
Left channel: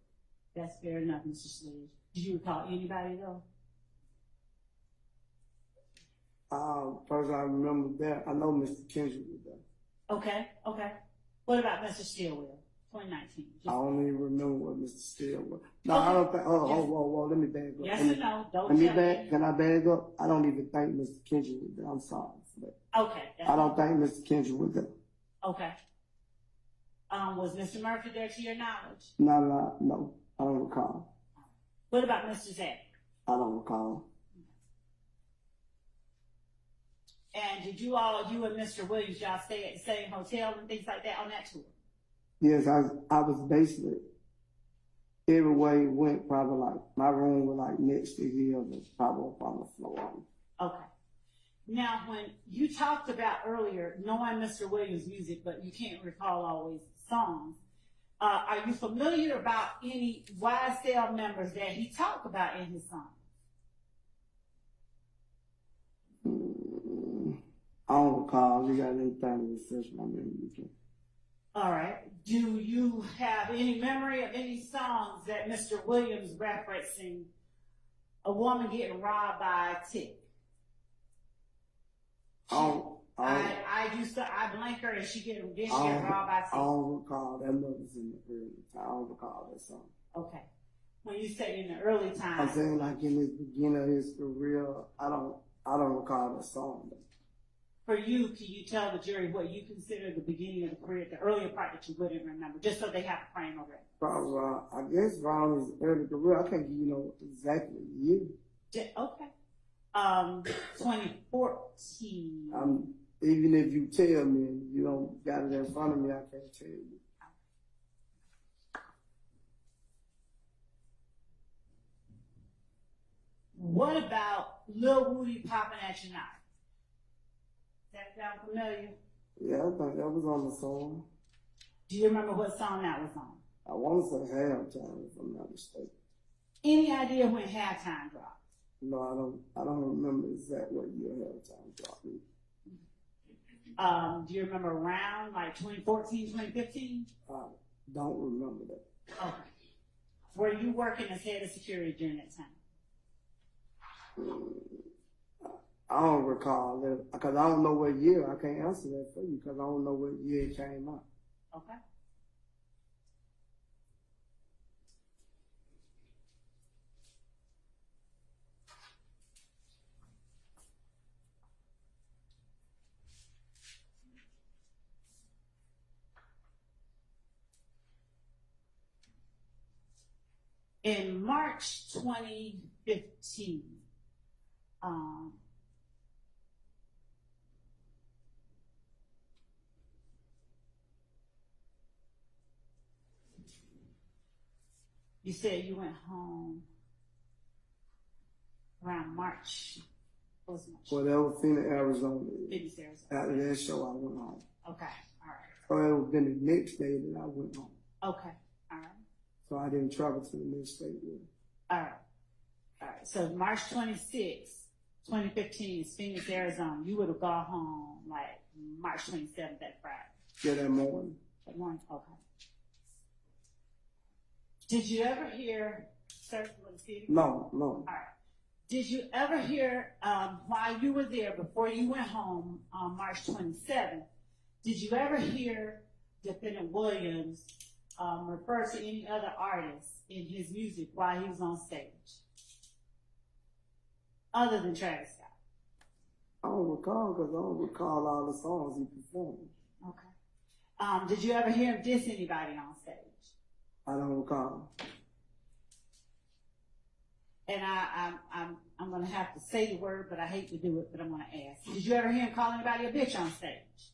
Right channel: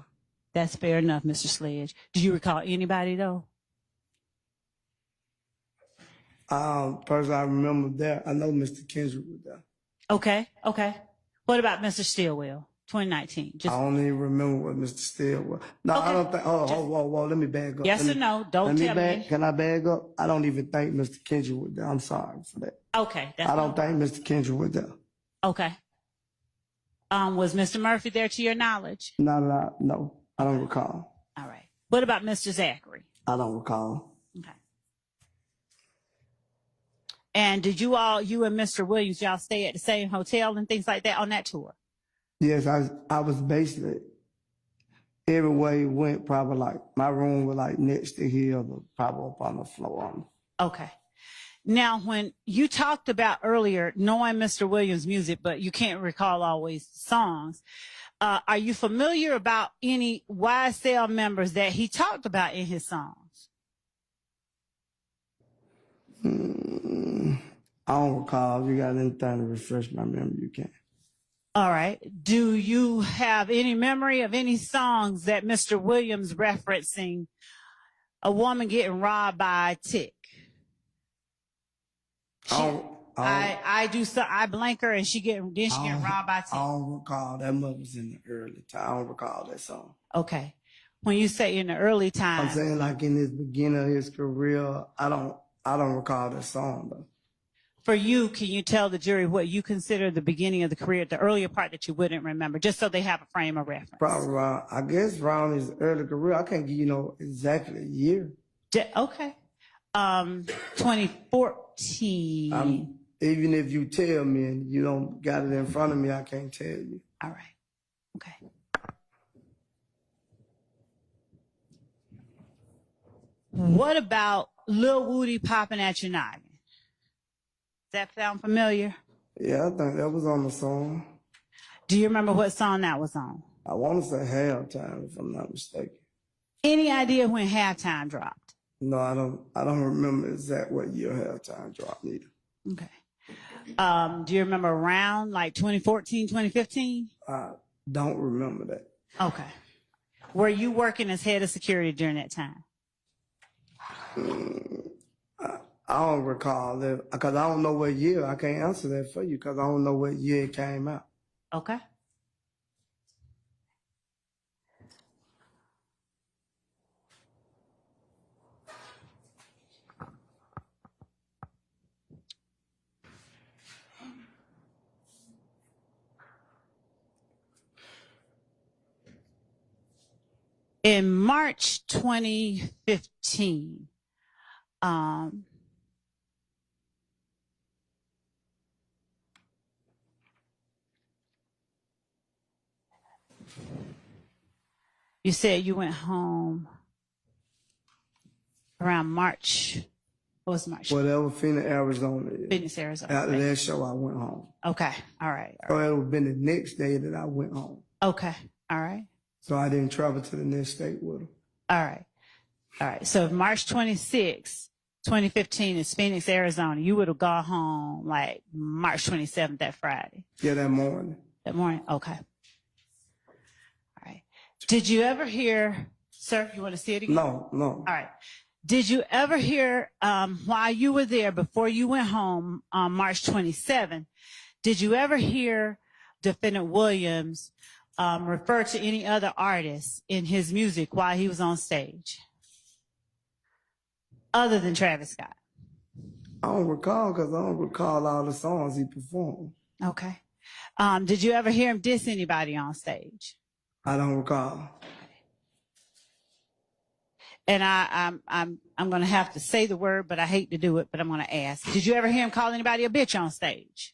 That's fair enough, Mr. Sledge. Do you recall anybody though? Person I remember there, I know Mr. Kendrick was there. Okay, okay. What about Mr. Stillwell, 2019? I don't even remember what Mr. Steele was. No, Okay. I don't think. Whoa, let me bag up. Yes Let or me- no? Don't let me tell me. bag. Can I bag up? I don't even think Mr. Kendrick was there. I'm sorry for that. Okay, that's I don't think Mr. Kendrick was there. okay. Was Mr. Murphy there to your knowledge? No, I don't recall. All right. What about Mr. Zachary? I don't recall. Okay. And did you and Mr. Williams, y'all stay at the same hotel and things like that on that tour? Yes, I was basically everywhere he went, probably like my room was like next to his, or probably up on the floor. Okay. Now, when you talked about earlier knowing Mr. Williams' music, but you can't recall always songs, are you familiar about any YSL members that he talked about in his songs? I don't recall. If you got anything to refresh my memory, you can. All right. Do you have any memory of any songs that Mr. Williams referencing a woman getting robbed by a tick? I blank her and she get robbed by a tick. I don't recall. That must was in the early time. I don't recall that song. Okay. When you say in the early time, I'm saying like in his beginning of his career, I don't recall that song though. for you, can you tell the jury what you consider the beginning of the career, the earlier part that you wouldn't remember, just so they have a frame of reference? Probably around, I guess around his early career. I can't give you exactly a year. Okay. 2014. Even if you tell me and you don't got it in front of me, I can't tell you. All right. Okay. What about Lil Woody popping at your noggin? Does that sound familiar? Yeah, I think that was on the song. Do you remember what song that was on? I want to say Halftime, if I'm not mistaken. Any idea when Halftime dropped? No, I don't remember exact what year Halftime dropped either. Okay. Do you remember around like 2014, 2015? I don't remember that. Okay. Were you working as head of security during that time? I don't recall that because I don't know what year. I can't answer that for you because I don't know what year it came out. Okay. In March 2015, you said you went home around March. What was March? Whatever, Phoenix, Arizona. Phoenix, Arizona. After that show, I went home. Okay. All right. So it would have been the next day that I went home. Okay. All right. So I didn't travel to the next state with him. All right. All right. So March 26, 2015 is Phoenix, Arizona. You would have gone home like March 27th, that Friday. Yeah, that morning. That morning? Okay. All right. Did you ever hear, sir, you want to see it again? No. All right. Did you ever hear, while you were there, before you went home on March 27th, did you ever hear Defendant Williams refer to any other artists in his music while he was on stage? Other than Travis Scott? I don't recall because I don't recall all the songs he performed. Okay. Did you ever hear him diss anybody on stage? I don't recall. And I'm going to have to say the word, but I hate to do it, but I'm going to ask. Did you ever hear him call anybody a bitch on stage?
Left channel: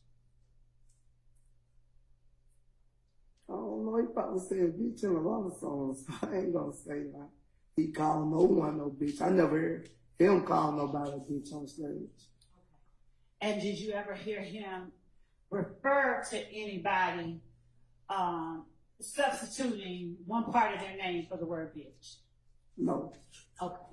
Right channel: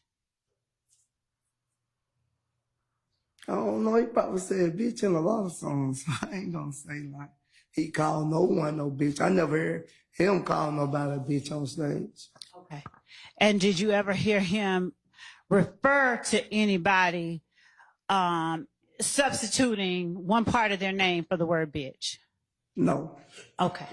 I don't know. He probably said bitch in a lot of songs. I ain't going to say like he called no one no bitch. I never heard him call nobody a bitch on stage. Okay. And did you ever hear him refer to anybody substituting one part of their name for the word bitch? No. Okay.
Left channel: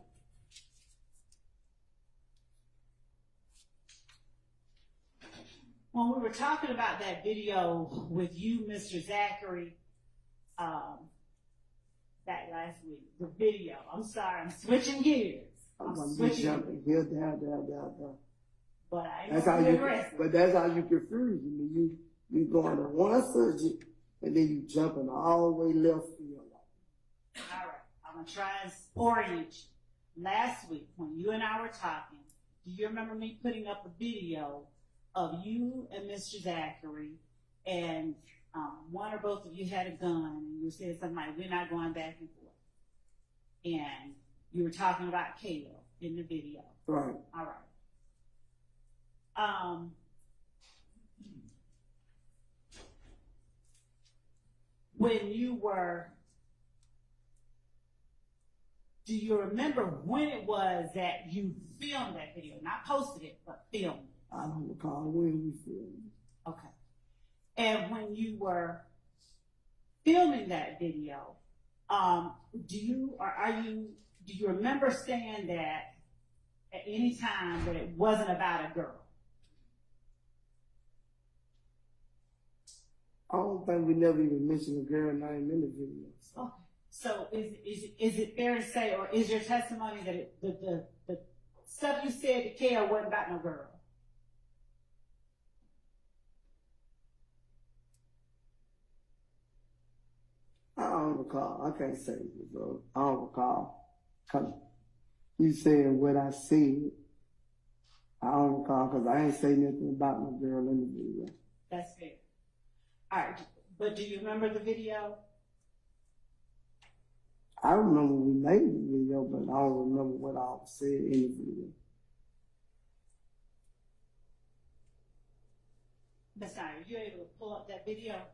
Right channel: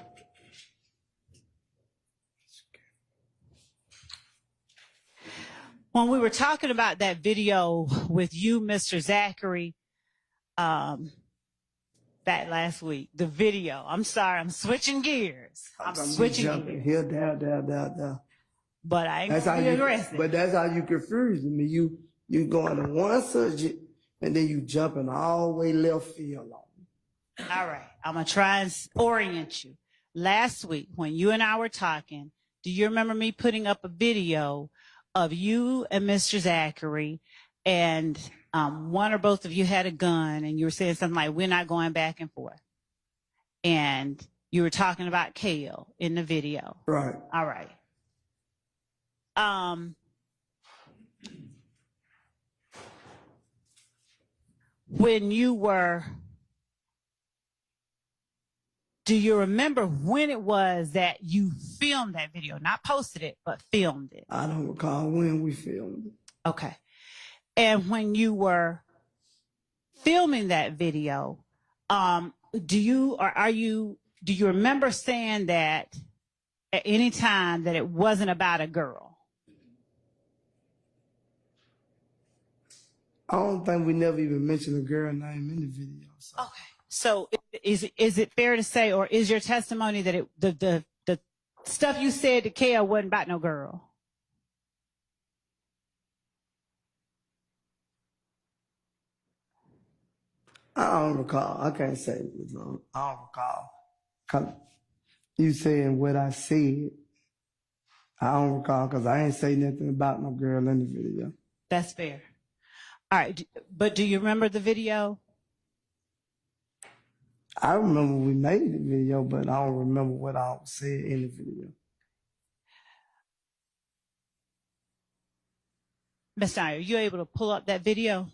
When we were talking about that video with you, Mr. Zachary, back last week, the video, I'm sorry, I'm switching gears. I'm switching gears. Here, there. But I ain't gonna be aggressive. But that's how you confuse me. You going to one subject and then you jumping all the way left field on. All right, I'm gonna try and orient you. Last week, when you and I were talking, do you remember me putting up a video of you and Mr. Zachary, and one or both of you had a gun, and you were saying something like, we're not going back and forth. And you were talking about Kale in the video. Right. All right. When you were Do you remember when it was that you filmed that video? Not posted it, but filmed it. I don't recall when we filmed it. Okay. And when you were filming that video, do you remember saying that at any time that it wasn't about a girl? I don't think we never even mentioned a girl name in the video. So. Okay. So is it fair to say, or is your testimony that the stuff you said to Kale wasn't about no girl? I don't recall. I can't say it, Lord. I don't recall. 'Cause you saying what I said, I don't recall because I ain't say nothing about no girl in the video. That's fair. All right. But do you remember the video? I remember we made the video, but I don't remember what I said in the video. Ms. Dyer, are you able to pull up that video?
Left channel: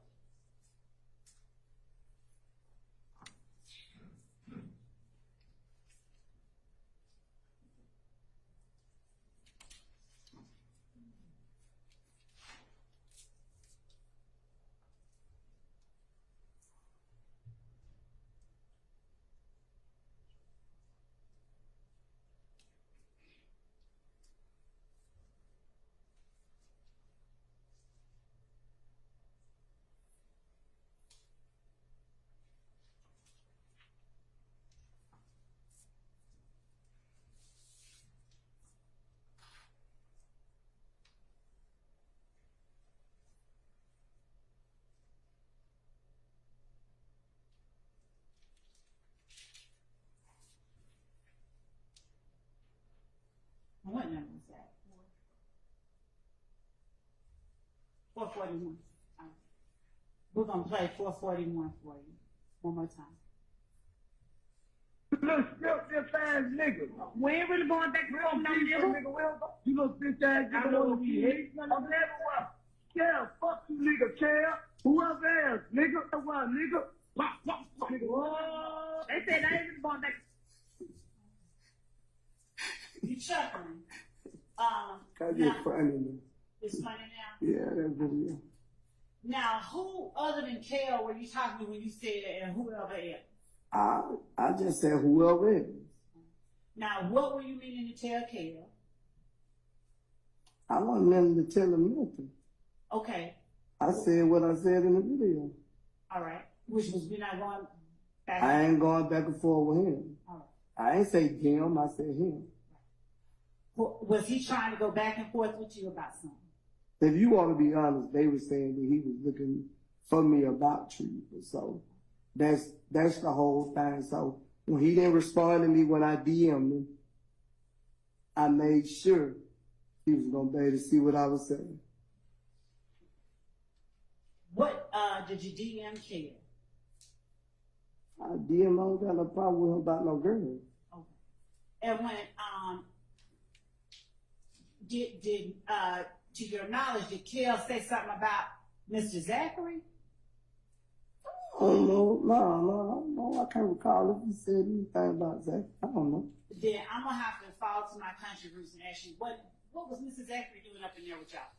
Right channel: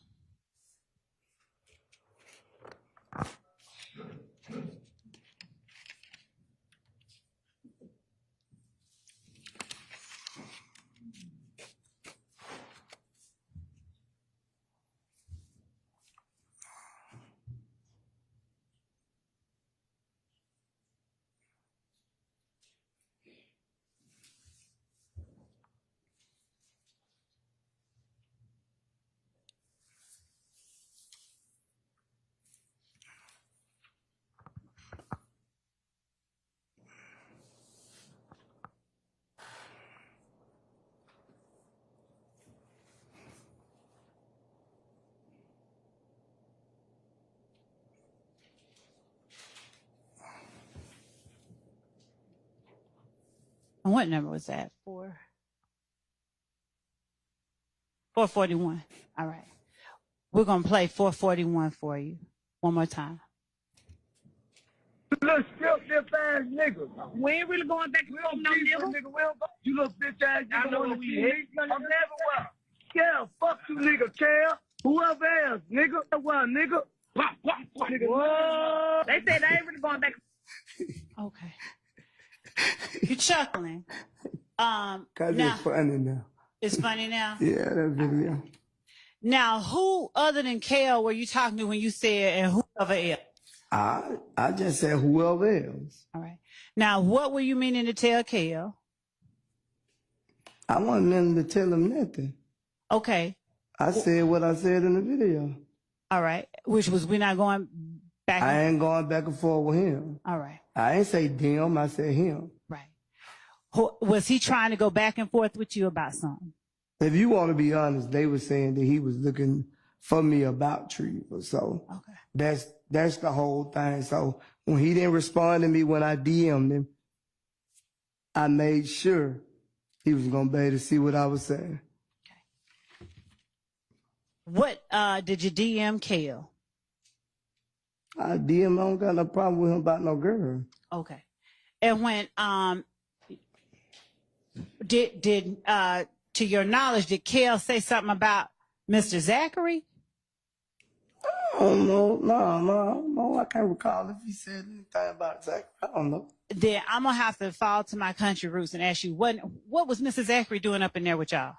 And what number was that? 441. All right. We're going to play 441 for you one more time. You little strip ass nigga. We ain't really going back to no nigga. You little bitch ass nigga. I know what we hit. I'm never well. Yeah, fuck you nigga, Cal. Whoever else, nigga. What, nigga? Whoa. They said I ain't really going back. Okay. You're chuckling. Cause now, it's funny now. It's funny now? Yeah, that video. Right. Now, who other than Kale were you talking to when you said, and whoever else? I just said whoever else. All right. Now, what were you meaning to tell Kale? I wasn't letting to tell him nothing. Okay. I said what I said in the video. All right. Which was we're not going back. I ain't going back and forth with him. All right. I ain't say them, I said him. Right. Was he trying to go back and forth with you about something? If you want to be honest, they were saying that he was looking for me about treatment. So okay. That's the whole thing. So when he didn't respond to me when I DM'd him, I made sure he was going to be able to see what I was saying. Okay. What did you DM Kale? I DM, I don't got no problem with him about no girl. Okay. And when did to your knowledge, did Kale say something about Mr. Zachary? I don't know. No, I can't recall if he said anything about Zachary. I don't know. Then I'm gonna have to fall to my country roots and ask you, what was Mr. Zachary doing up in there with y'all?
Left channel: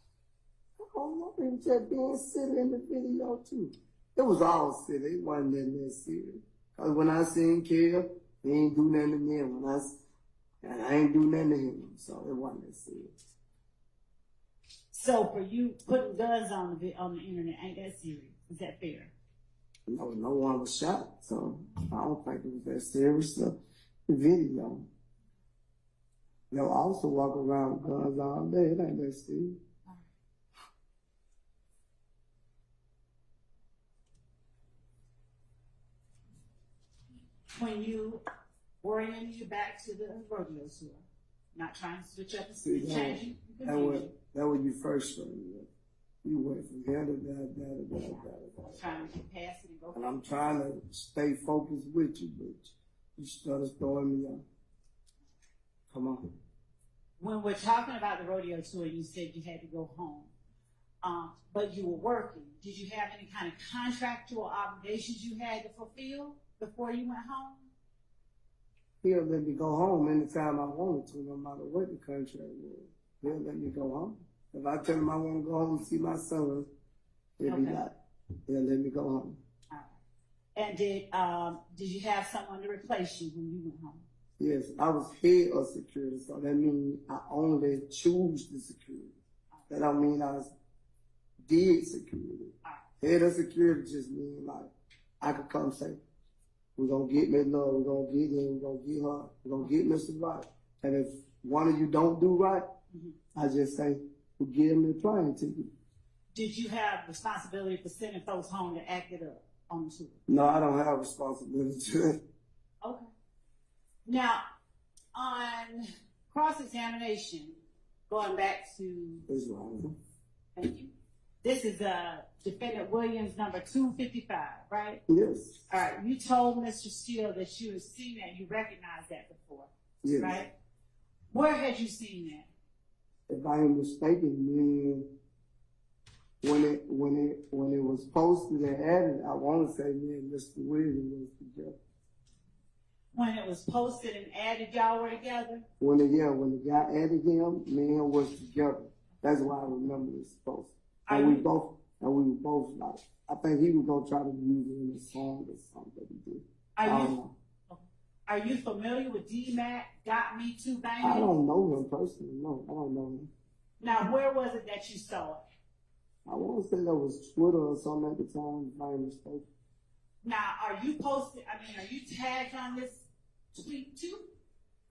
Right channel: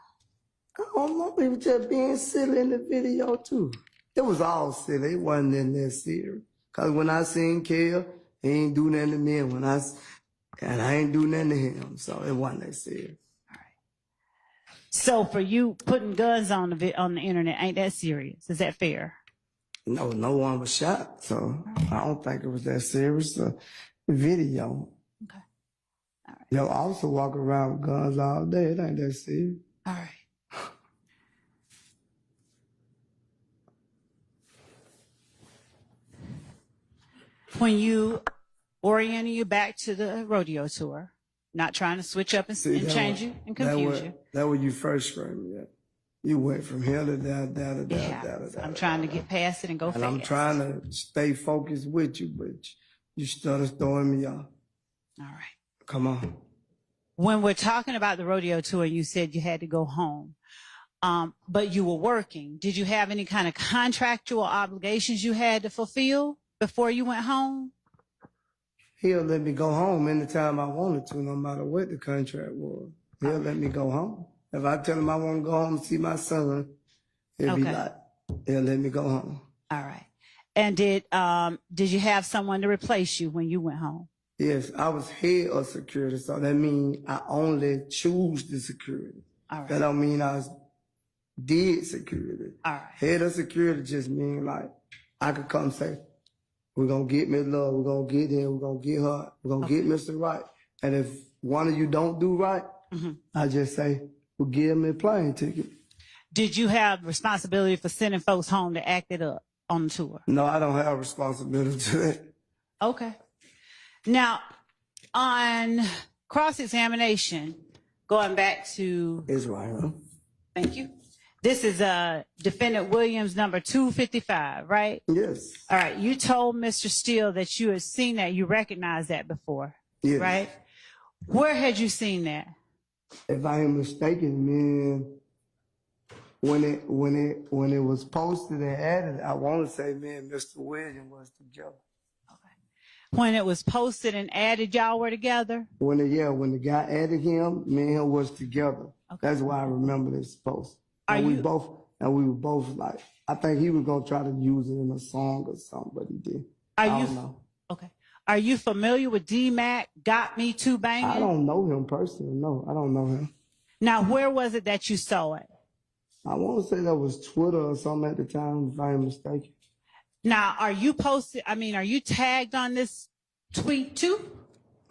I don't know. He was just being silly in the video too. It was all silly. It wasn't in that serious. Cause when I seen Kale, he ain't do nothing to me. And I ain't do nothing to him. So it wasn't that serious. All right. So for you, putting guns on the internet ain't that serious? Is that fair? No one was shot. So I don't think it was that serious. The video. Okay. All right. They'll also walk around with guns all day. It ain't that serious. All right. When you orienting you back to the rodeo tour, not trying to switch up and change you and confuse you. That was you first screaming. Yeah. You went from here to down. I'm trying to get past it and go and fast. I'm trying to stay focused with you, but you started throwing me off. All right. Come on. When we're talking about the rodeo tour, you said you had to go home, but you were working. Did you have any kind of contractual obligations you had to fulfill before you went home? He'll let me go home anytime I wanted to, no matter what the contract was. He'll let me go home. If I tell him I want to go home and see my son, he'll be Okay. like, he'll let me go home. All right. And did you have someone to replace you when you went home? Yes, I was head of security, so that means I only choose the security. All right. That don't mean I did security. All right. Head of security just mean like I could come say, we're gonna get Miss Love, we're gonna get him, we're gonna get her, we're gonna get Mr. Right. And if one of you don't do right, I just say, we'll give him a plane ticket. Did you have responsibility for sending folks home to act it up on the tour? No, I don't have responsibility to that. Okay. Now, on cross-examination, going back to, It's right, huh? thank you. This is Defendant Williams number 255, right? Yes. All right. You told Mr. Steele that you had seen that, you recognized that before, Yes. right? Where had you seen that? If I ain't mistaken, man, when it was posted and added, I want to say, man, Mr. Williams was together. When it was posted and added, y'all were together? When the guy added him, me and him was together. Okay. That's why I remember this post. Are And we you- were both like, I think he was gonna try to use it in a song or something, but he did. Are I you don't know. okay? Are you familiar with D-Mac, Got Me Too Banging? I don't know him personally. No, I don't know him. Now, where was it that you saw it? I want to say that was Twitter or something at the time, if I ain't mistaken. Now, are you tagged on this tweet too?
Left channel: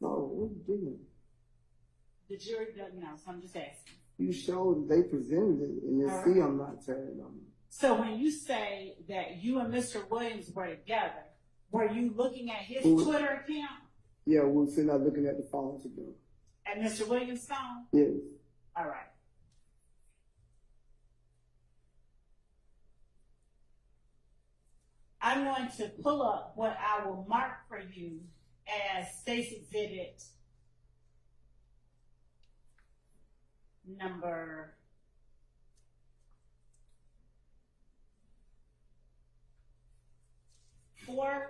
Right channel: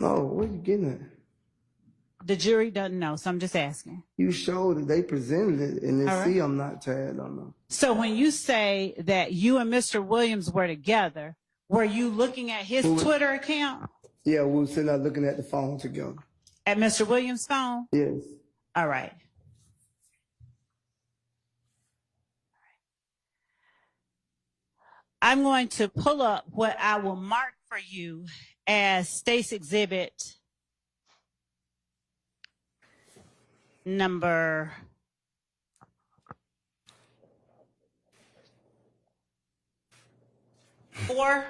No, what you getting at? The jury doesn't know, so I'm just asking. You showed that they presented it, and they All right. see I'm not tagged on them. So when you say that you and Mr. Williams were together, were you looking at his Who was- Twitter account? Yeah, we were sitting there looking at the phone together. At Mr. Williams' phone? Yes. All right. I'm going to pull up what I will mark for you as State's Exhibit number 4.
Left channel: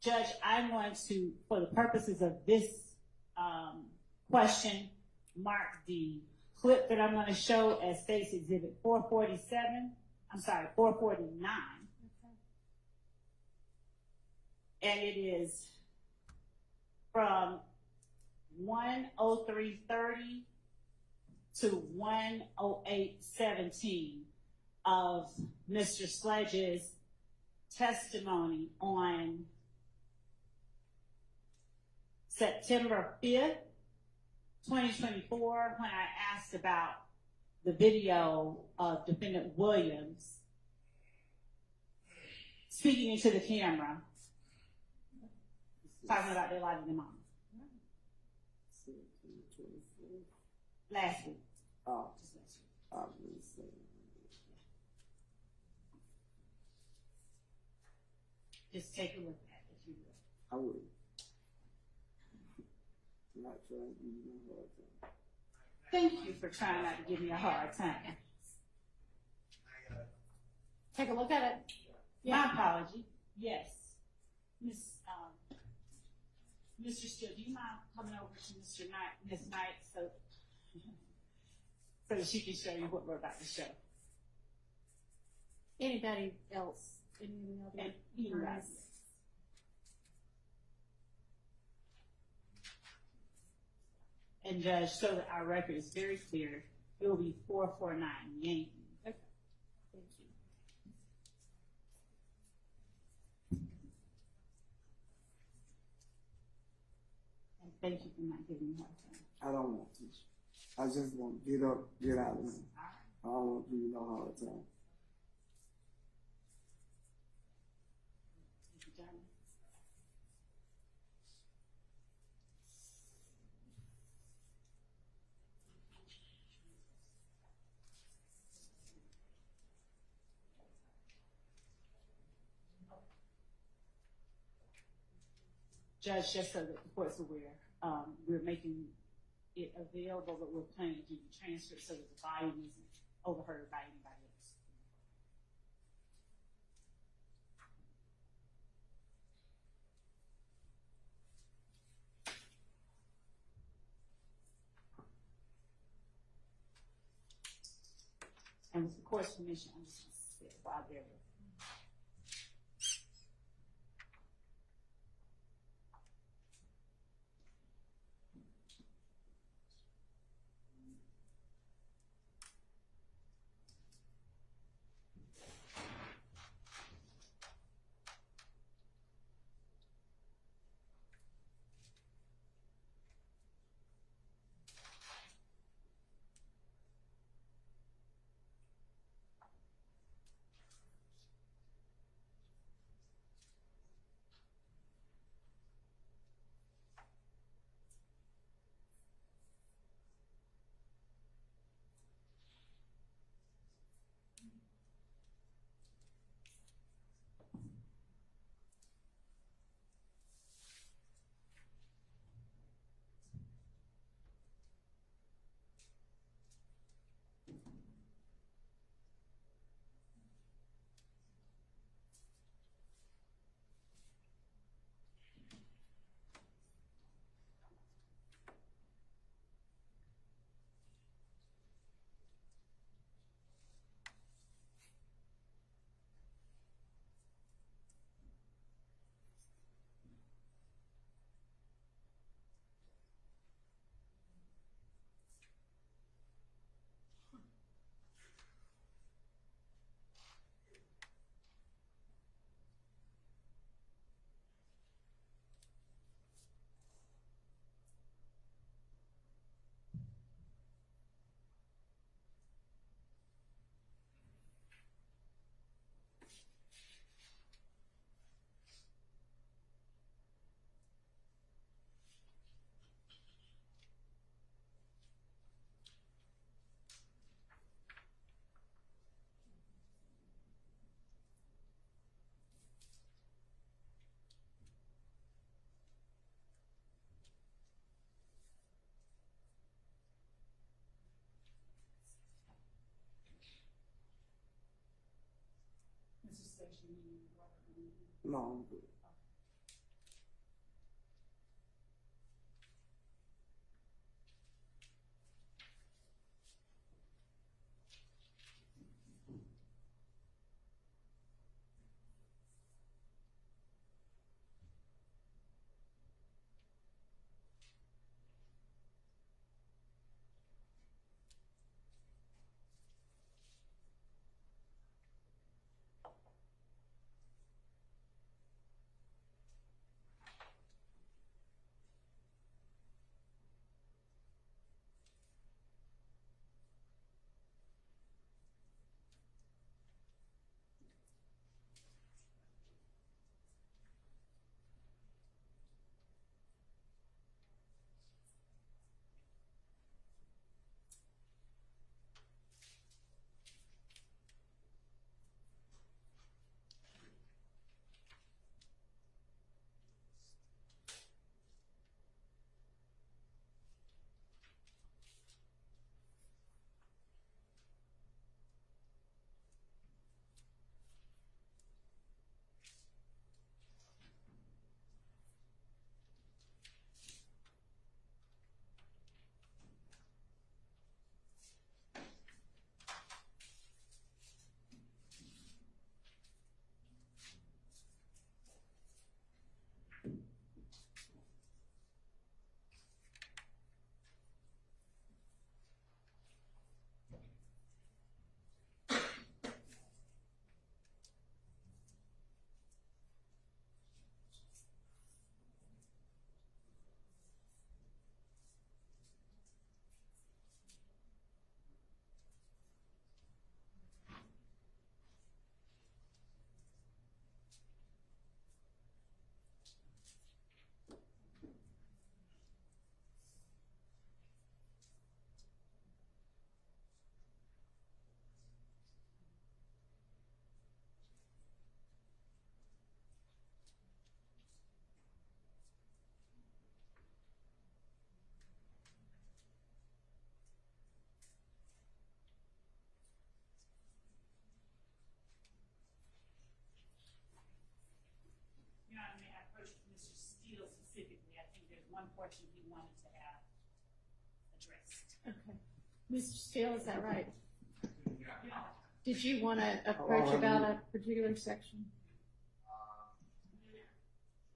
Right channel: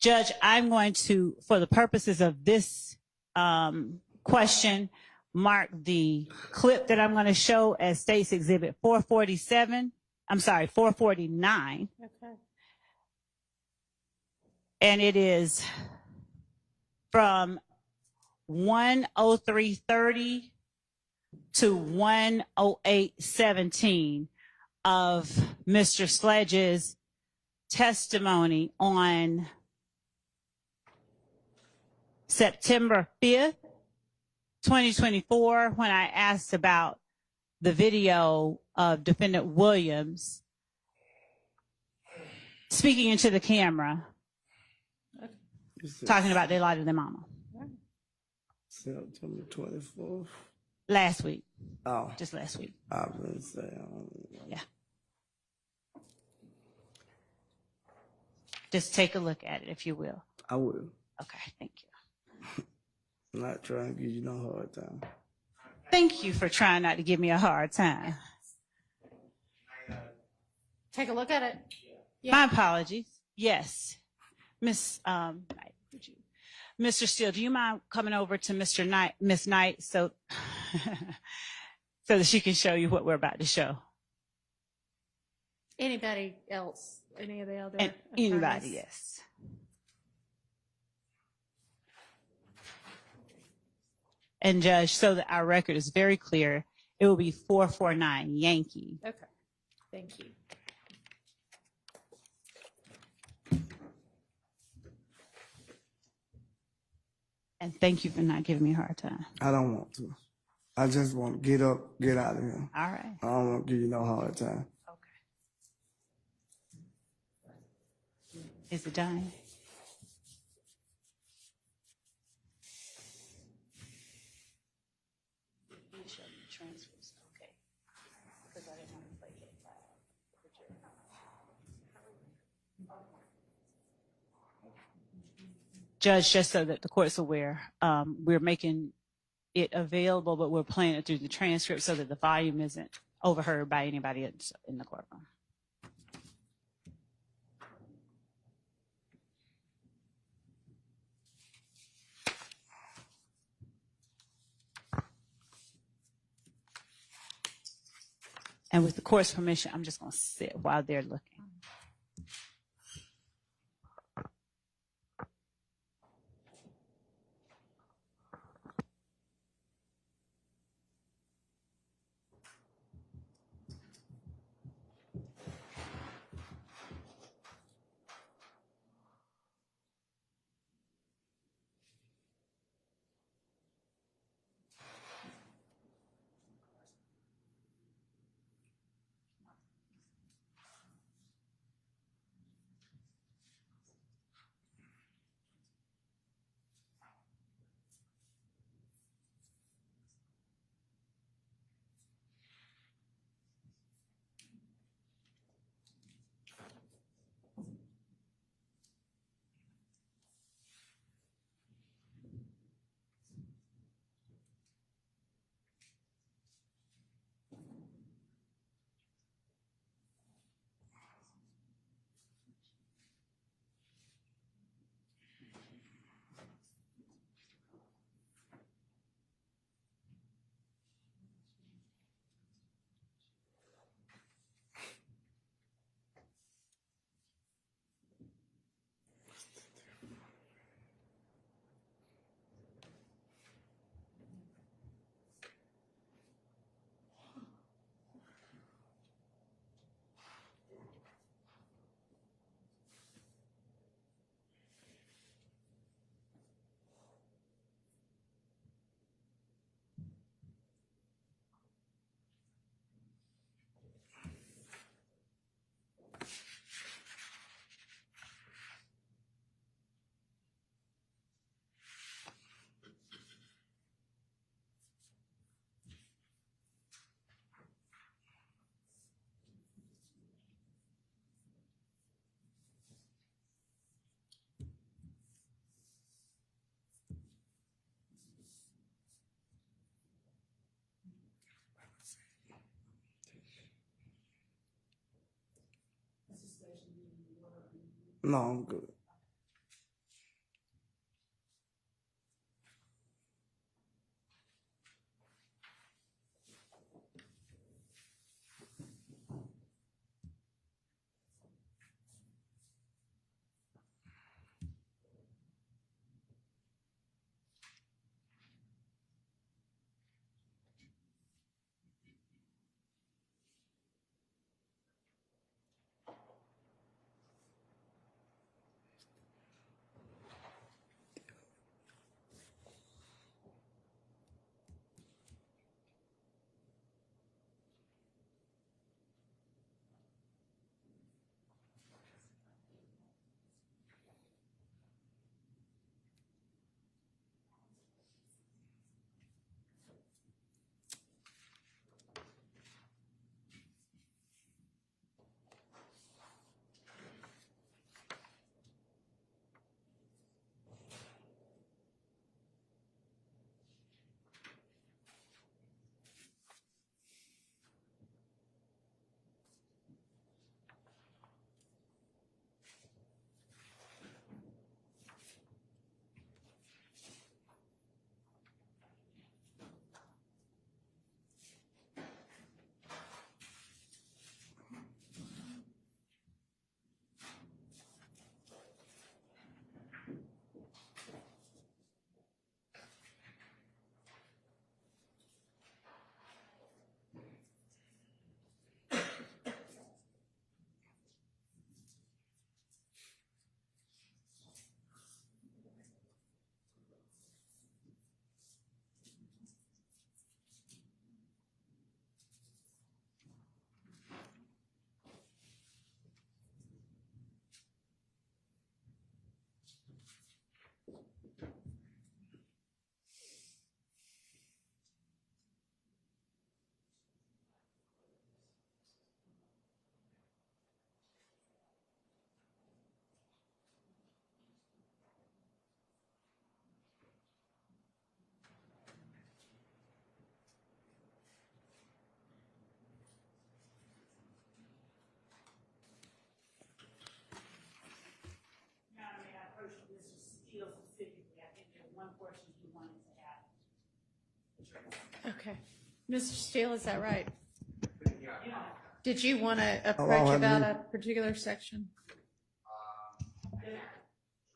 Judge, I'm going to, for the purposes of this question, mark the clip that I'm going to show as State's Exhibit 449. Okay. And it is from 1:03:30 to 1:08:17 of Mr. Sledge's testimony on September 5th, 2024, when I asked about the video of Defendant Williams speaking into the camera, talking about their life of their mama September 24th. last week, Oh, just last week. I was going to say, I don't know. Yeah. Just take a look at it, if you will. I will. Okay, thank you. I'm not trying to give you no hard time. Thank you for trying not to give me a hard time. Take a look at it. My apologies. Yes. Miss Knight, would you? Mr. Steele, do you mind coming over to Miss Knight so that she can show you what we're about to show? Anybody else? Any of the other And attorneys? anybody, yes. And Judge, so that our record is very clear, it will be 449 Yankee. Okay. Thank you. And thank you for not giving me a hard time. I don't want to. I just want to get up, get out of here. All right. I don't want to give you no hard time. Okay. Is it done? Judge, just so that the court's aware, we're making it available, but we're playing it through the transcript so that the volume isn't overheard by anybody else in the courtroom. And with the court's permission, I'm just going to sit while they're looking. No, I'm good. Okay. Mr. Steele, is that right? Did you want to approach about a particular section?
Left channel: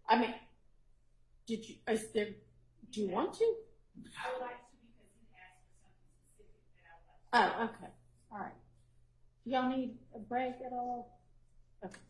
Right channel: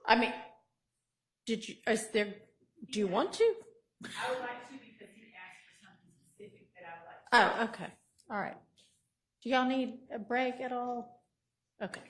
I mean, do you want to? I would like to because he asked for something specific that I would like to. Oh, okay. All right. Do y'all need a break at all? Okay.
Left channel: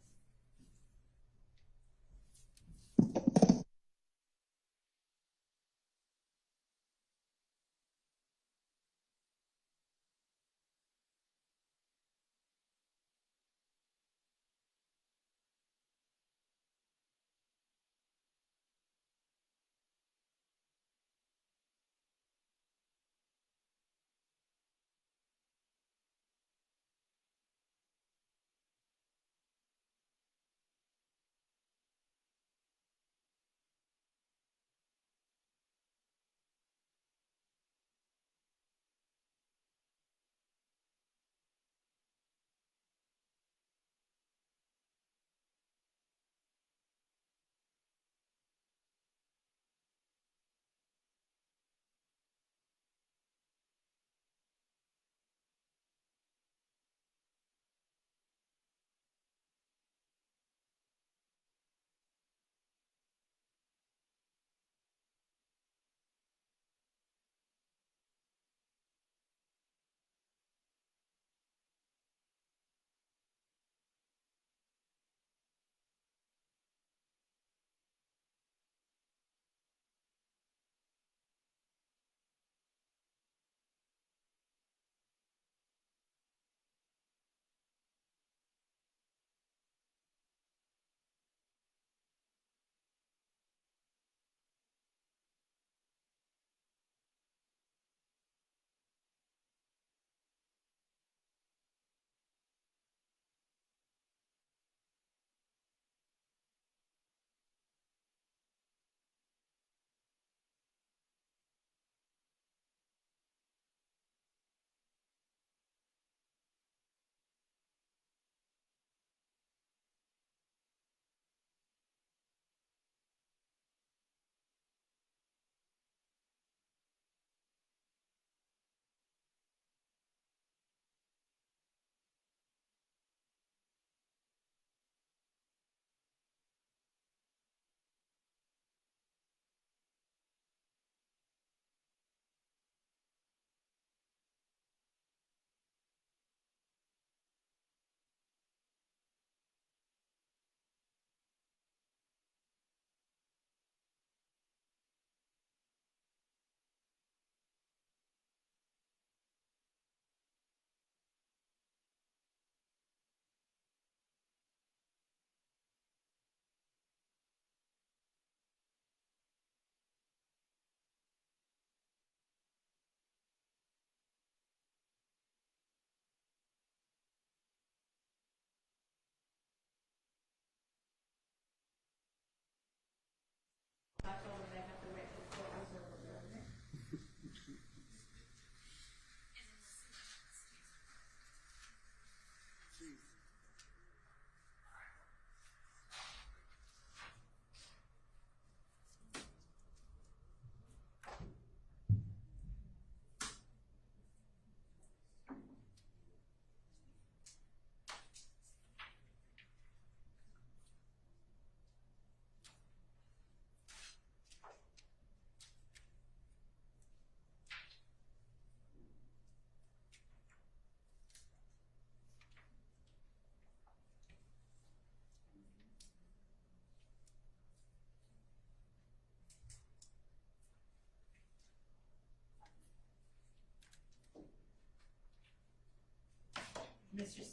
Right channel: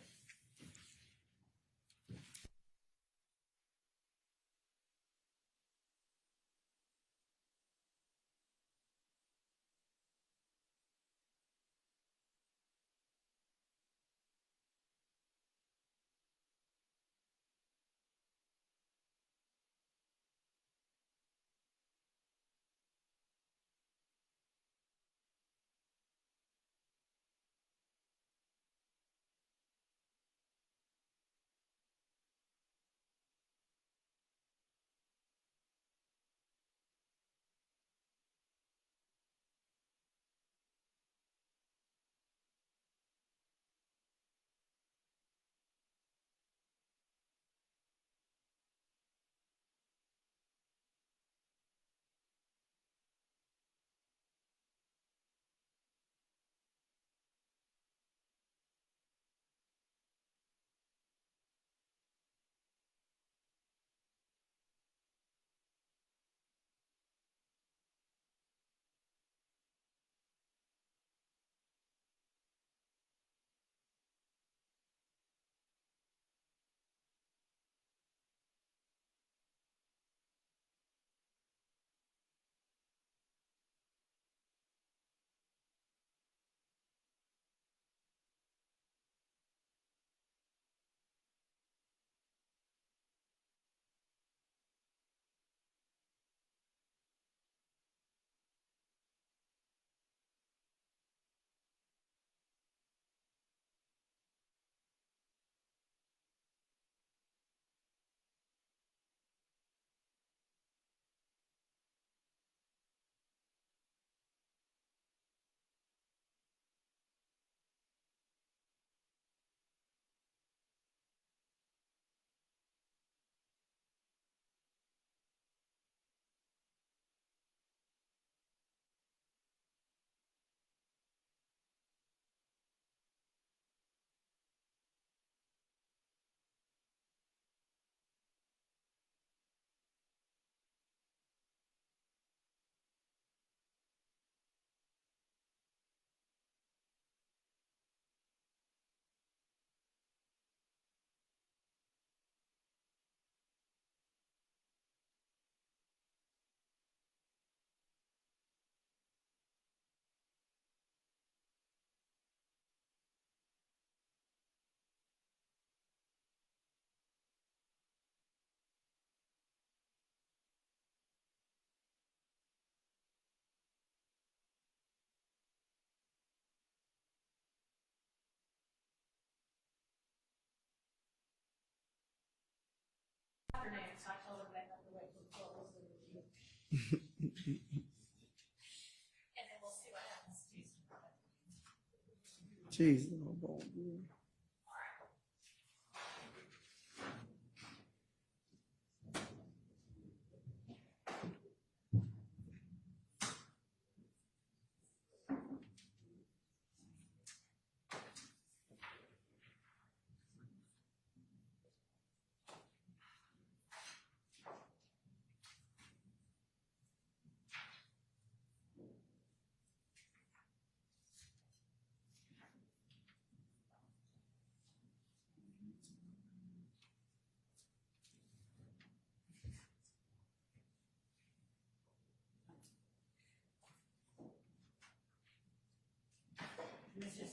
Jesus, oh boy.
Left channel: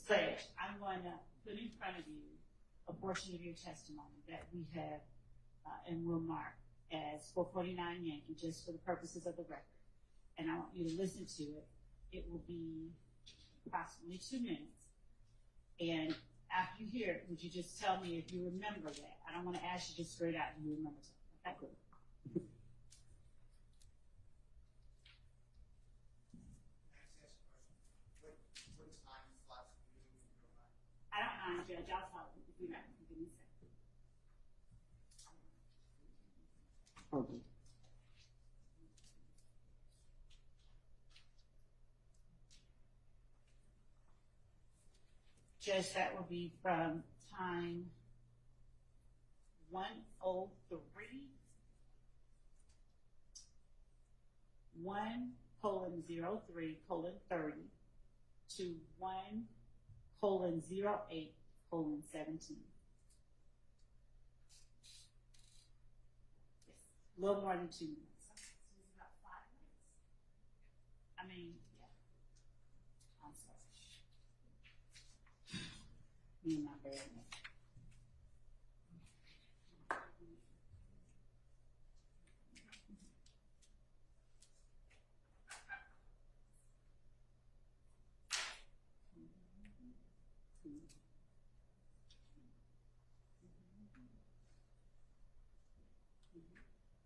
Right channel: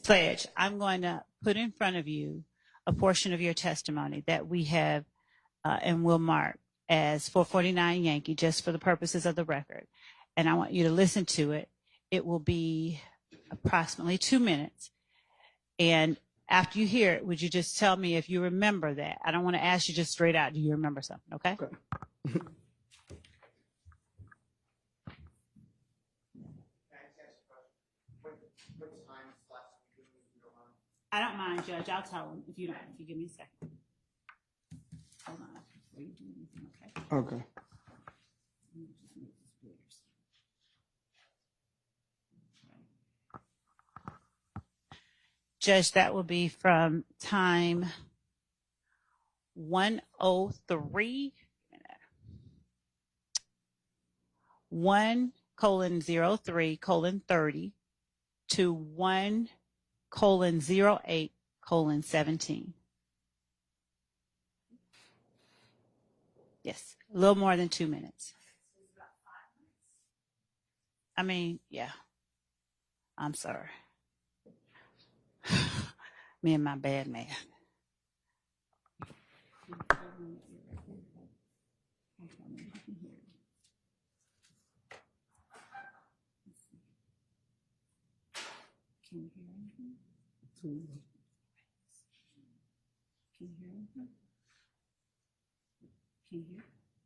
Sledge, I'm going to put in front of you a portion of your testimony that we have and will mark as 449 Yankee, just for the purposes of the record. And I want you to listen to it. It will be approximately 2 minutes. And after you hear it, would you just tell me if you remember that? I don't want to ask you just straight out, do you remember something, okay? Okay. I don't mind, Judge. I'll tell him if you don't. If you give me a second. Hold on. Before you do anything, okay? Okay. Let me just move this Judge, that will be from time 103, 1:03:30 to 1:08:17. Yes, a little more than 2 minutes. I mean, yeah. I'm sorry. Me and my bad man.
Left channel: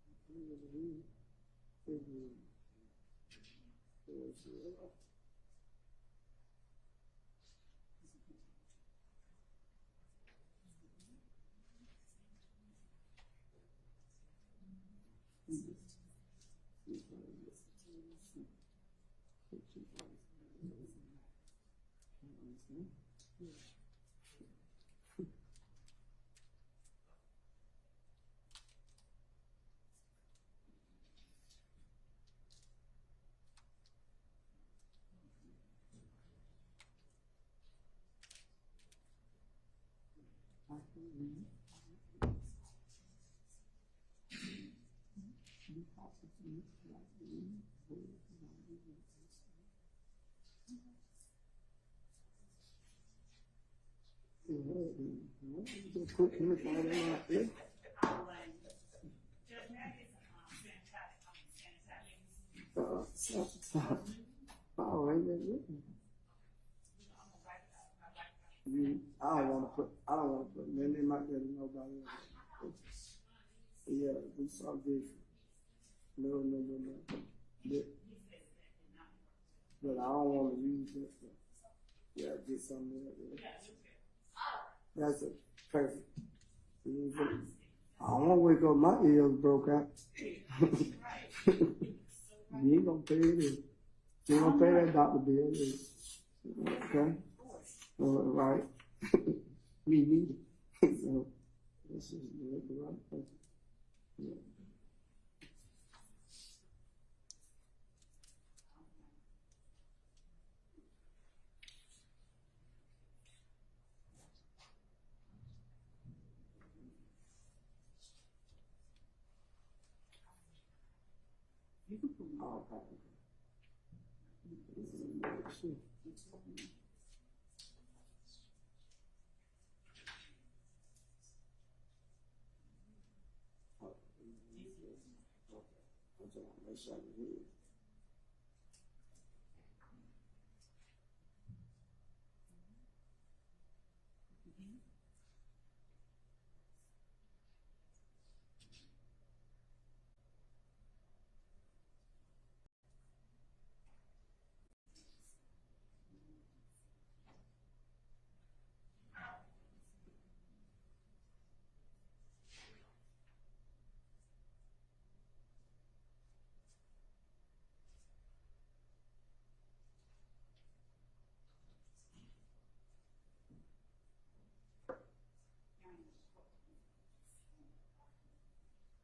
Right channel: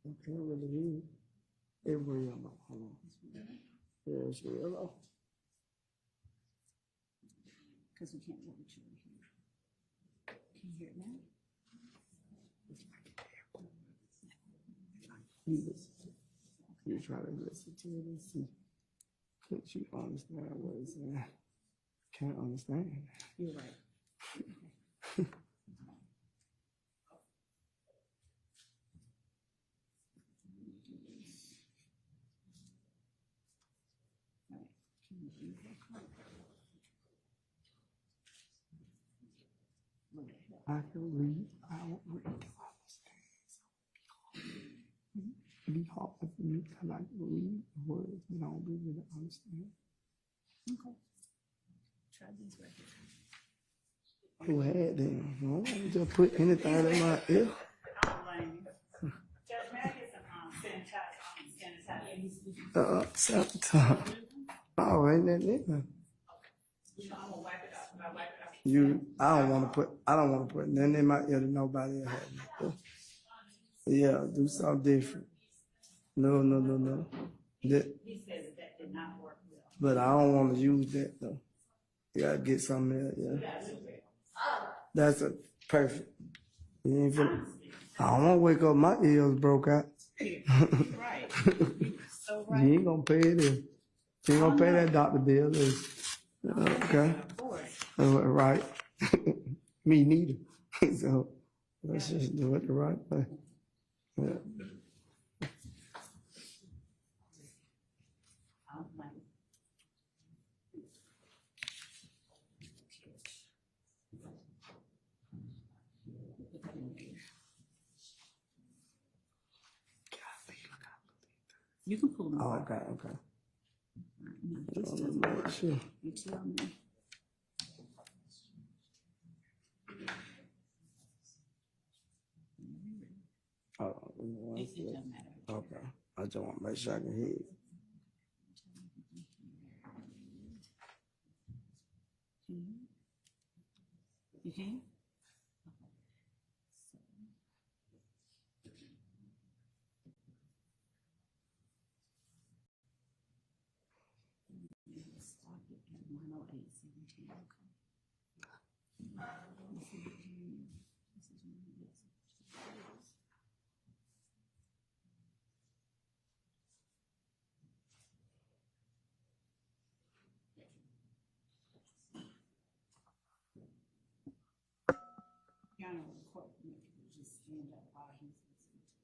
I can't really hear you. It real. Hold on. Yeah, it's real low. Because we can't hear what you hear. Can you hear it now? You try to listen to it and see. Can't you understand what it's saying? Can't understand. You're right. I can read. I don't really understand. It'd be hard for me because I can read words, but I don't really understand. Okay. Try these right here. Who had them? I don't want to just put anything in my ear. Judge, may I get some sanitizer? Oh, ain't that it? I don't want to put nothing in my ear that nobody else has. Yeah, do something different. No. That, but I don't want to use that though. You gotta get something else, yeah. That's a perfect. You ain't finna, I don't want to wake up my ears broke out. Right. So right. You ain't gonna pay it in. You ain't gonna pay that doctor bill. Okay. Right. Me neither. So let's just do it the right way. Yeah. You can pull them Oh, apart. okay. No, this doesn't work. Sure. You tell me. Oh, It doesn't matter. okay. I just want to make sure I can hear it. You can? Your Honor, the court permit will just stand up while he's listening to us.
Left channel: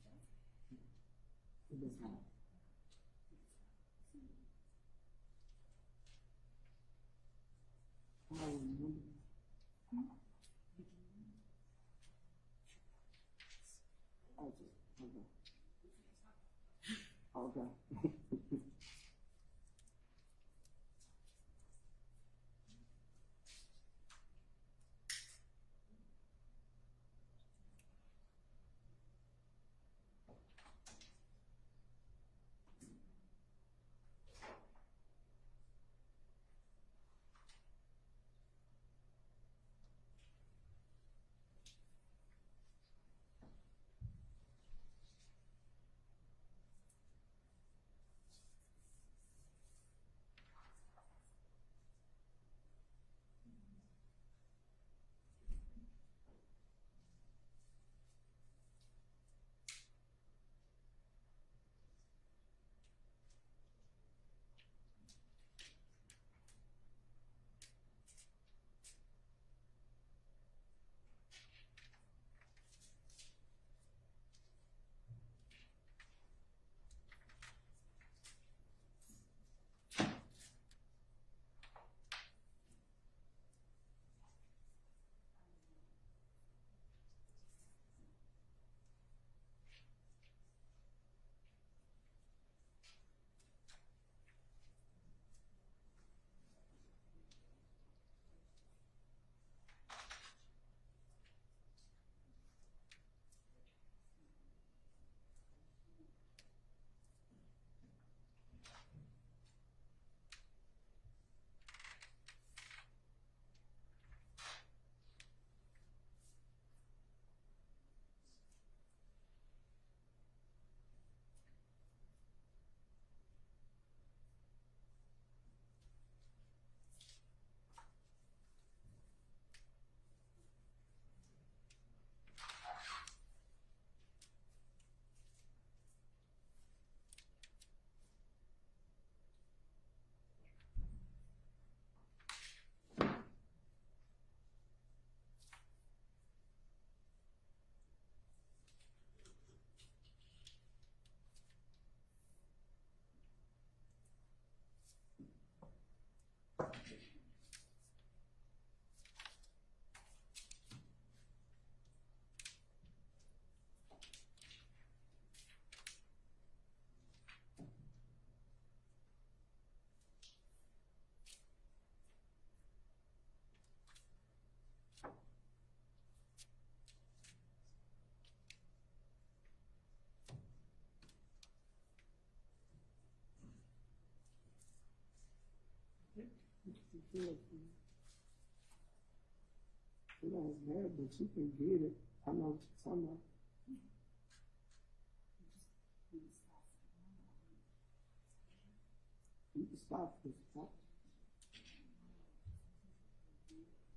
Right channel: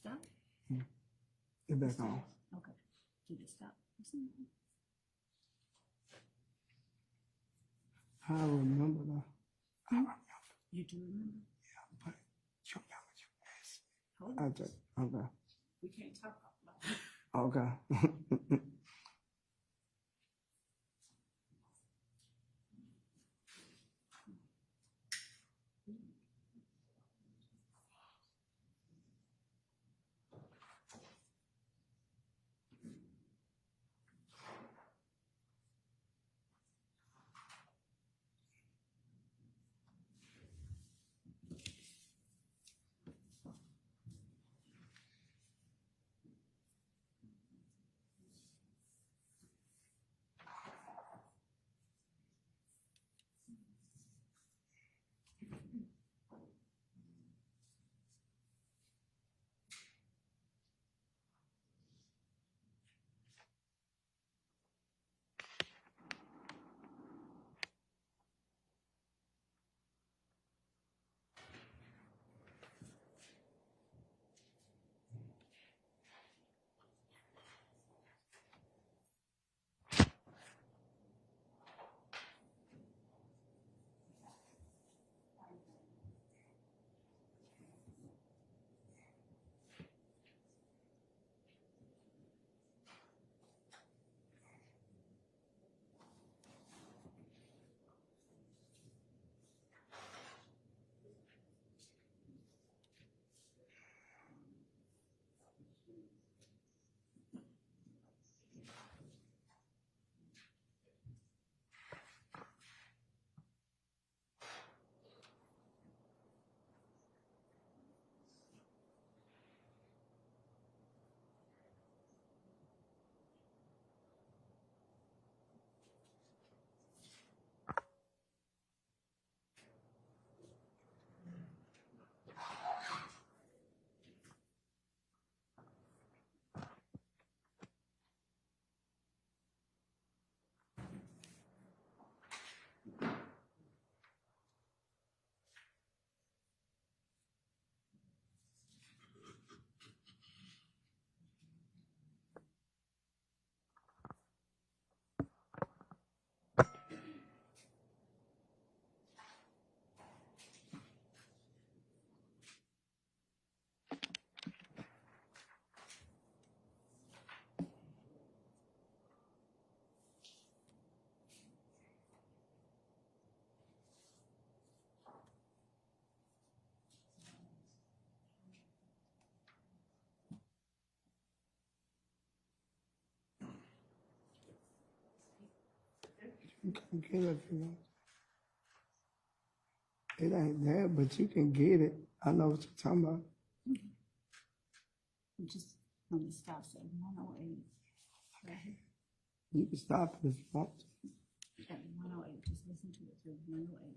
Stop. It's back on. Okay. Did it stop? I remember that. I remember. You do remember? Yeah, but you remember you asked. Hold I on. just, okay. We can't talk about that. Okay. You can get it if you want. It ain't there, but you can get it. I know what you're talking about. Just let me stop at 108. Right here. You can stop it if you want to. At 108. Just listen to it through 108.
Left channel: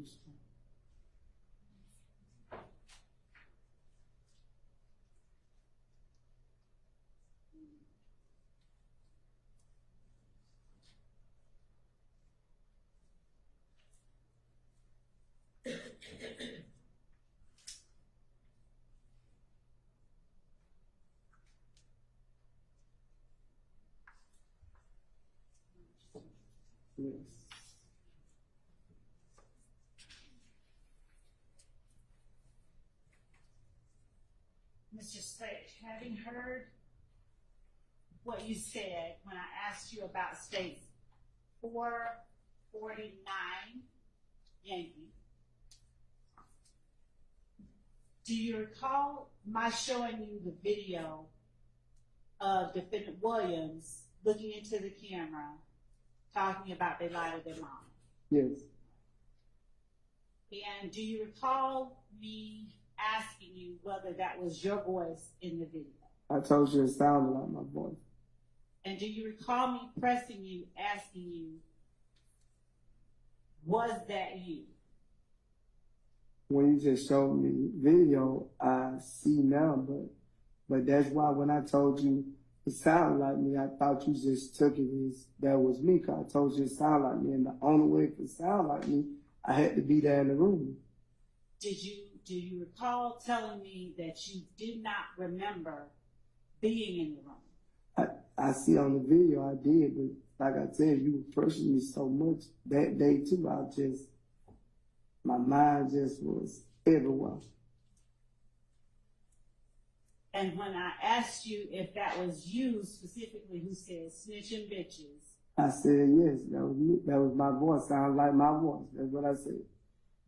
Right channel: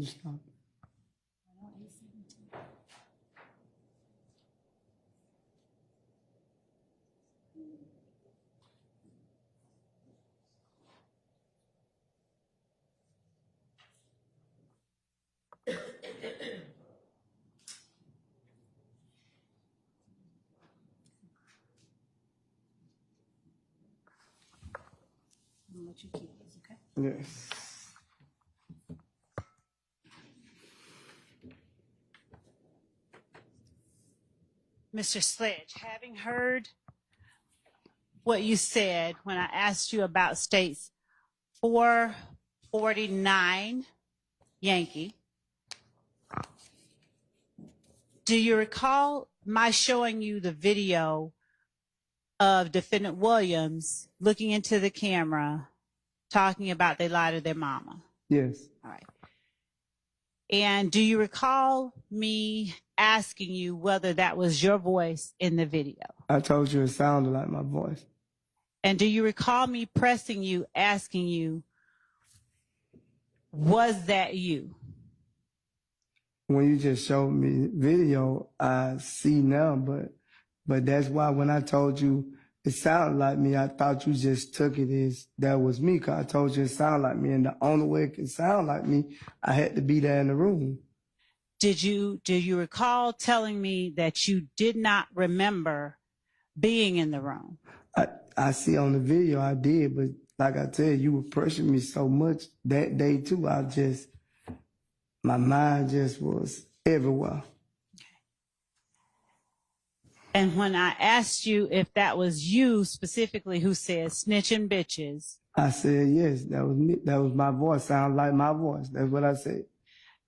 You stop. what your key is, okay? Yes. Mr. Sledge, having heard what you said when I asked you about states 449 Yankee, do you recall my showing you the video of Defendant Williams looking into the camera, talking about they lied to their mama? Yes. All right. And do you recall me asking you whether that was your voice in the video? I told you it sounded like my voice. And do you recall me pressing you, asking you, was that you? When you just showed me video, I see now, but that's why when I told you it sounded like me, I thought you just took it as that was me, because I told you it sounded like me, and the only way it can sound like me, I had to be there in the room. Do you recall telling me that you did not remember being in the room? I see on the video I did, but like I tell you, you were pressuring me so much that day too. My mind just was everywhere. And when I asked you if that was you specifically who said snitching bitches, I said, yes, that was me. That was my voice. Sounded like my voice. That's what I said.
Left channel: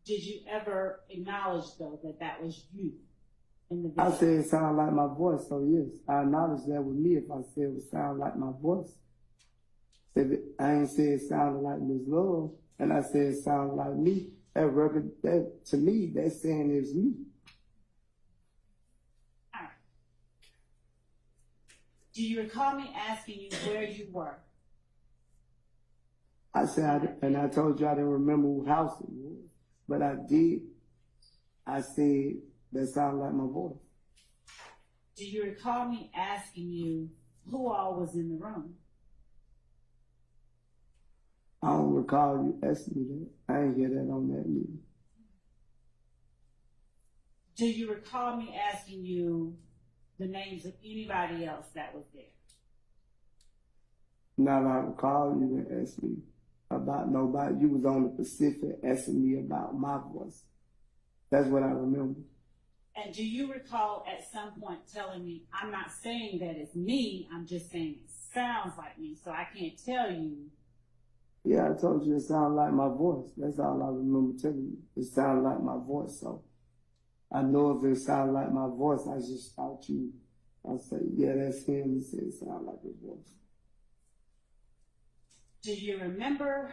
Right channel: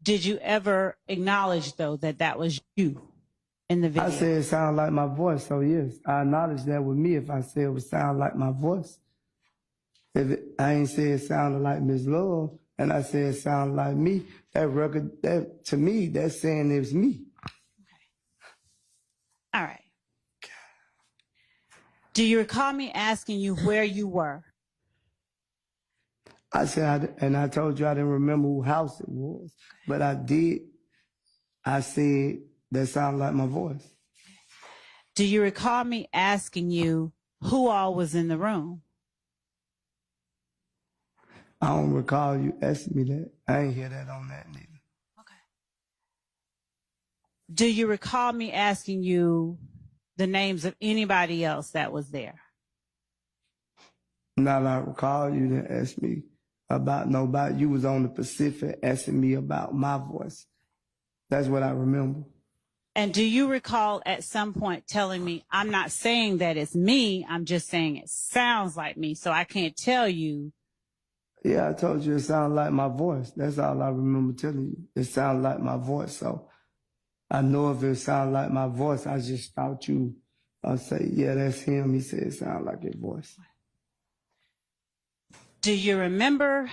did you ever acknowledge though that that was you in the video? I said it sounded like my voice, so yes, I acknowledge that with me if I said it would sound like my voice. I ain't say it sounded like Miss Love, and I said it sounded like me, that record, that to me, that's saying it was me. All right. Do you recall me asking you where you were? I said, and I told you I didn't remember whose house it was, but I did. I said that sounded like my voice. Do you recall me asking you who all was in the room? I don't recall you asking me that. I ain't hear that on that neither. Okay. Do you recall me asking you the names of anybody else that was there? Not I recall you didn't ask me about nobody. You was on the Pacific asking me about my voice. That's what I remember. And do you recall at some point telling me, I'm not saying that it's me, I'm just saying it sounds like me, so I can't tell you? Yeah, I told you it sounded like my voice. That's all I remember telling you. It sounded like my voice, so I know if it sounded like my voice, I just thought you say, yeah, that's him. He said it sounded like his voice. Do you remember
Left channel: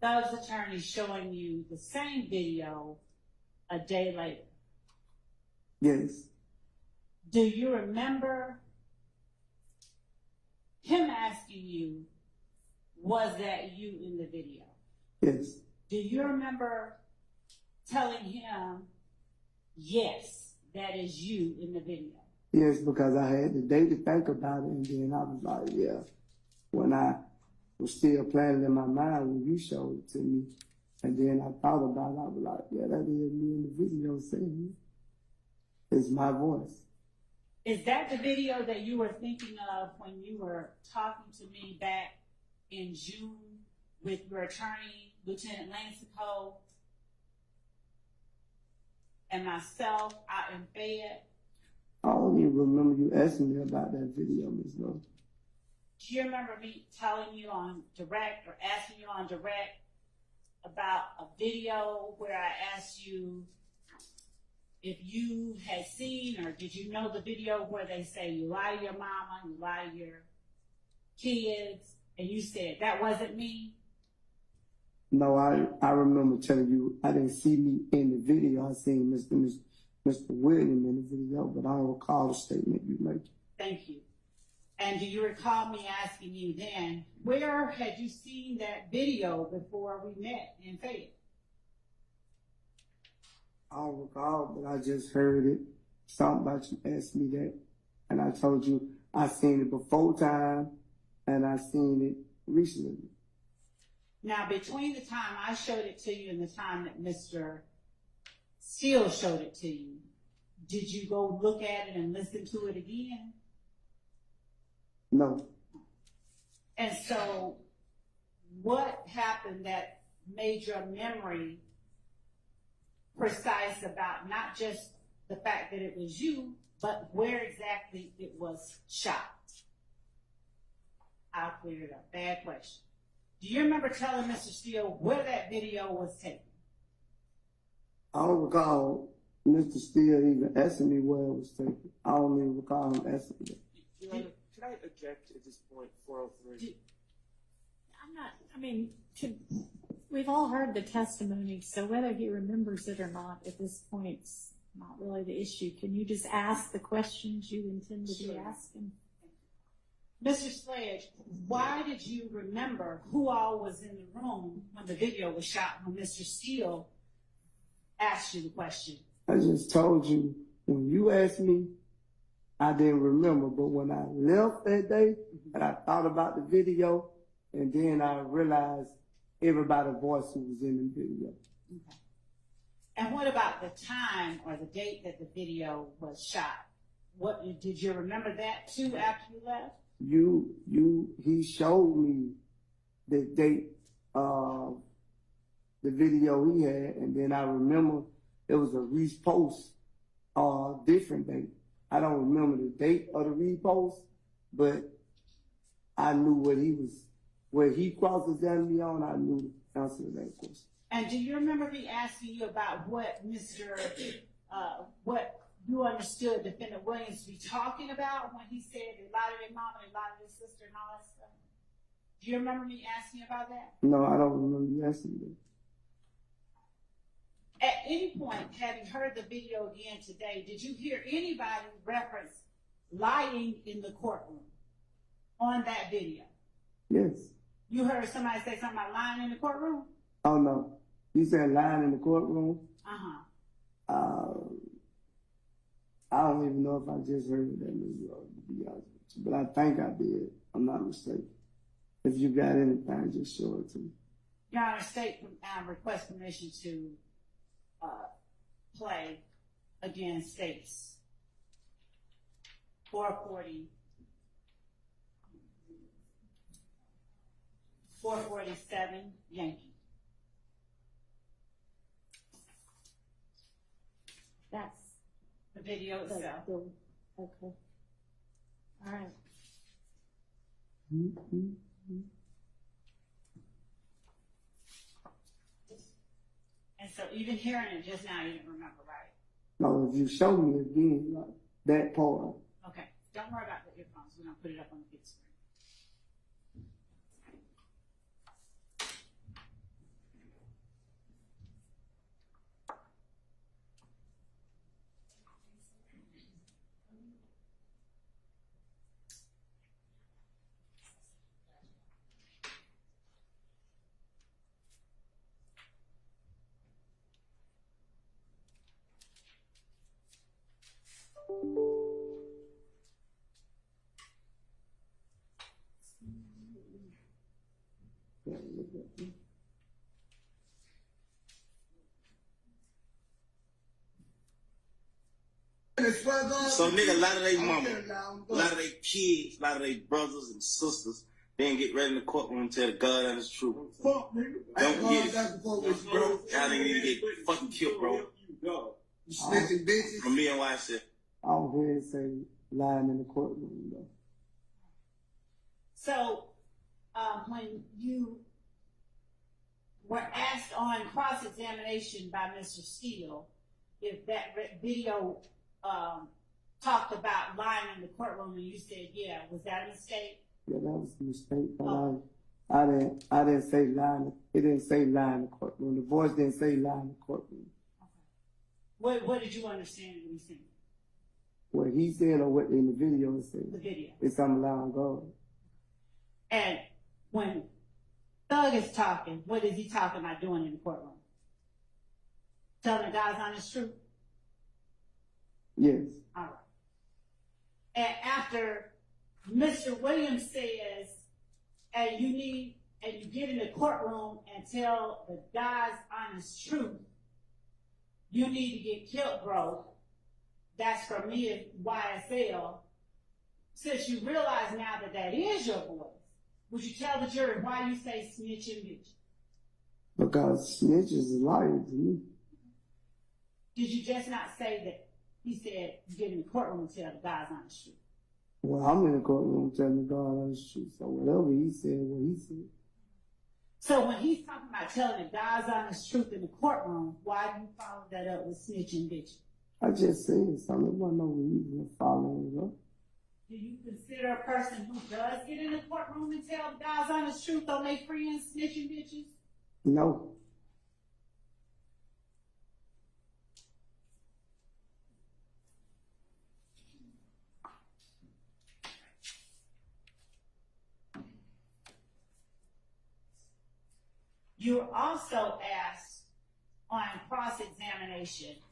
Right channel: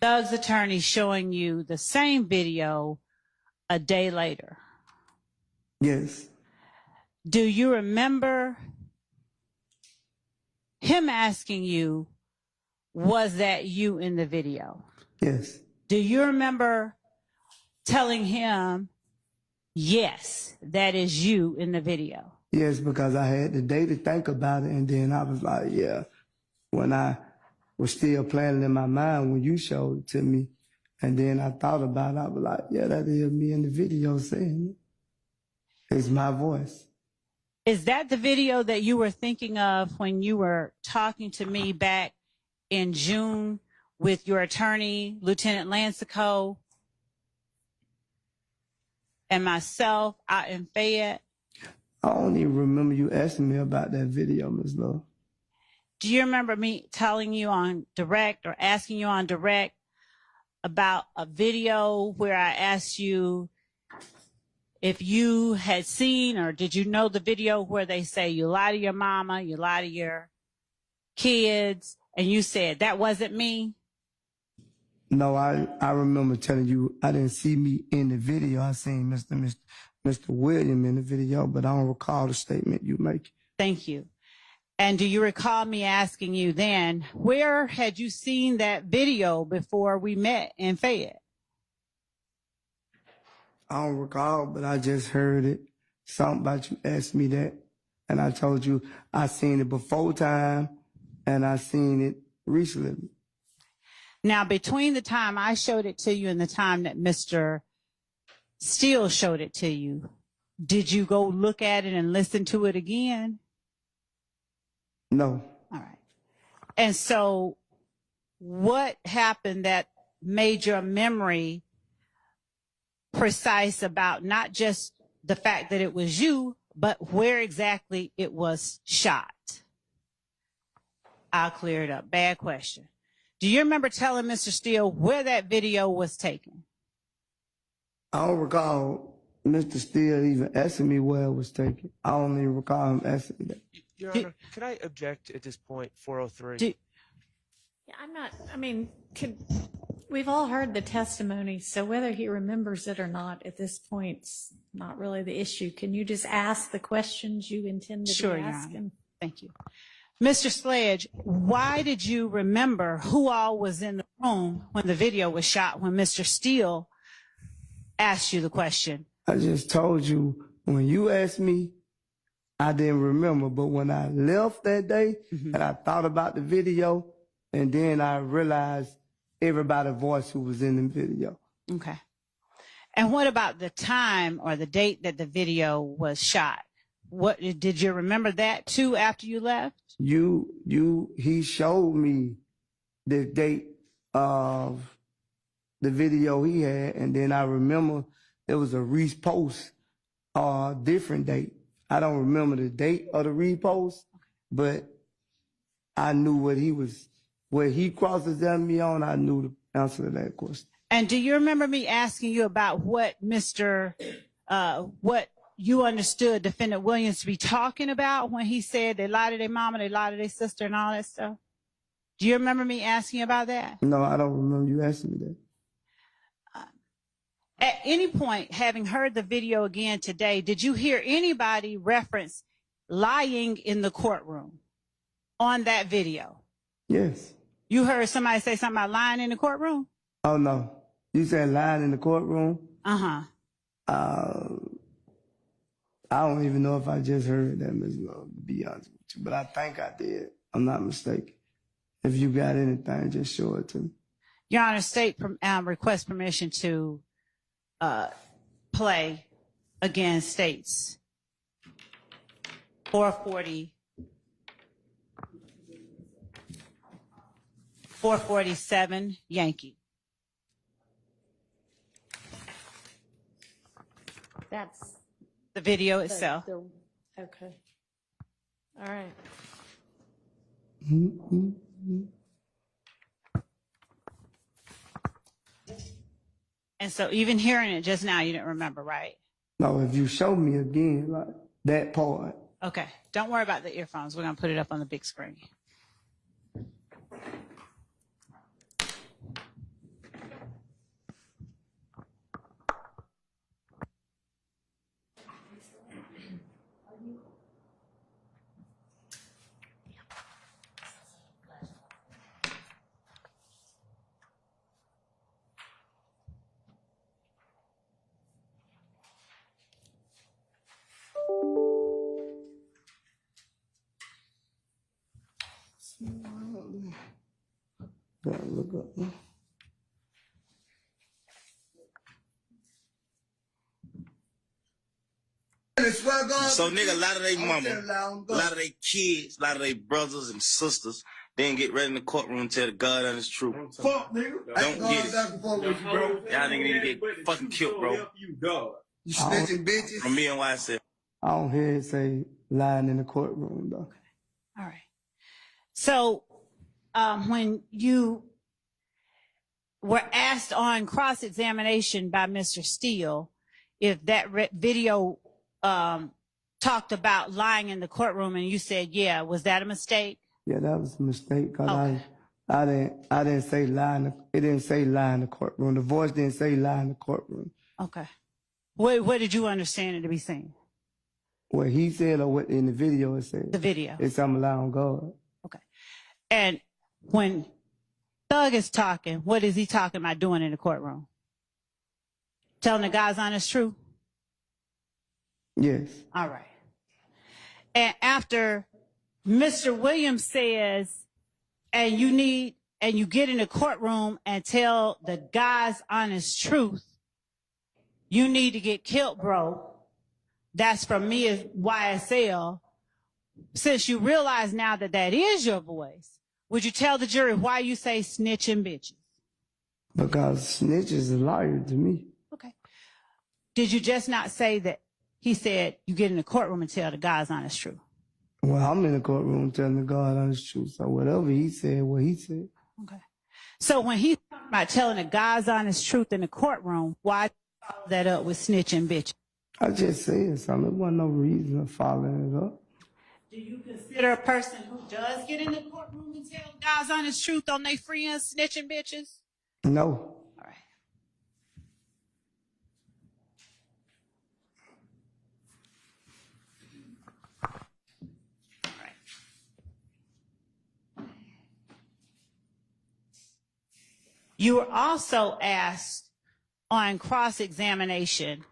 Doug's attorney showing you the same video a day later? Yes. Do you remember him asking you, was that you in the video? Yes. Do you remember telling him, yes, that is you in the video? Yes, because I had the day to think about it, and then I was like, yeah. When I was still planning in my mind when you showed it to me, and then I thought about it, I was like, yeah, that is me in the video saying it. It's my voice. Is that the video that you were thinking of when you were talking to me back in June with your attorney, Lieutenant Lansico, and myself out in Fayette? I don't even remember you asking me about that video, Ms. Love. Do you remember me telling you on direct or asking you on direct about a video where I asked you if you had seen, or did you know the video where they say you lie to your mama, you lie to your kids, and you said that wasn't me? No, I remember telling you I didn't see me in the video. I seen Mr. William in the video, but I don't recall the statement you make. Thank you. And do you recall me asking you then, where had you seen that video before we met in Fayette? I don't recall, but I just heard it. Something about you asked me that, and I told you I seen it before time, and I seen it recently. Now, between the time I showed it to you and the time that Mr. Steele showed it to you, did you go look at it and listen to it again? No. All right. And so what happened that made your memory precise about not just the fact that it was you, but where exactly it was shot? I'll clear it up. Bad question. Do you remember telling Mr. Steele where that video was taken? I don't recall Mr. Steele even asking me where it was taken. I don't even recall him asking me that. Your Honor, can I object at this point, 403? Yeah, we've all heard the testimony, so whether he remembers it or not at this point's not really the issue. Can you just ask the questions you intended Sure, to Your ask Honor. him? Thank you. Mr. Sledge, why did you remember who all was in the room when the video was shot, when Mr. Steele asked you the question? I just told you, when you asked me, I didn't remember. But when I left that day and I thought about the video, and then I realized everybody's voice who was in the video. Okay. And what about the time or the date that the video was shot? What did you remember that too after you left? He showed me the date of the video he had, and then I remember it was a repost, different date. I don't remember the date of the repost, but I knew where he cross-examined me on, I knew the answer to that question. And do you remember me asking you about what what you understood Defendant Williams to be talking about when he said they lied to their mama, they lied to their sister, and all that stuff? Do you remember me asking you about that? No, I don't remember you asking me that. At any point, having heard the video again today, did you hear anybody reference lying in the courtroom on that video? Yes. You heard somebody say something about lying in the courtroom? Oh, no. You said lying in the courtroom? Uh-huh. I don't even know if I just heard that, Ms. Love, to be honest with you. But I think I did. I'm not mistaken. If you got anything, just show it to me. Your Honor, state request permission to play against states 447 Yankee. That's The video itself. Okay. All right. And so even hearing it just now, you didn't remember, right? No, if you show me again, like that part. Okay. Don't worry about the earphones. We're going to put it up on the big screen. Gotta look up now. So nigga, a lot of they mama, a lot of they kids, a lot of they brothers and sisters, then get ready in the courtroom to tell the God honest truth. Fuck, nigga. Don't get it. Y'all nigga need to get fucking killed, bro. You snitching bitches. From me and YSF. I don't hear it say lying in the courtroom, though. All right. So when you were asked on cross-examination by Mr. Steele if that video talked about lying in the courtroom, and you said, yeah, was that a mistake? Yeah, that was a mistake, because Okay. I didn't say lie it didn't say lie in the courtroom. The voice didn't say lie in the courtroom. Okay. What did you understand it to be saying? What he said or what in the video it said. The video. It's I'm lie on God. Okay. And when Thug is talking, what is he talking about doing in the courtroom? Telling the God's honest truth? Yes. All right. And after Mr. Williams says, and you get in the courtroom and tell the God's honest truth, you need to get killed, bro. That's from me as YSL. Since you realize now that that is your voice, Would you tell the jury why you say snitching bitches? Because snitch is a liar to me. Okay. Did you just not say that he said you get in the courtroom and tell the God's honest truth? Well, I'm in the courtroom telling the God honest truth. So whatever he said, what he said. Okay. So when he's talking about telling the God's honest truth in the courtroom, why do you follow that up with snitching bitches? I just said something. There wasn't no reason of following it up. Do you consider a person who does get in the courtroom and tell God's honest truth on their friends snitching bitches? No. All right. All right. You were also asked on cross-examination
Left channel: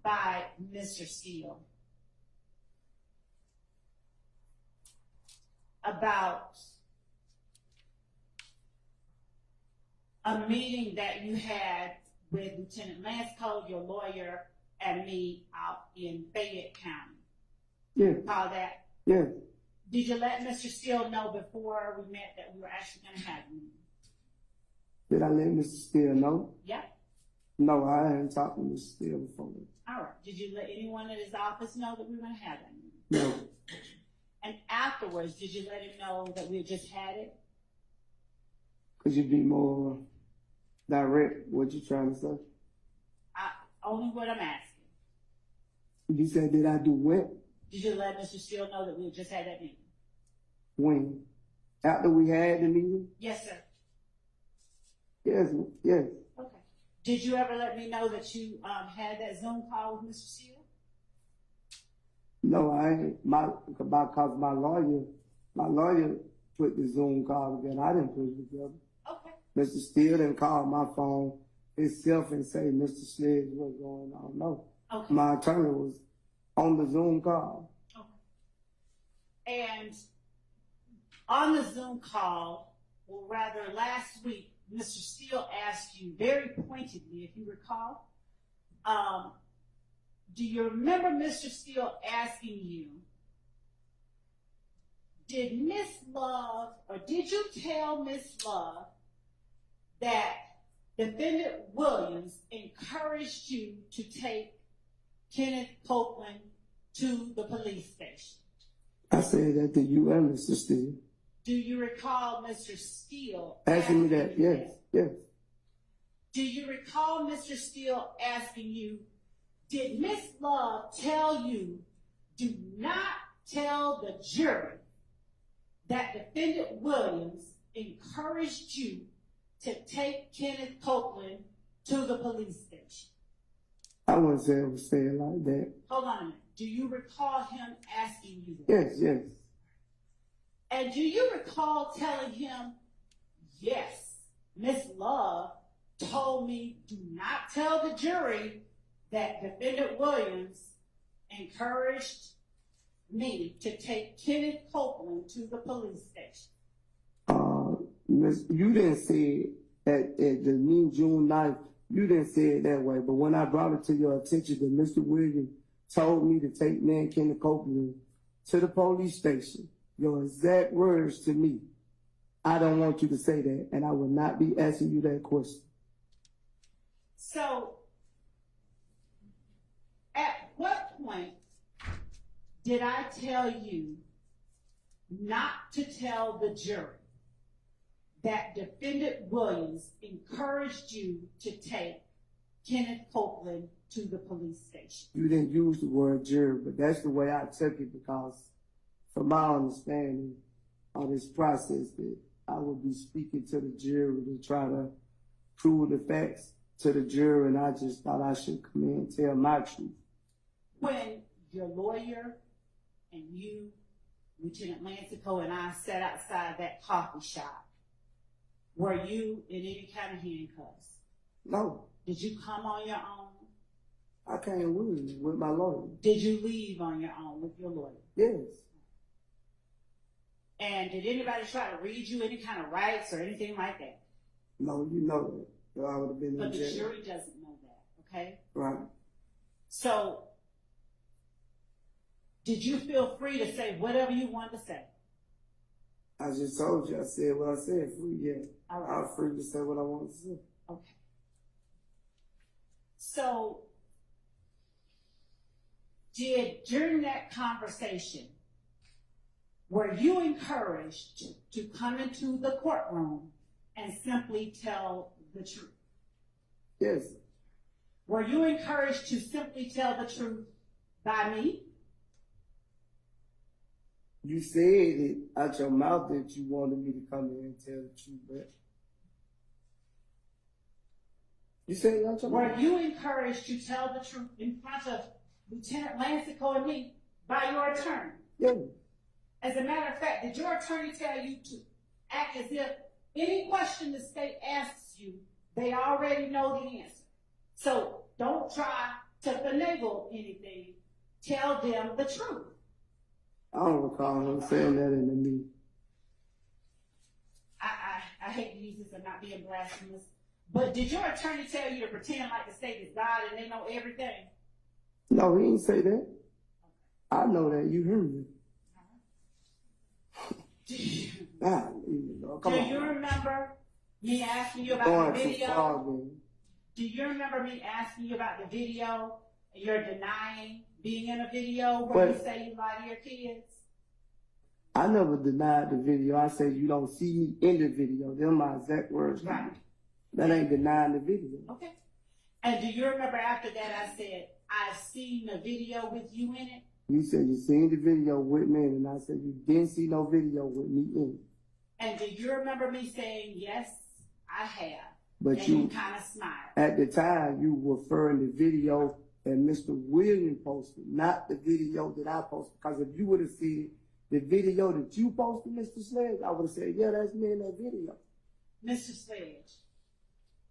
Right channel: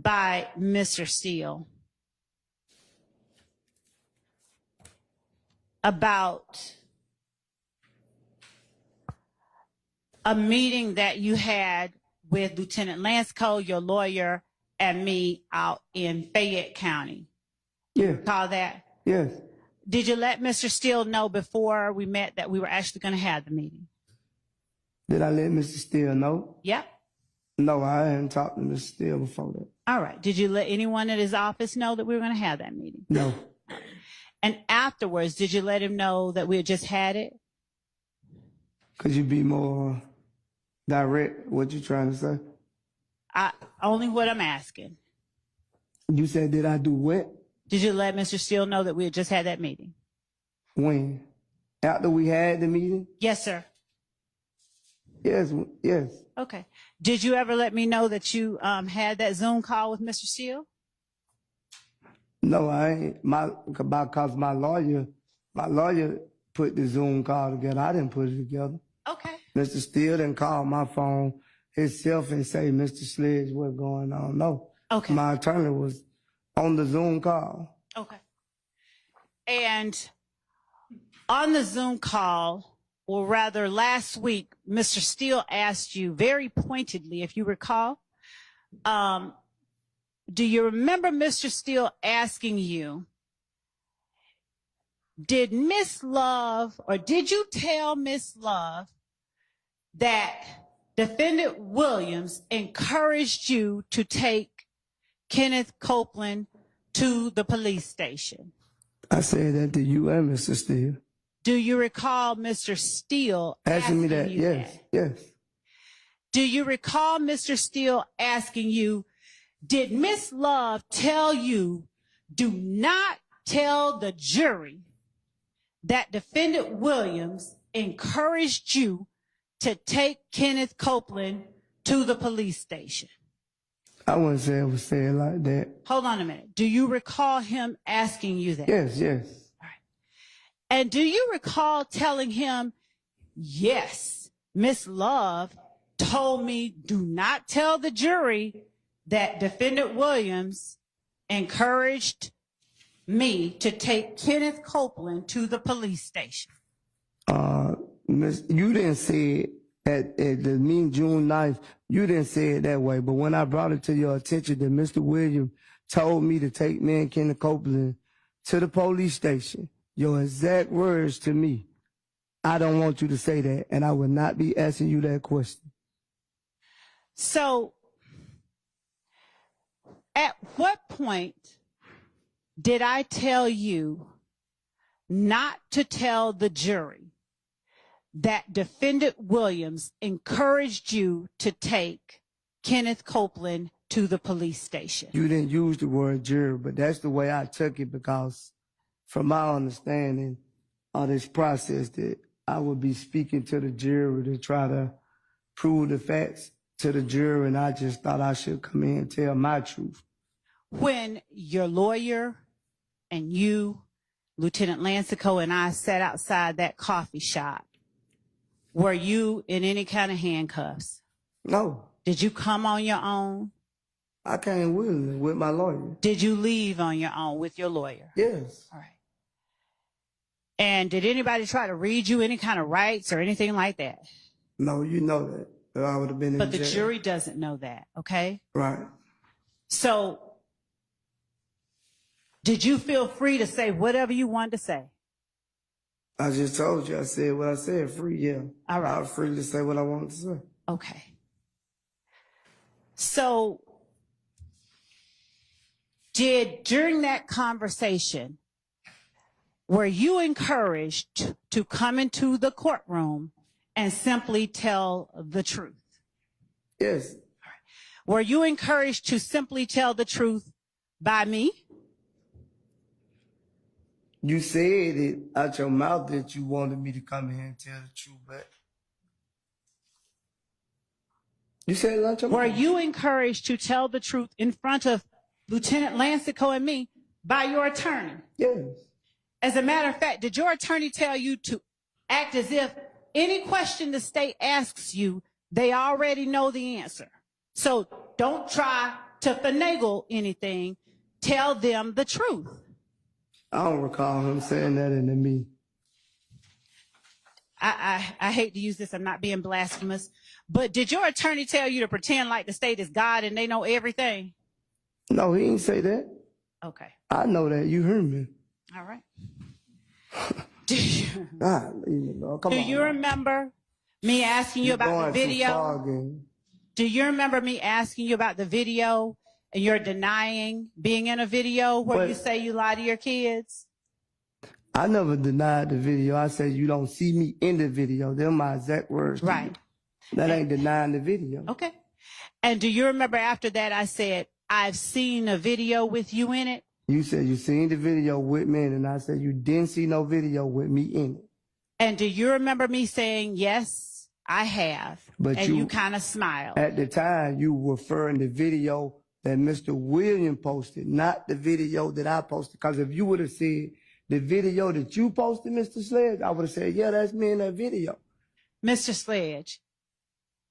by Mr. Steele about a meeting that you had with Lieutenant Lansco, your lawyer, and me out in Fayette County. Yeah. Call that? Yes. Did you let Mr. Steele know before we met that we were actually going to have the meeting? Did I let Mr. Steele know? Yeah. No, I hadn't talked to Mr. Steele before that. All right. Did you let anyone at his office know that we were going to have that meeting? No. And afterwards, did you let him know that we had just had it? Could you be more direct? What you trying to say? Only what I'm asking. You said, did I do what? Did you let Mr. Steele know that we had just had that meeting? When? After we had the meeting? Yes, sir. Yes, yes. Okay. Did you ever let me know that you had that Zoom call with Mr. Steele? No, I ain't. Because my lawyer put the Zoom call together. I didn't put it together. Okay. Mr. Steele didn't call my phone himself and say, Mr. Sledge, what's going on? No. Okay. My attorney was on the Zoom call. Okay. And on the Zoom call, or rather last week, Mr. Steele asked you very pointedly, if you recall, do you remember Mr. Steele asking you, did Miss Love, or did you tell Miss Love that Defendant Williams encouraged you to take Kenneth Copeland to the police station? I said that to you and Mr. Steele. Do you recall Mr. Steele asking me that? you Yes, yes. Do you recall Mr. Steele asking you, did Miss Love tell you, do not tell the jury that Defendant Williams encouraged you to take Kenneth Copeland to the police station? I wouldn't say it was said like that. Hold on a minute. Do you recall him asking you that? Yes, yes. All right. And do you recall telling him, yes, Miss Love told me do not tell the jury that Defendant Williams encouraged me to take Kenneth Copeland to the police station? You didn't say it at the meeting June 9th. You didn't say it that way. But when I brought it to your attention that Mr. Williams told me to take me and Kenneth Copeland to the police station, your exact words to me, I don't want you to say that, and I would not be asking you that question. So, at what point did I tell you not to tell the jury that Defendant Williams encouraged you to take Kenneth Copeland to the police station? You didn't use the word jury, but that's the way I took it, because from my understanding of this process that I would be speaking to the jury to try to prove the facts to the jury, and I just thought I should come in and tell my truth. When your lawyer and you, Lieutenant Lancico, and I sat outside that coffee shop, were you in any kind of handcuffs? No. Did you come on your own? I came willingly with my lawyer. Did you leave on your own with your lawyer? Yes. All right. And did anybody try to read you any kind of rights or anything like that? No, you know that. I would have been in jail. But the jury doesn't know that, okay? Right. So, did you feel free to say whatever you wanted to say? I just told you, I said what I said, free, yeah. All right. I was free to say what I wanted to say. Okay. So, during that conversation, were you encouraged to come into the courtroom and simply tell the truth? Yes. Were you encouraged to simply tell the truth by me? You said it out your mouth that you wanted me to come here and tell the truth, but you said it out your Were mouth. you encouraged to tell the truth in front of Lieutenant Lancico and me by your attorney? Yes. As a matter of fact, did your attorney tell you to act as if any question the state asks you, they already know the answer? So don't try to finagle anything. Tell them the truth. I don't recall him saying that into me. I hate to use this, I'm not being blasphemous, but did your attorney tell you to pretend like the state is God and they know everything? No, he didn't say that. Okay. I know that. You heard me. All right. Do you, Come do on. you remember me asking you You're about the going too video? far again. Do you remember me asking you about the video and you're denying being in a video where you say you lie to your kids? I never denied the video. I said you don't see me in the video. They're my exact words. to Right. you. That ain't denying the video. Okay. And do you remember after that I said, I've seen a video with you in it? You said you seen the video with me, and I said you didn't see no video with me in it. And do you remember me saying, yes, I have? But and you kind of smiled. At the time, you were referring to the video that Mr. William posted, not the video that I posted. Because if you would have said the video that you posted, Mr. Sledge, I would have said, yeah, that's me in that video. Mr. Sledge,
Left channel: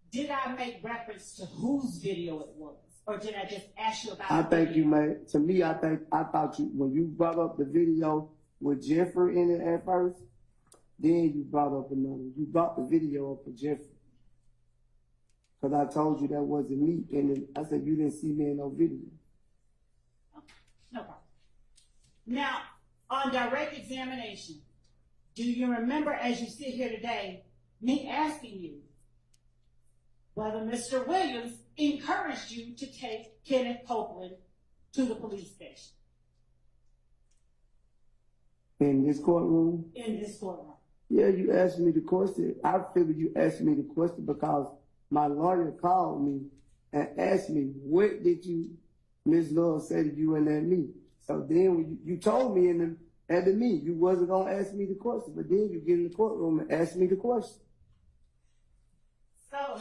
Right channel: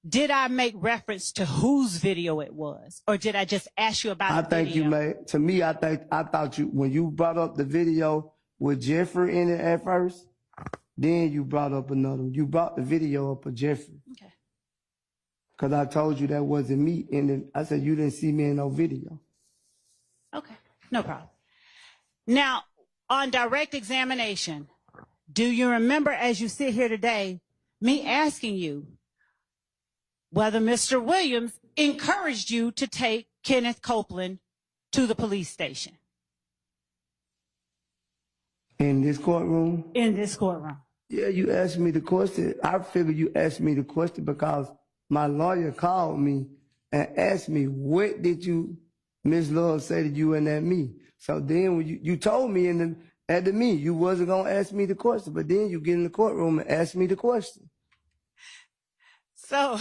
did I make reference to whose video it was? Or did I just ask you about I the think video? you made, to me, I thought you, when you brought up the video with Jeffrey in it at first, then you brought up another one. You brought the video up of Jeffrey. Okay. Because I told you that wasn't me in it. I said you didn't see me in no video. Okay, no problem. Now, on direct examination, do you remember as you sit here today, me asking you whether Mr. Williams encouraged you to take Kenneth Copeland to the police station? In this courtroom? In this courtroom. Yeah, you asked me the question. I figured you asked me the question because my lawyer called me and asked me, what did you, Miss Love, say to you and at me? So then when you told me at the meeting, you wasn't going to ask me the question, but then you get in the courtroom and ask me the question. So.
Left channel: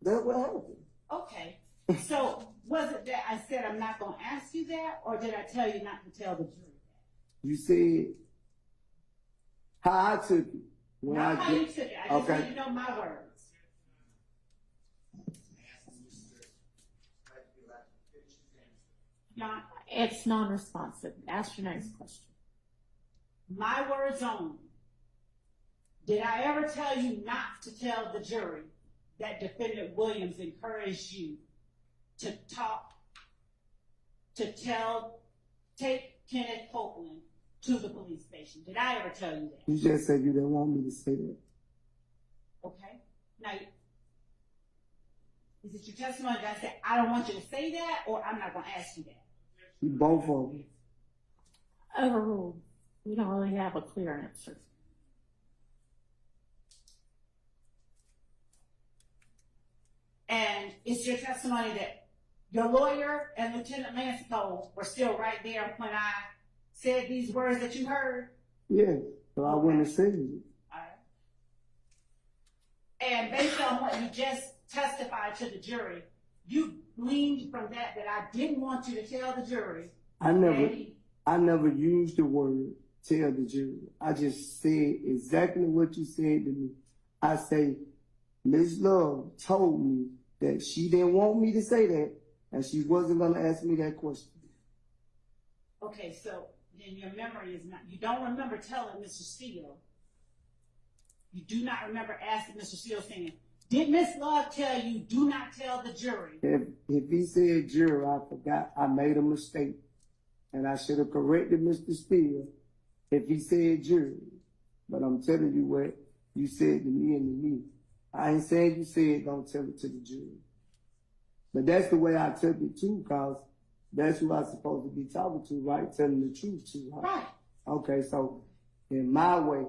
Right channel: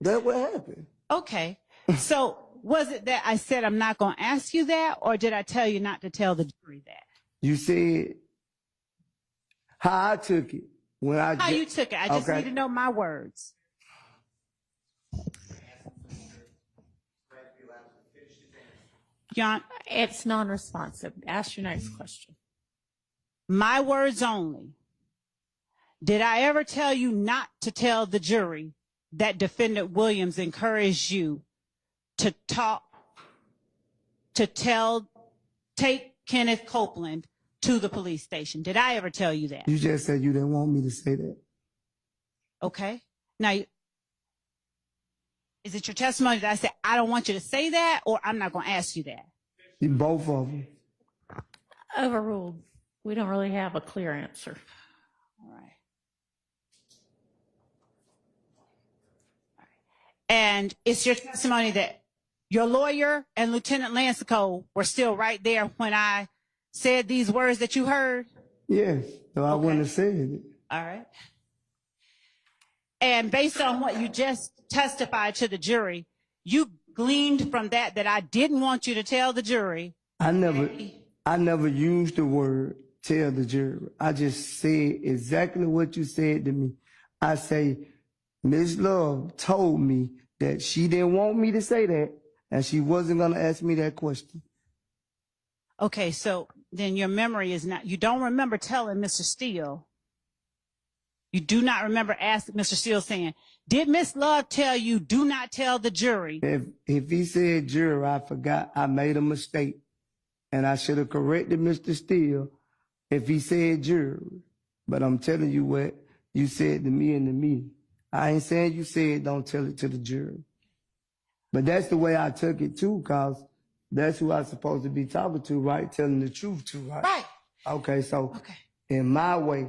That's what happened. Okay. So was it that I said I'm not going to ask you that, or did I tell you not to tell the jury that? You said how I took it. How you took it. I just need to know my words. John, It's non-responsive. Ask your next question. my words only. Did I ever tell you not to tell the jury that Defendant Williams encouraged you to take Kenneth Copeland to the police station? Did I ever tell you that? You just said you didn't want me to say that. Okay. Now, is it your testimony that I said, I don't want you to say that, or I'm not going to ask you that? Both of them. Overruled. We don't really have a clear answer. All right. And it's your testimony that your lawyer and Lieutenant Lancico were still right there when I said these words that you heard? Yes, so I wouldn't have said it. All right. And based on what you just testified to the jury, you gleaned from that I didn't want you to tell the jury. I never used the word tell the jury. I just said exactly what you said to me. I say, Miss Love told me that she didn't want me to say that, and she wasn't going to ask me that question. Okay, so then your memory is not, you don't remember telling Mr. Steele. You do not remember asking Mr. Steele saying, did Miss Love tell you do not tell the jury? If he said jury, I forgot I made a mistake. And I should have corrected Mr. Steele if he said jury. But I'm telling you what you said to me in the meeting. I ain't saying you said don't tell it to the jury. But that's the way I took it too, cause that's who I'm supposed to be talking to, right? Telling the truth to, right? Right. Okay, so in my way,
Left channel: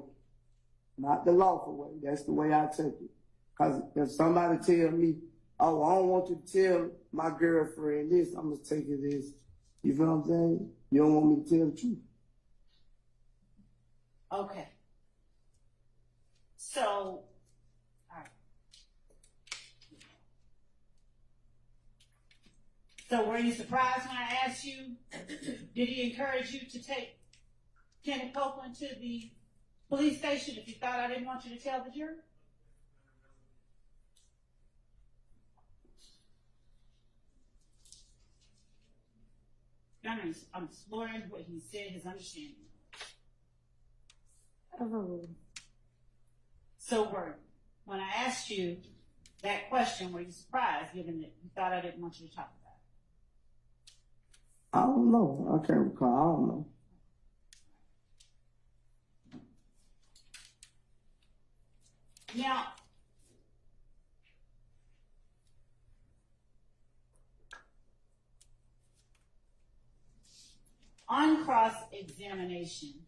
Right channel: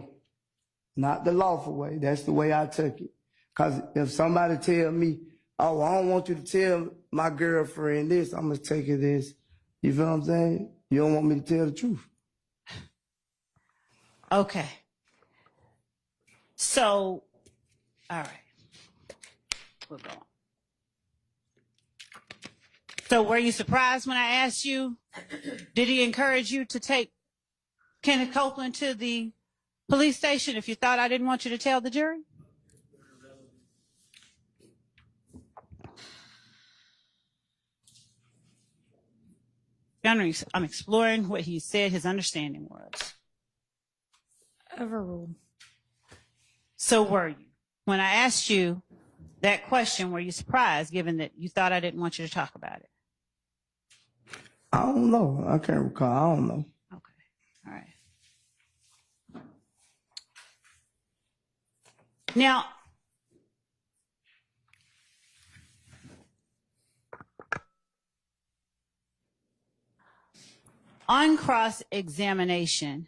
not the lawful way, that's the way I took it. Cause if somebody tell me, oh, I don't want you to tell my girlfriend this, I'm gonna take it this. You feel what I'm saying? You don't want me to tell the truth. Okay. So, all right. We'll go on. So were you surprised when I asked you, did he encourage you to take Kenneth Copeland to the police station if you thought I didn't want you to tell the jury? I'm exploring what he said his understanding was. Overruled. So were you? When I asked you that question, were you surprised given that you thought I didn't want you to talk about it? I don't know. I can't recall. I don't know. Okay. All right. Now, on cross-examination,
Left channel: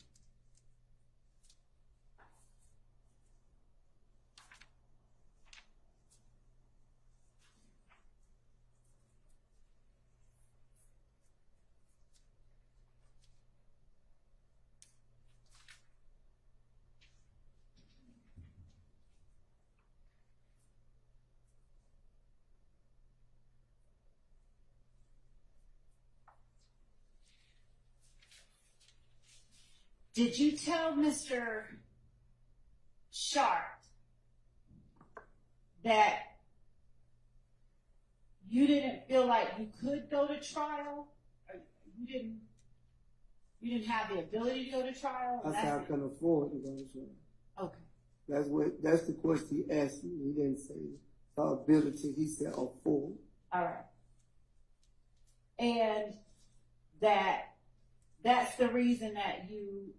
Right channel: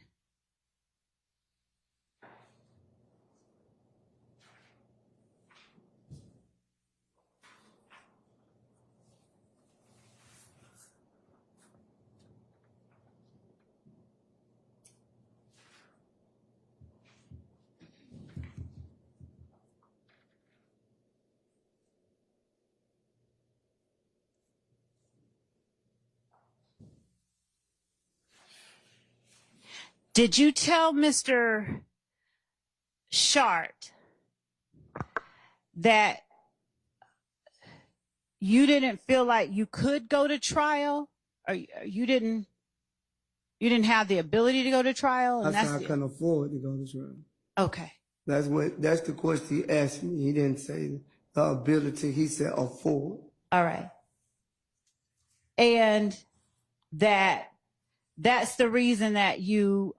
did you tell Mr. Shart that you didn't feel like you could go to trial, or you didn't have the ability to go to trial? And that's how I couldn't afford to go to trial. Okay. That's the question he asked me. He didn't say the ability. He said afford. All right. And that's the reason that you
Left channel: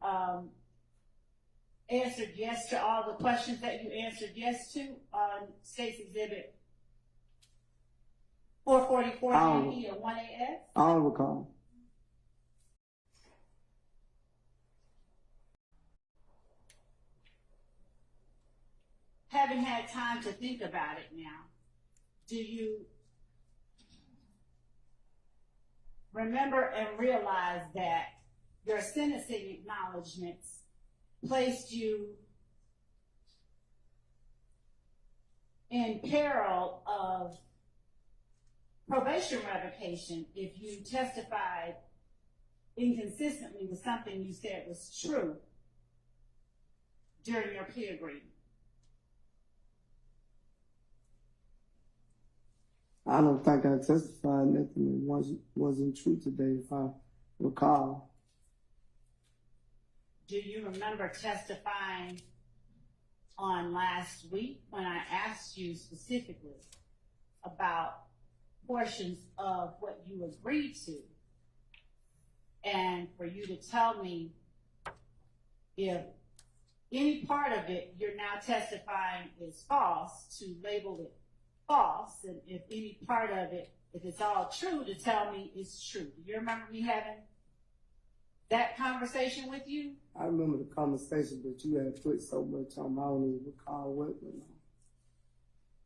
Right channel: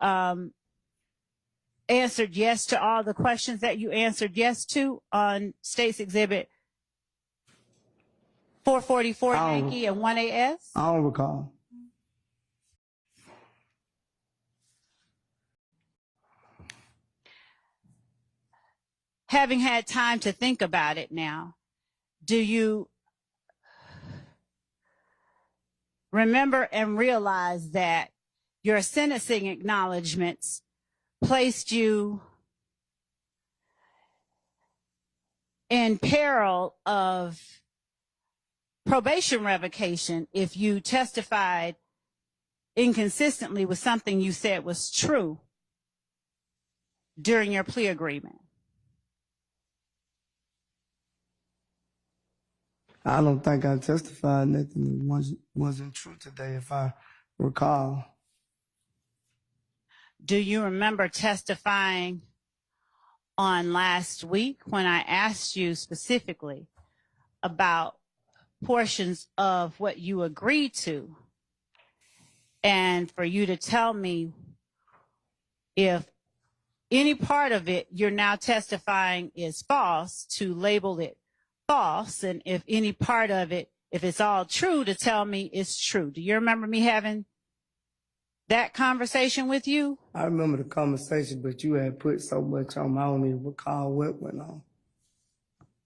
answered yes to all the questions that you answered yes to on State's Exhibit 444 Yankee and 1AS? I don't recall. Having had time to think about it now, do you remember and realize that your sentencing acknowledgments placed you in peril of probation revocation if you testified inconsistently with something you said was true during your plea agreement? I don't think I testified nothing that wasn't true today, if I recall. Do you remember testifying on last week when I asked you specifically about portions of what you agreed to, and for you to tell me if any part of it you're now testifying is false, to label it false, and if any part of it, if it's all true, to tell me it's true? Do you remember me having that conversation with you? I remember the conversation, but you had put so much on, I don't even recall what went on.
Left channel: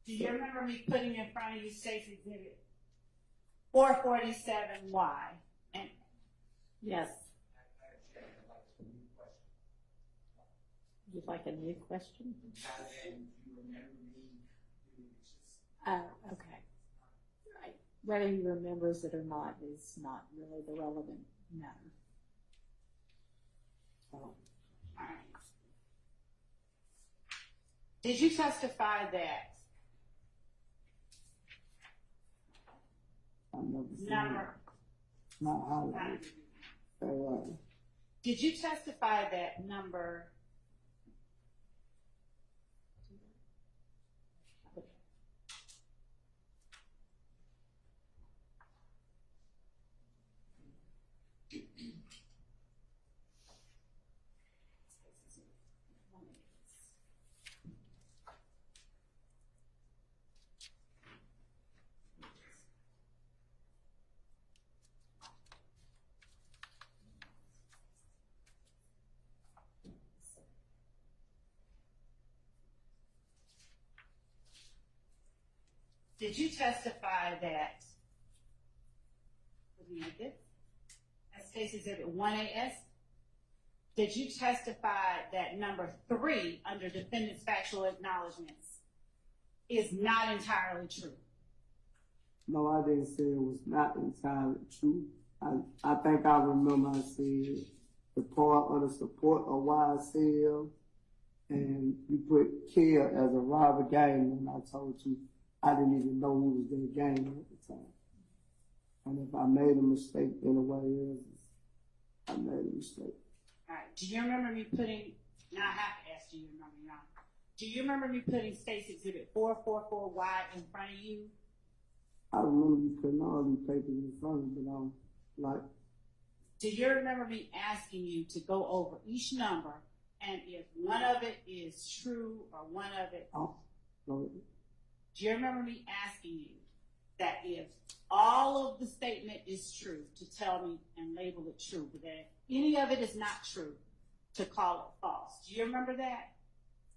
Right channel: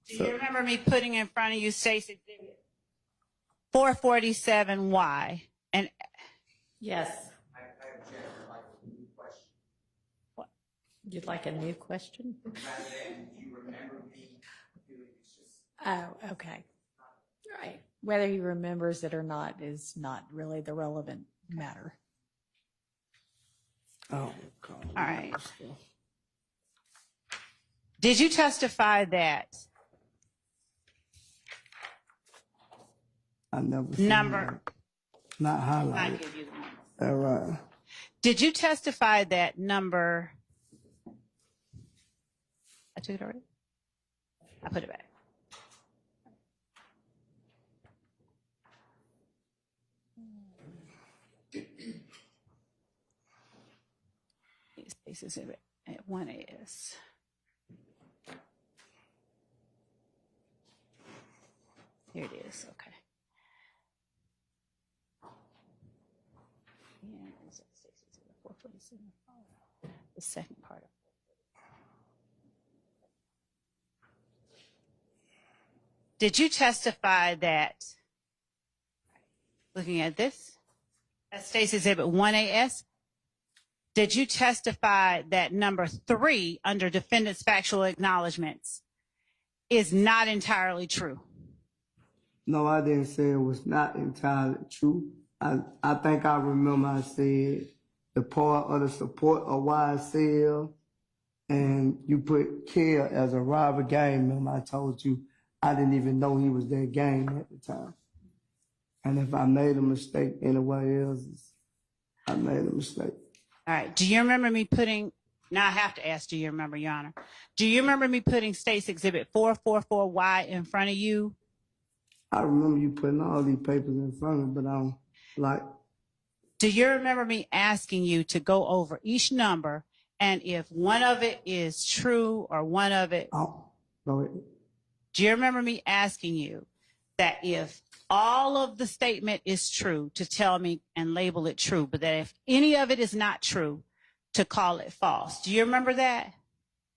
Do you remember me putting in front of you State's Exhibit 447Y? And yes. What? You'd like a new question? Oh, okay. Right. Whether he remembers it or not is not really the relevant matter. Oh, God. All right. Did you testify that I never seen number? that. Not I'll highlighted. give you the number. All right. Did you testify that number? I took it already. I put it back. State's Exhibit at 1AS. Here it is, okay. The second part of it. Did you testify that, looking at this, at State's Exhibit 1AS, did you testify that number 3 under defendant's factual acknowledgments is not entirely true? No, I didn't say it was not entirely true. I think I remember I said the part of the support of YSL, and you put Care as a rival gang member. I told you I didn't even know he was that gang at the time. And if I made a mistake anywhere else, I made a mistake. All right. Do you remember me putting, now I have to ask, do you remember, Your Honor? Do you remember me putting State's Exhibit 444Y in front of you? I remember you putting all these papers in front of me, but I don't like. Do you remember me asking you to go over each number, and if one of it is true or one of it? Oh, no. Do you remember me asking you that if all of the statement is true, to tell me and label it true, but that if any of it is not true, to call it false? Do you remember that?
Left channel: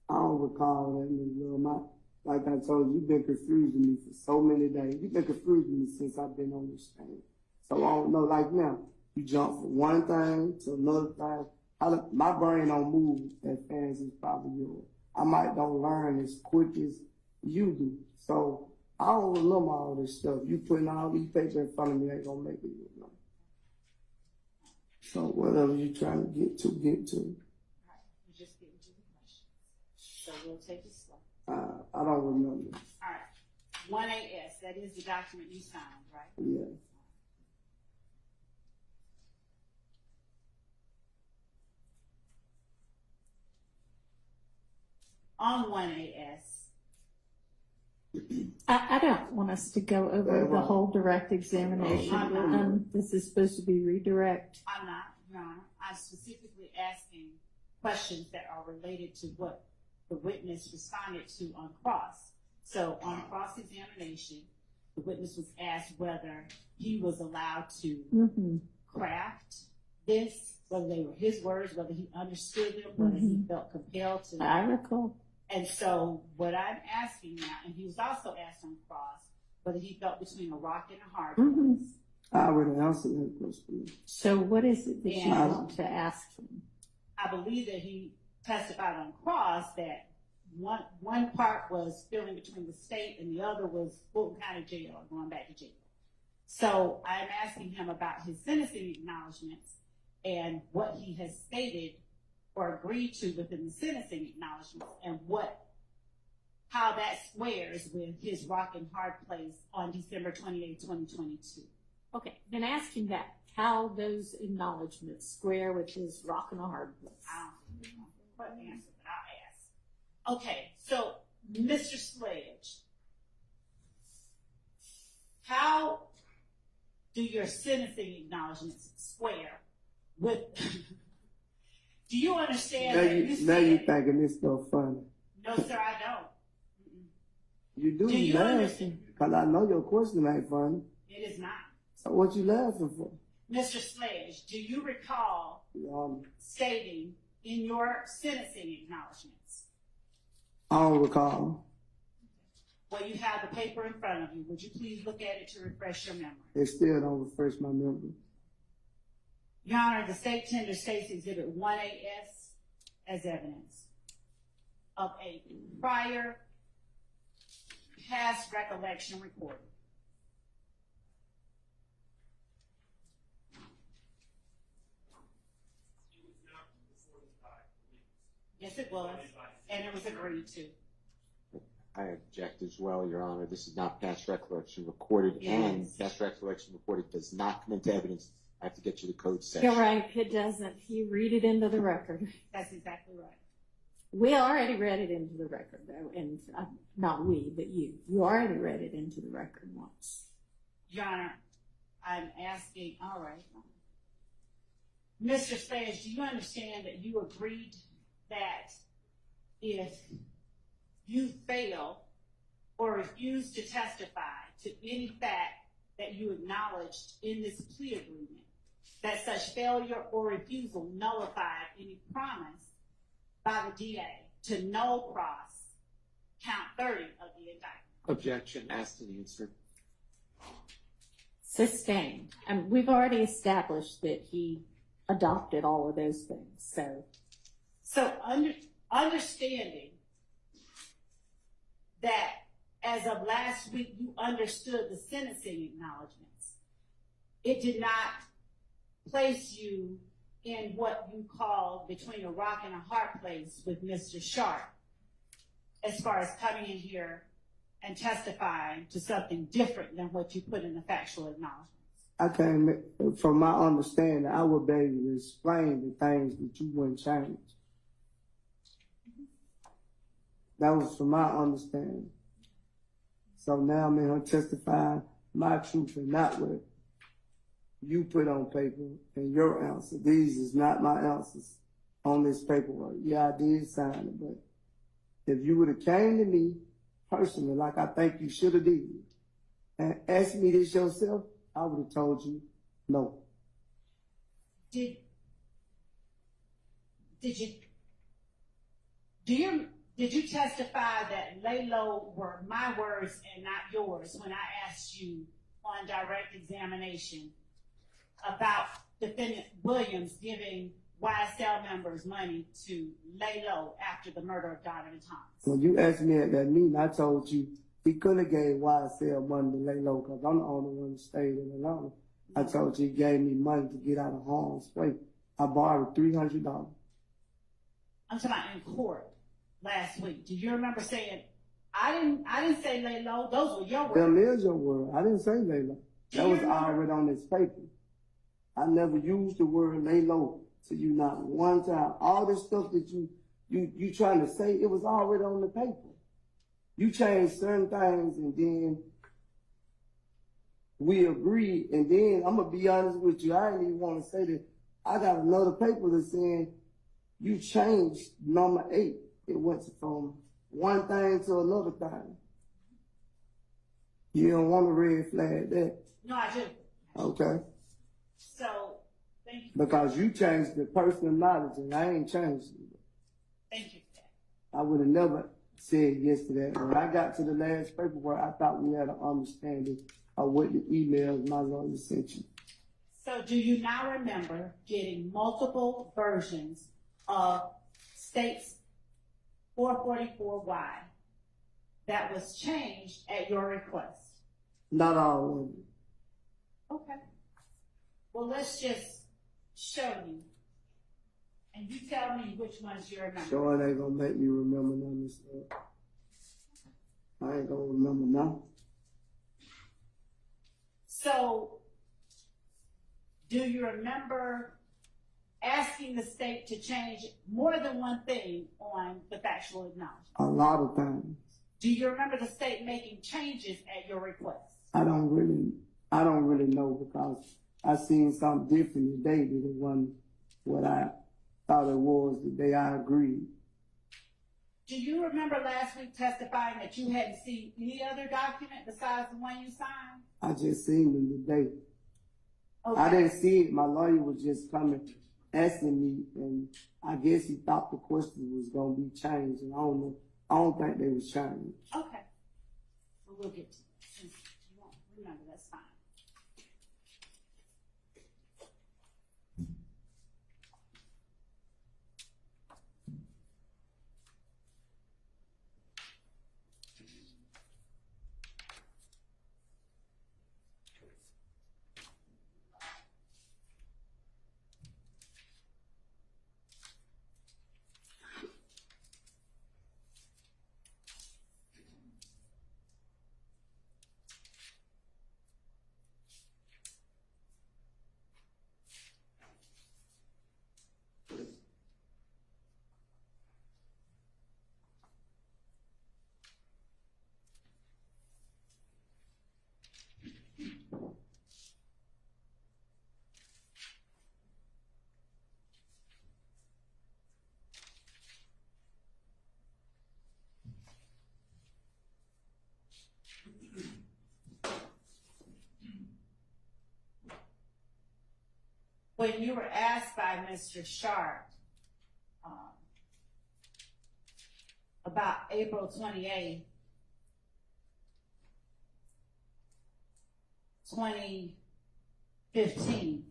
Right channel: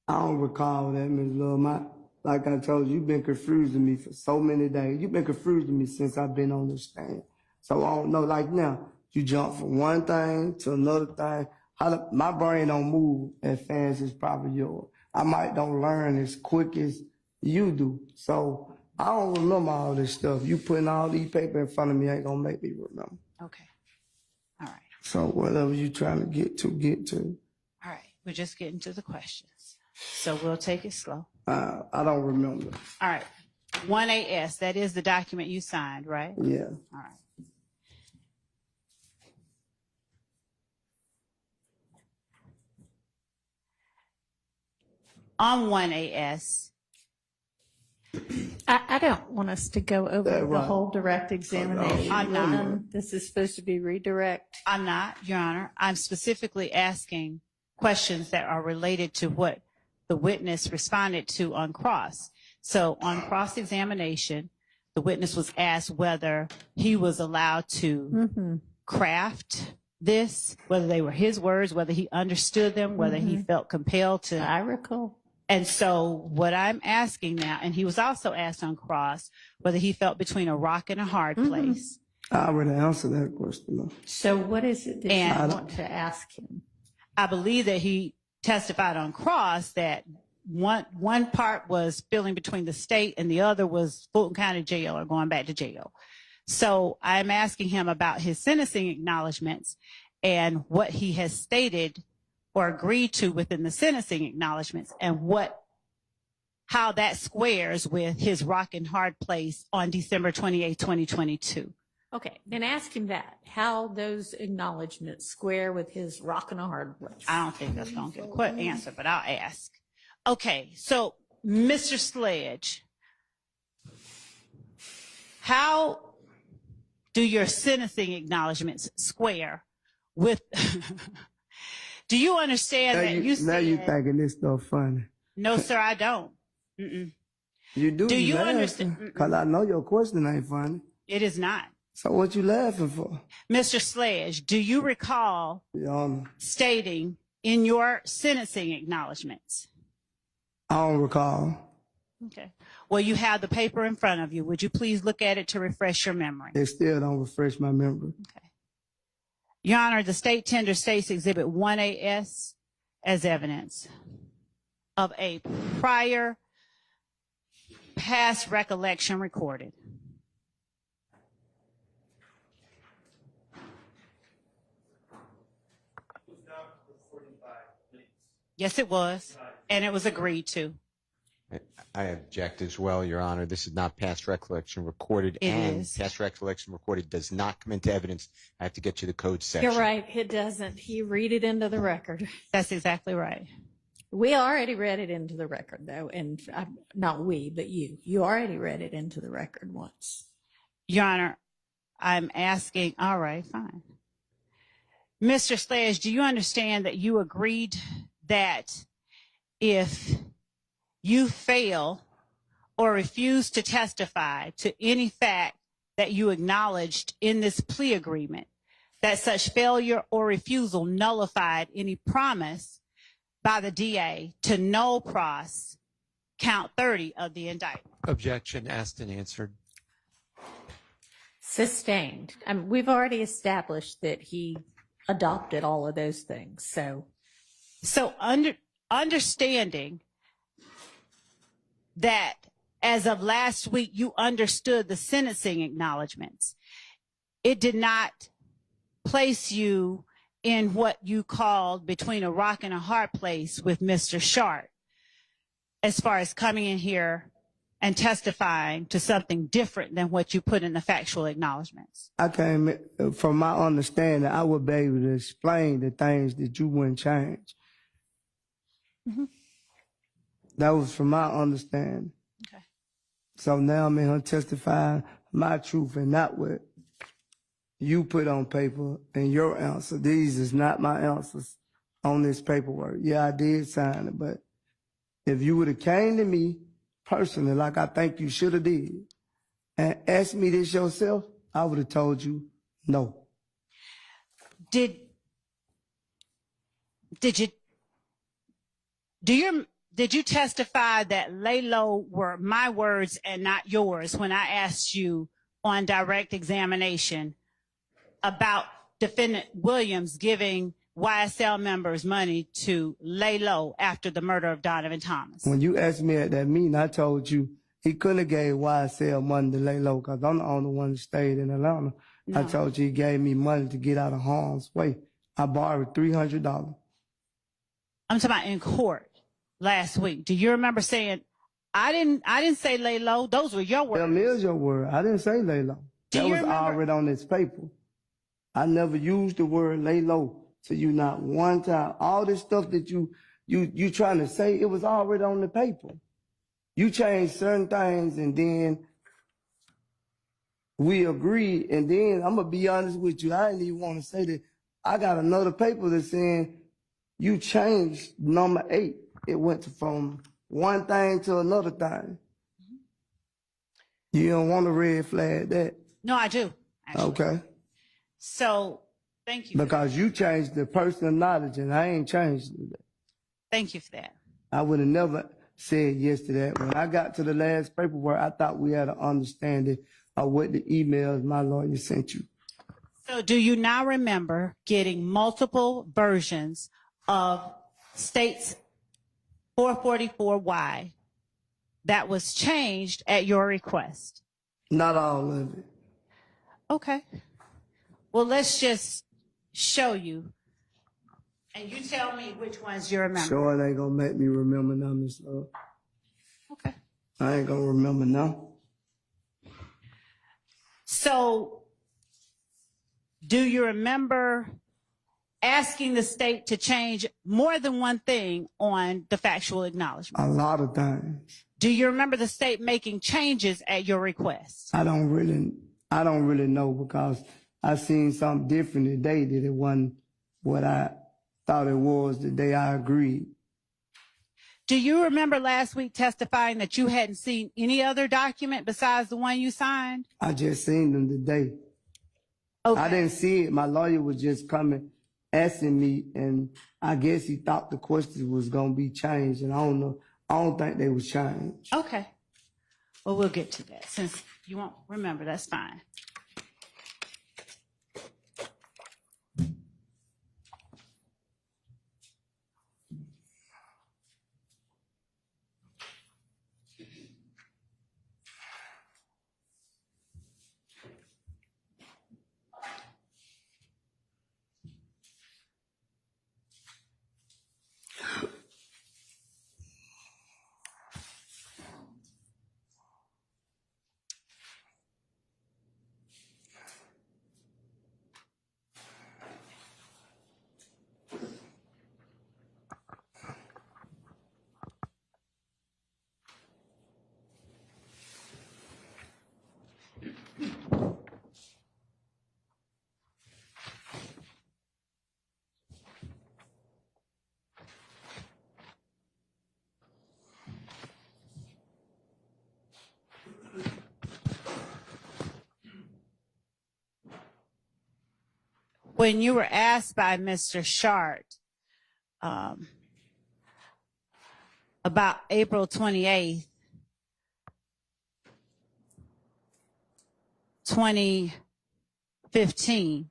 I don't recall that, Ms. Love. Like I told you, you've been confusing me for so many days. You've been confusing me since I've been on this stand. So I don't know, like now, you jump from one thing to another thing. My brain don't move as fast as probably yours. I might don't learn as quick as you do. So I don't remember all this stuff. You putting all these papers in front of me ain't gonna make me remember. Okay. All right. So whatever you trying to get to, get to. All right. We're just getting to the questions. So we'll take it slow. I don't remember. All right. 1AS, that is the document you signed, right? Yeah. All right. On 1AS. I don't want us to go over the whole direct examination. I'm not. This is supposed to be redirect. I'm not, Your Honor. I'm specifically asking questions that are related to what the witness responded to on cross. So on cross-examination, the witness was asked whether he was allowed to craft this, whether they were his words, whether he understood them, whether he felt compelled to. I recall. And so what I'm asking now, and he was also asked on cross whether he felt between a rock and a hard place. I already answered that question. So what is it that you want to ask him? I believe that he testified on cross that one part was feeling between the state and the other was Fulton County Jail or going back to jail. So I'm asking him about his sentencing acknowledgments and what he has stated or agreed to within the sentencing acknowledgments and how that squares with his rock and hard place on December 28, 2022. Okay, then ask him that, how those acknowledgments square with his rock and a hard place. I don't think that's going to get a quick answer, but I'll ask. Okay, so Mr. Sledge, how do your sentencing acknowledgments square with... Do you understand that you said... Now you thinking this stuff funny. No, sir, I don't. Mm-mm. You do. Do you understand? Because I know your question ain't funny. It is not. So what you laughing for? Mr. Sledge, do you recall stating in your sentencing acknowledgments? I don't recall. Okay. Well, you have the paper in front of you. Would you please look at it to refresh your memory? It still don't refresh my memory. Okay. Your Honor, the state tender states Exhibit 1AS as evidence of a prior past recollection recorded. Yes, it was, and it was agreed to. I object as well, Your Honor. This is not past recollection recorded, past recollection recorded does not come into evidence. I have to get you the code section. You're right, it doesn't. He read it into the record. That's exactly right. We already read it into the record, though, and not we, but you. You already read it into the record once. Your Honor, I'm asking, all right, fine. Mr. Sledge, do you understand that you agreed that if you fail or refuse to testify to any fact that you acknowledged in this plea agreement, that such failure or refusal nullified any promise by the DA to null pros count 30 of the indictment? Objection asked and answered. Sustained. We've already established that he adopted all of those things. So understanding that as of last week, you understood the sentencing acknowledgments, it did not place you in what you called between a rock and a hard place with Mr. Sharp, as far as coming in here and testifying to something different than what you put in the factual acknowledgments. I came, from my understanding, I would be able to explain the things that you wouldn't change. Mm-hmm. That was from my understanding. Okay. So now I'm in here testifying my truth and not what you put on paper and your answer. These is not my answers on this paperwork. Yeah, I did sign it, but if you would have came to me personally, like I think you should have did, and asked me this yourself, I would have told you no. Did you testify that lay low were my words and not yours when I asked you on direct examination about defendant Williams giving YSL members money to lay low after the murder of Donovan Thomas? When you asked me at that meeting, I told you he couldn't have gave YSL money to lay low because I'm the only one that stayed in Atlanta. No. I told you he gave me money to get out of harm's way. I borrowed $300. I'm talking about in court last week. Do you remember saying, I didn't say lay low, those were your words? Them is your word. I didn't say lay low. Do That you was remember? already on this paper. I never used the word lay low to you not one time. All this stuff that you trying to say, it was already on the paper. You changed certain things and then we agreed, and then I'm gonna be honest with you, I didn't even want to say that. I got another paper that's saying you changed number 8. It went from one thing to another thing. You don't want to red flag that. No, I do, actually. Okay. So, thank you. Because you changed the personal knowledge and I ain't changed it. Thank you for that. I would have never said yes to that. When I got to the last paperwork, I thought we had an understanding of what the emails my lawyer sent you. So do you now remember getting multiple versions of states 444Y that was changed at your request? Not all of it. Okay. Well, let's just show you, and you tell me which ones you remember. Sure, it ain't gonna make me remember none of this stuff. Okay. I ain't gonna remember none. So, do you remember asking the state to change more than one thing on the factual acknowledgement? A lot of things. Do you remember the state making changes at your request? I don't really know because I seen something different today that it wasn't what I thought it was the day I agreed. Do you remember last week testifying that you hadn't seen any other document besides the one you signed? I just seen them today. Okay. I didn't see it. My lawyer was just coming, asking me, and I guess he thought the question was gonna be changed, and I don't know. I don't think they was changed. Okay. Well, we'll get to that. Since you won't remember, that's fine. when you were asked by Mr. Shart about April 28th, 2015,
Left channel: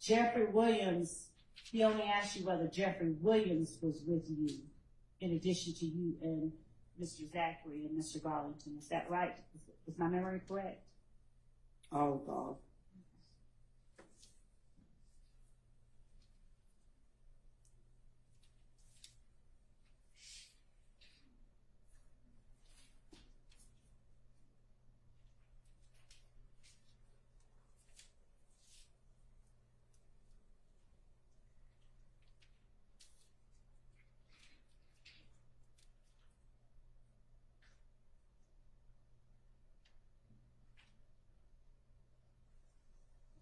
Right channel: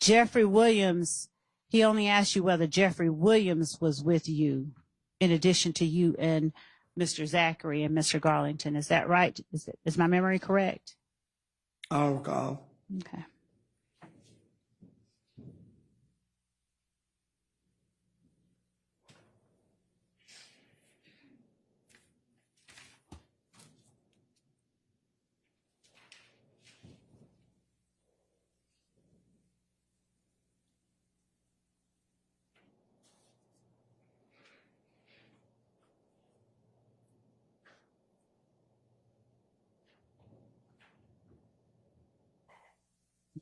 Jeffrey Williams, he only asked you whether Jeffrey Williams was with you in addition to you and Mr. Zachary and Mr. Garlington. Is that right? Is my memory correct? I don't recall. Okay.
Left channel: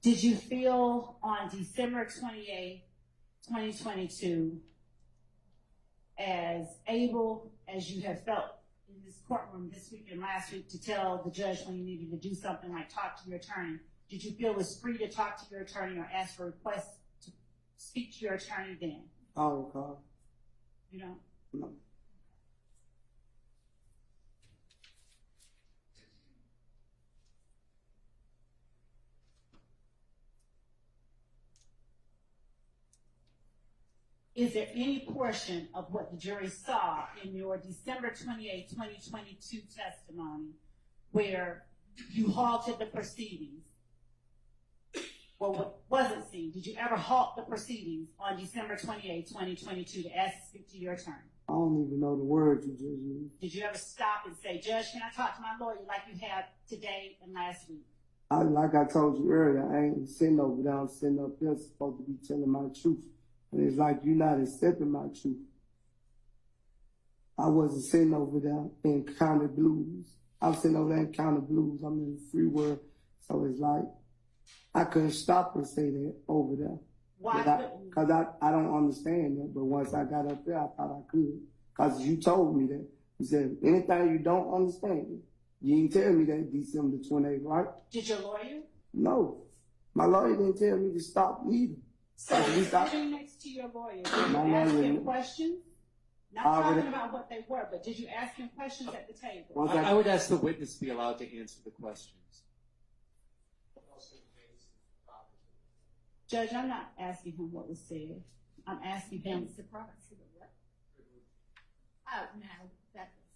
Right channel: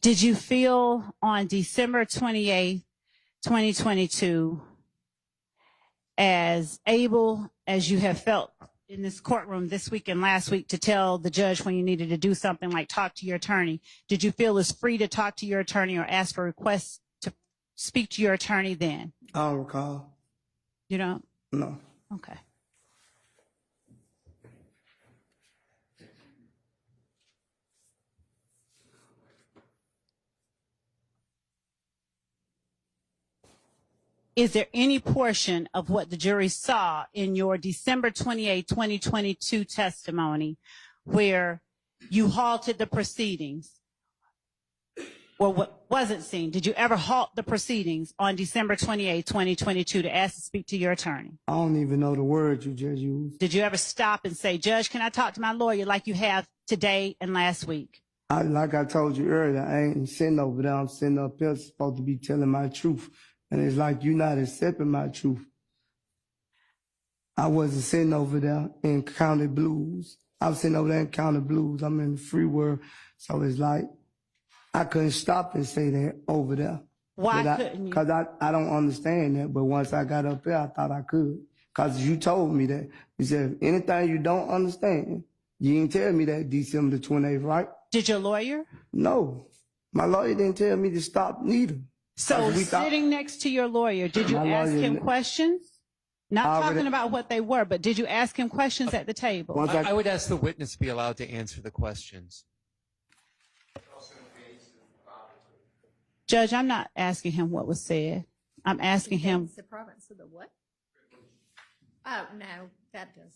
Did you feel on December 28th, 2022, as able as you have felt in this courtroom this week and last week to tell the judge when you needed to do something like talk to your attorney? Did you feel as free to talk to your attorney or ask for requests to speak to your attorney then? I don't recall. You don't? No. Okay. Is there any portion of what the jury saw in your December 28, 2022 testimony where you halted the proceedings or what wasn't seen? Did you ever halt the proceedings on December 28, 2022 to ask to speak to your attorney? I don't even know the word you just used. Did you ever stop and say, Judge, can I talk to my lawyer like you have today and last week? Like I told you earlier, I ain't sitting over there. I'm sitting up here supposed to be telling my truth. And it's like you're not accepting my truth. I wasn't sitting over there in County Blues. I was sitting over there in County Blues. I'm in the free world. So it's like I couldn't stop and say that over there. Why couldn't you? Because I don't understand that. But once I got up there, I thought I could. Because you told me that. You said, anything you don't understand, you didn't tell me that December the 28th, right? Did your lawyer? No. My lawyer didn't tell me to stop neither. So sitting next to your lawyer, did you ask him questions? Not talking about what they were, but did you ask him questions at the table? I would ask the witness to be allowed to answer the questions. Judge, I'm not asking him what was said. I'm asking him. The province of the what? Oh, no, that doesn't.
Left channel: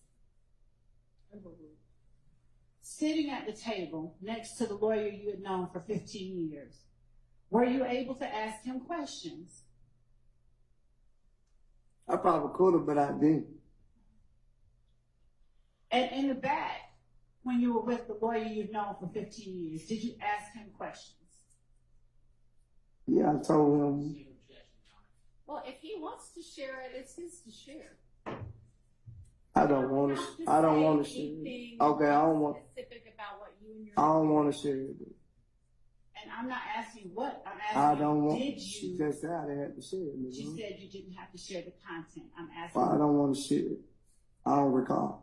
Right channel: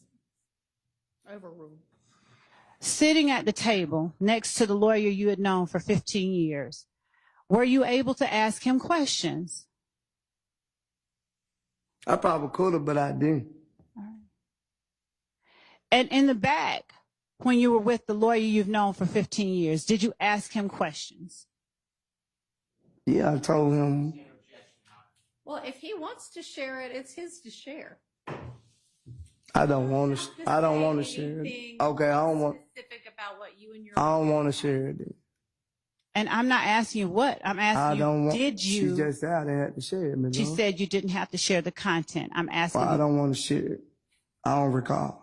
Overruled. Sitting at the table next to the lawyer you had known for 15 years, were you able to ask him questions? I probably could have, but I didn't. All right. And in the back, when you were with the lawyer you've known for 15 years, did you ask him questions? Yeah, I told him. Well, if he wants to share it, it's his to share. I don't want to. I don't want to share it. Okay, I don't want. Specific about what you and your. I don't want to share it. And I'm not asking you what. I'm asking you, did you? She just said I had to share it. She said you didn't have to share the content. I'm asking you. I don't want to share it. I don't recall.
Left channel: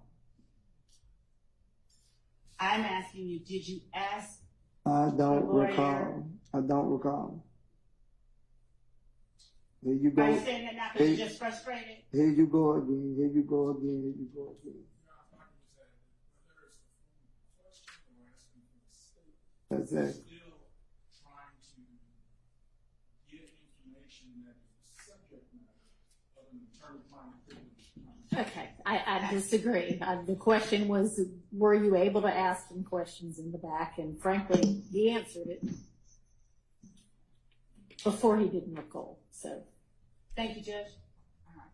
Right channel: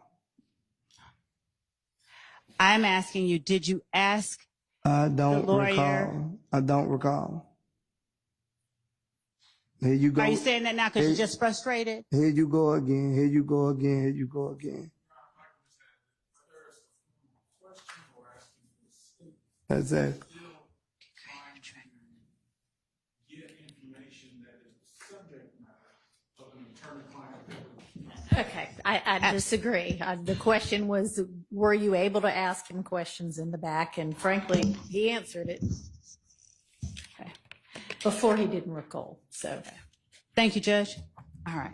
I'm asking you, did you ask I don't the lawyer? Recall. I don't recall. Here you go. Are you saying that now because you're just frustrated? Here you go again. Here you go again. Here you go again. That's it. Okay, I disagree. The question was, were you able to ask him questions in the back? And frankly, he answered it before he didn't recall. So, thank you, Judge. All right.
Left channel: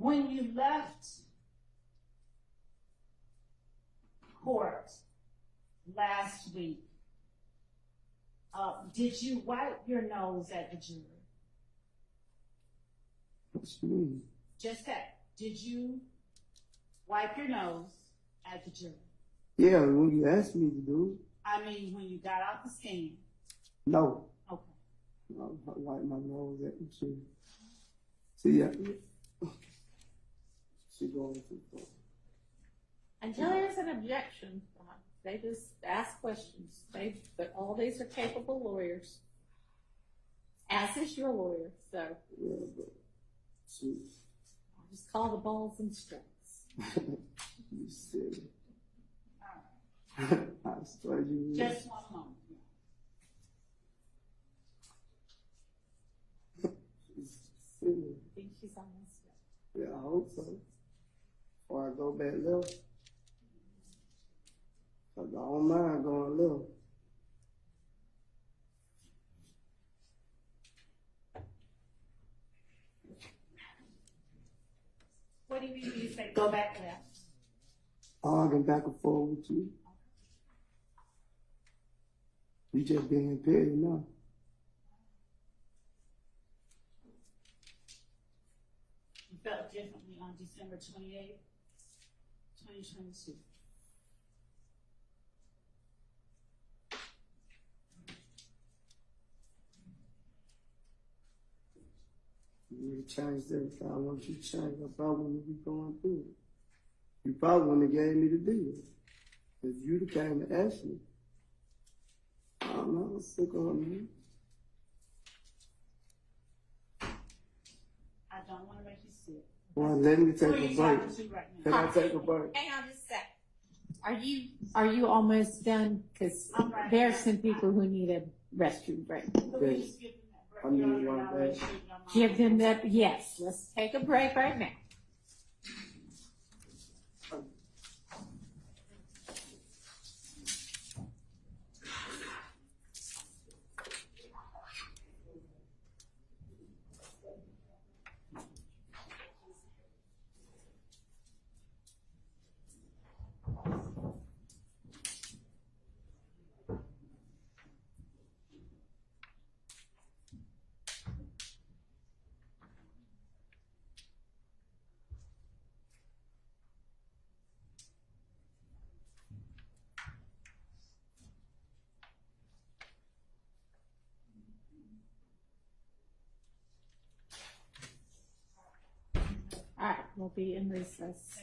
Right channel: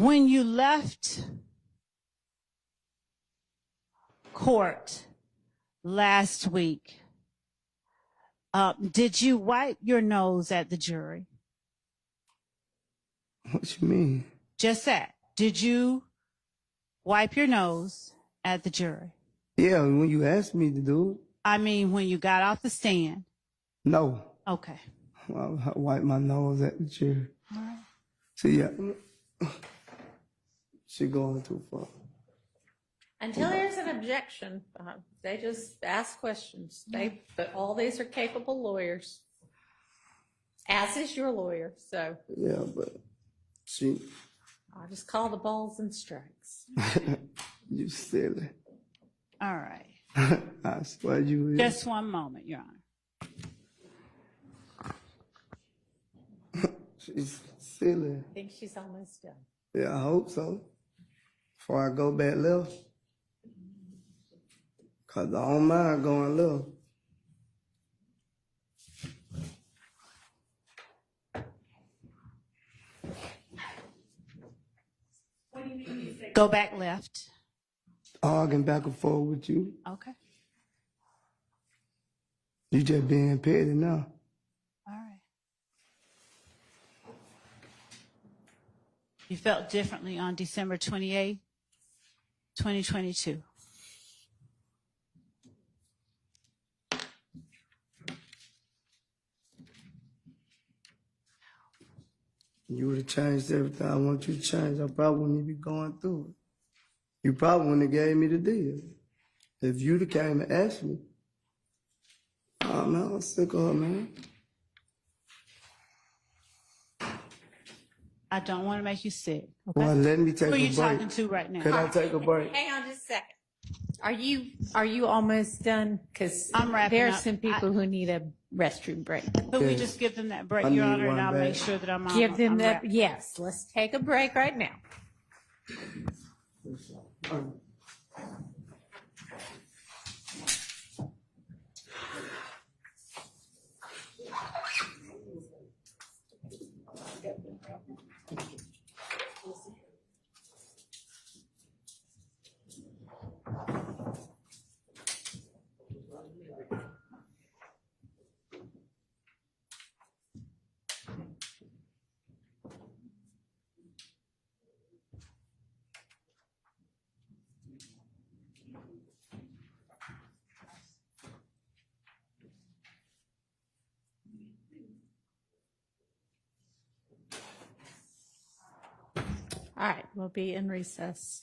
When you left court last week, did you wipe your nose at the jury? What you mean? Just that. Did you wipe your nose at the jury? Yeah, when you asked me to do it. I mean, when you got off the stand? No. Okay. I wipe my nose at the jury. All right. See, yeah. She going too far. Until there's an objection, they just ask questions. But all these are capable lawyers, as is your lawyer. So yeah, but she. I just call the balls and strikes. You silly. All right. I swear you. Just one moment, Your Honor. She's silly. I think she's almost done. Yeah, I hope so. Before I go back left. Cause I don't mind going left. What do you mean you say? Go back left. Arguing back and forth with you. Okay. You just being petty now. All right. You felt differently on December 28th, 2022. You would have changed everything I want you to change. I probably wouldn't even be going through it. You probably wouldn't have gave me the deal. If you'd have came and asked me. Oh, man, I'm sick of her, man. I don't want to make you sick. Okay? Well, let me take Who a are you break. talking to right now? Can I take a break? Hang on just a second. Are you almost done? Because I'm wrapping there's up. some people who need a restroom break. Could we Yes. just give them that break, I Your need Honor, and one I'll back. make sure that I'm on. Give them I'm that. wrapping up. Yes, let's take a break right now. All right, we'll be in recess.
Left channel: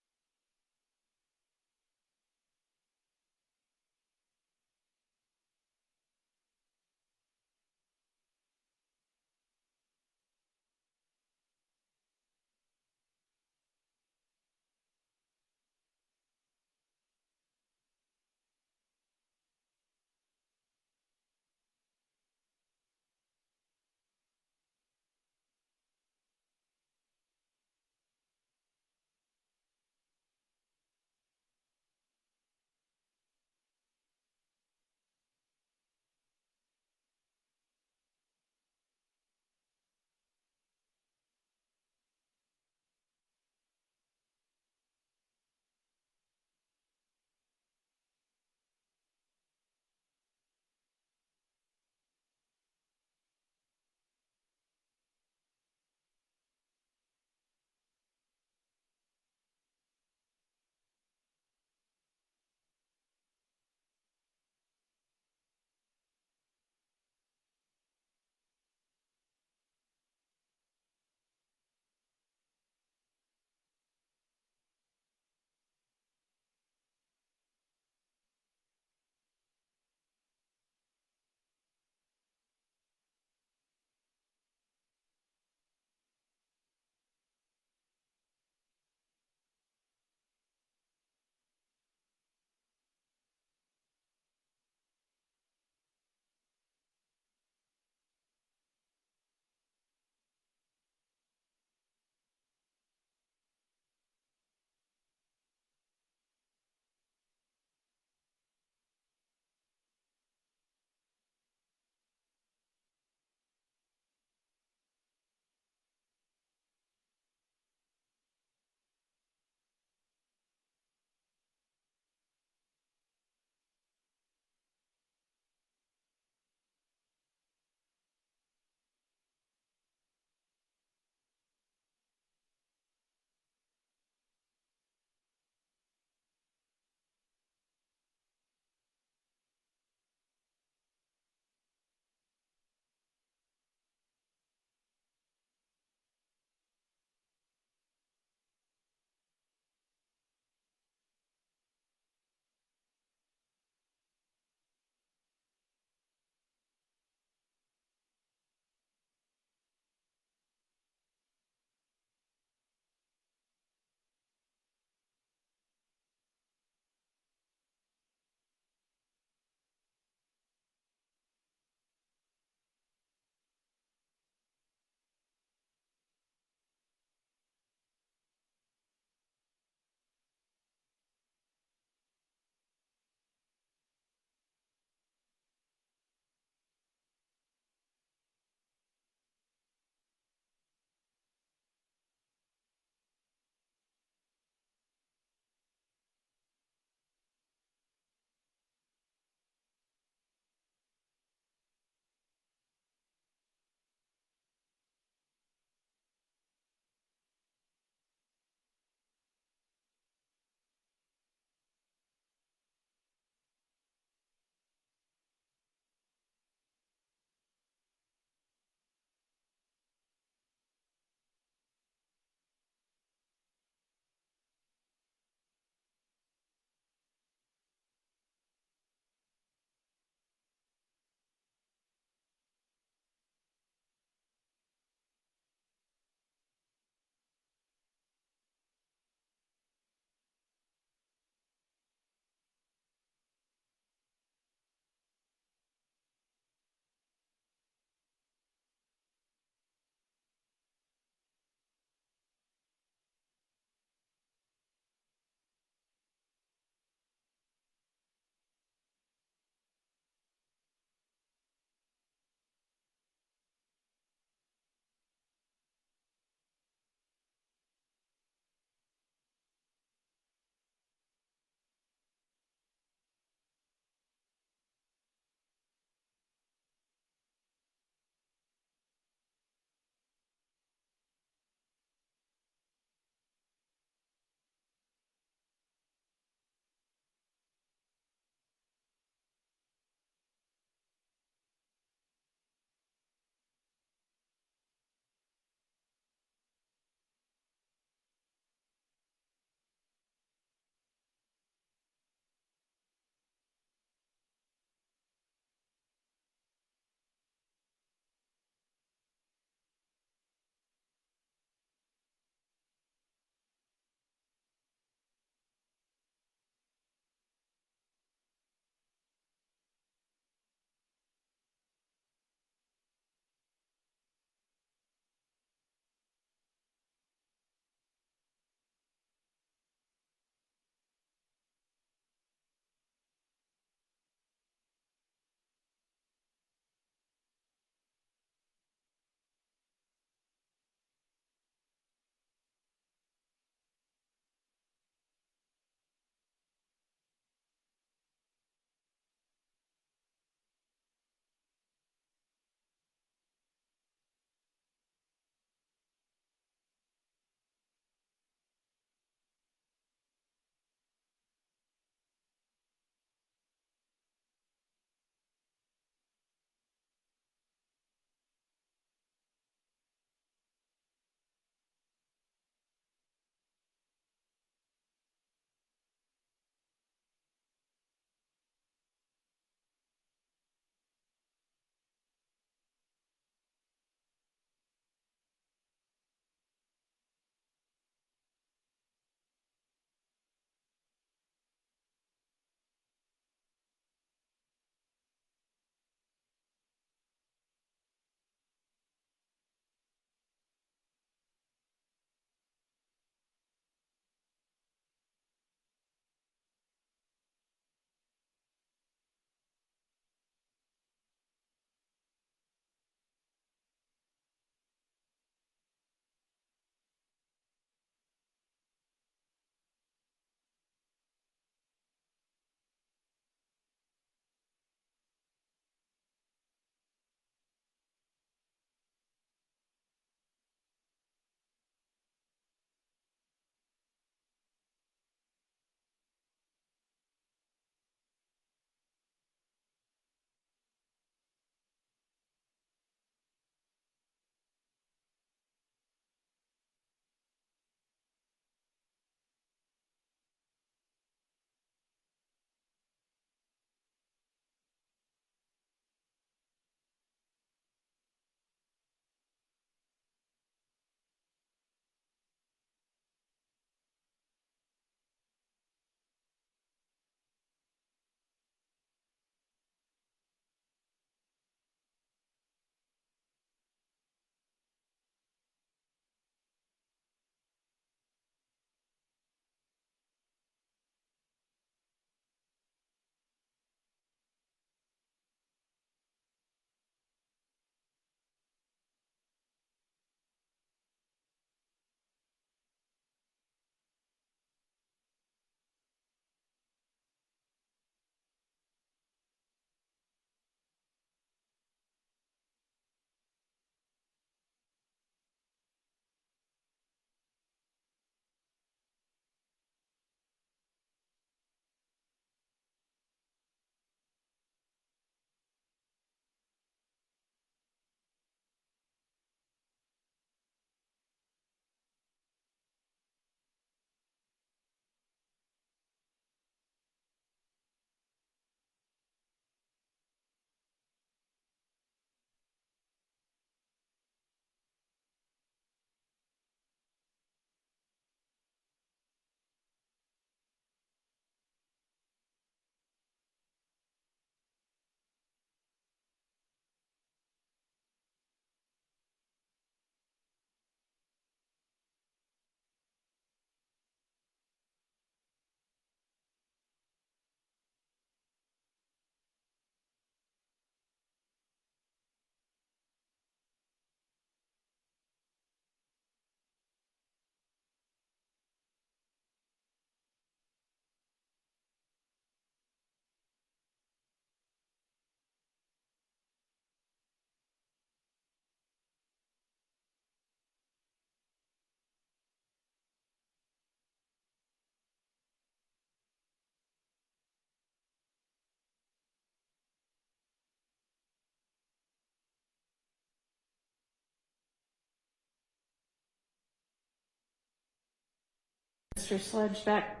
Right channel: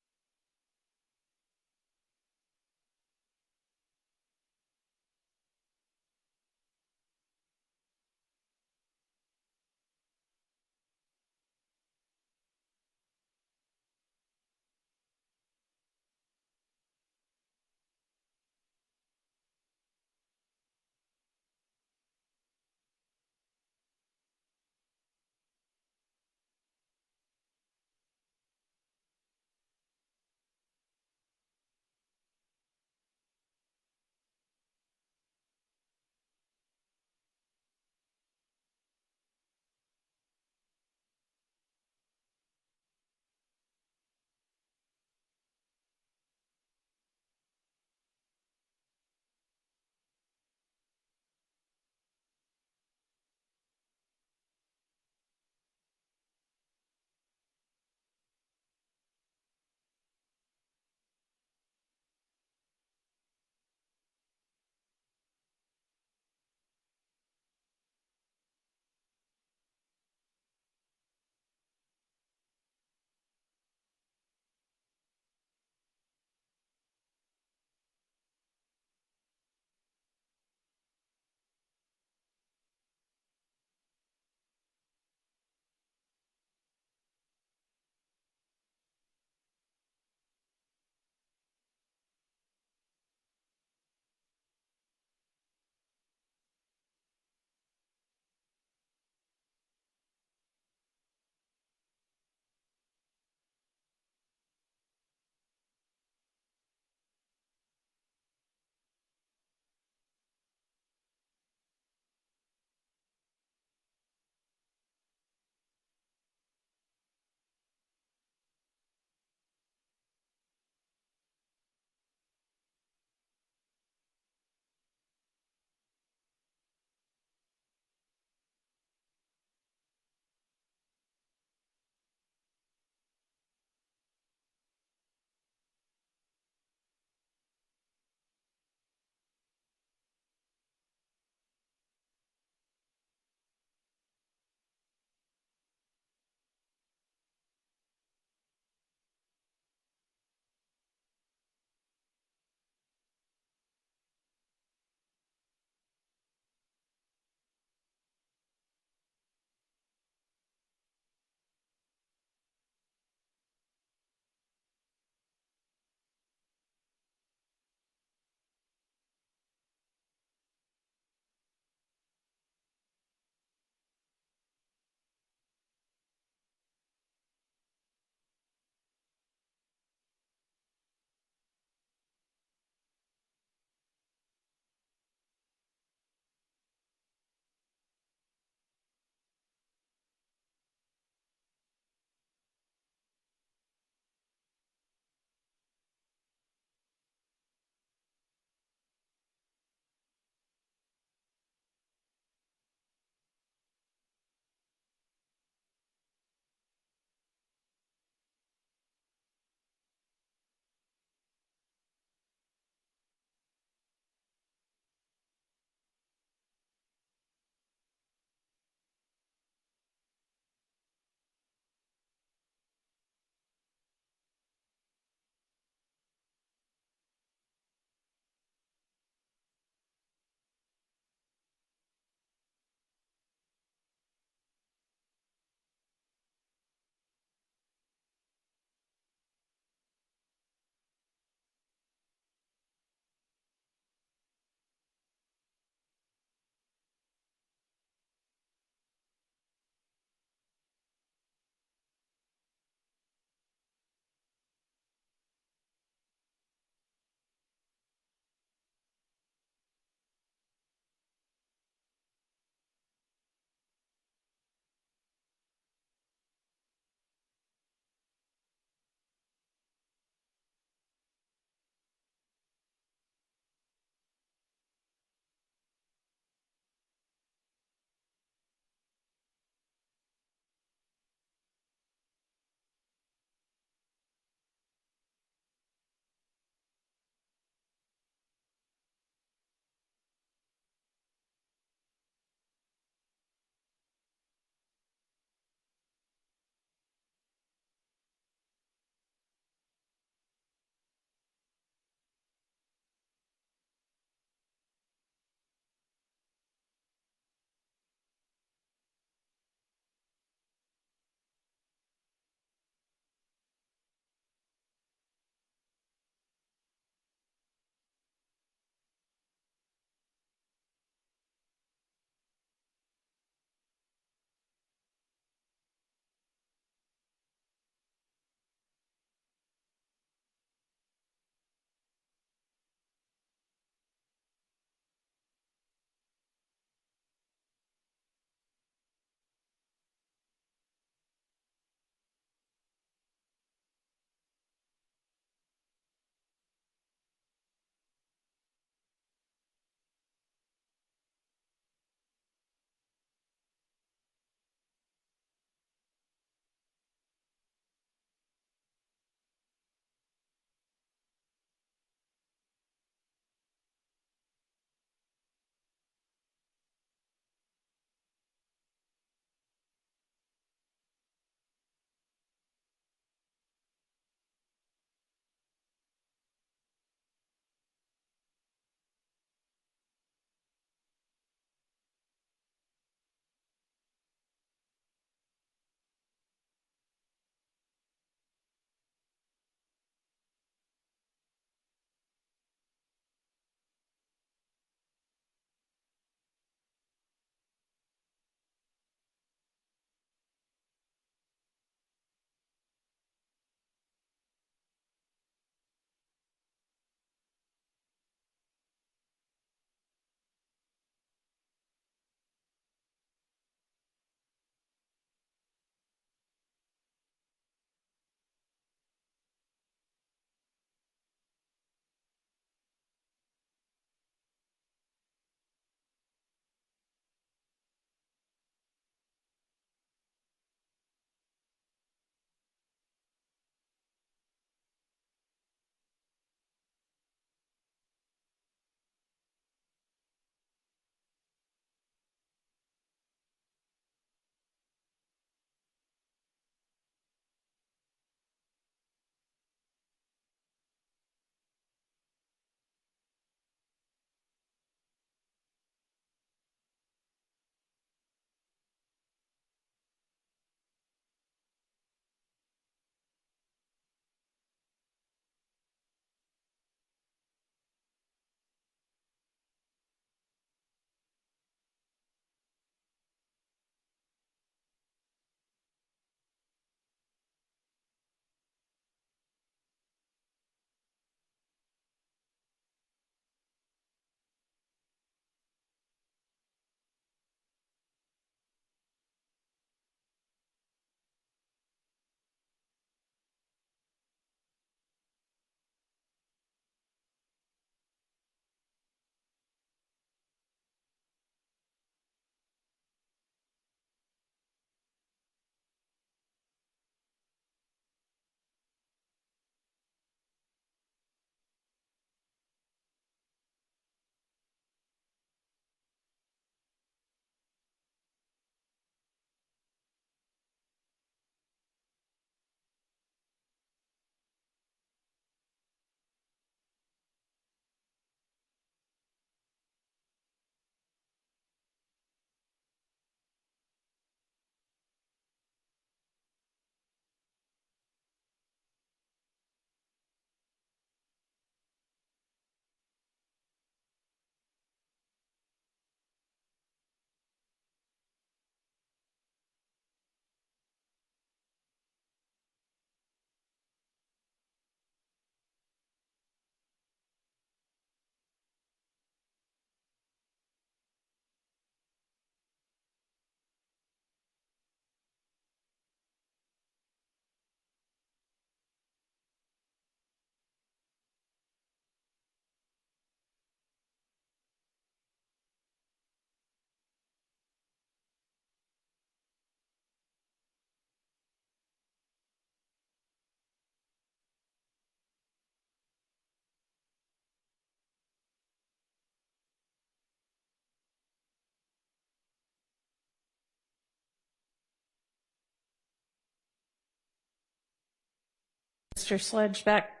Mr. Sledge back?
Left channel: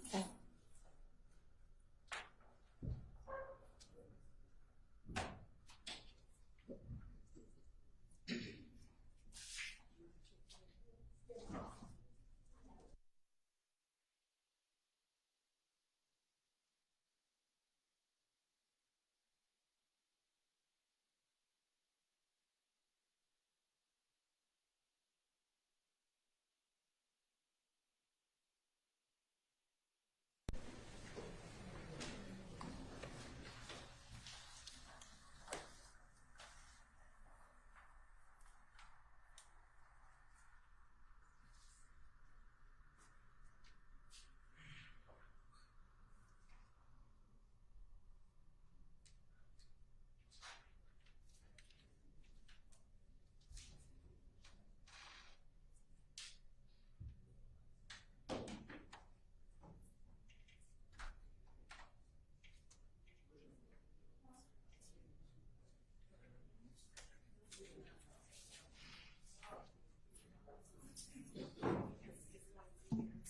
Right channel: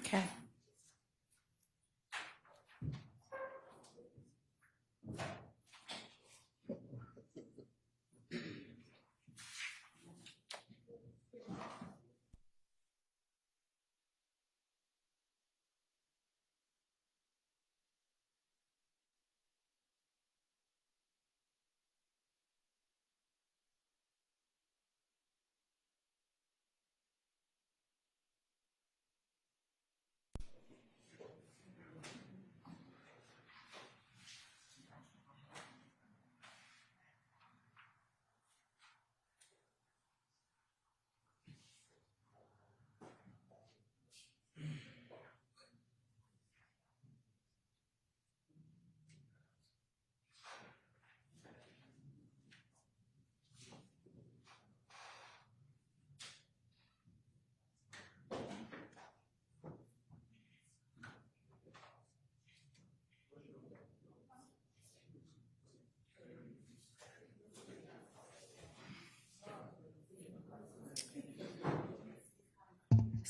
Okay.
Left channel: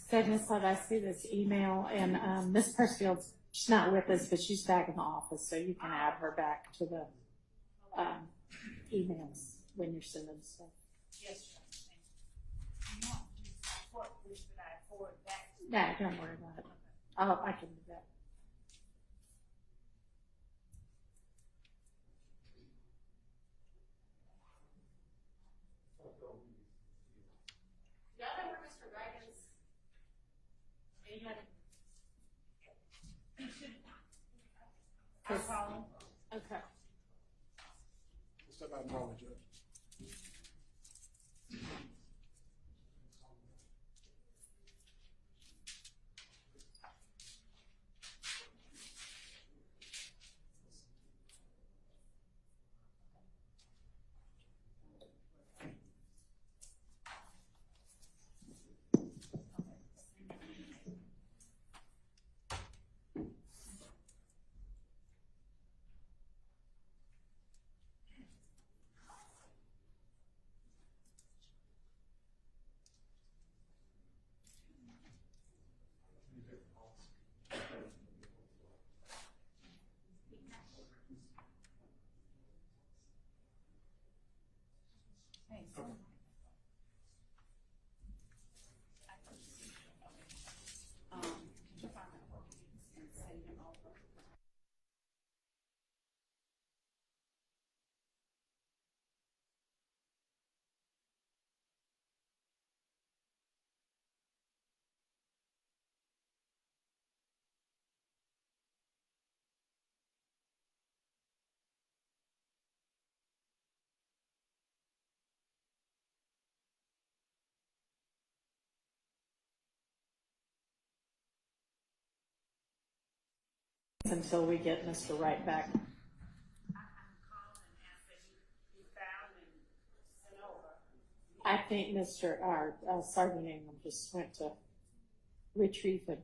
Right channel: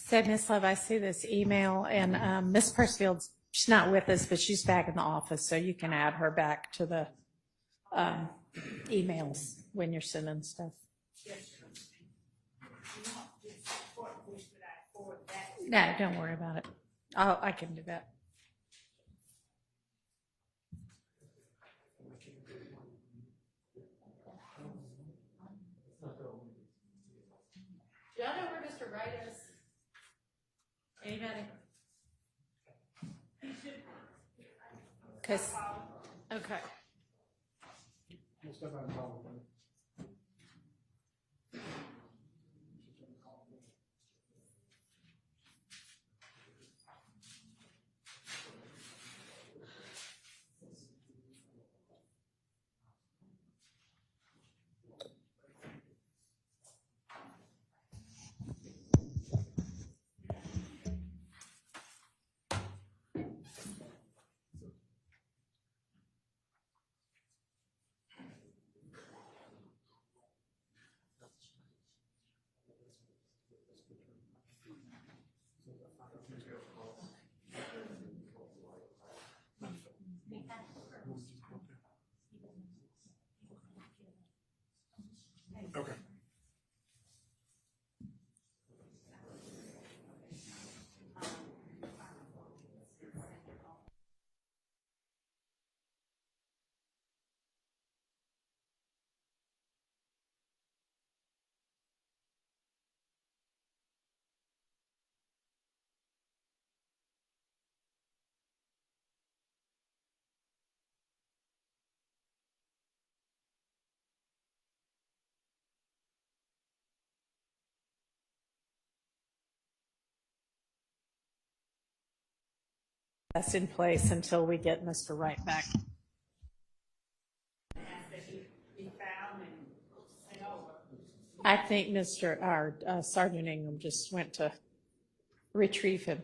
So, Ms. Love, I see this email, and Ms. Persfield's, she's not with us, but she's back in the office, so you can add her back to the emails when you're sending stuff. No, don't worry about it. I can do that. Y'all know where Mr. Wright is? Anybody? Okay. That's in place until we get Mr. Wright back. I think Sergeant Ingram just went to retrieve him.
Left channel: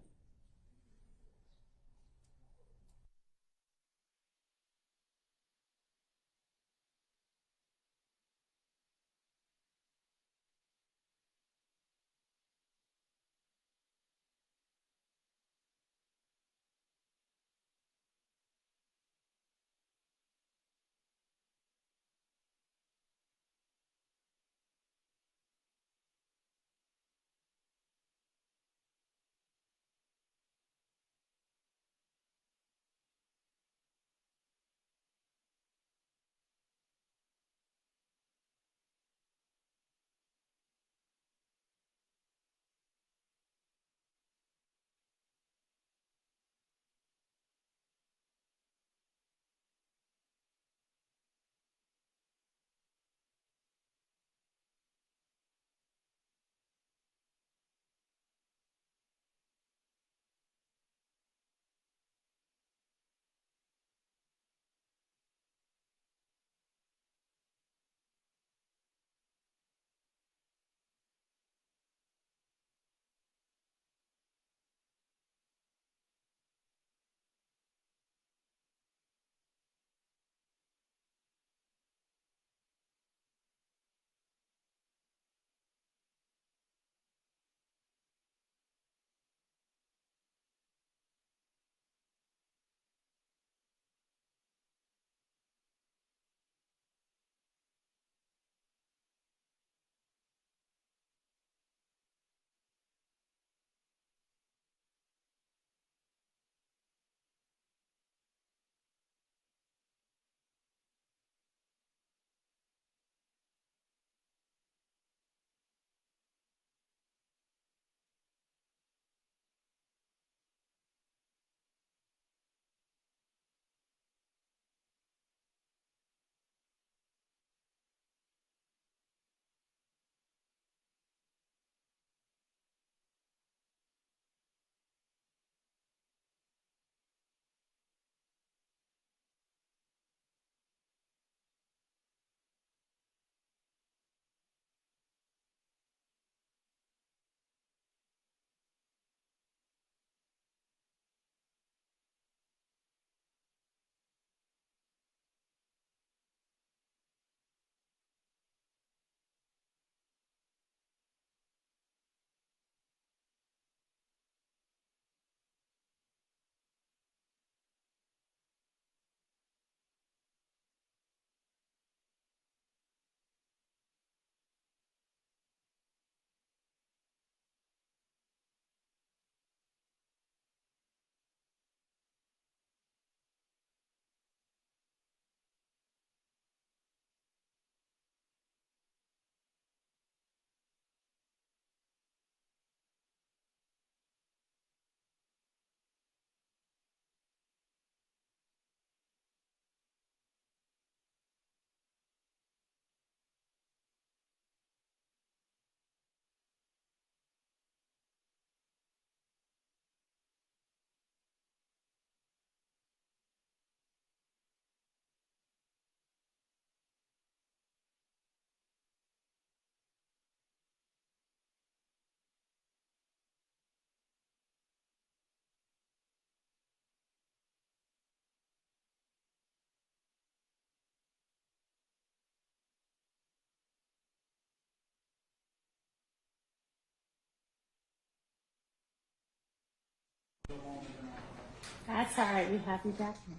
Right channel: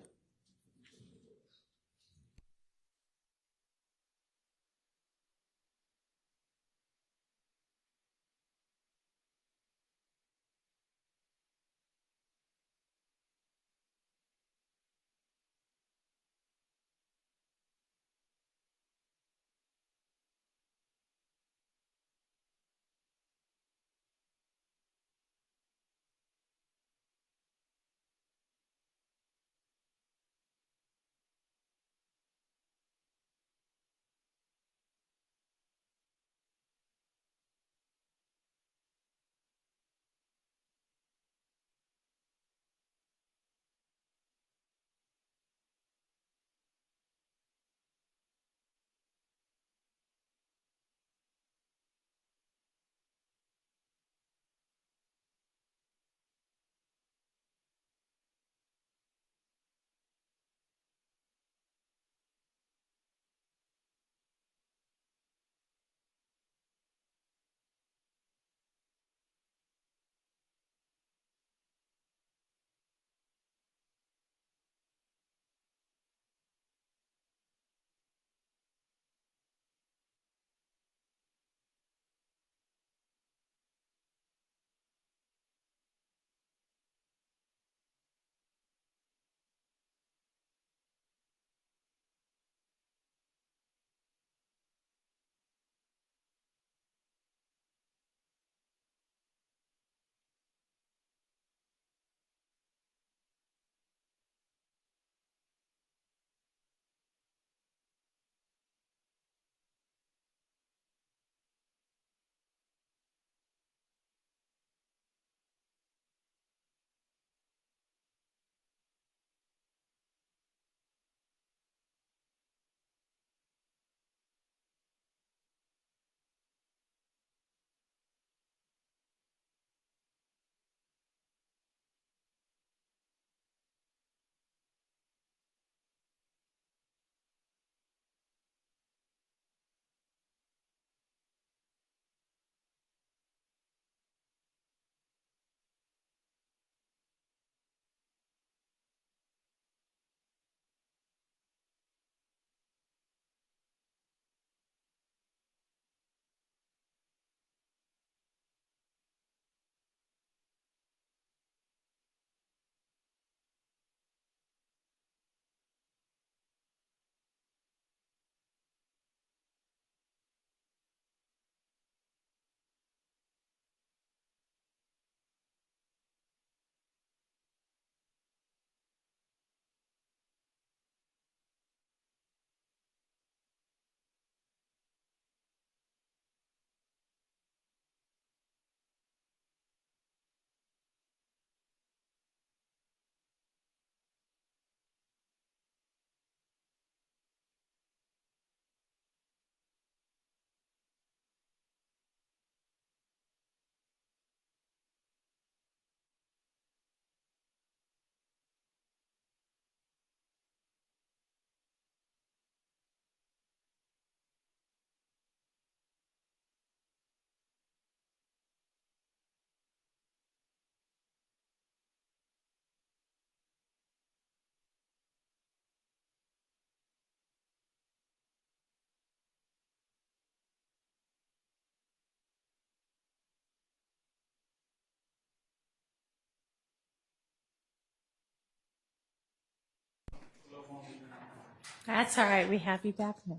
That's all right. We have you back here.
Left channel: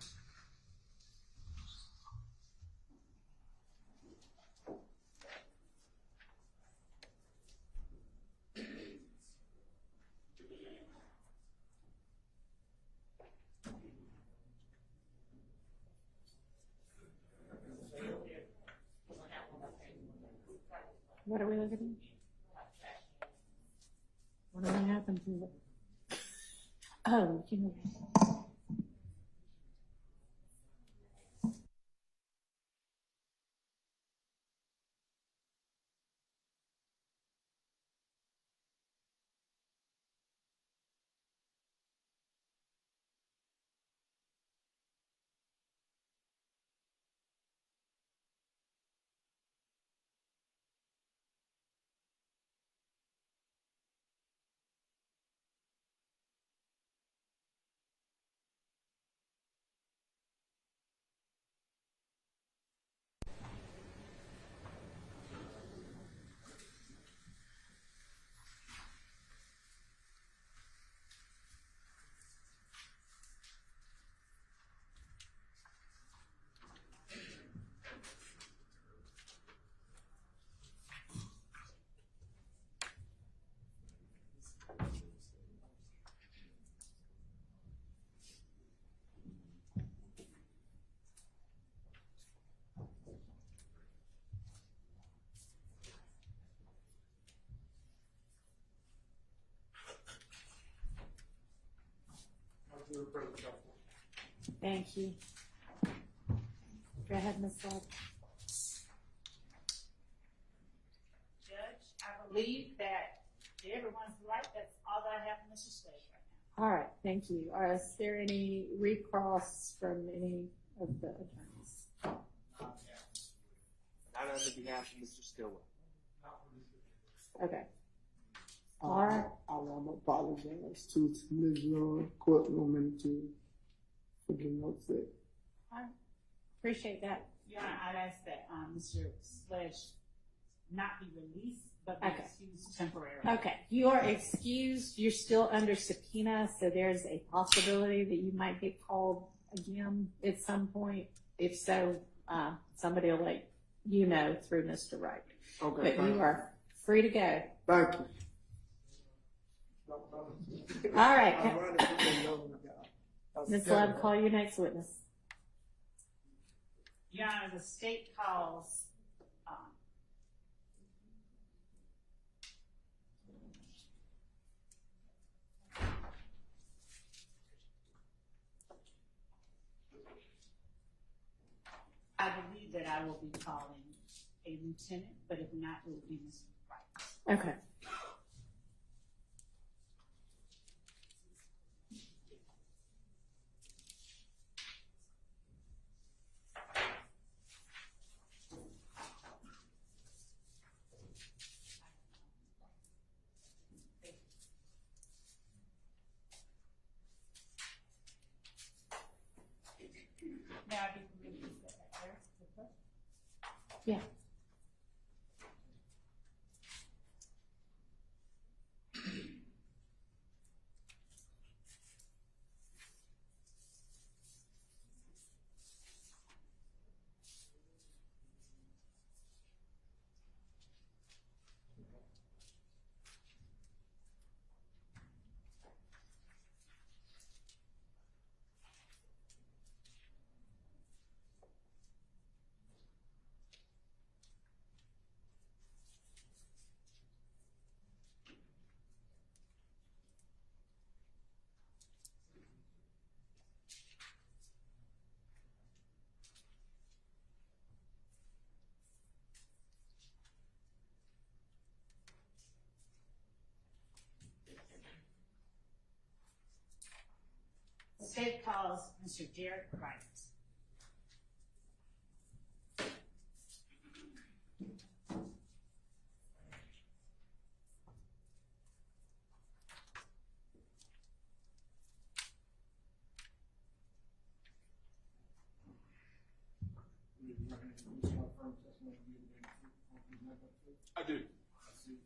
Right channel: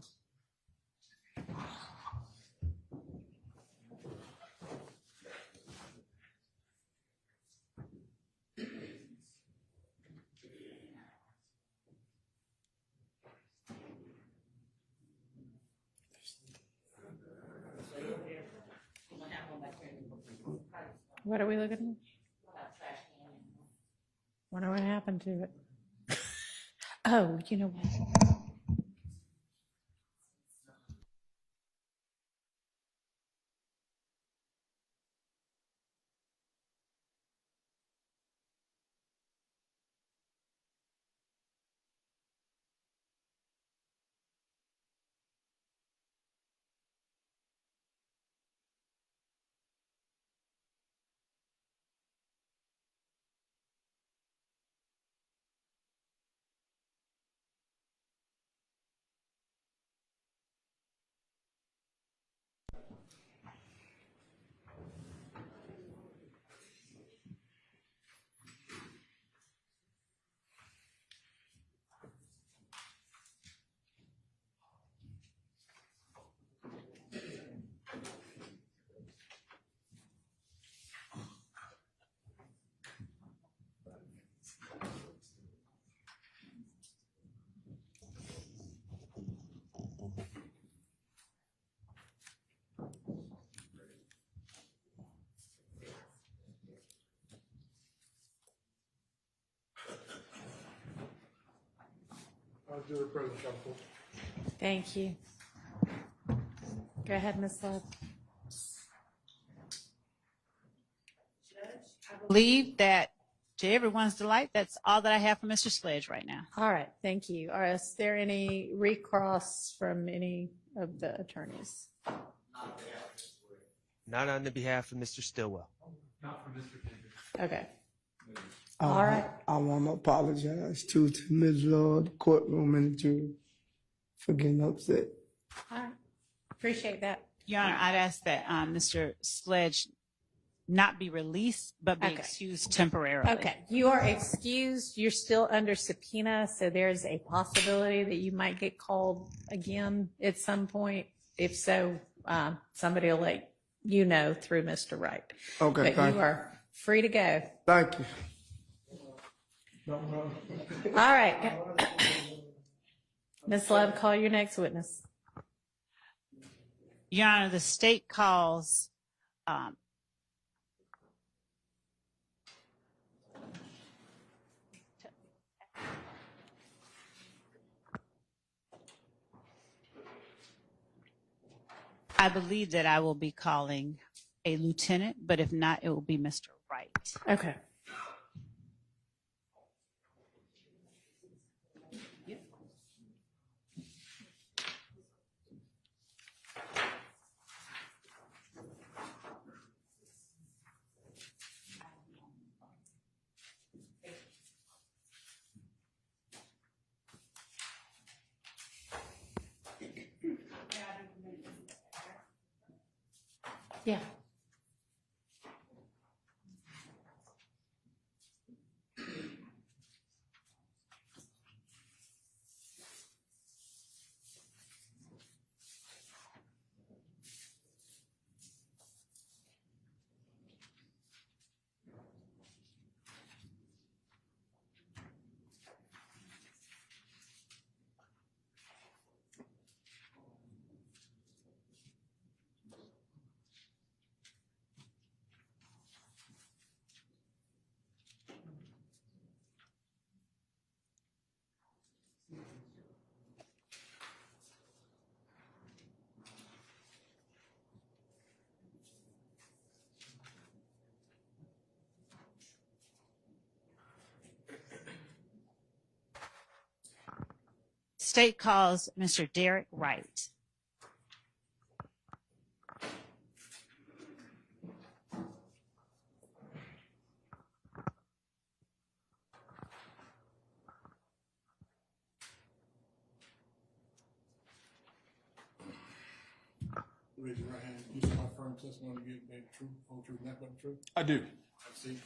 What are we looking at? Wonder what happened to it. Oh, you know what? Thank you. Go ahead, Ms. Sledge. I believe that, to everyone's delight, that's all that I have for Mr. Sledge right now. All right, thank you. Is there any recross from any of the attorneys? Not on the behalf of Mr. Stillwell. Okay. All right. I want to apologize to Ms. Lord, the courtroom, and the jury for getting upset. All right. Appreciate that. Your Honor, I'd ask that Mr. Sledge not be released, but be excused temporarily. Okay, you are excused. You're still under subpoena, so there's a possibility that you might get called again at some point. If so, somebody will let you know through Mr. Wright. Okay, but you are free to go. Thank you. All right. Ms. Love, call your next witness. Your Honor, the state calls I believe that I will be calling a lieutenant, but if not, it will be Mr. Wright. Okay. Yeah. State calls Mr. Derek Wright. Raise your right hand. You swear affirm testimony to give the truth, whole truth, nothing but the truth? I do. I see.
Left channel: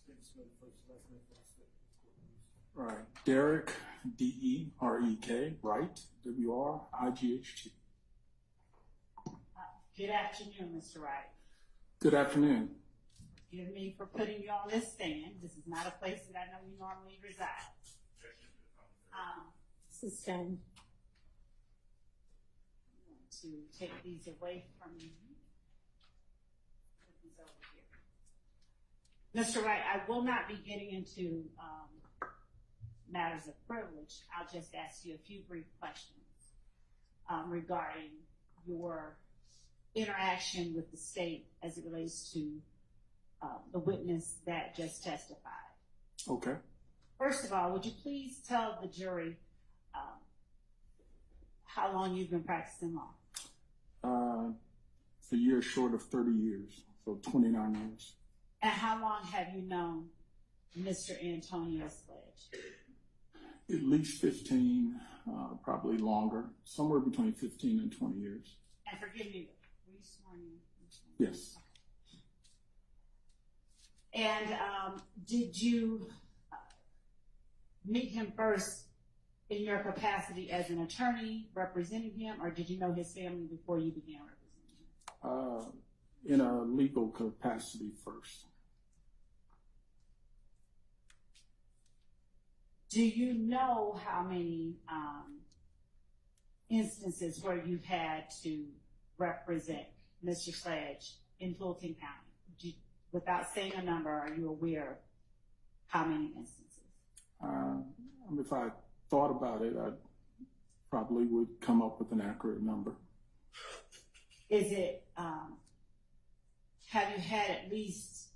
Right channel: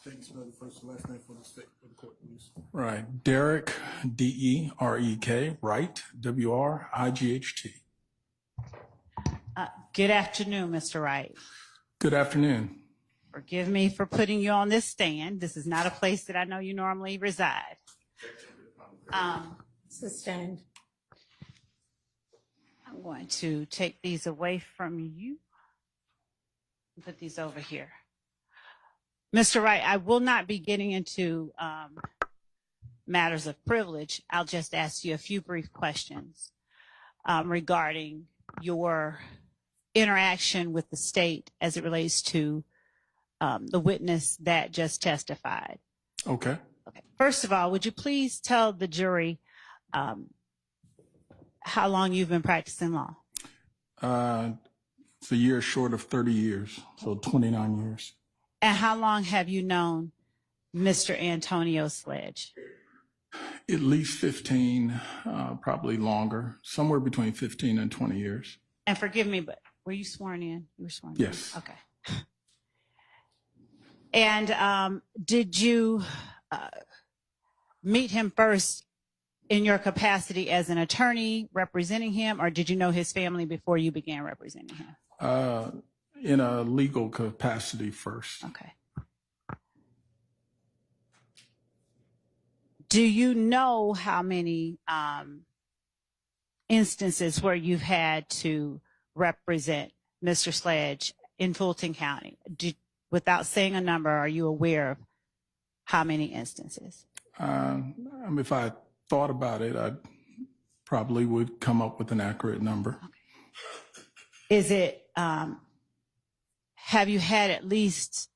State spell the first and last name for the court, please. Right. Derek, D-E-R-E-K, Wright, W-R-I-G-H-T. Good afternoon, Mr. Wright. Good afternoon. Forgive me for putting you on this stand. This is not a place that I know you normally reside. Sustained. I'm going to take these away from you and put these over here. Mr. Wright, I will not be getting into matters of privilege. I'll just ask you a few brief questions regarding your interaction with the state as it relates to the witness that just testified. Okay. Okay. First of all, would you please tell the jury how long you've been practicing law? It's a year short of 30 years, so 29 years. And how long have you known Mr. Antonio Sledge? At least 15, probably longer, somewhere between 15 and 20 years. And forgive me, but were you sworn in? You were sworn Yes. in? Okay. And did you meet him first in your capacity as an attorney representing him, or did you know his family before you began representing him? In a legal capacity first. Okay. Do you know how many instances where you've had to represent Mr. Sledge in Fulton County? Without saying a number, are you aware of how many instances? If I thought about it, I probably would come up with an accurate number. Okay. Is it, have you had at least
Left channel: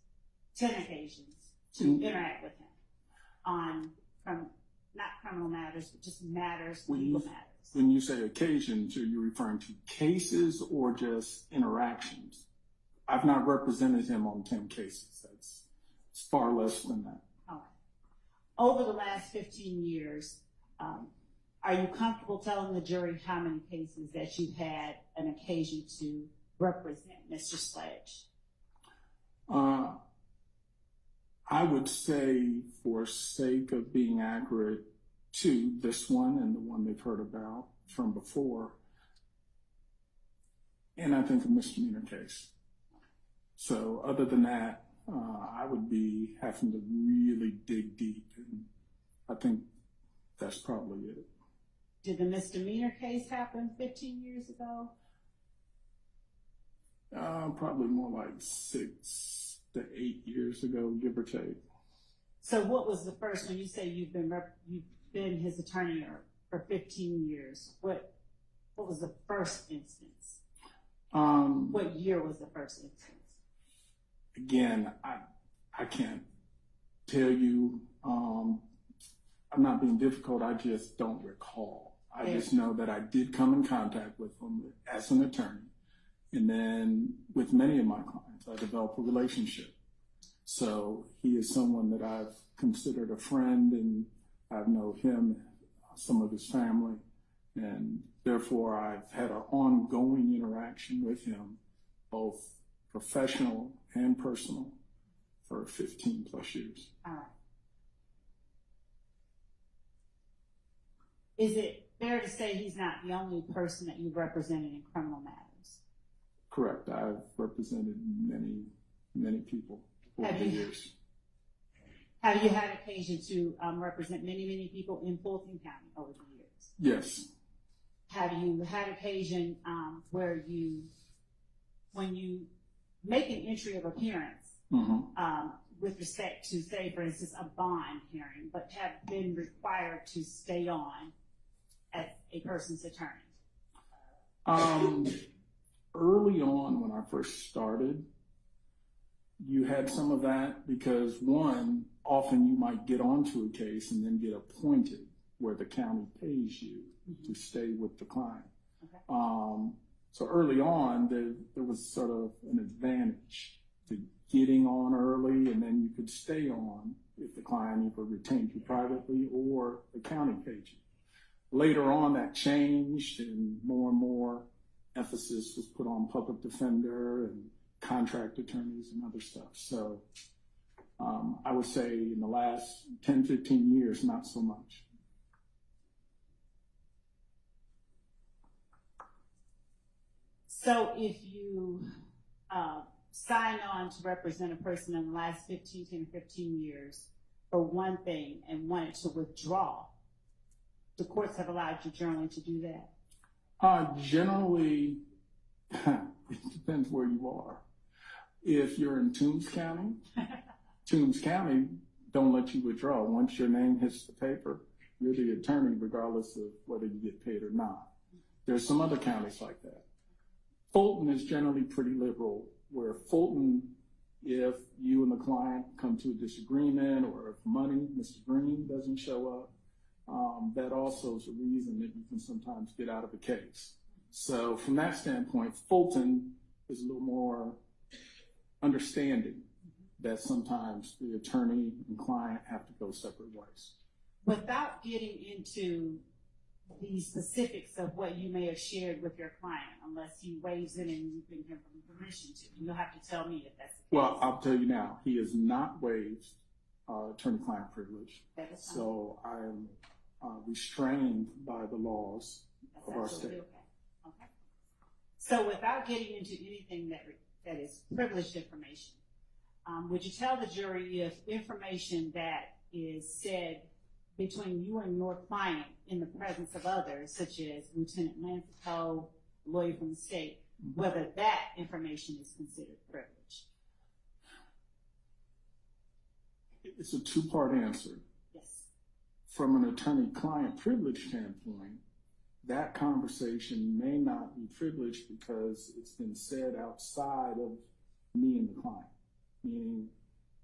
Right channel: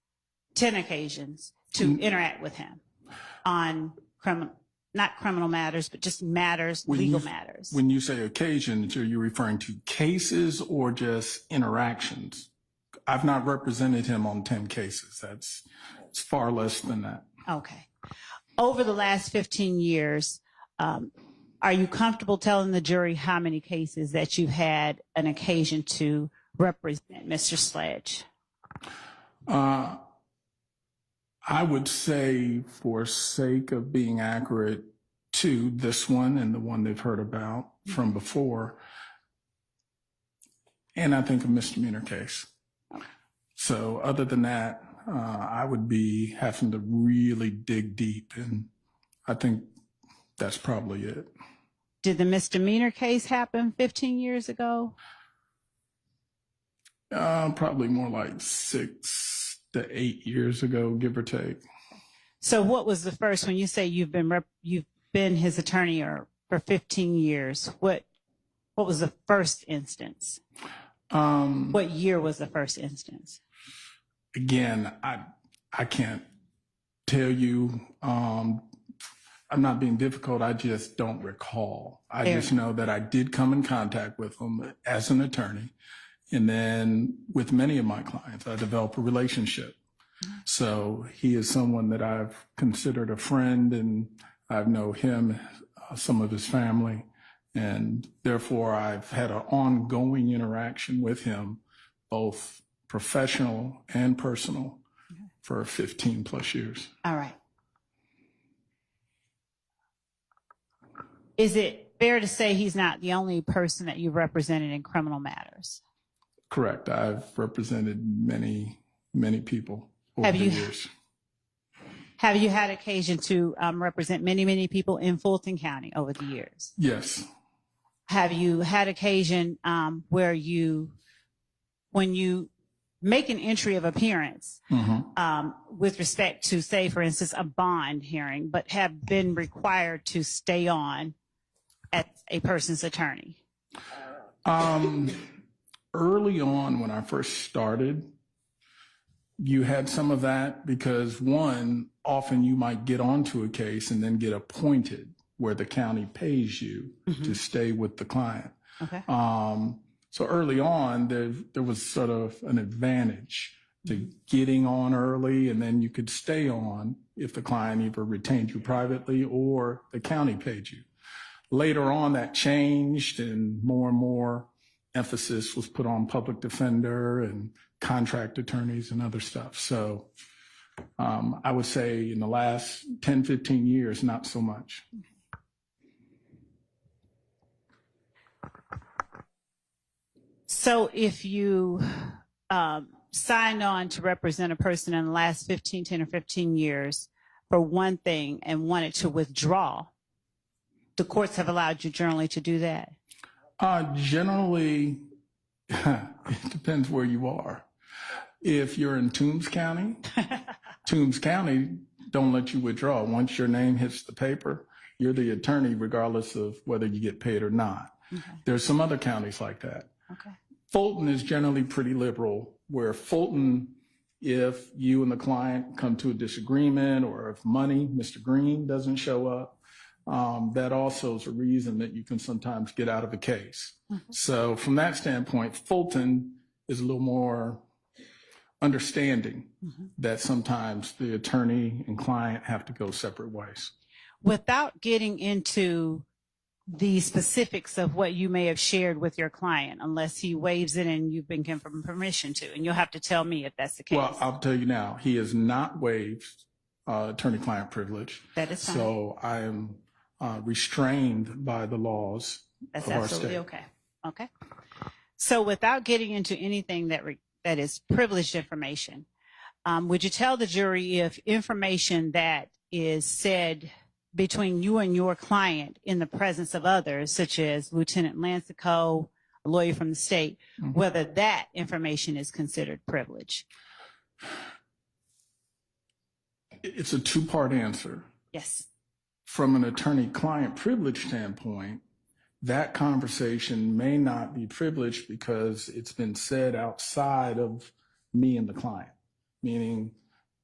10 occasions to interact with him on not criminal matters, but just matters, legal matters? When you say occasions, are you referring to cases or just interactions? I've not represented him on 10 cases. It's far less than that. Okay. Over the last 15 years, are you comfortable telling the jury how many cases that you've had an occasion to represent Mr. Sledge? I would say, for sake of being accurate to this one and the one they've heard about from before, and I think a misdemeanor case. So other than that, I would be having to really dig deep, and I think that's probably it. Did the misdemeanor case happen 15 years ago? Probably more like 6 to 8 years ago, give or take. So what was the first, when you say you've been his attorney for 15 years, what was the first instance? What year was the first instance? Again, I can't tell you. I'm not being difficult. I just don't recall. I just know that I did come in contact with him as an attorney. And then with many of my clients, I developed a relationship. So he is someone that I've considered a friend, and I know him, some of his family. And therefore, I've had an ongoing interaction with him, both professional and personal, for 15 plus years. All right. Is it fair to say he's not the only person that you've represented in criminal matters? Correct. I've represented many, many people over the years. Have you had occasion to represent many, many people in Fulton County over the years? Yes. Have you had occasion where when you make an entry of appearance with respect to, say, for instance, a bond hearing, but have been required to stay on as a person's attorney? Early on, when I first started, you had some of that because, one, often you might get onto a case and then get appointed where the county pays you to stay with the client. Okay. So early on, there was sort of an advantage to getting on early, and then you could stay on if the client either retained you privately or the county paid you. Later on, that changed, and more emphasis was put on public defender and contract attorneys and other stuff. So I would say in the last 10, 15 years, not so much. So if you signed on to represent a person in the last 10 or 15 years for one thing and wanted to withdraw, the courts have allowed you generally to do that? Generally, it depends where you are. If you're in Toombs County, Toombs County don't let you withdraw. Once your name hits the paper, you're the attorney regardless of whether you get paid or not. Okay. There's some other counties like that. Okay. Fulton is generally pretty liberal, where Fulton, if you and the client come to a disagreement or if money, Mr. Green doesn't show up, that also is a reason that you can sometimes get out of a case. So from that standpoint, Fulton is a little more understanding that sometimes the attorney and client have to go separate ways. Without getting into the specifics of what you may have shared with your client, unless he waives it and you've been given permission to, and you'll have to tell me if that's the case. Well, I'll tell you now, he has not waived attorney-client privilege. That is fine. So I am restrained by the laws That's of our absolutely state. okay. Okay. So without getting into anything that is privileged information, would you tell the jury if information that is said between you and your client in the presence of others, such as Lieutenant Lancico, a lawyer from the state, whether that information is considered privilege? It's a two-part answer. Yes. From an attorney-client privilege standpoint, that conversation may not be privileged because it's been said outside of me and the client, meaning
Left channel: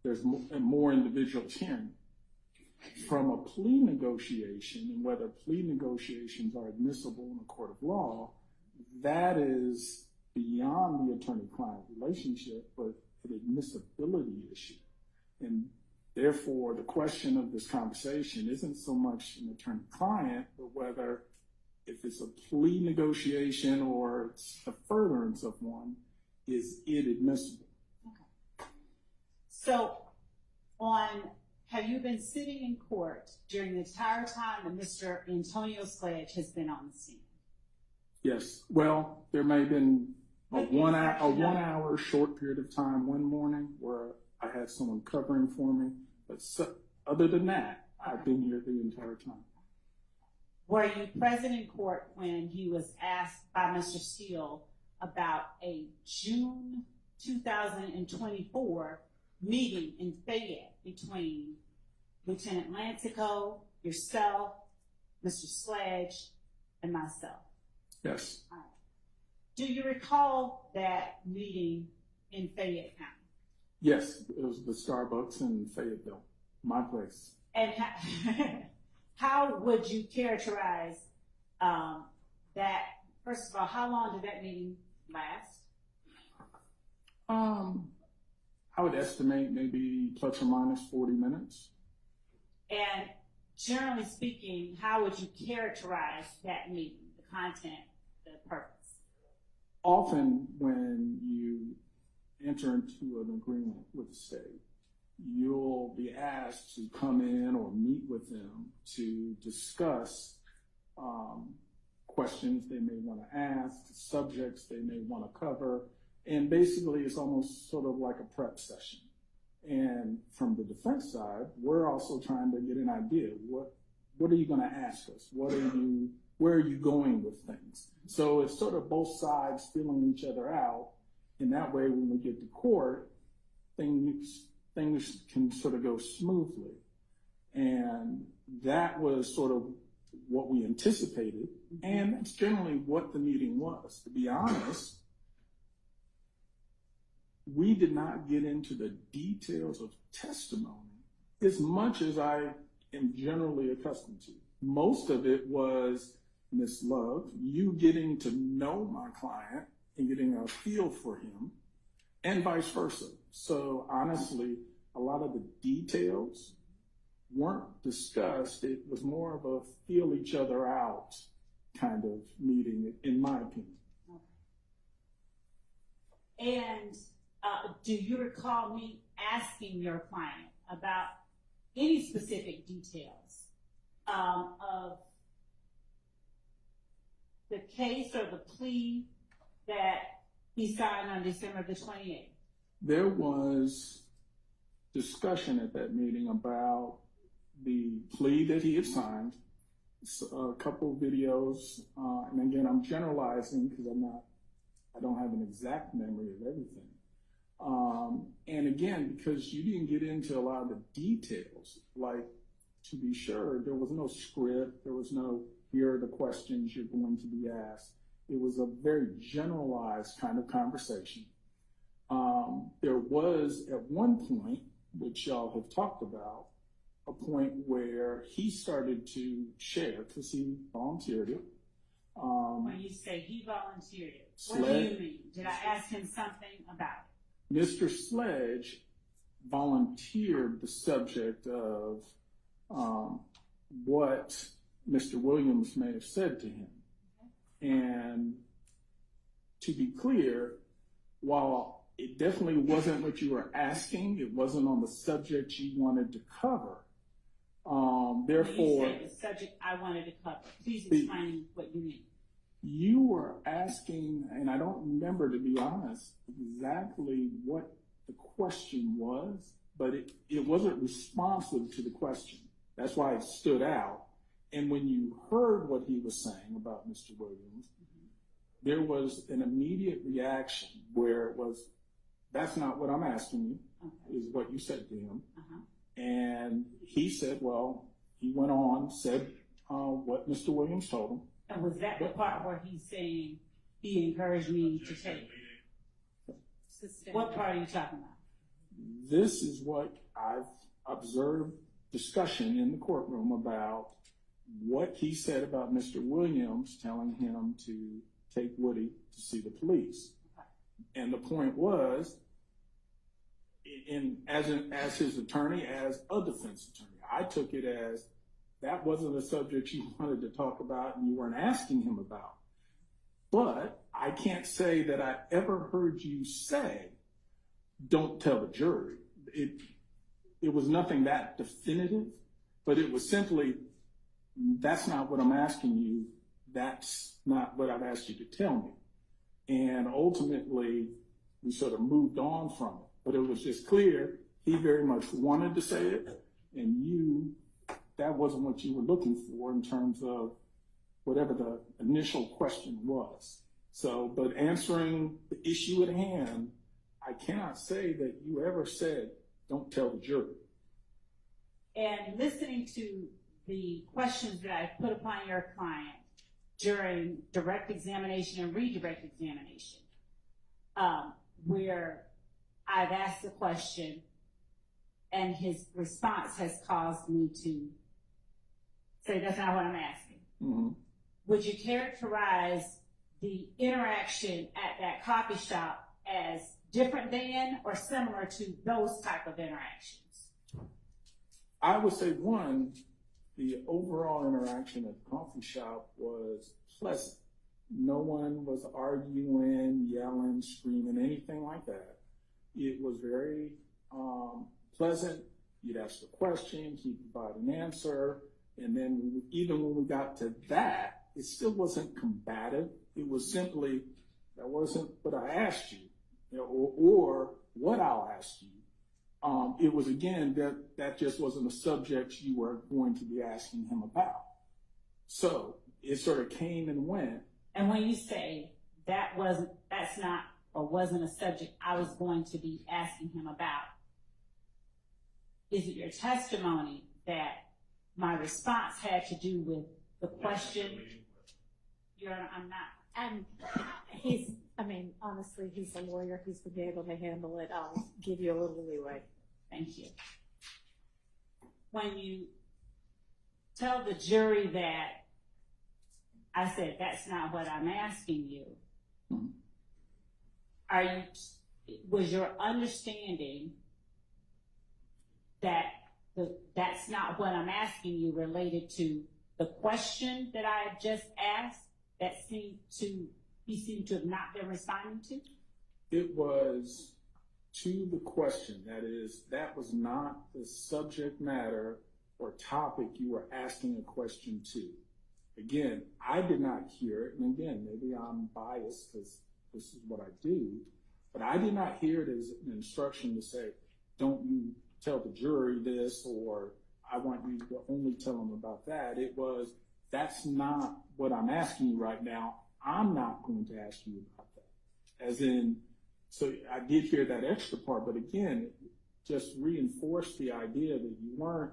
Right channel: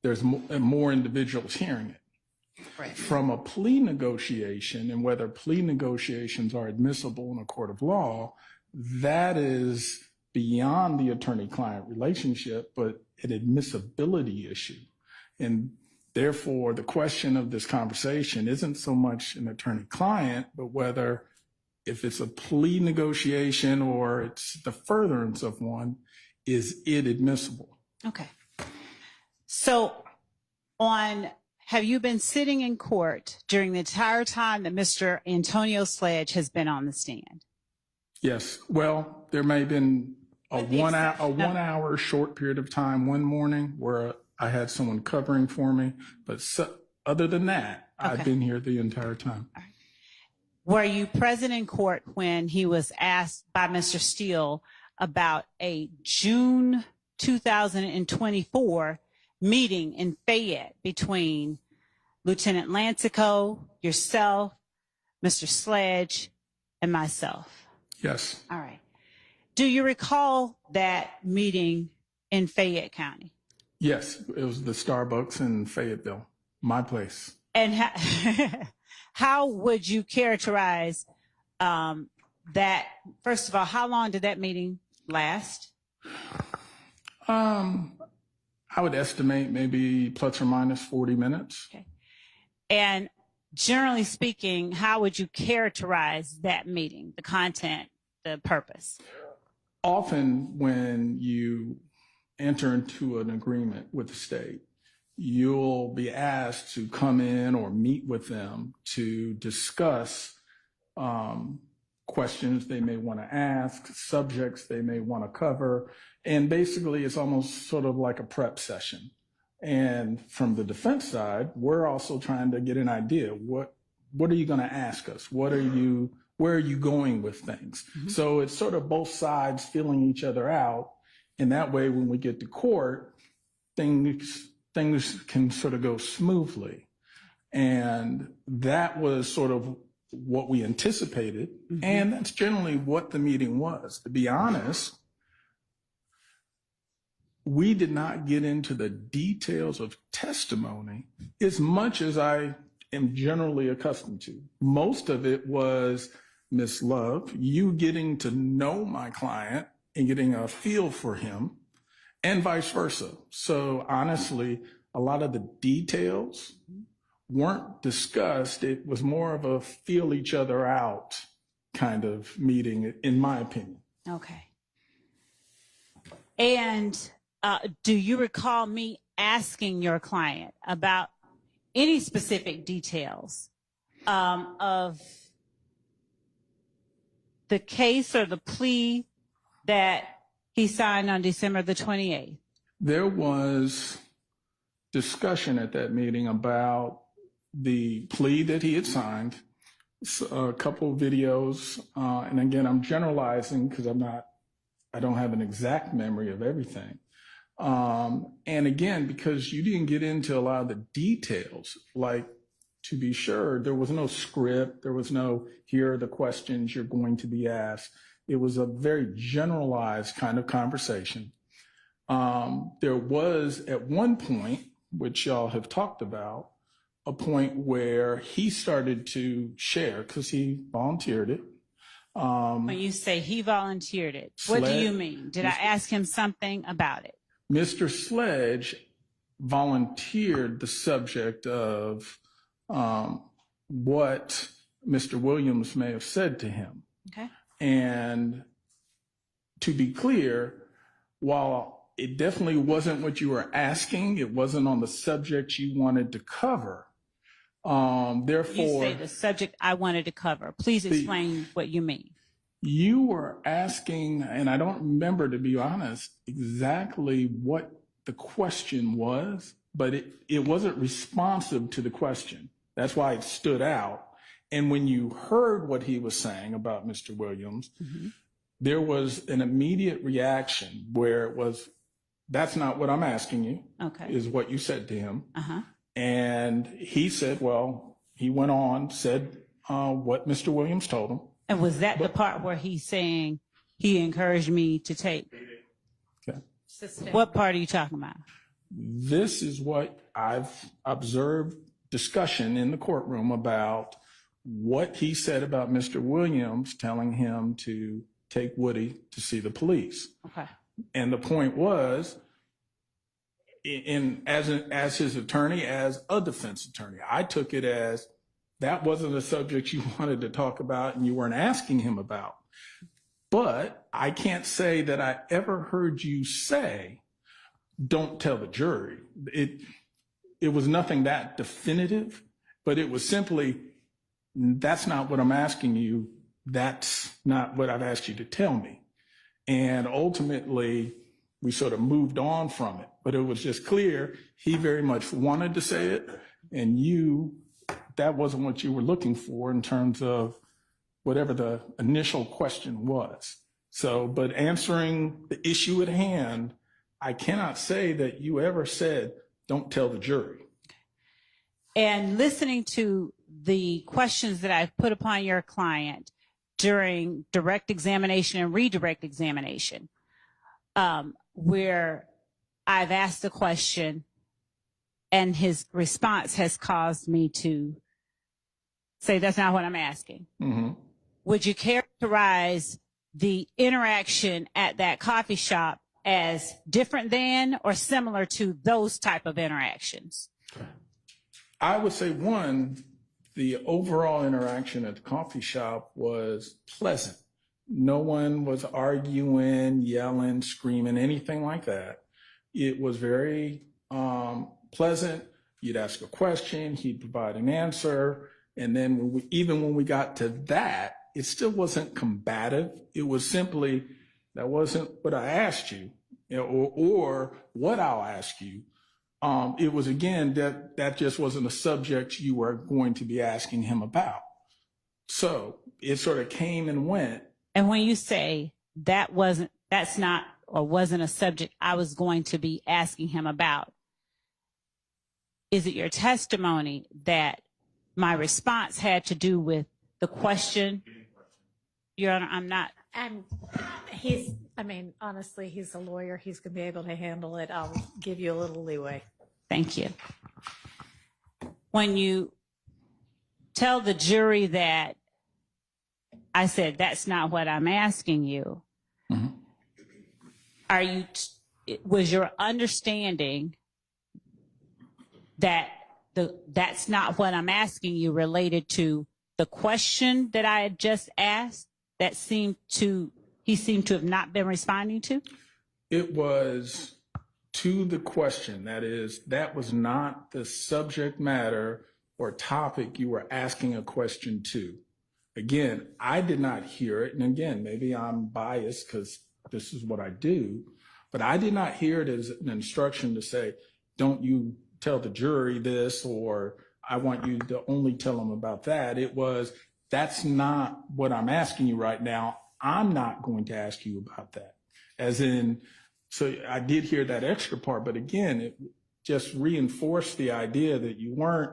there's more individuals hearing it. Right. From a plea negotiation, and whether plea negotiations are admissible in a court of law, that is beyond the attorney-client relationship, but an admissibility issue. And therefore, the question of this conversation isn't so much an attorney-client, but whether if it's a plea negotiation or it's the furtherance of one, is it admissible? Okay. So have you been sitting in court during the entire time that Mr. Antonio Sledge has been on the stand? Yes. Well, there may have been a 1 hour short period of time one morning where I had someone covering for me, but other than that, I've been here the entire time. All right. Were you present in court when he was asked by Mr. Steele about a June 2024 meeting in Fayette between Lieutenant Lancico, yourself, Mr. Sledge, and myself? Yes. All right. Do you recall that meeting in Fayette County? Yes, it was the Starbucks in Fayetteville, my place. And how would you characterize that? First of all, how long did that meeting last? I would estimate maybe plus or minus 40 minutes. Okay. And generally speaking, how would you characterize that meeting, the content, the purpose? Often when you enter into an agreement with the state, you'll be asked to come in or meet with them to discuss questions they may want to ask, subjects they may want to cover. And basically, it's almost sort of like a prep session. And from the defense side, we're also trying to get an idea. What are you going to ask us? Where are you going with things? So it's sort of both sides feeling each other out. And that way, when we get to court, things can sort of go smoothly. And that was sort of what we anticipated. And that's generally what the meeting was. To be honest, we did not get into the details of testimony as much as I am generally accustomed to. Most of it was, Miss Love, you getting to know my client and getting a feel for him, and vice versa. So honestly, a lot of the details weren't discussed. It was more of a feel each other out kind of meeting, in my opinion. Okay. And do you recall me asking your client about any specific details of the case or the plea that he signed on December the 28th? There was discussion at that meeting about the plea that he had signed, a couple of videos, and again, I'm generalizing because I don't have an exact memory of everything. And again, because you didn't get into a lot of the details, like, to be sure, there was no script, there was no, here are the questions you're going to be asked. It was a very generalized kind of conversation. There was, at one point, which y'all have talked about, a point where he started to share, because he volunteered it. When you say he volunteered it, what do you mean? Did I ask him something about it? Mr. Sledge volunteered the subject of what Mr. Williams may have said to him. Okay. And to be clear, while it definitely wasn't what you were asking, it wasn't on the subject you wanted to cover. Therefore, you say the subject I wanted to cover. Please explain what you mean. You were asking, and I don't remember, to be honest, exactly what the question was, but it wasn't responsive to the question. That's why it stood out. And when you heard what he was saying about Mr. Williams, there was an immediate reaction where it was, that's not what I'm asking you, is what you said to him. And he said, well, he went on, said what Mr. Williams told him. And was that the part where he's saying he encouraged me to take? Okay. What part are you talking about? This is what I've observed discussion in the courtroom about what he said about Mr. Williams telling him to take Woody to see the police. Okay. And the point was, as his attorney, as a defense attorney, I took it as that wasn't a subject you wanted to talk about and you weren't asking him about. But I can't say that I ever heard you say, don't tell the jury. It was nothing that definitive, but it was simply, that's not what I'm asking you. That's not what I've asked you to tell me. And ultimately, we sort of moved on from it. But it was just clear he very much wanted to say it, and that wasn't what you were looking for in terms of whatever the initial question was. So, but answering the issue at hand, I cannot say that you ever said, don't tell the jury. And listening to the questions that I put upon your client during direct examination and redirect examination, where I've asked a question and his response has caused me to say, that's not what I'm asking. Would you characterize the interaction at that coffee shop as different than or similar to those type of interactions? I would say, one, the overall interaction at the coffee shop was pleasant. No one was arguing, yelling, screaming, anything like that. It was very pleasant. You'd ask a question, he'd provide an answer. And then even when we got to that, it still wasn't combative. It was simply, that wasn't what I asked you, or what I'll ask you. It was, again, that just wasn't a subject you were going to be asking him about. So it sort of came and went. And when you say that's not or wasn't a subject I was going to be asking him about, is it your testimony that my response had to do with the question? Your Honor, I'm not. Honestly, he's a lawyer. He's going to be able to handle it. I'll give you a little leeway. Thank you. When you tell the jury that I said, that's not what I'm asking you, was your understanding that that's not what I'm asking you related to the question that I had just asked that he seemed to have not been responding to? It was to the question. That is, that was not the subject matter or topic you were asking a question to. Again, I did not hear it. And again, maybe I'm biased because this is what I do, but I did not hear it as an instruction to say, don't you tell the jury this, or I want you to only tell them about that. It was, that's not what I'm asking you right now. I'm not going to ask you about that. As in, so I did hear that extra part, but again, it just reinforced the idea that you weren't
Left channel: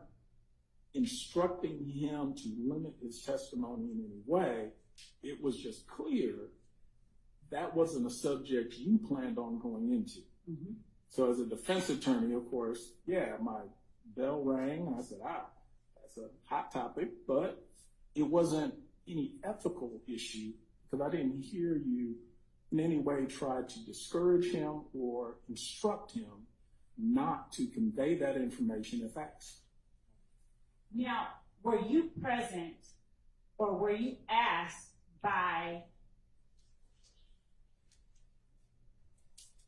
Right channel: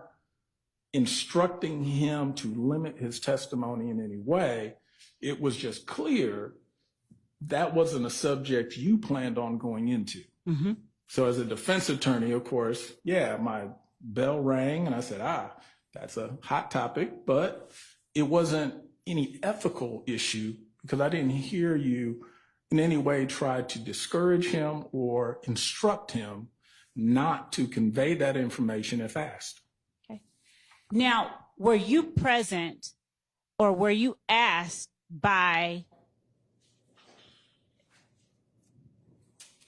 instructing him to limit his testimony in any way. It was just clear that wasn't a subject you planned on going into. Mm-hmm. So as a defense attorney, of course, yeah, my bell rang and I said, that's a hot topic, but it wasn't any ethical issue because I didn't hear you in any way try to discourage him or instruct him not to convey that information if asked. Okay. Now, were you present or were you asked by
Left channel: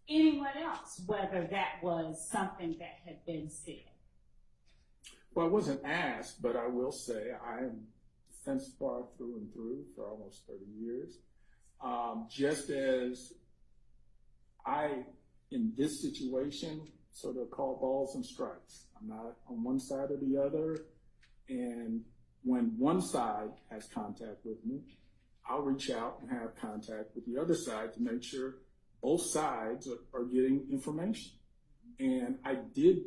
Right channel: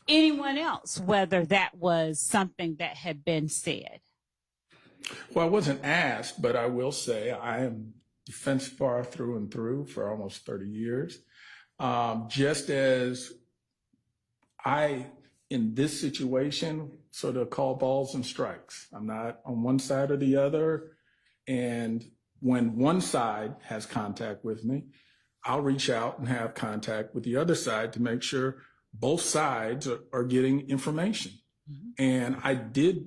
anyone else whether that was something that had been said? Well, I wasn't asked, but I will say I am defense bar through and through for almost 30 years. Just as I, in this situation, sort of call balls and strikes. I'm not on one side or the other. And when one side has contact with me, I'll reach out and have contact with the other side to make sure both sides are getting information. Mm-hmm. And I did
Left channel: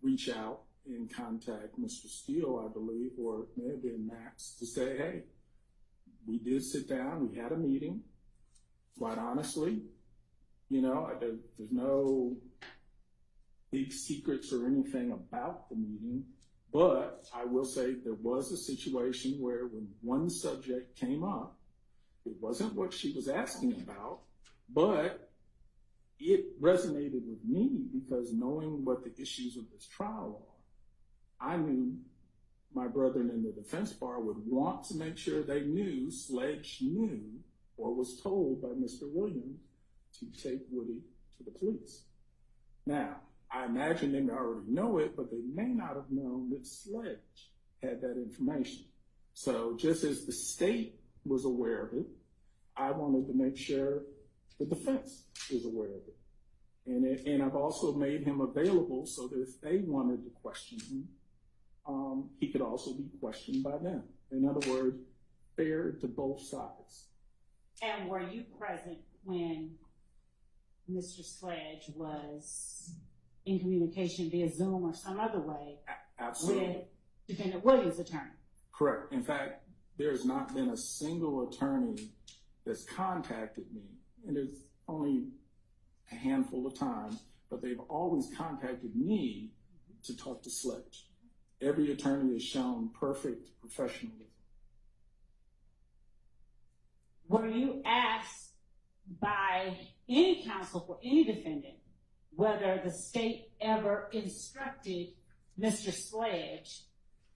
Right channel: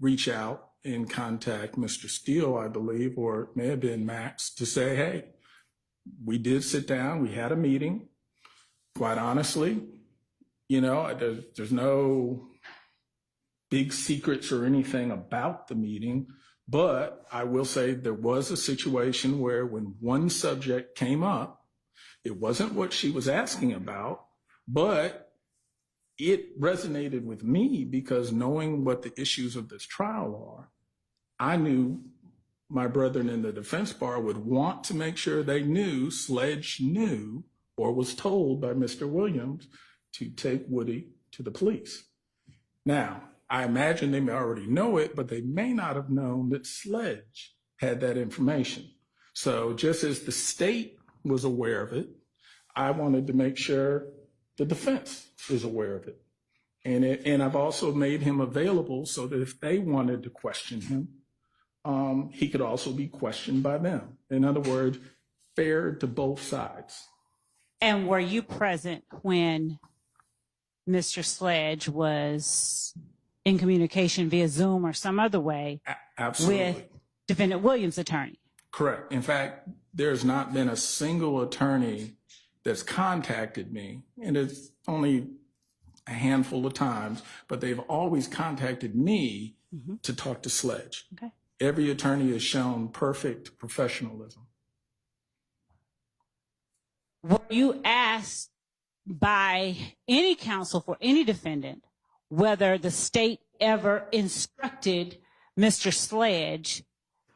reach out and contact Mr. Steele, I believe, or it may have been Max, to say, hey, we did sit down, we had a meeting. Quite honestly, you know, there's no big secrets or anything about the meeting, but I will say there was a situation where when one subject came up, it wasn't what she was asking about, but it resonated with me because knowing what the issues of this trial are, I knew my brethren in the defense bar would want to make sure they knew, Sledge knew, or was told by Mr. Williams to take Woody to the police. Now, I imagine they may already know it, but they may not have known that Sledge had that information. So just as the state was aware of it, I wanted to make sure the defense is aware of it. And I've also made him available so that if they wanted to question him, he could also be questioned by them. In other words, fair to both sides. And were you present when Mr. Sledge was in communication via Zoom or some other way Absolutely. With Defendant Williams' attorney? Correct. In fact, there's not been a single attorney that's contacted me, and it's only a handful of times, but they've always contacted me to talk to Sledge. Okay. Every attorney has shown perfect professionalism. Were you asked by any counsel for any defendant whether the state ever instructed Mr. Sledge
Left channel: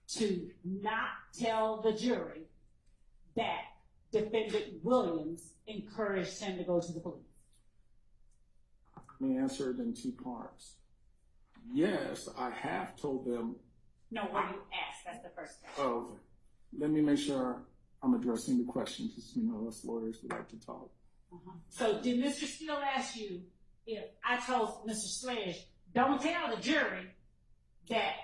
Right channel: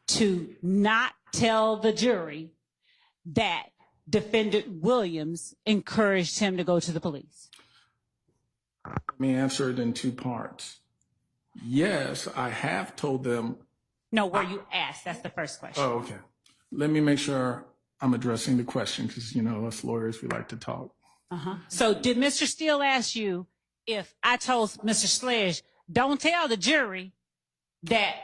to not tell the jury that Defendant Williams encouraged him to go to the police? Let me answer it in two parts. Yes, I have told them. No, were you asked? That's the first question. Oh, okay. Let me make sure I'm addressing the question because, you know, us lawyers, we like to talk. So did Mr. Steele ask you if I told Mr. Sledge, don't tell the jury that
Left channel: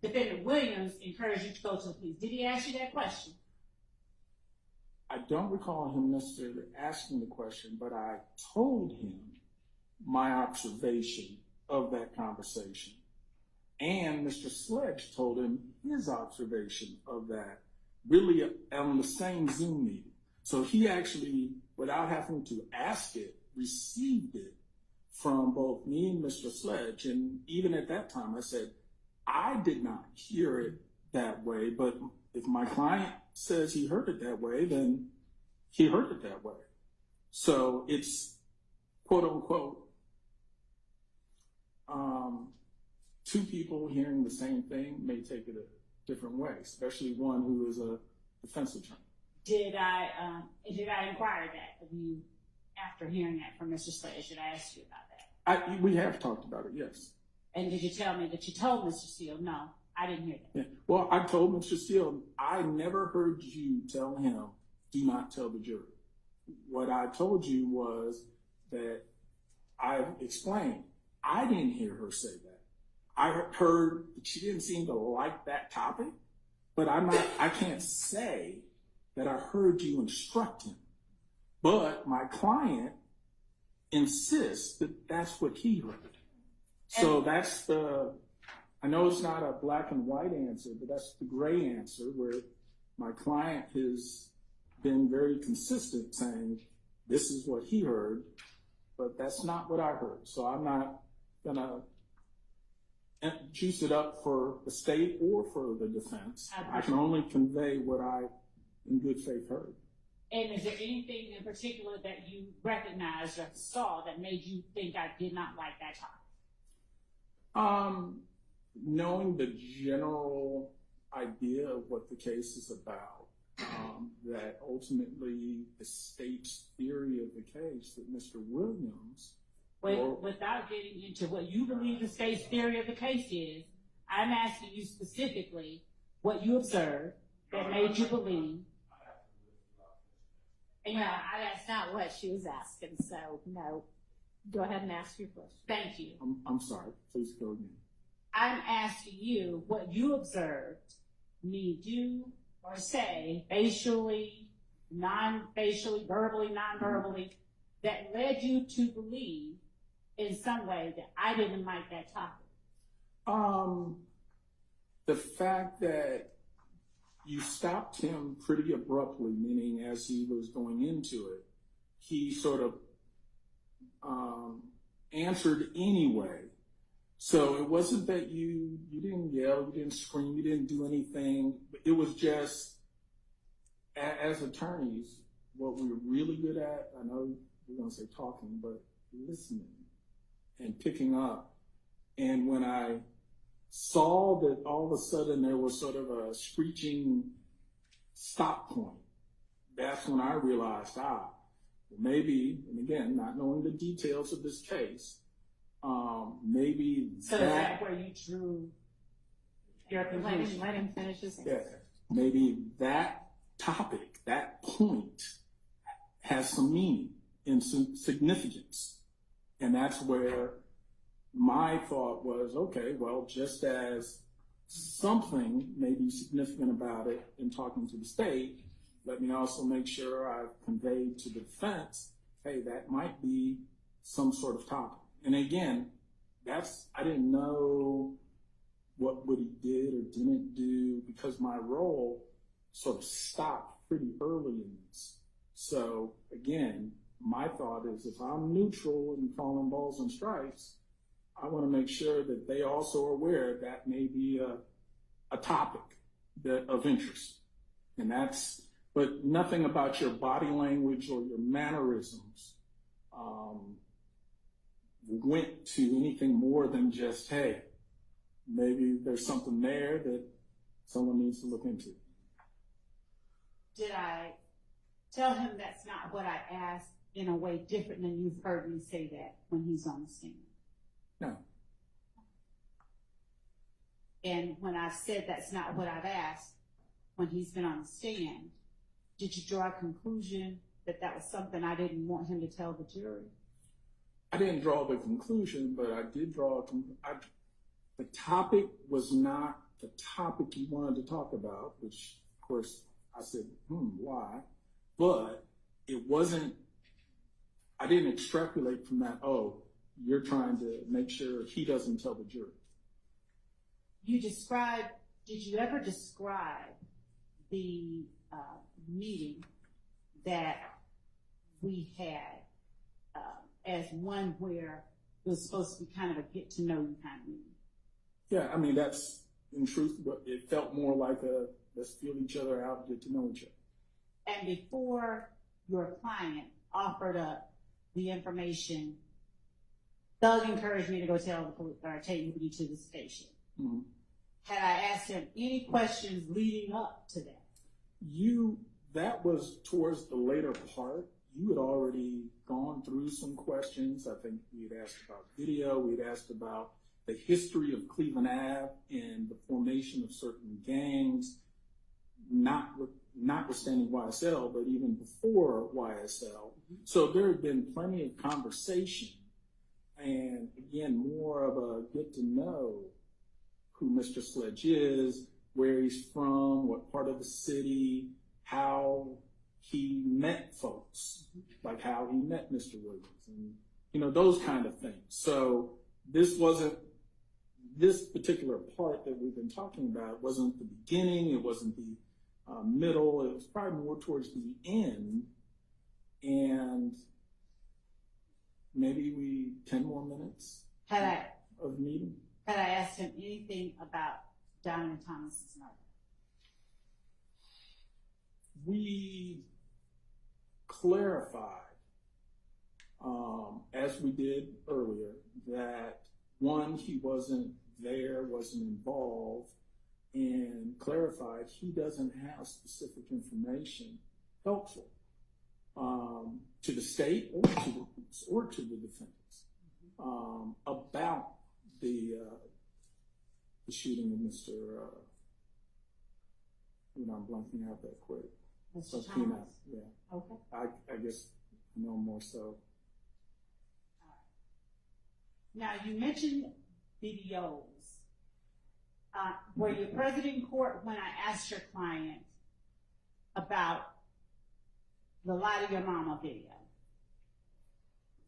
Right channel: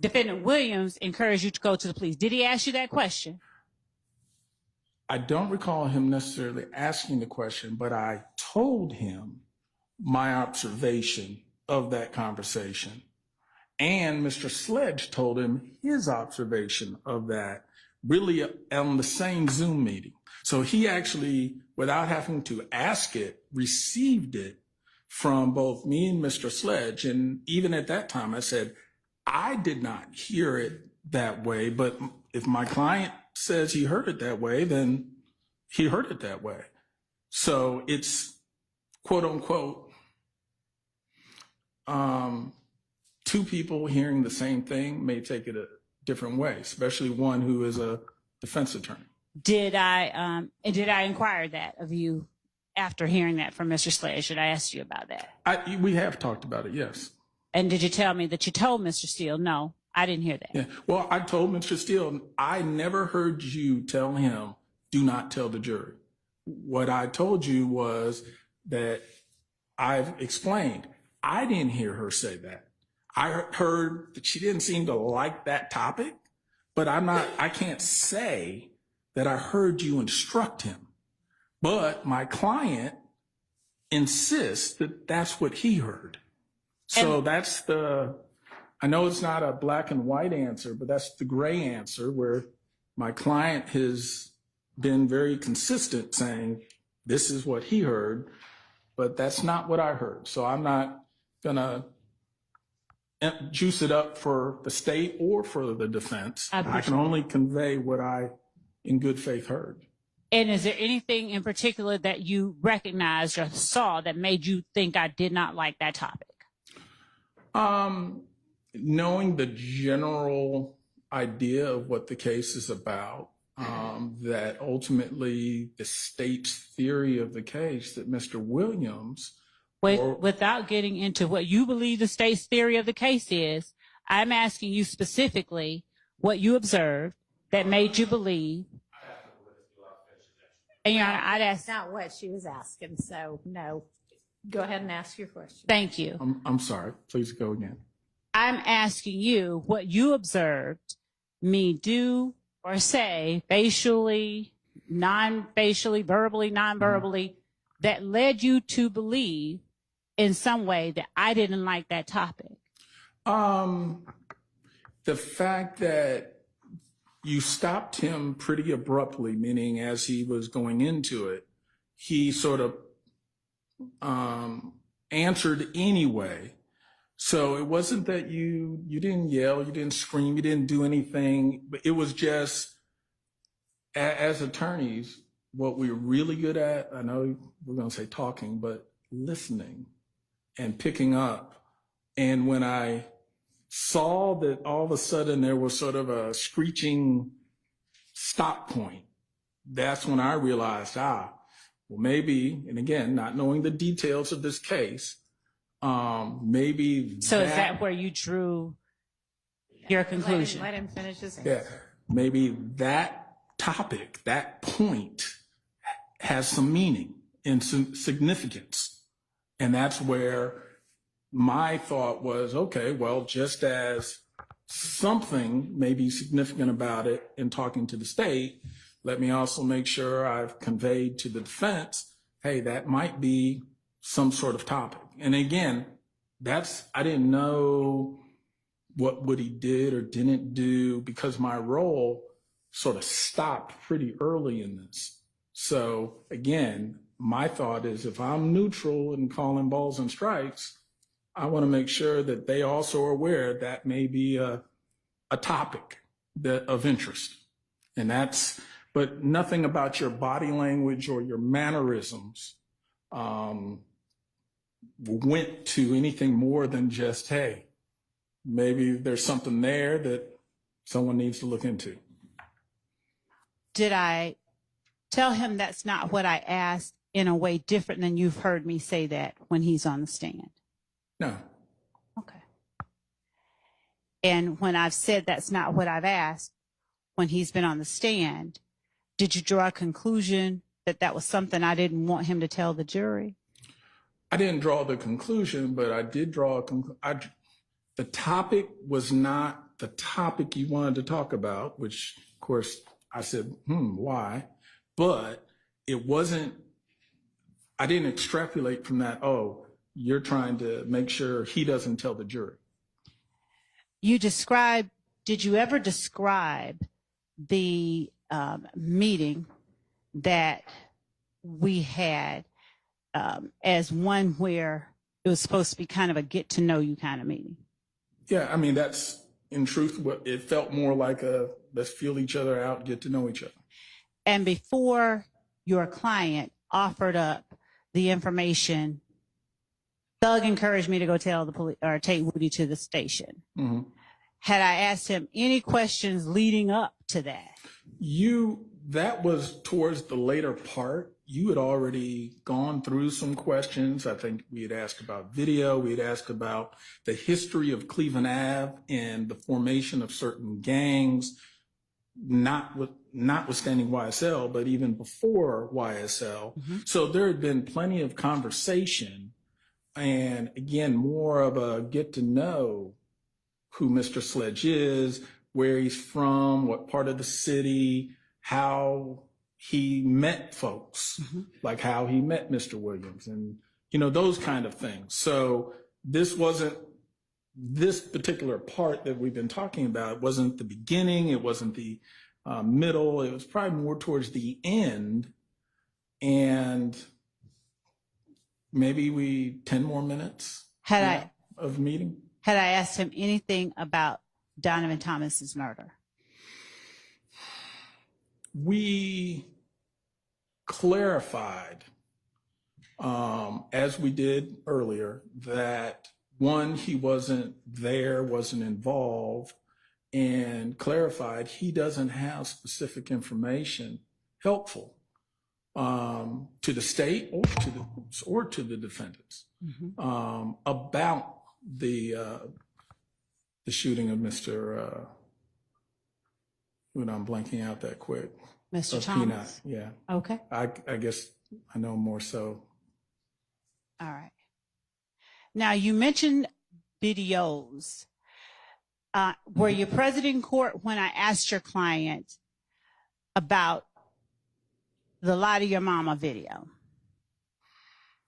Defendant Williams encouraged you to go to the police? Did he ask you that question? I don't recall him necessarily asking the question, but I told him my observation of that conversation. And Mr. Sledge told him his observation of that, really on the same Zoom meeting. So he actually, without having to ask it, received it from both me and Mr. Sledge. And even at that time, I said, I did not hear it that way, but if my client says he heard it that way, then he heard it that way. So it's quote unquote, two people hearing the same thing may take it a different way, especially one who is a defense attorney. Did I inquire that of you after hearing that from Mr. Sledge that I asked you about that. We have talked about it, yes. And did you tell me that you told Mr. Steele? No, I didn't hear that. Yeah. Well, I told Mr. Steele, I never heard you tell him, do not tell the jury. What I told you was that I've explained, I didn't hear her say that. I heard that she didn't seem to like that topic, but I can't say that I heard you instruct him. But my client insists that that's what he heard. So that's I know it's not a black and white answer, but that's the gray answer where my client has been very consistent saying, this is what he heard, but that's not what I heard. So I'm not gonna juice it up for the state or for the defense. I can only convey what I, in good faith, heard. And is there anything in particular that you recognized or saw that made you think I did not like that topic? Knowing the general idea of what the case is about, that ultimately the state's theory of the case that Mr. Williams... Without getting into what you believe the state's theory of the case is, I'm asking you specifically what you observed that made you believe. And Your Honor, I'd ask... That's not what she was asking, so no. Go ahead and ask your question. Thank you. I'm sorry. Please go again. I'm asking you what you observed me do or say, facially, non-facially, verbally, non-verbally, that led you to believe in some way that I didn't like that topic. The fact that you stopped him pretty abruptly, meaning as he was going into it, he sort of answered anyway. So it wasn't that you didn't yell, you didn't scream, you didn't do anything. But it was just, as attorneys, what we're really good at, I know we're going to say talking, but listening and picking up. And when I saw that all of a sudden there was sort of a screeching stop point, that's when I realized, well, maybe, and again, not knowing the details of this case, maybe. So is that where you drew your conclusion? Let him finish his answer. Yeah, maybe that topic, that point has some meaning and some significance. And that's where my thought was, okay, well, just as something may be significant about it in talking to the state, let me also make sure I've conveyed to the defense, hey, that might be some sort of topic. And again, I didn't know what he did or didn't do because my role sort of stopped pretty early in this. So again, my thought is if I'm neutral in calling balls and strikes, I want to make sure that they also are aware that may be a topic of interest. And but nothing about your body language or your mannerisms went to anything more than just, hey, maybe there's something there that someone needs to look into. Did I tell him that's not what I asked in a way different than you've heard me say that when he's on the stand? No. Okay. And when I've said that's not what I've asked when he's been on the stand, did you draw a conclusion that that was something I didn't want him to tell the jury? I didn't draw the conclusion, but I did draw the topic was not the topic you wanted to talk about, which, of course, I said, why? But it wasn't, I didn't extrapolate from that, you're trying to make sure he doesn't tell the jury. Did you ever describe the meeting that we had as one where it was supposed to be kind of a get to know you kind of meeting? Yeah, I mean, that's in truth what it felt more like let's feel each other out, get to know each other. And before your client offered up the information, Doug encouraged me to go tell the police or take Woody to the station. Mm-hmm. Had I asked him any questions leading up to that? that was towards the later part. You had already gone through some questions. I think we had asked about video. We had asked about the history of Cleveland Ave and the formation of certain gangs, notwithstanding YSL, but even before YSL. So there had been plenty of conversation, and again, more of a get to know who Mr. Sledge is, where he's from, what part of the city, how he met folks, like how he met Mr. Williams, and those kind of things. So this particular part that we've been talking about wasn't the beginning, it wasn't the middle, it was probably more towards the end, and maybe 10 more minutes of meeting. Had I asked him anything about Donovan Thomas's murder? We clarified, as we did earlier, that one, he wasn't there, wasn't involved, and clarified he doesn't have specific information helpful to the state or to the defendants about the shooting of Mr. I'm blanking out that quick. Mr. Thomas. Yeah. Okay. I guess I know more so. All right. Now, you mentioned videos. Were you present in court when I asked your client about the Lie to Your Mama video?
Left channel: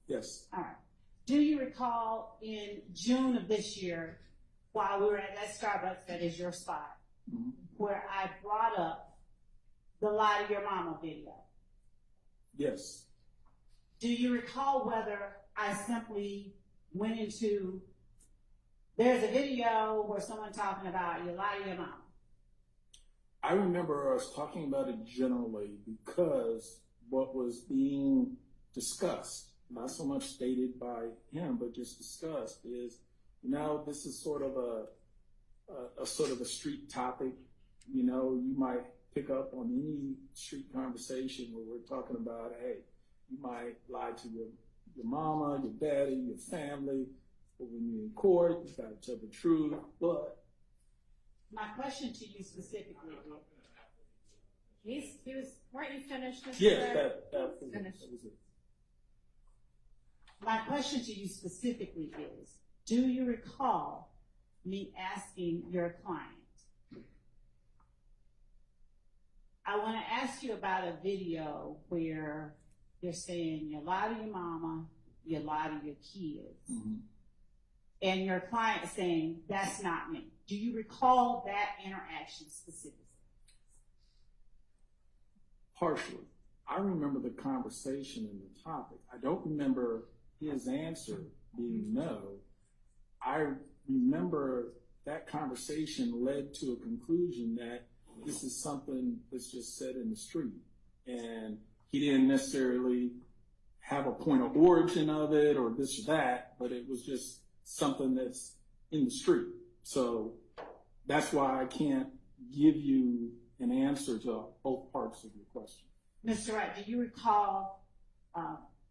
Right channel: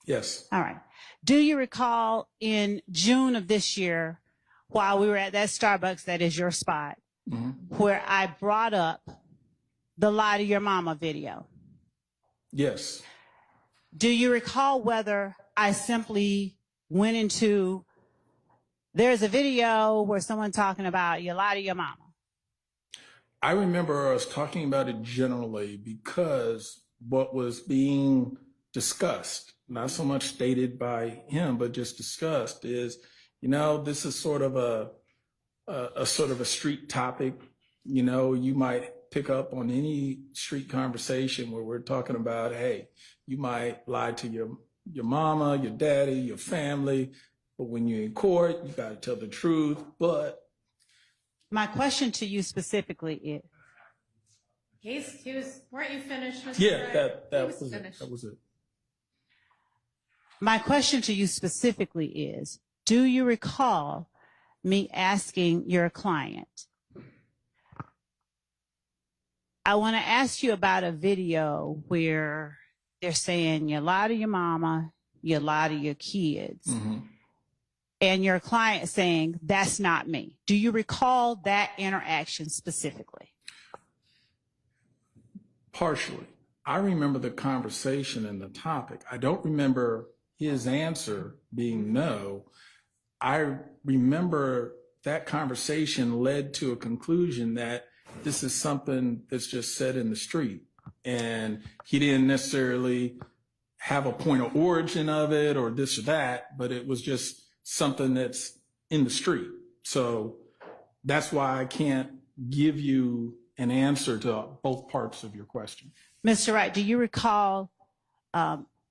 Yes. All right. Do you recall in June of this year, while we were at that Starbucks, that is your spot, where I brought up the Lie to Your Mama video? Yes. Do you recall whether I simply went into, there's a video where someone talking about you lie to your mama? I remember us talking about it generally because what was being discussed, not so much stated by him, but just discussed, is, this is sort of a street topic. You might pick up on any street conversation where we're talking about, hey, you might lie to your mama, your daddy, your family, but when you're in court, you got to tell the truth. But my question to you specifically is, weren't you finished, Mr. yeah, Wright? that was it. My question to you specifically is, do you recall me asking your client, I want to ask you about a video where they're saying you lie to your mama, you lie to your kids, and your client saying, that's not me. Do you recall that interaction specifically? Partially. I remember the conversation and the topic. I don't remember his answer being no. I remember that conversation led to a conclusion that this is something that's just said in the street. And he didn't necessarily have a point of origin of it or this or that, but it was just something that's in the street. So that's why I can't give you an answer to both parts of your question. Mr. Wright, do you recall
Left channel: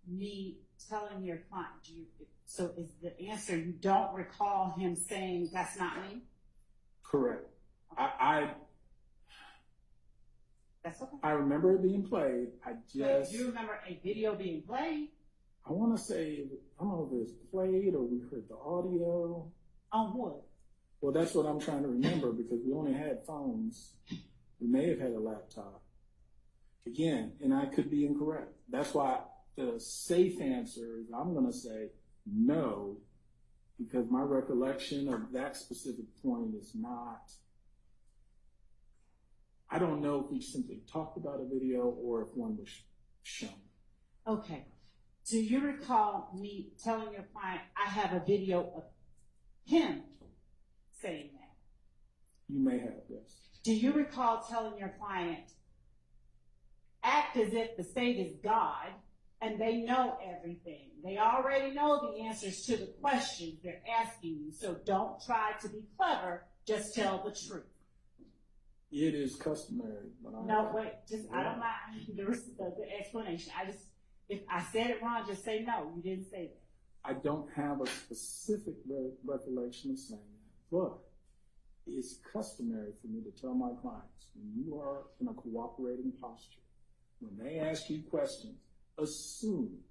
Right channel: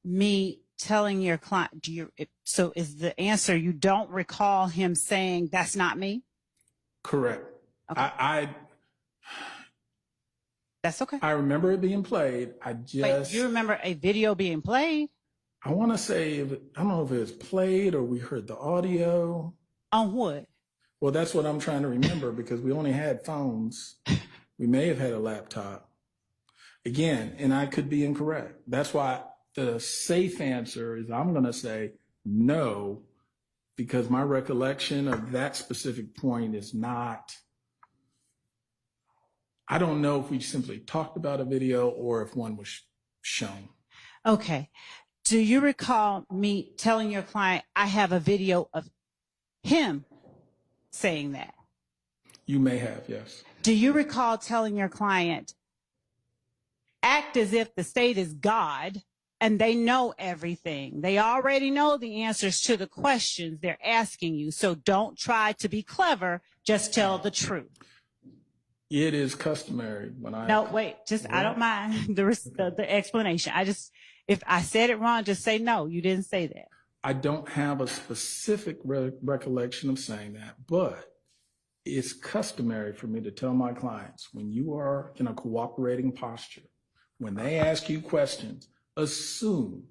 me telling your client, so is the answer you don't recall him saying, that's not me? Correct. Okay. That's okay. I remember it being played. Wait, you remember a video being played? I want to say, I don't know if it was played or we heard the audio. On what? Well, that's what I'm trying to remember because we only had phones. We may have had a laptop. Again, and I could be incorrect. That's why the safe answer is I'm going to say no, because my recollection of that specific point is not, I don't know if we simply talked about a video or if one was shown. Okay. Do you recall me telling your client, I have a video of him saying that? You may have, yes. Do you recall telling your client, act as if the state is God and they know everything? They already know the answers to the questions they're asking you. So don't try to be clever, just tell the truth. It is customary when I. No, wait, I don't mind the explanation. If I said it wrong, just say no, you didn't say that. I don't have a specific recollection of saying that, but it's customary for me to tell my clients, when you are in a cooperating posture, when they ask you questions, assume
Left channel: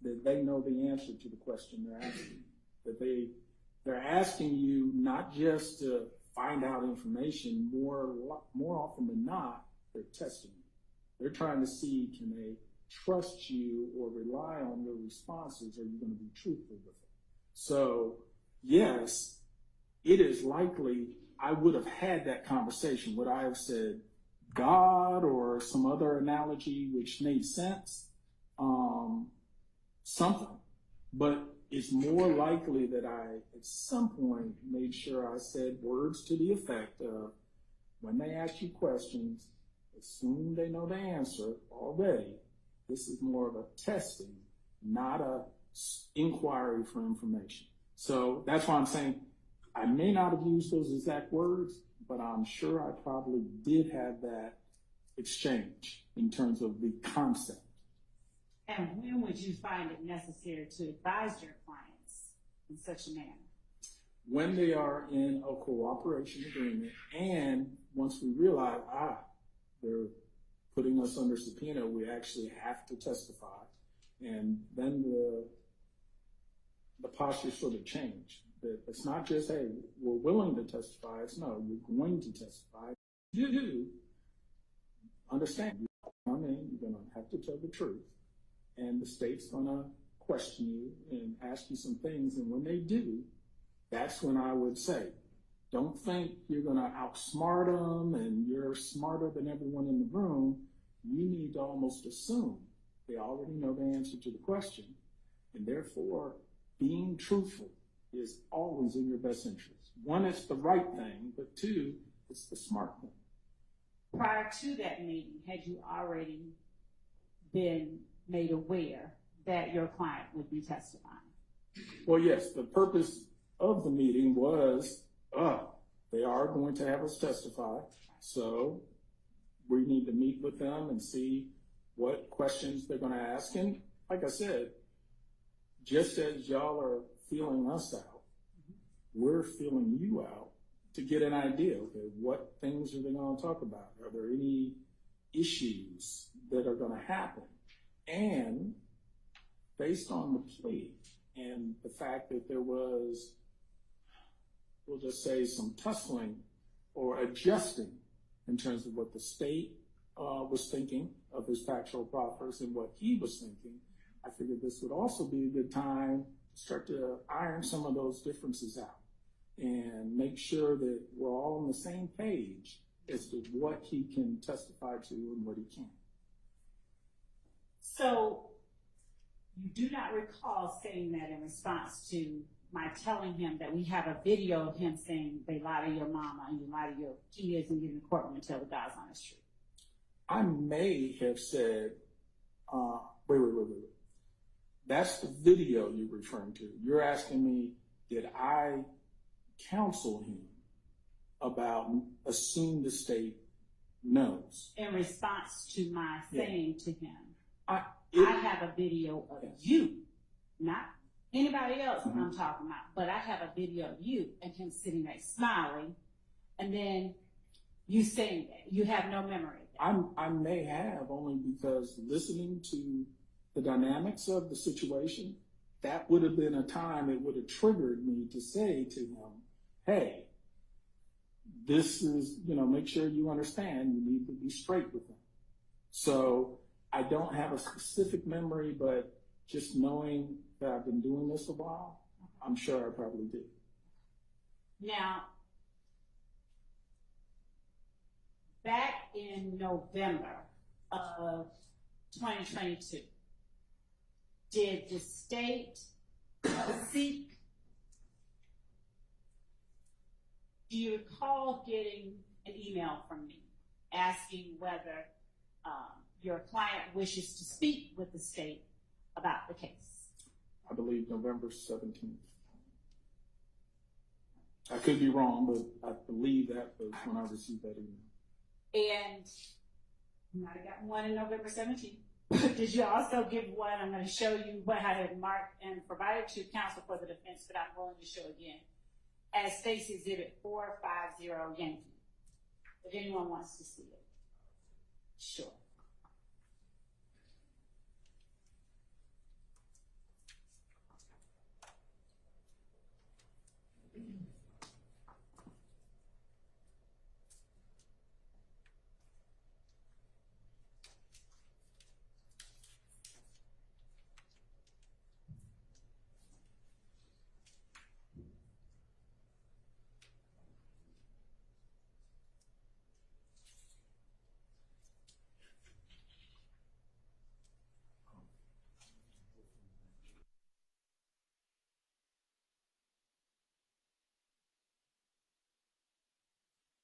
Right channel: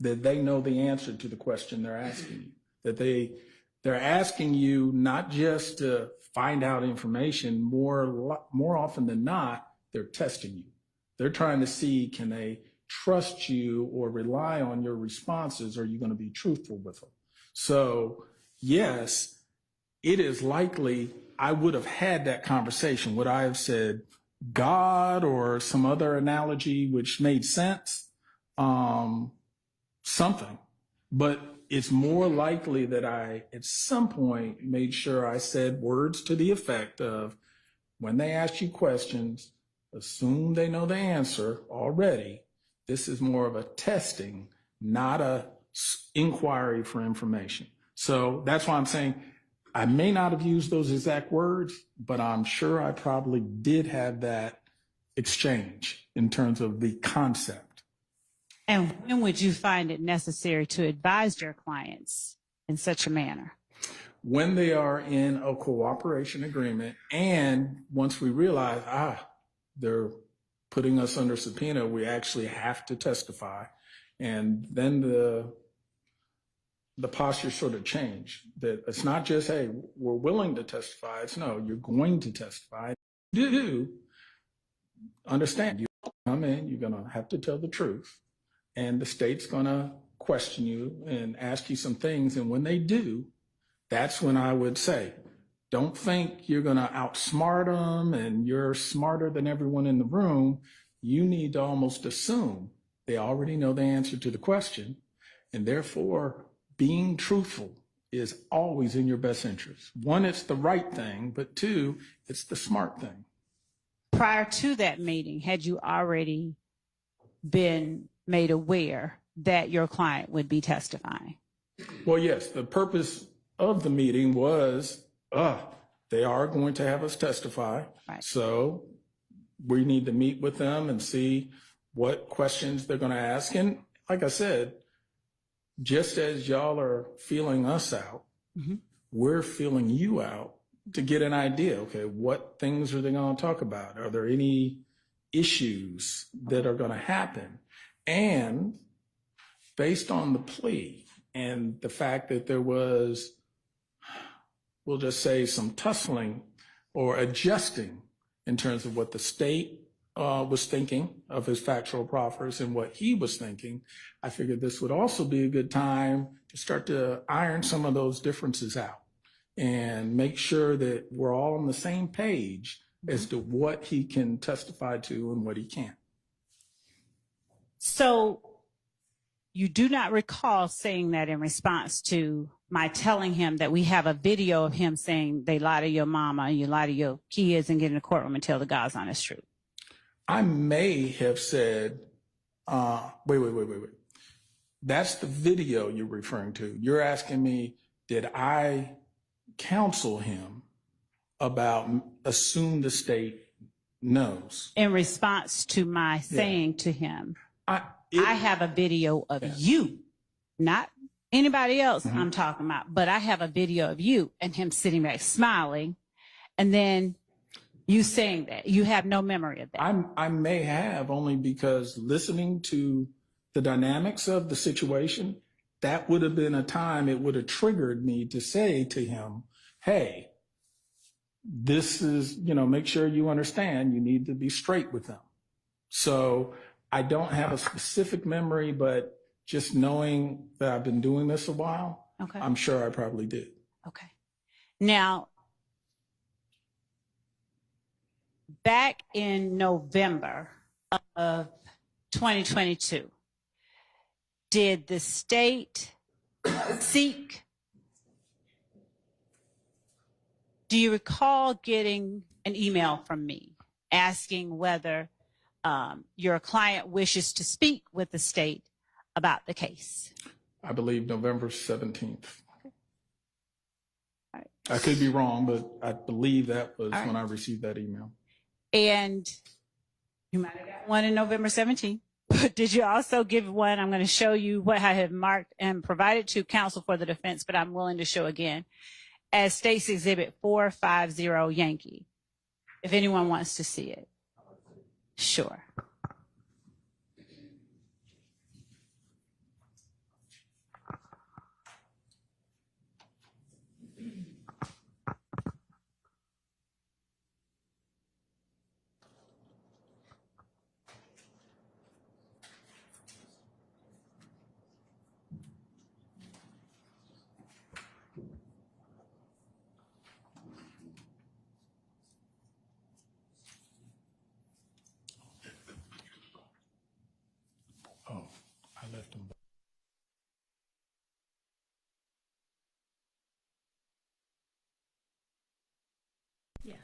that they know the answer to the question they're asking you, that they're asking you not just to find out information, more often than not, they're testing you. They're trying to see, can they trust you or rely on your responses? Are you going to be truthful with them? So yes, it is likely I would have had that conversation. Would I have said God or some other analogy which made sense? Something. But it's more likely that I, at some point, made sure I said words to the effect of, when they ask you questions, assume they know the answer already. This is more of a testing, not a inquiry for information. So that's why I'm saying I may not have used those exact words, but I'm sure I probably did have that exchange in terms of the concept. And when would you find it necessary to advise your clients in such a manner? When they are in a cooperation agreement, and once we realize, they're putting us under subpoena, we actually have to testify. And then the posture sort of changed. That it's not just, hey, we're willing to testify. It's no, you're going to testify. You do understand. You come in, you're going to have to tell the truth. And the state's going to question you and ask you some things. And when they do, that's when I would say, don't think you're going to outsmart them and you're smarter than everyone in the room. You need to almost assume they already know the answer to the question. And therefore, being truthful is always in your best interest. One, it's the right thing, but two, it's the smart thing. Prior to that meeting, had you already been made aware that your client would be testifying? Well, yes, the purpose of the meeting was, they are going to have us testify. Right. So we need to meet with them and see what questions they're going to ask. And like I said, just as y'all are feeling us out, we're feeling you out to get an idea. Okay, what things are they going to talk about? Are there any issues that are going to happen? And based on the plea and the fact that there was, we'll just say, some tussling or adjusting in terms of what the state was thinking of his factual proffers and what he was thinking, I figured this would also be a good time to start to iron some of those differences out and make sure that we're all on the same page as to what he can testify to and what he can't. So you do not recall saying that in response to my telling him that we have a video of him saying they lie to your mama and you lie to your kids and get in the courtroom and tell the God's honest truth? I may have said, wait. That's the video you're referring to. You're asking me, did I counsel him about assume the state knows? In response to my saying to him, I have a video of you, not anybody else I'm talking about, but I have a video of you and him sitting back smiling, and then you saying that. You have no memory of that. I may have, only because listening to the dynamics of the situation, that would have been a time it would have triggered me to say to him, hey, this is, make sure you understand, you need to be straight with them. So I don't have a specific memory, but just knowing that I've been doing this a while, I'm sure I probably did. Okay. Now, back in November of 2022, did the state seek, do you recall getting an email from me asking whether your client wishes to speak with the state about the case? I believe November 17th. Okay. All right. I could be wrong, but I believe that was when I received that email. And you might have gotten one in November 17th. But did you also give one? I'm going to show you what I had marked and provided to counsel for the defense, but I'm willing to show again as State's Exhibit 450 Yankee, if anyone wants to see it. Sure. Oh, I left them. Yes.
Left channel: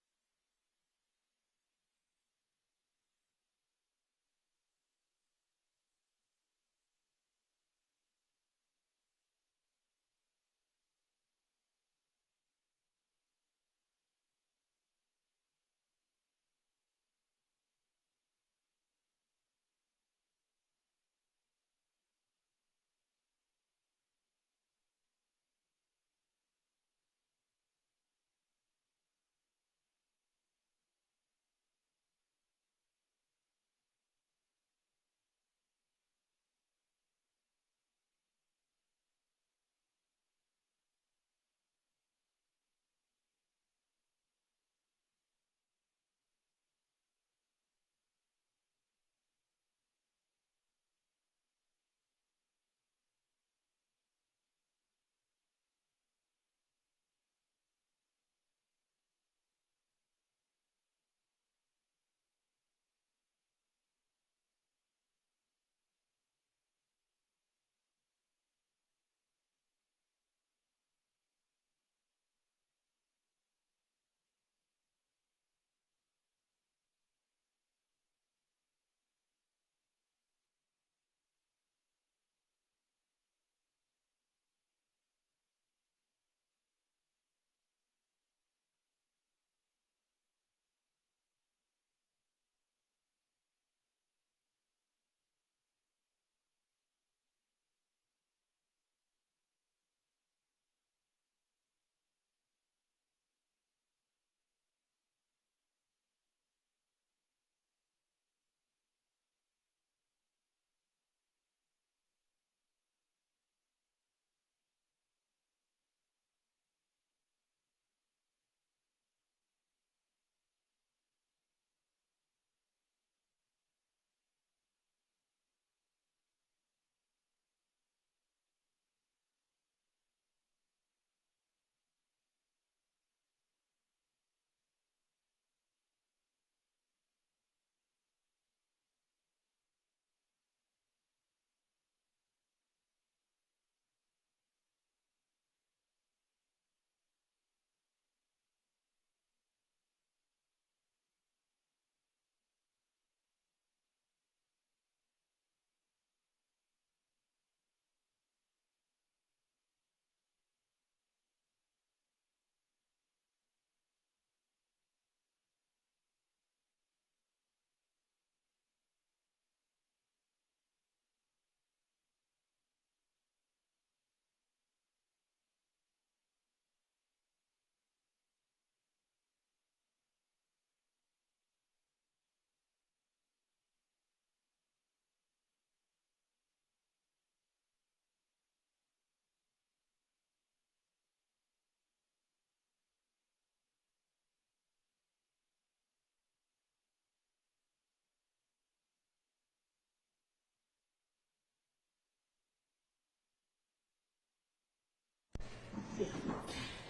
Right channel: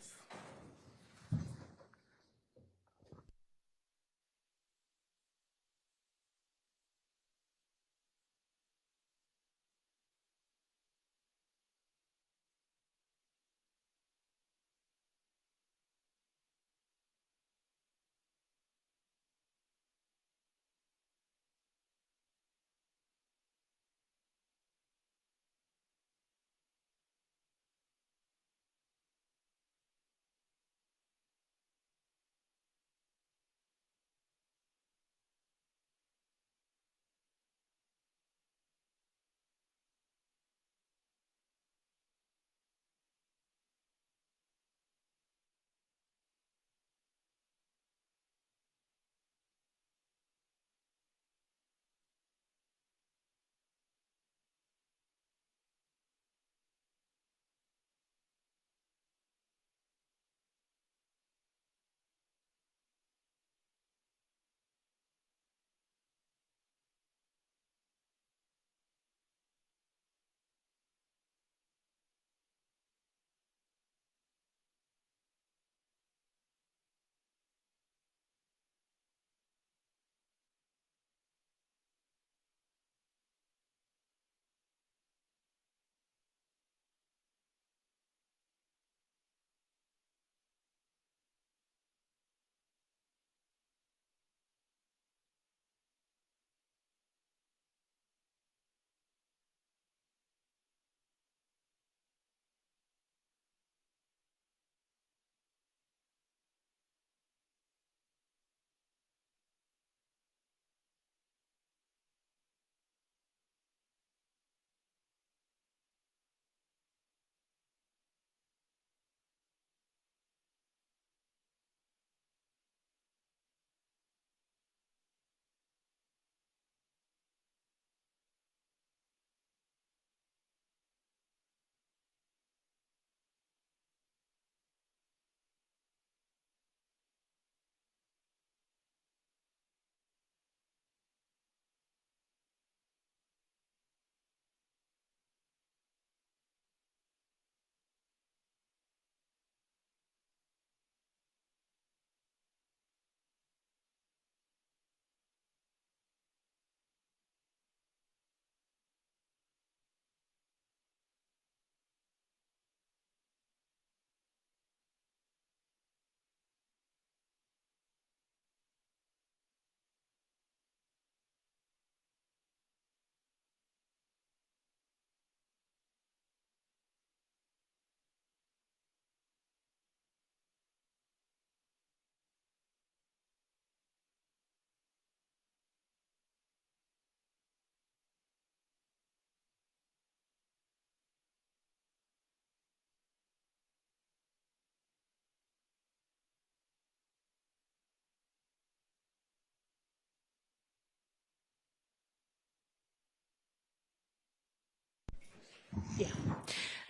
Yeah.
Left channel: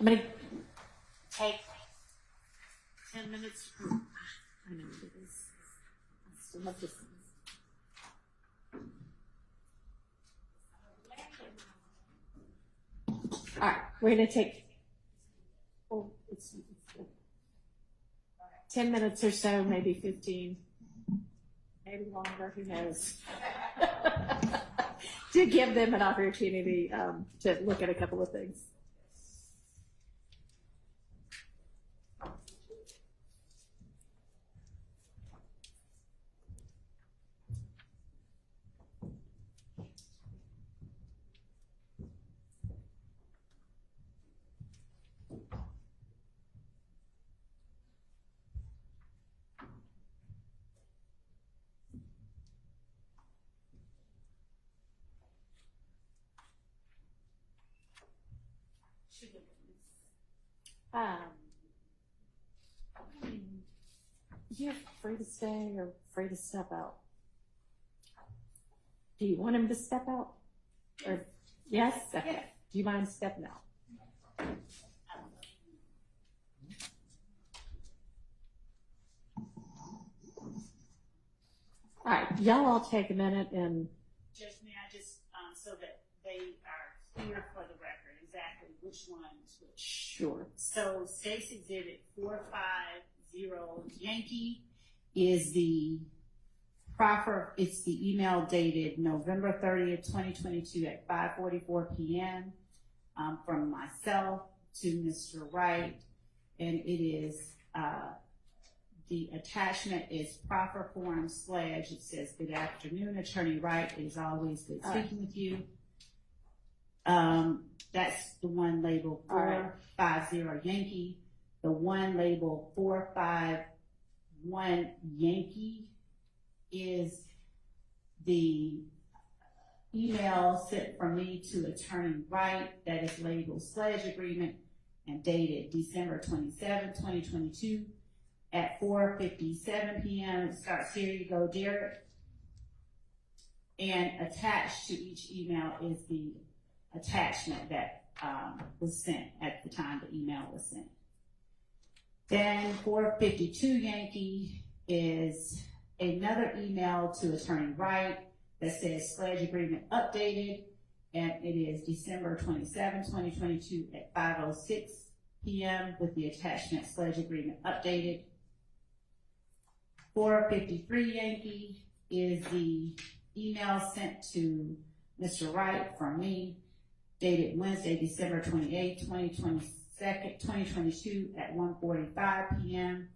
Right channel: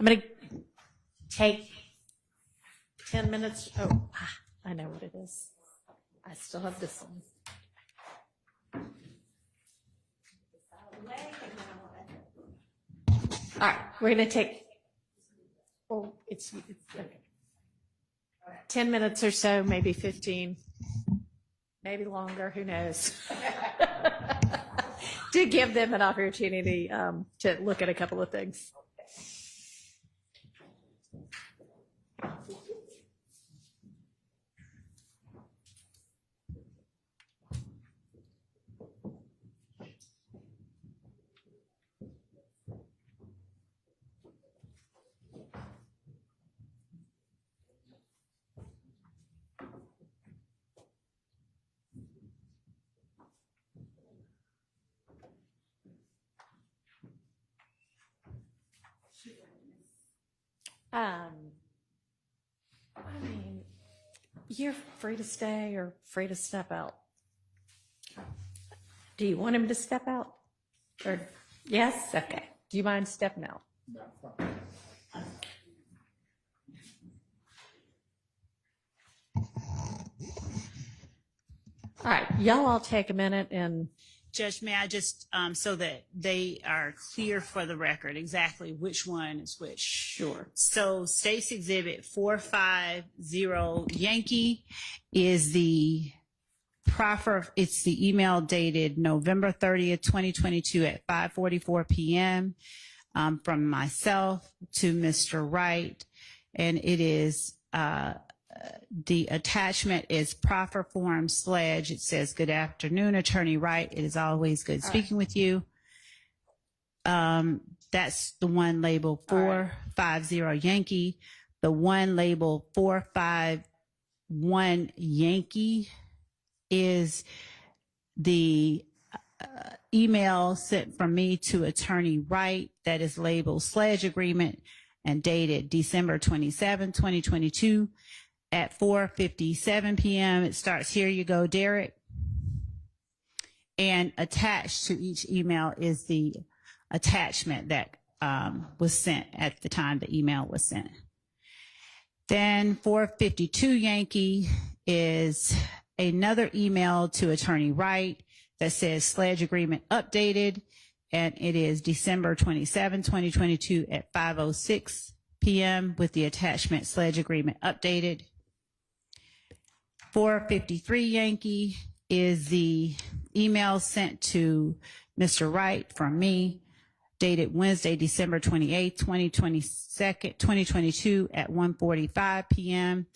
I'm going to take 10 minutes. Oh, I know what it is. I still have this one. All right, we're going to take, well, it's okay. 10 minutes or so, maybe 15, maybe longer, who knows? To give them an opportunity to look at a couple of things. You're free to stay or free to step out. Do you want him to step out? Or yes? Okay. Do you mind stepping out? All right, y'all all take a minute and Judge, may I just, so that they are clear for the record, exactly which one is which? Sure. So State's Exhibit 450 Yankee is the proffer, it's the email dated November 30th, 2022 at 5:44 p.m. From myself to Mr. Wright, and it is, the attachment is proffer form Sledge. It says, "Good afternoon, Attorney Wright. It is always good speaking with you." That's the one labeled 450 Yankee. The one labeled 451 Yankee is the email sent from me to Attorney Wright that is labeled Sledge Agreement and dated December 27, 2022. At 4:57 p.m. It starts, "Here you go, Derek." And attached to each email is the attachment that was sent at the time the email was sent. Then 4:52 Yankee is another email to Attorney Wright that says Sledge Agreement updated, and it is December 27, 2022 at 5:06 p.m. with the attachment Sledge Agreement updated. 4:53 Yankee is the email sent to Mr. Wright from me, dated Wednesday, December 28, 2022 at 1:45 p.m.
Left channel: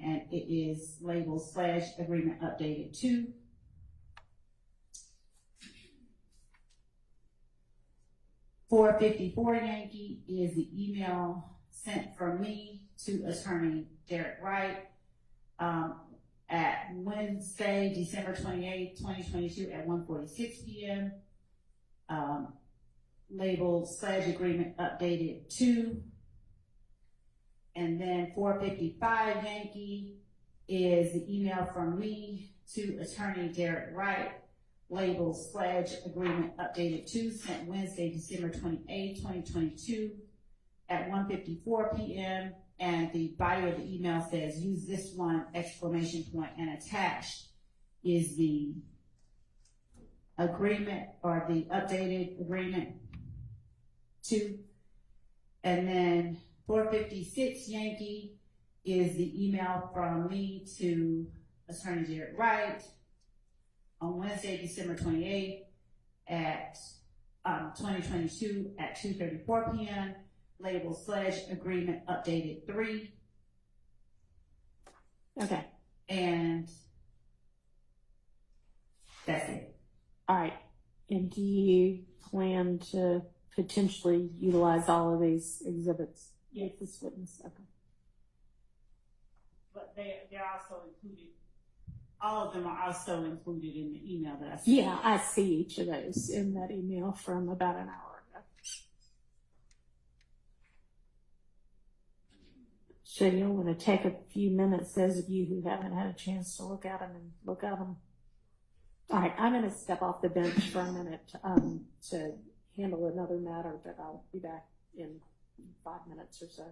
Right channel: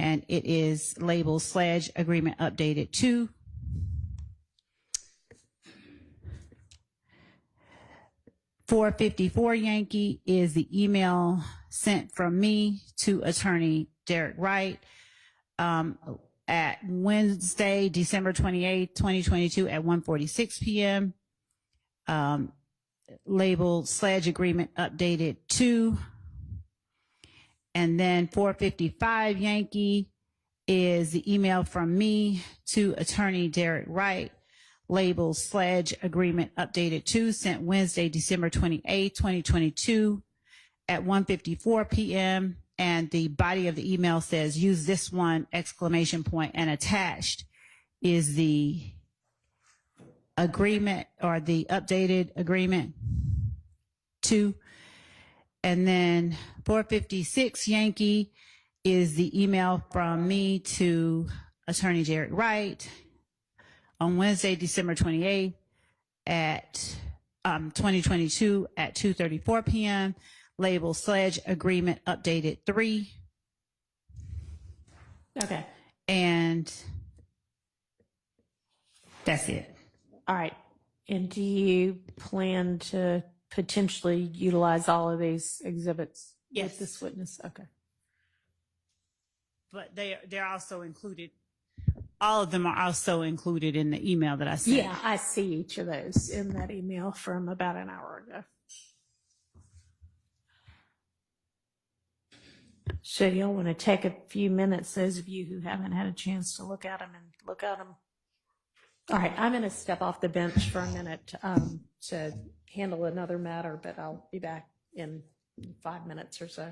And it is labeled Sledge Agreement Updated 2. $4.54 Yankee is the email sent from me to Attorney Derek Wright at Wednesday, December 28, 2022 at 1:46 p.m. Labeled Sledge Agreement Updated 2. And then 4:55 Yankee is the email from me to Attorney Derek Wright, labeled Sledge Agreement Updated 2, sent Wednesday, December 28, 2022 at 1:54 p.m. And the body of the email says, "Use this one!" And attached is the agreement, or the updated agreement 2. And then 4:56 Yankee is the email from me to Attorney Derek Wright on Wednesday, December 28th at 2022 at 2:34 p.m. labeled Sledge Agreement Updated 3. Okay. And that's it. All right. And do you plan to potentially utilize all of these exhibits with this witness? Okay. But they're also included. All of them are also included in the email that I sent. Yeah, I see each of those in that email from about an hour ago. So you'll want to take a few minutes, those of you who haven't had a chance to look at them, and look at them. All right, I'm going to step off the bench for a minute to handle another matter, but I'll be back in 5 minutes or so.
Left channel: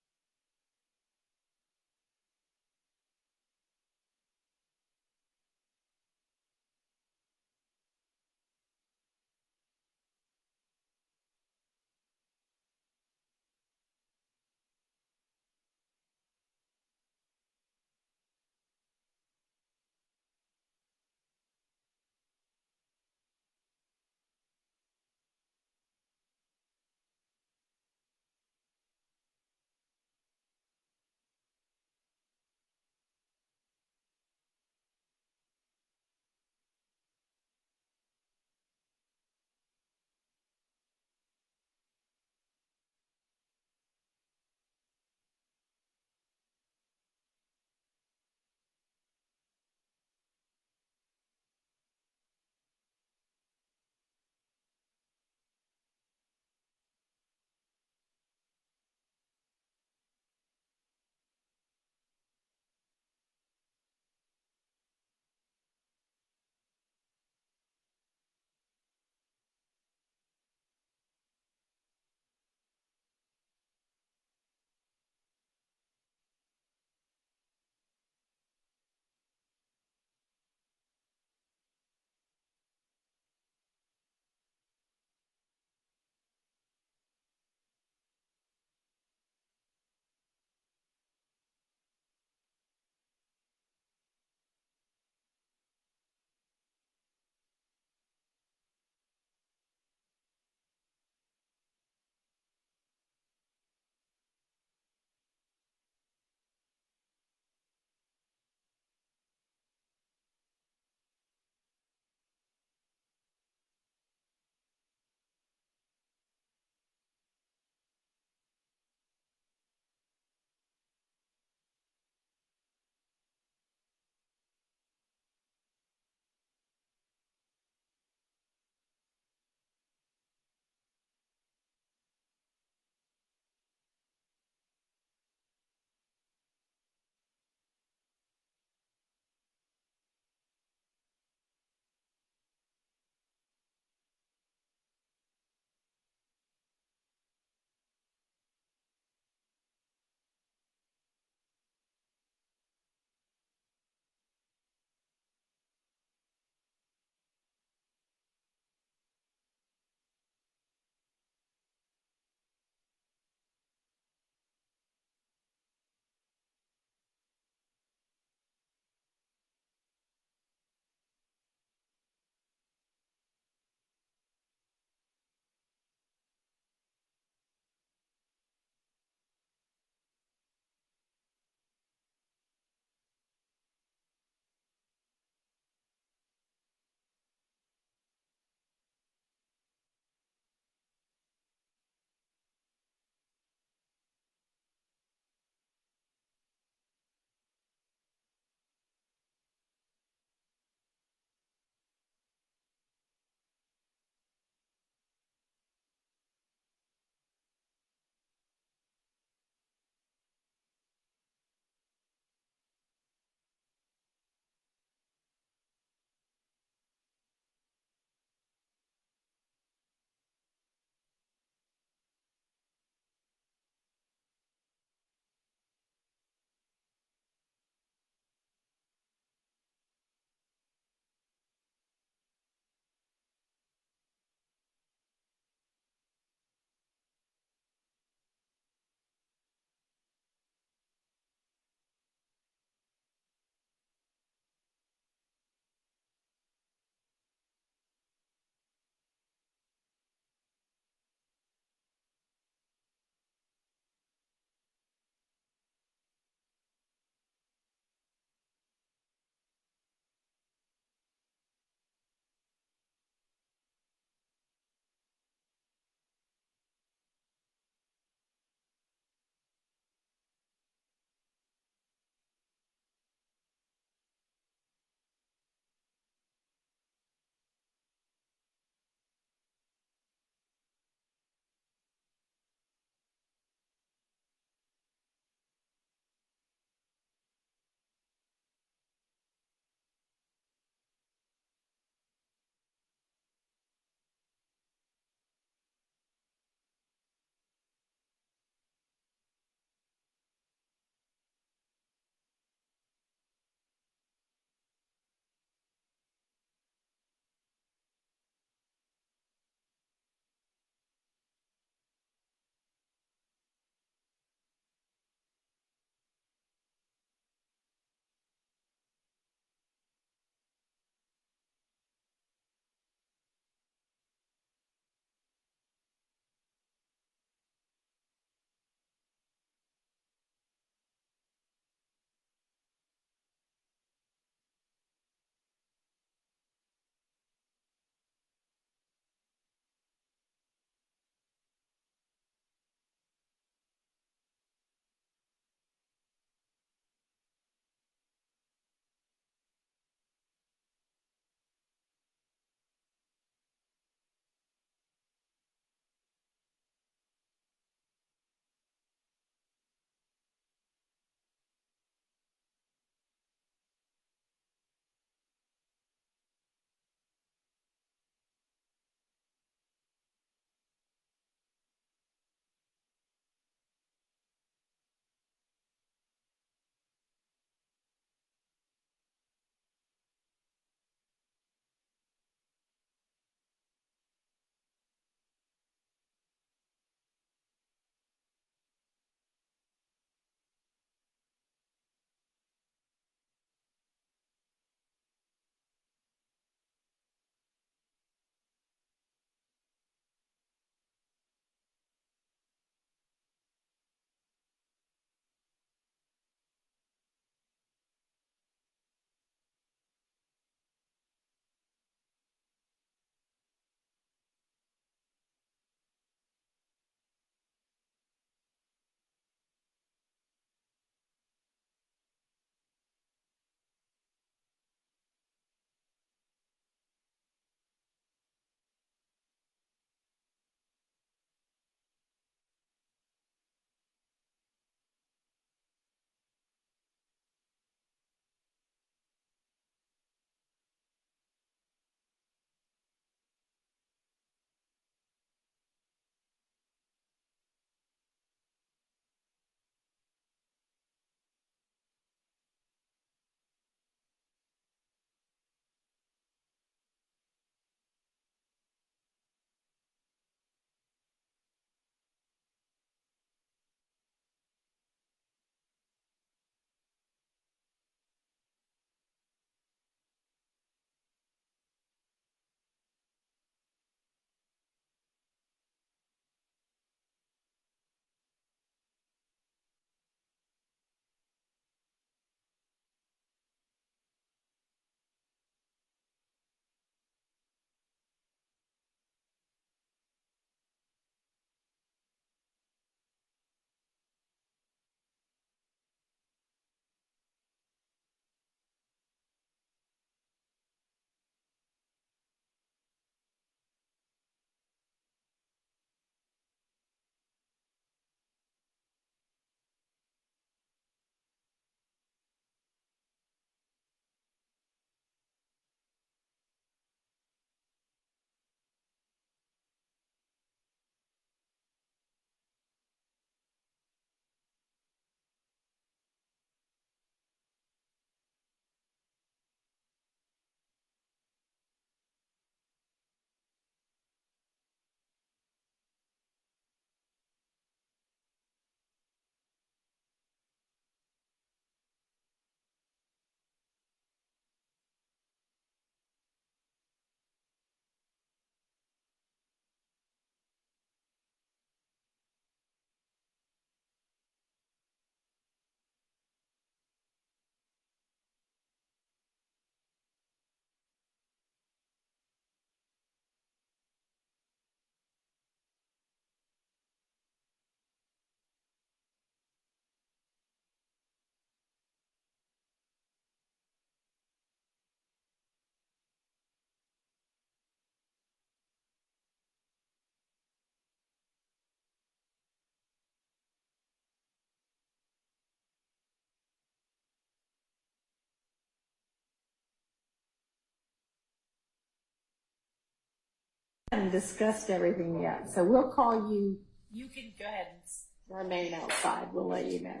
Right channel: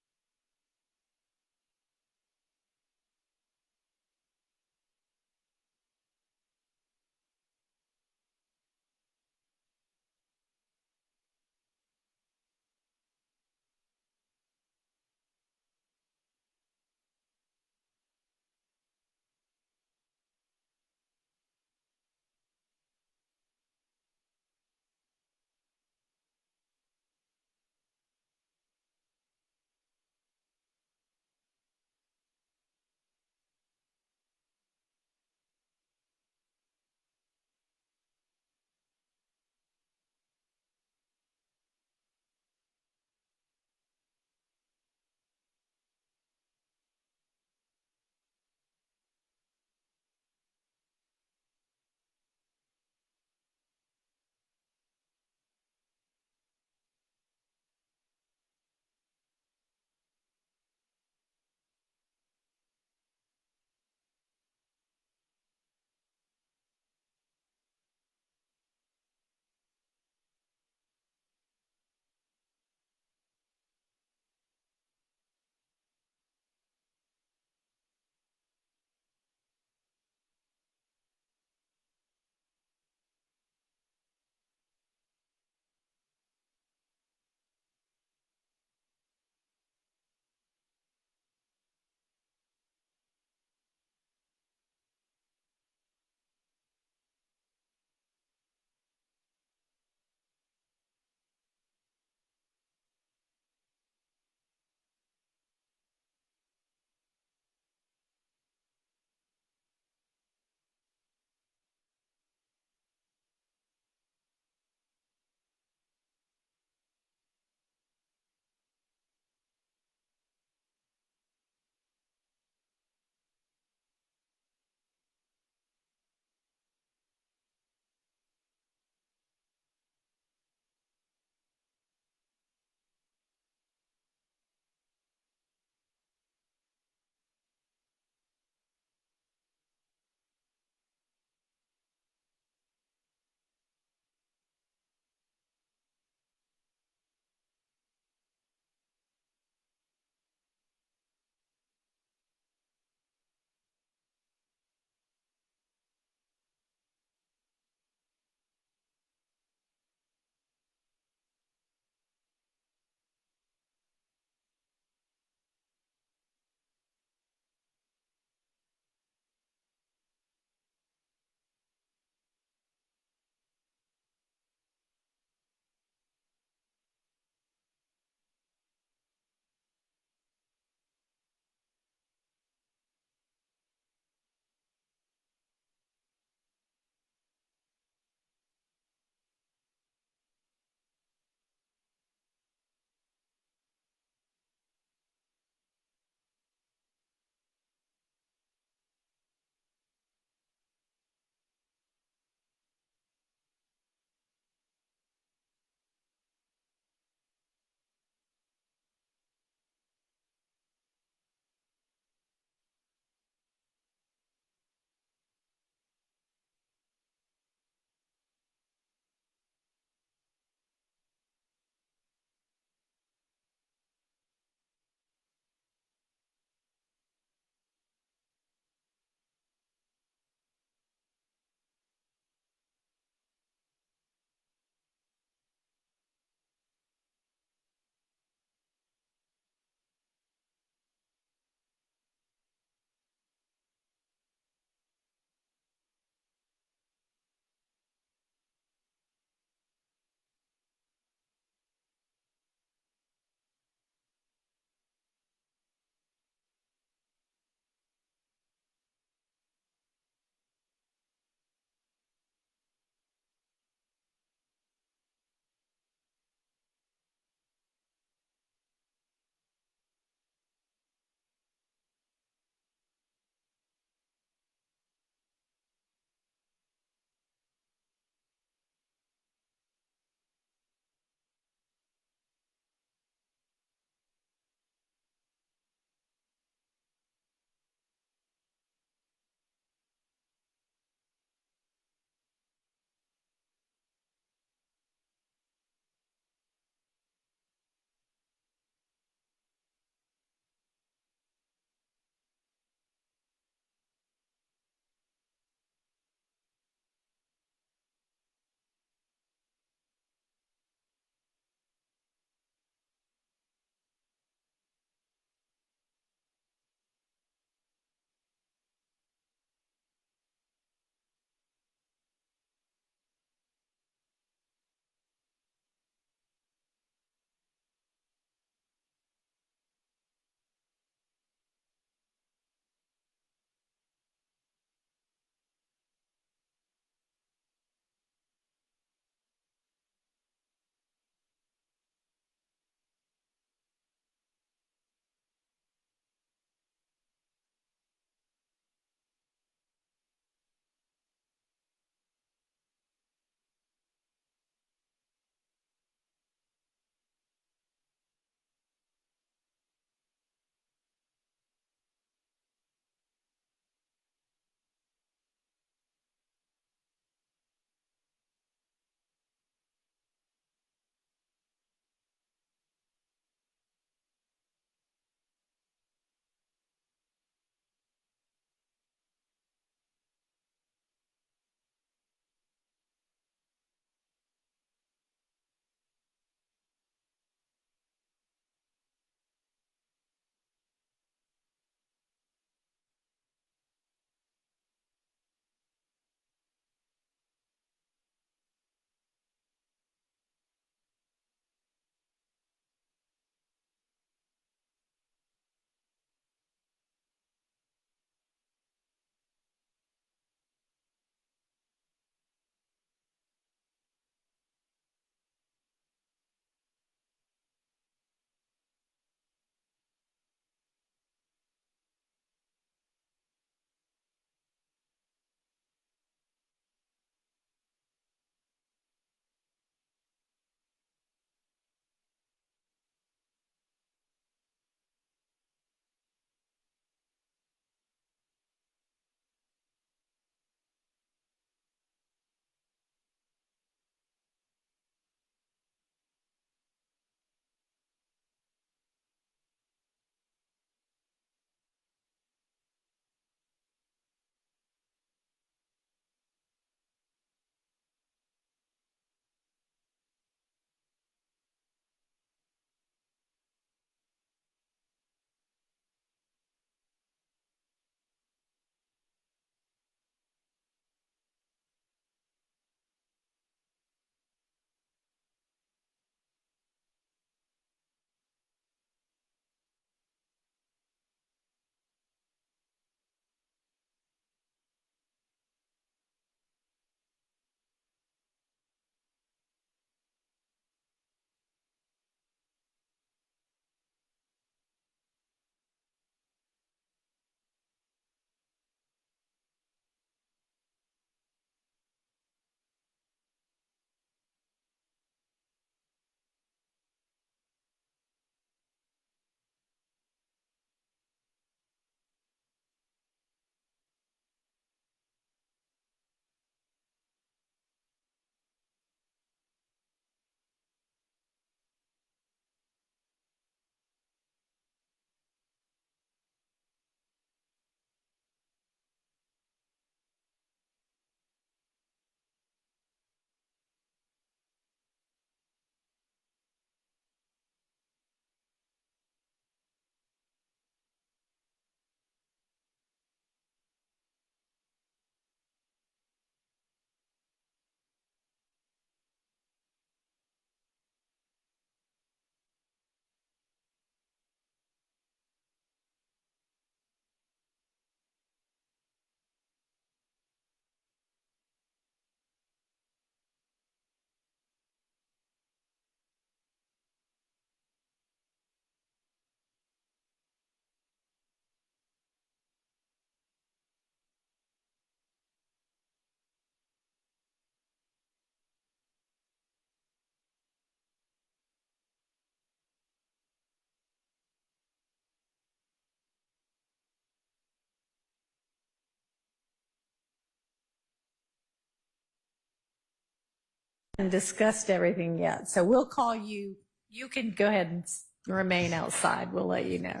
haven't discussed everything yet, so we'll call you. You can go ahead and remain outside. We'll let you know.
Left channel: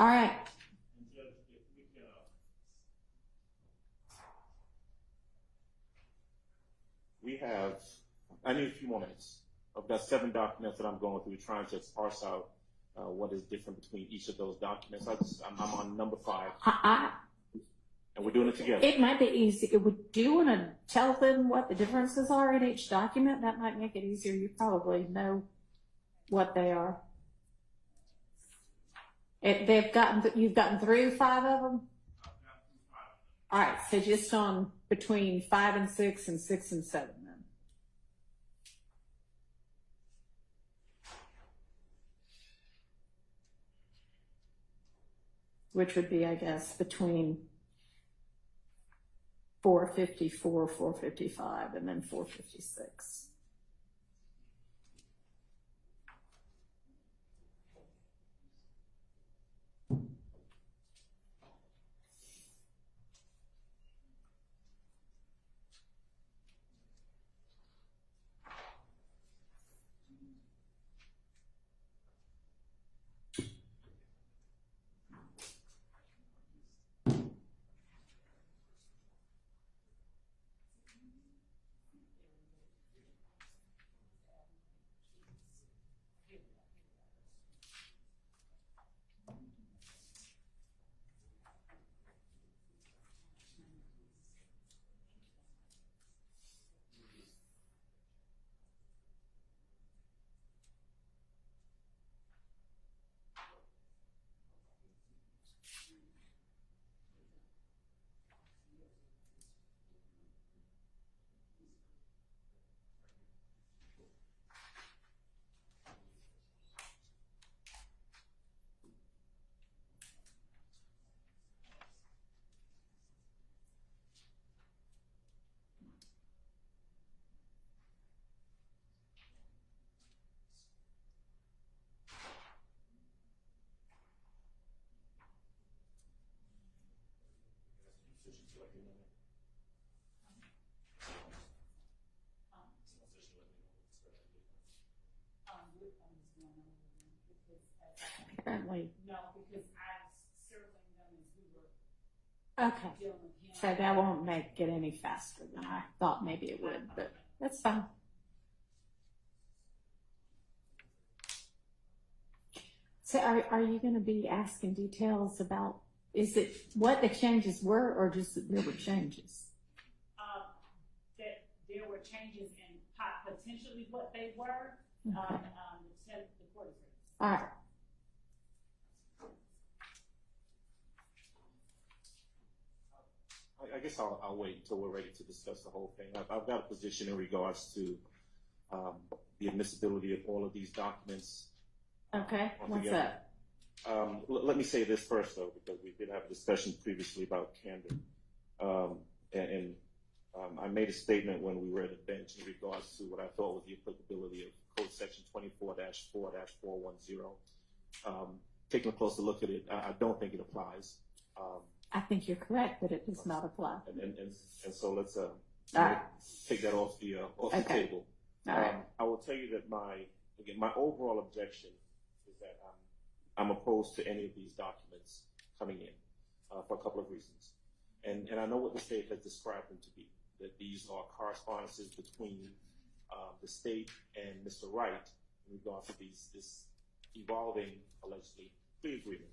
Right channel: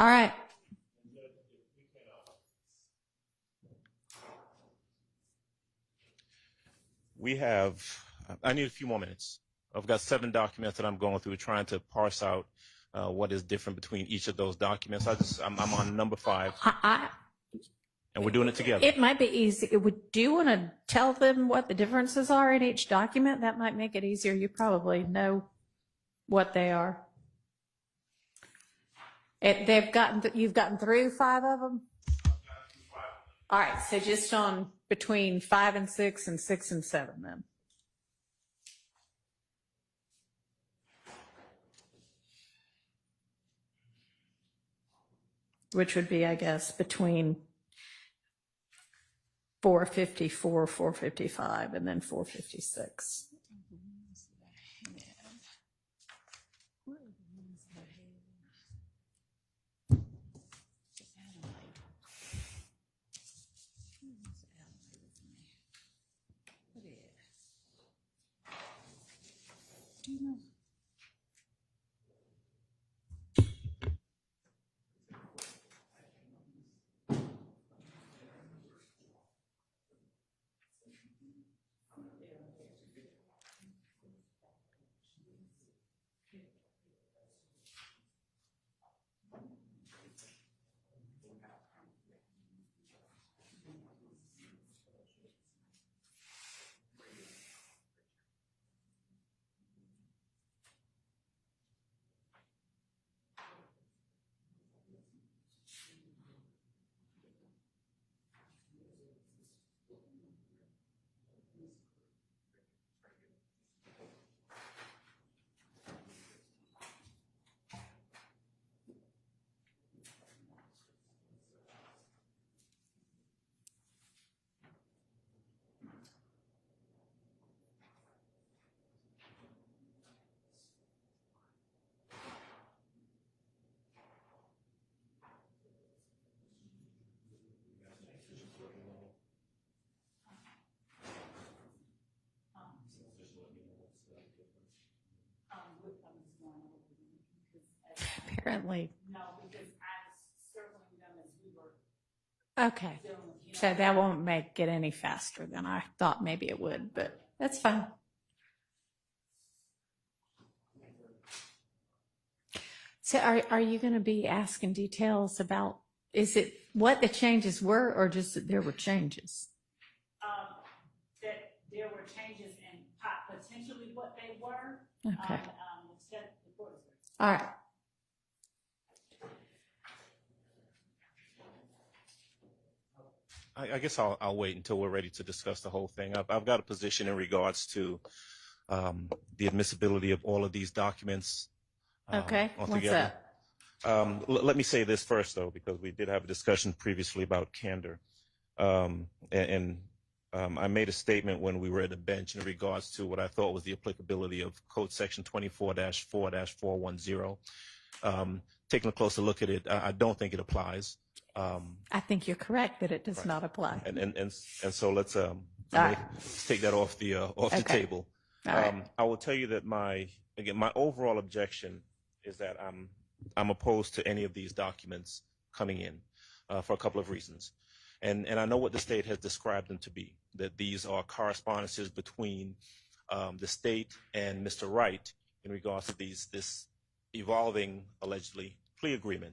All right. We have, I need a few more minutes. I've got 7 documents that I'm going through trying to parse out what is different between each of those documents. I'm on number 5. And we're doing it together. It might be easy. Do you want to tell them what the differences are in each document? That might make it easier. You probably know what they are. You've gotten through 5 of them? All right, so just on between 5 and 6 and 6 and 7 then. Which would be, I guess, between 454, 455, and then 456. Apparently. No, because I was circling them as we were. Okay. So that won't make it any faster than I thought maybe it would, but that's fine. So are you going to be asking details about, is it what the changes were or just that there were changes? That there were changes in potentially what they were. Okay. All right. I guess I'll wait until we're ready to discuss the whole thing. I've got a position in regards to the admissibility of all of these documents. Okay, what's that? Let me say this first, though, because we did have a discussion previously about candor. I made a statement when we were at the bench in regards to what I thought was the applicability of Code Section 24-4-410. Taking a closer look at it, I don't think it applies. I think you're correct that it does not apply. And so let's take that off the table. I will tell you that my overall objection is that I'm opposed to any of these documents coming in for a couple of reasons. And I know what the state has described them to be, that these are correspondences between the state and Mr. Wright in regards to this evolving, allegedly, plea agreement.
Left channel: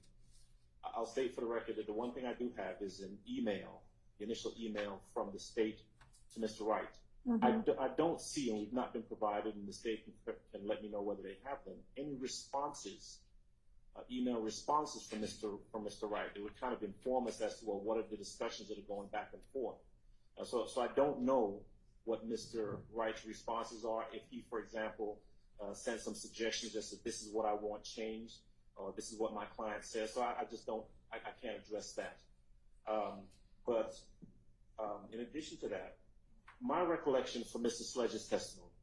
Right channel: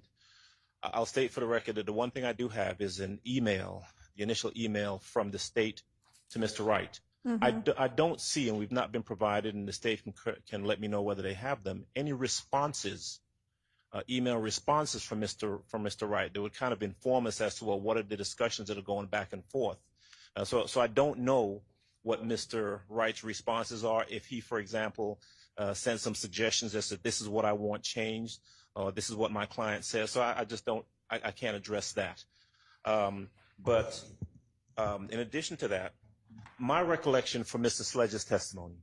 I'll state for the record that the one thing I do have is an email, the initial email from the state to Mr. Wright. Mm-hmm. I don't see, and we've not been provided, and the state can let me know whether they have them, any responses, email responses from Mr. Wright that would kind of inform us as to, well, what are the discussions that are going back and forth. So I don't know what Mr. Wright's responses are. If he, for example, sends some suggestions as to this is what I want changed, or this is what my client says. So I just don't, I can't address that. But in addition to that, my recollection from Mr. Sledge's testimony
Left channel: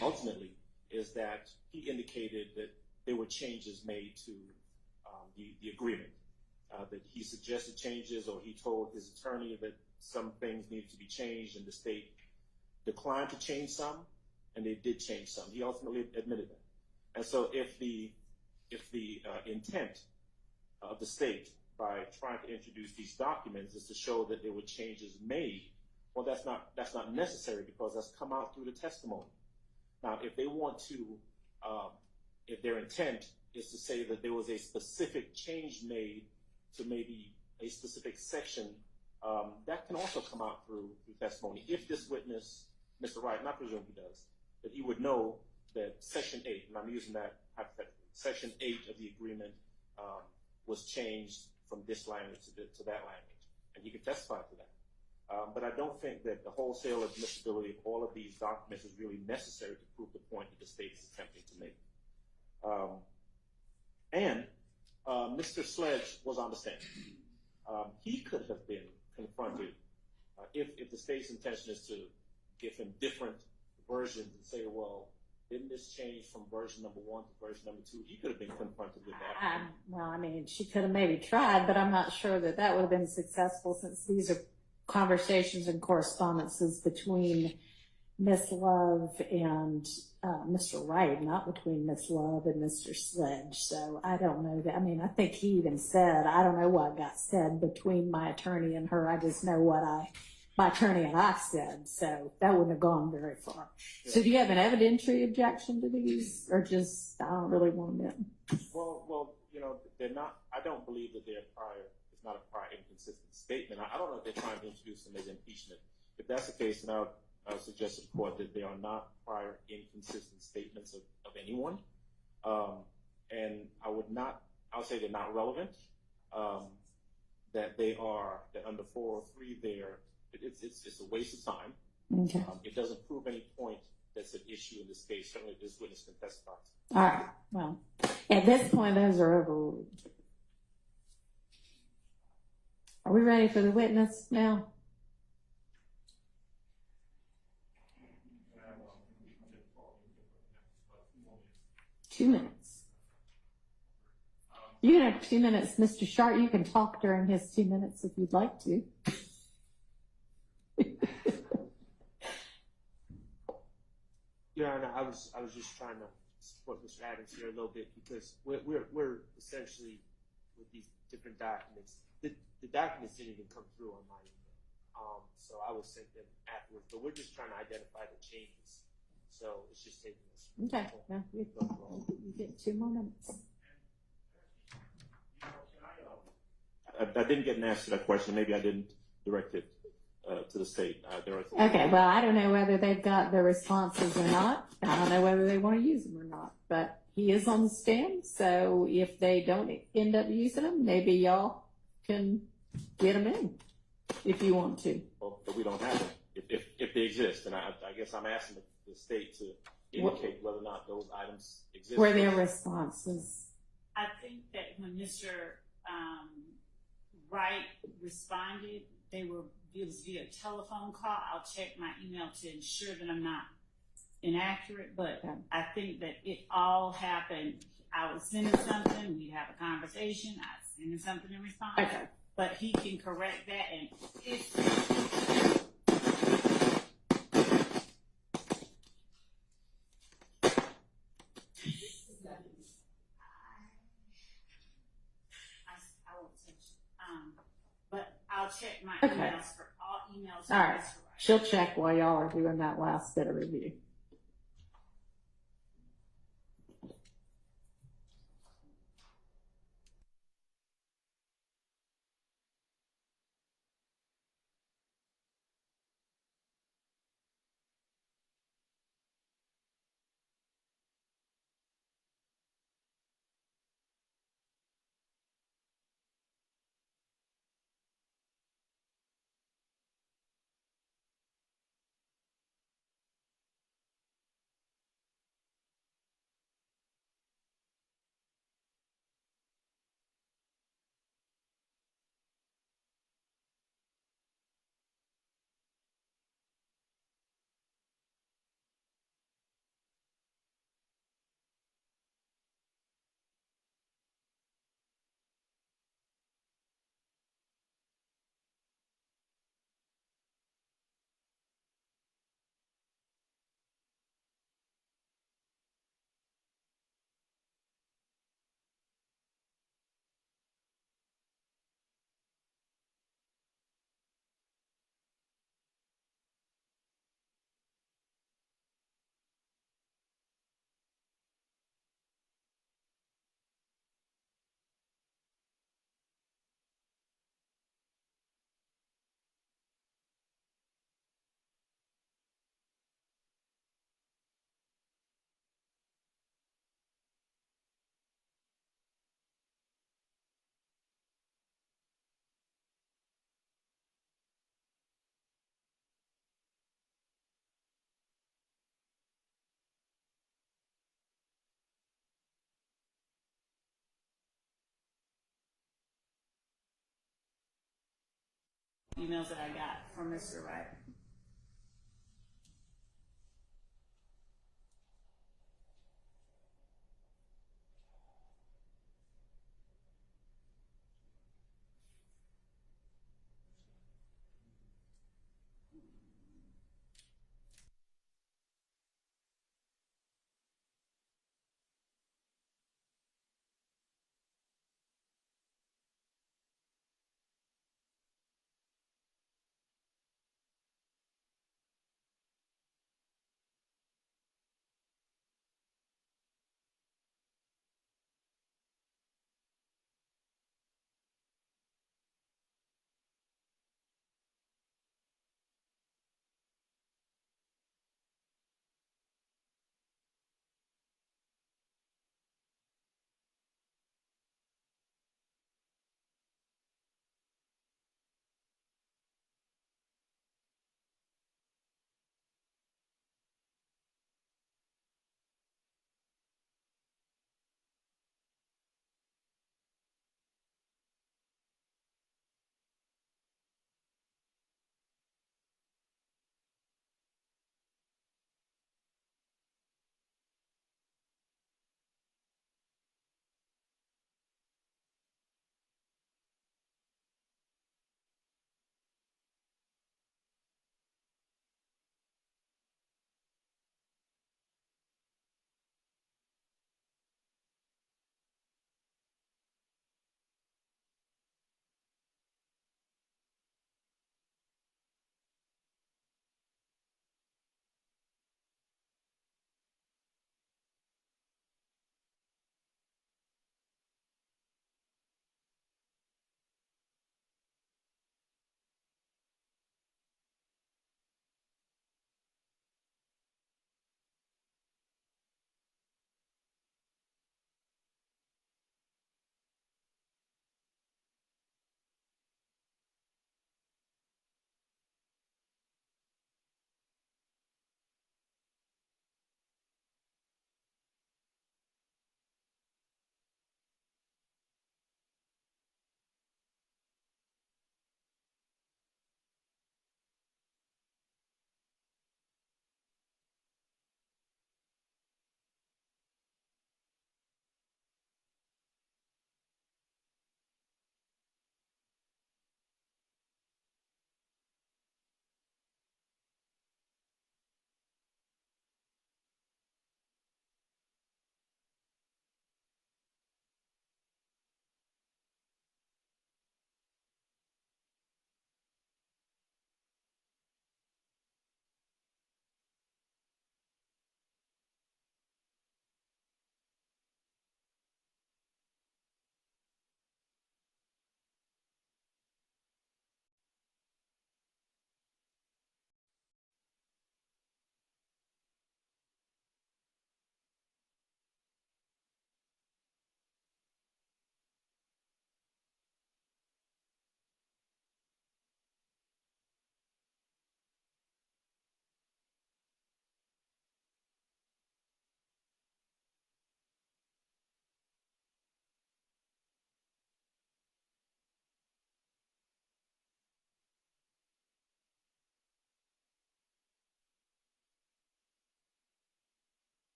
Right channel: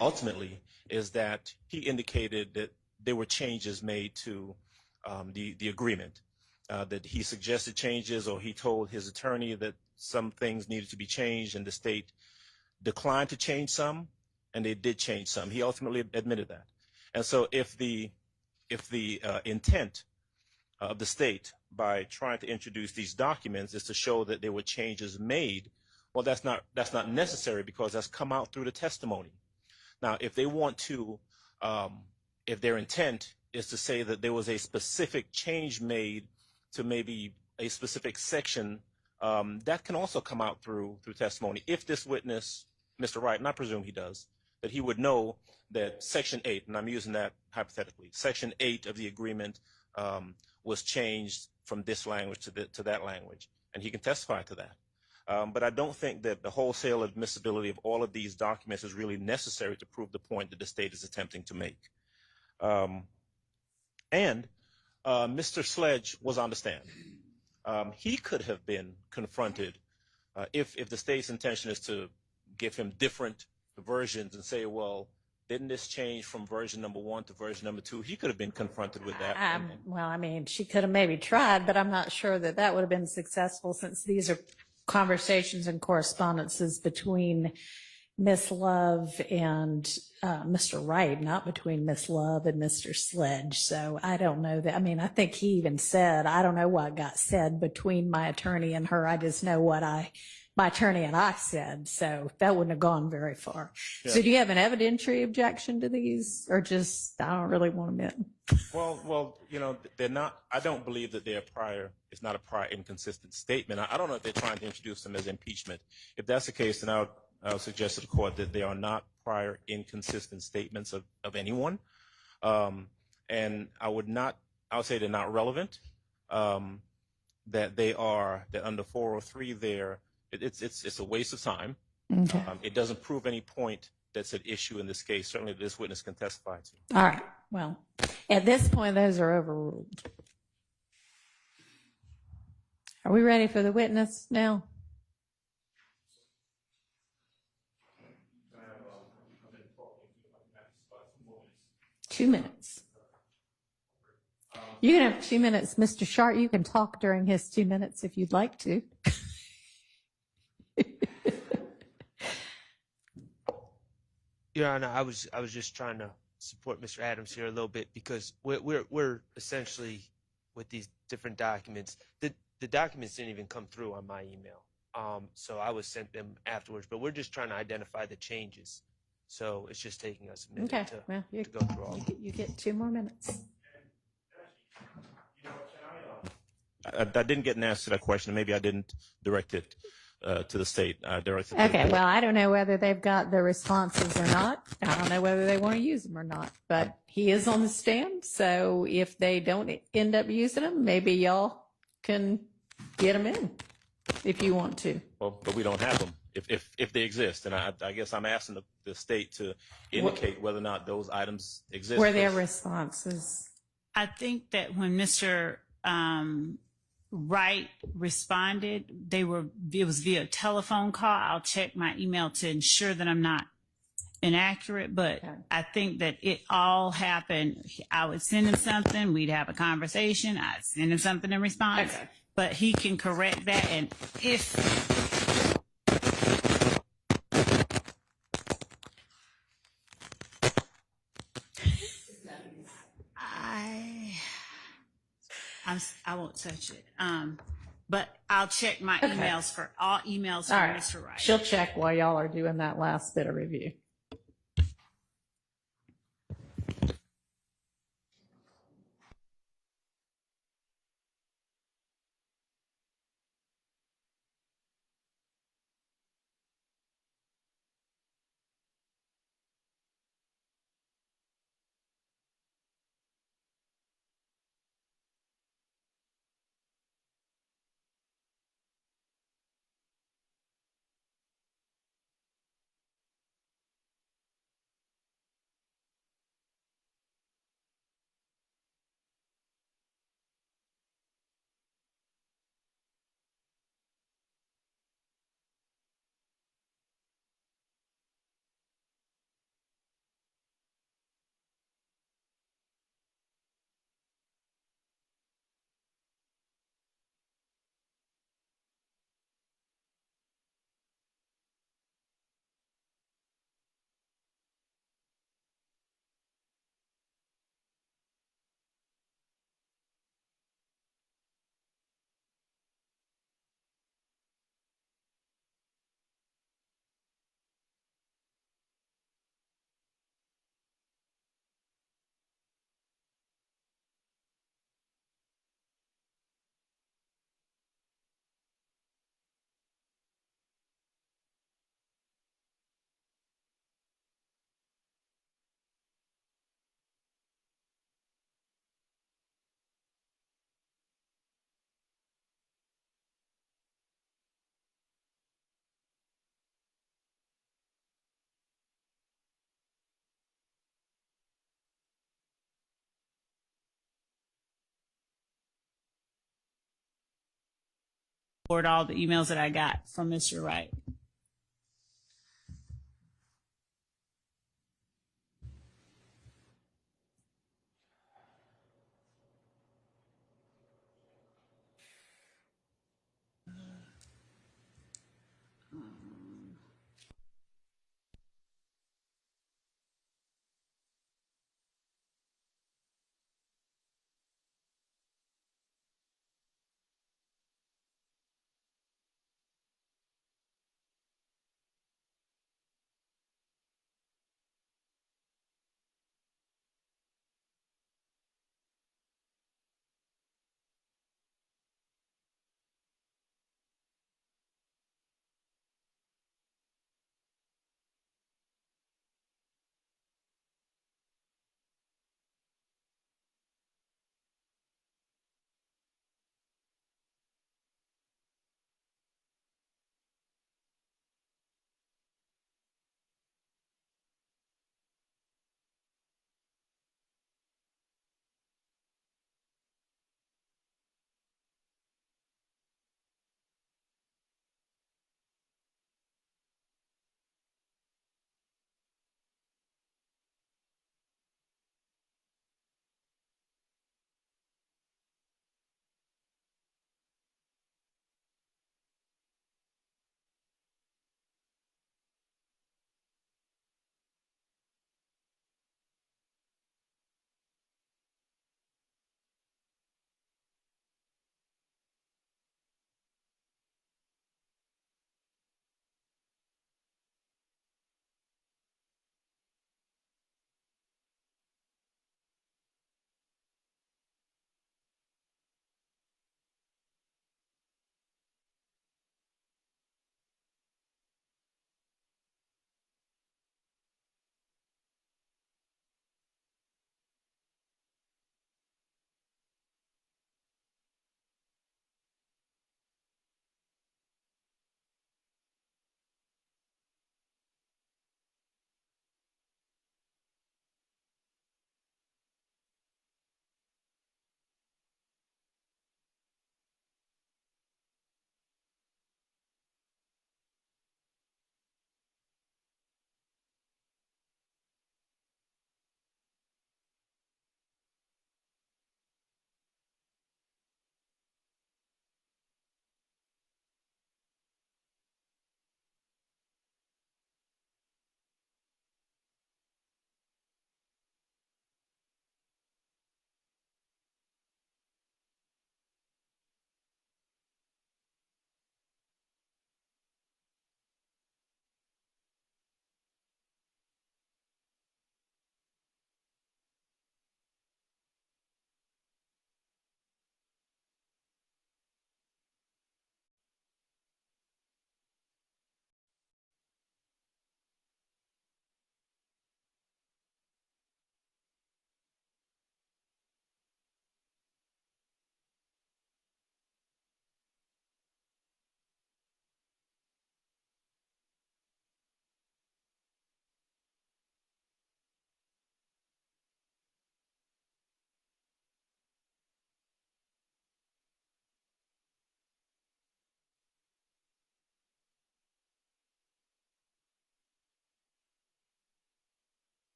ultimately is that he indicated that there were changes made to the agreement. that he suggested changes, or he told his attorney that some things needed to be changed, and the state declined to change some, and they did change some. He ultimately admitted that. And so if the intent of the state by trying to introduce these documents is to show that there were changes made, well, that's not necessary, because that's come out through the testimony. Now, if they want to, if their intent is to say that there was a specific change made to maybe a specific section, that can also come out through testimony. If this witness, Mr. Wright, and I presume he does, that he would know that Section 8, and I'm using that hypothetically, Section 8 of the agreement was changed from this language to that language, and he can testify to that. But I don't think that the wholesale admissibility of all of these documents is really necessary to prove the point that the state is attempting to make. And Mr. Sledge was on the stand. He could have been confronted if the state's intention is to give him different versions and say, well, didn't this change from version number 1 to version number 2? He could have been confronted with that. Well, I mean, she could have maybe tried, but I'm not sure that that would have been successful, since these are conversations and correspondences between Miss Love and Mr. Wright, not between Miss Love and Mr. Sledge. So I don't know that. I mean, I think he even said, I don't know what got said between my attorney and her. I just know what my attorney and I said. So that wouldn't have gone very far. Yeah. So do you have an evidentiary objection to these, or just, I don't really want them in? Well, you know, they're not, I don't believe that they're prior, it's not a prior inconsistent statement. I don't know if they're trying to introduce them as impeachment. If that's the case, then I would suggest to the court that they are not prior inconsistent statements of anyone. And I would say they're not relevant, that under 403 it's a waste of time. Okay. It doesn't prove any point that's at issue in this case. Certainly this witness can testify to. All right. Well, at this point, those are overruled. Are we ready for the witness now? Two minutes. You can have 2 minutes. Mr. Sharp, you can talk during his 2 minutes if you'd like to. Your Honor, I was just trying to support Mr. Adams here a little bit, because we're essentially with these different documents. The documents didn't even come through on my email, so I was sent them afterwards. But we're just trying to identify the changes, so it's just taking us a minute to go through all. You get 2 more minutes. I didn't get an answer to that question. Maybe I didn't direct it to the state. Okay, well, I don't know whether they've got the responses or not. I don't know whether they want to use them or not. But he is on the stand, so if they don't end up using them, maybe y'all can get them in if you want to. Well, but we don't have them if they exist. And I guess I'm asking the state to indicate whether or not those items exist. Were their responses? I think that when Mr. Wright responded, it was via telephone call. I'll check my email to ensure that I'm not inaccurate, but okay. I think that it all happened. I would send him something, we'd have a conversation, I'd send him something in response, okay. But he can correct that. And if I won't touch it. But I'll check my emails for all emails from Mr. Wright. She'll check while y'all are doing that last bit of review. forward all the emails that I got from Mr. Wright.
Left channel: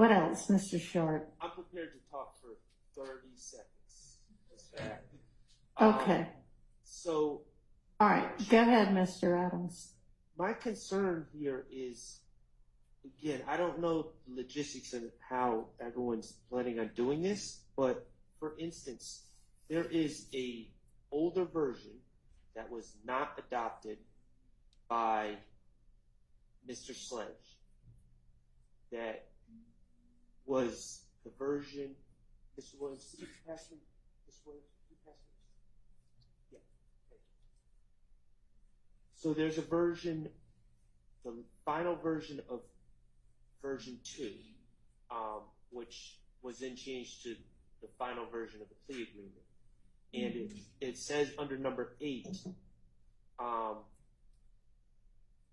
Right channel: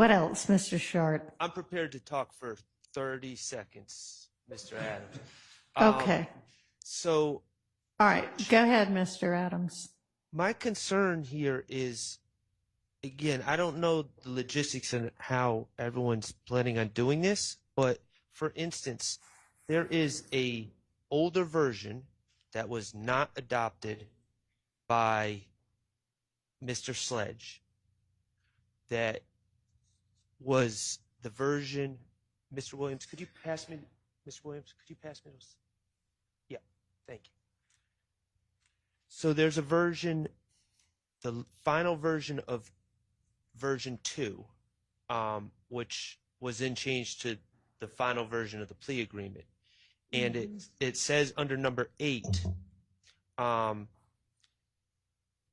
What else, Mr. Short? I'm prepared to talk for 30 seconds, Mr. Adams. Okay. So. All right, go ahead, Mr. Adams. My concern here is, again, I don't know the logistics and how everyone's planning on doing this, but for instance, there is a older version that was not adopted by Mr. Sledge that was the version. Mr. Williams, could you pass me, Mr. Williams, could you pass me those? Yeah, thank you. So there's a version, the final version of version 2, which was then changed to the final version of the plea agreement. And it says under number 8,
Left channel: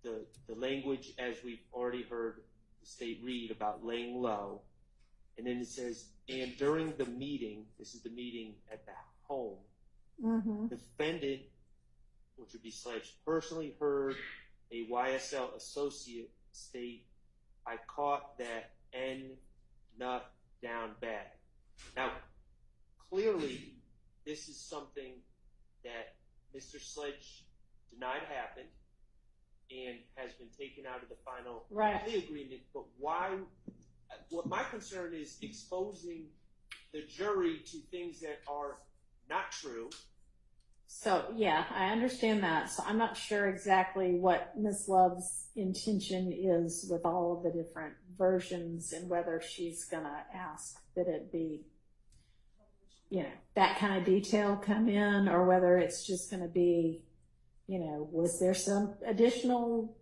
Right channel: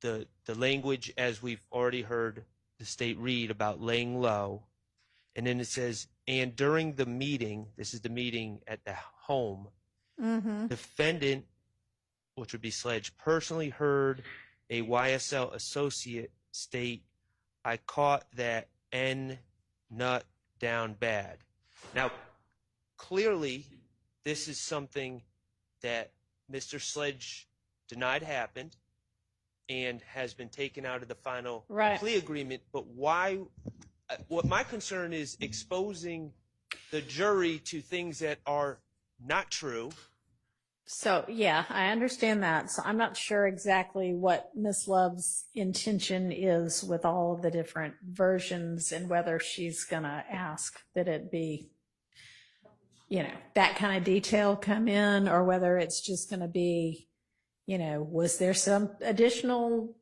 the language, as we've already heard the state read about laying low, and then it says, and during the meeting, this is the meeting at the home, defendant, which would be Sledge, personally heard a YSL associate state, I caught that N nut down bad. Now, clearly, this is something that Mr. Sledge denied happened and has been taken out of the final plea agreement. But why? What my concern is exposing the jury to things that are not true. So, yeah, I understand that. So I'm not sure exactly what Miss Love's intention is with all of the different versions and whether she's going to ask that it be, you know, that kind of detail come in, or whether it's just going to be, you know, was there some additional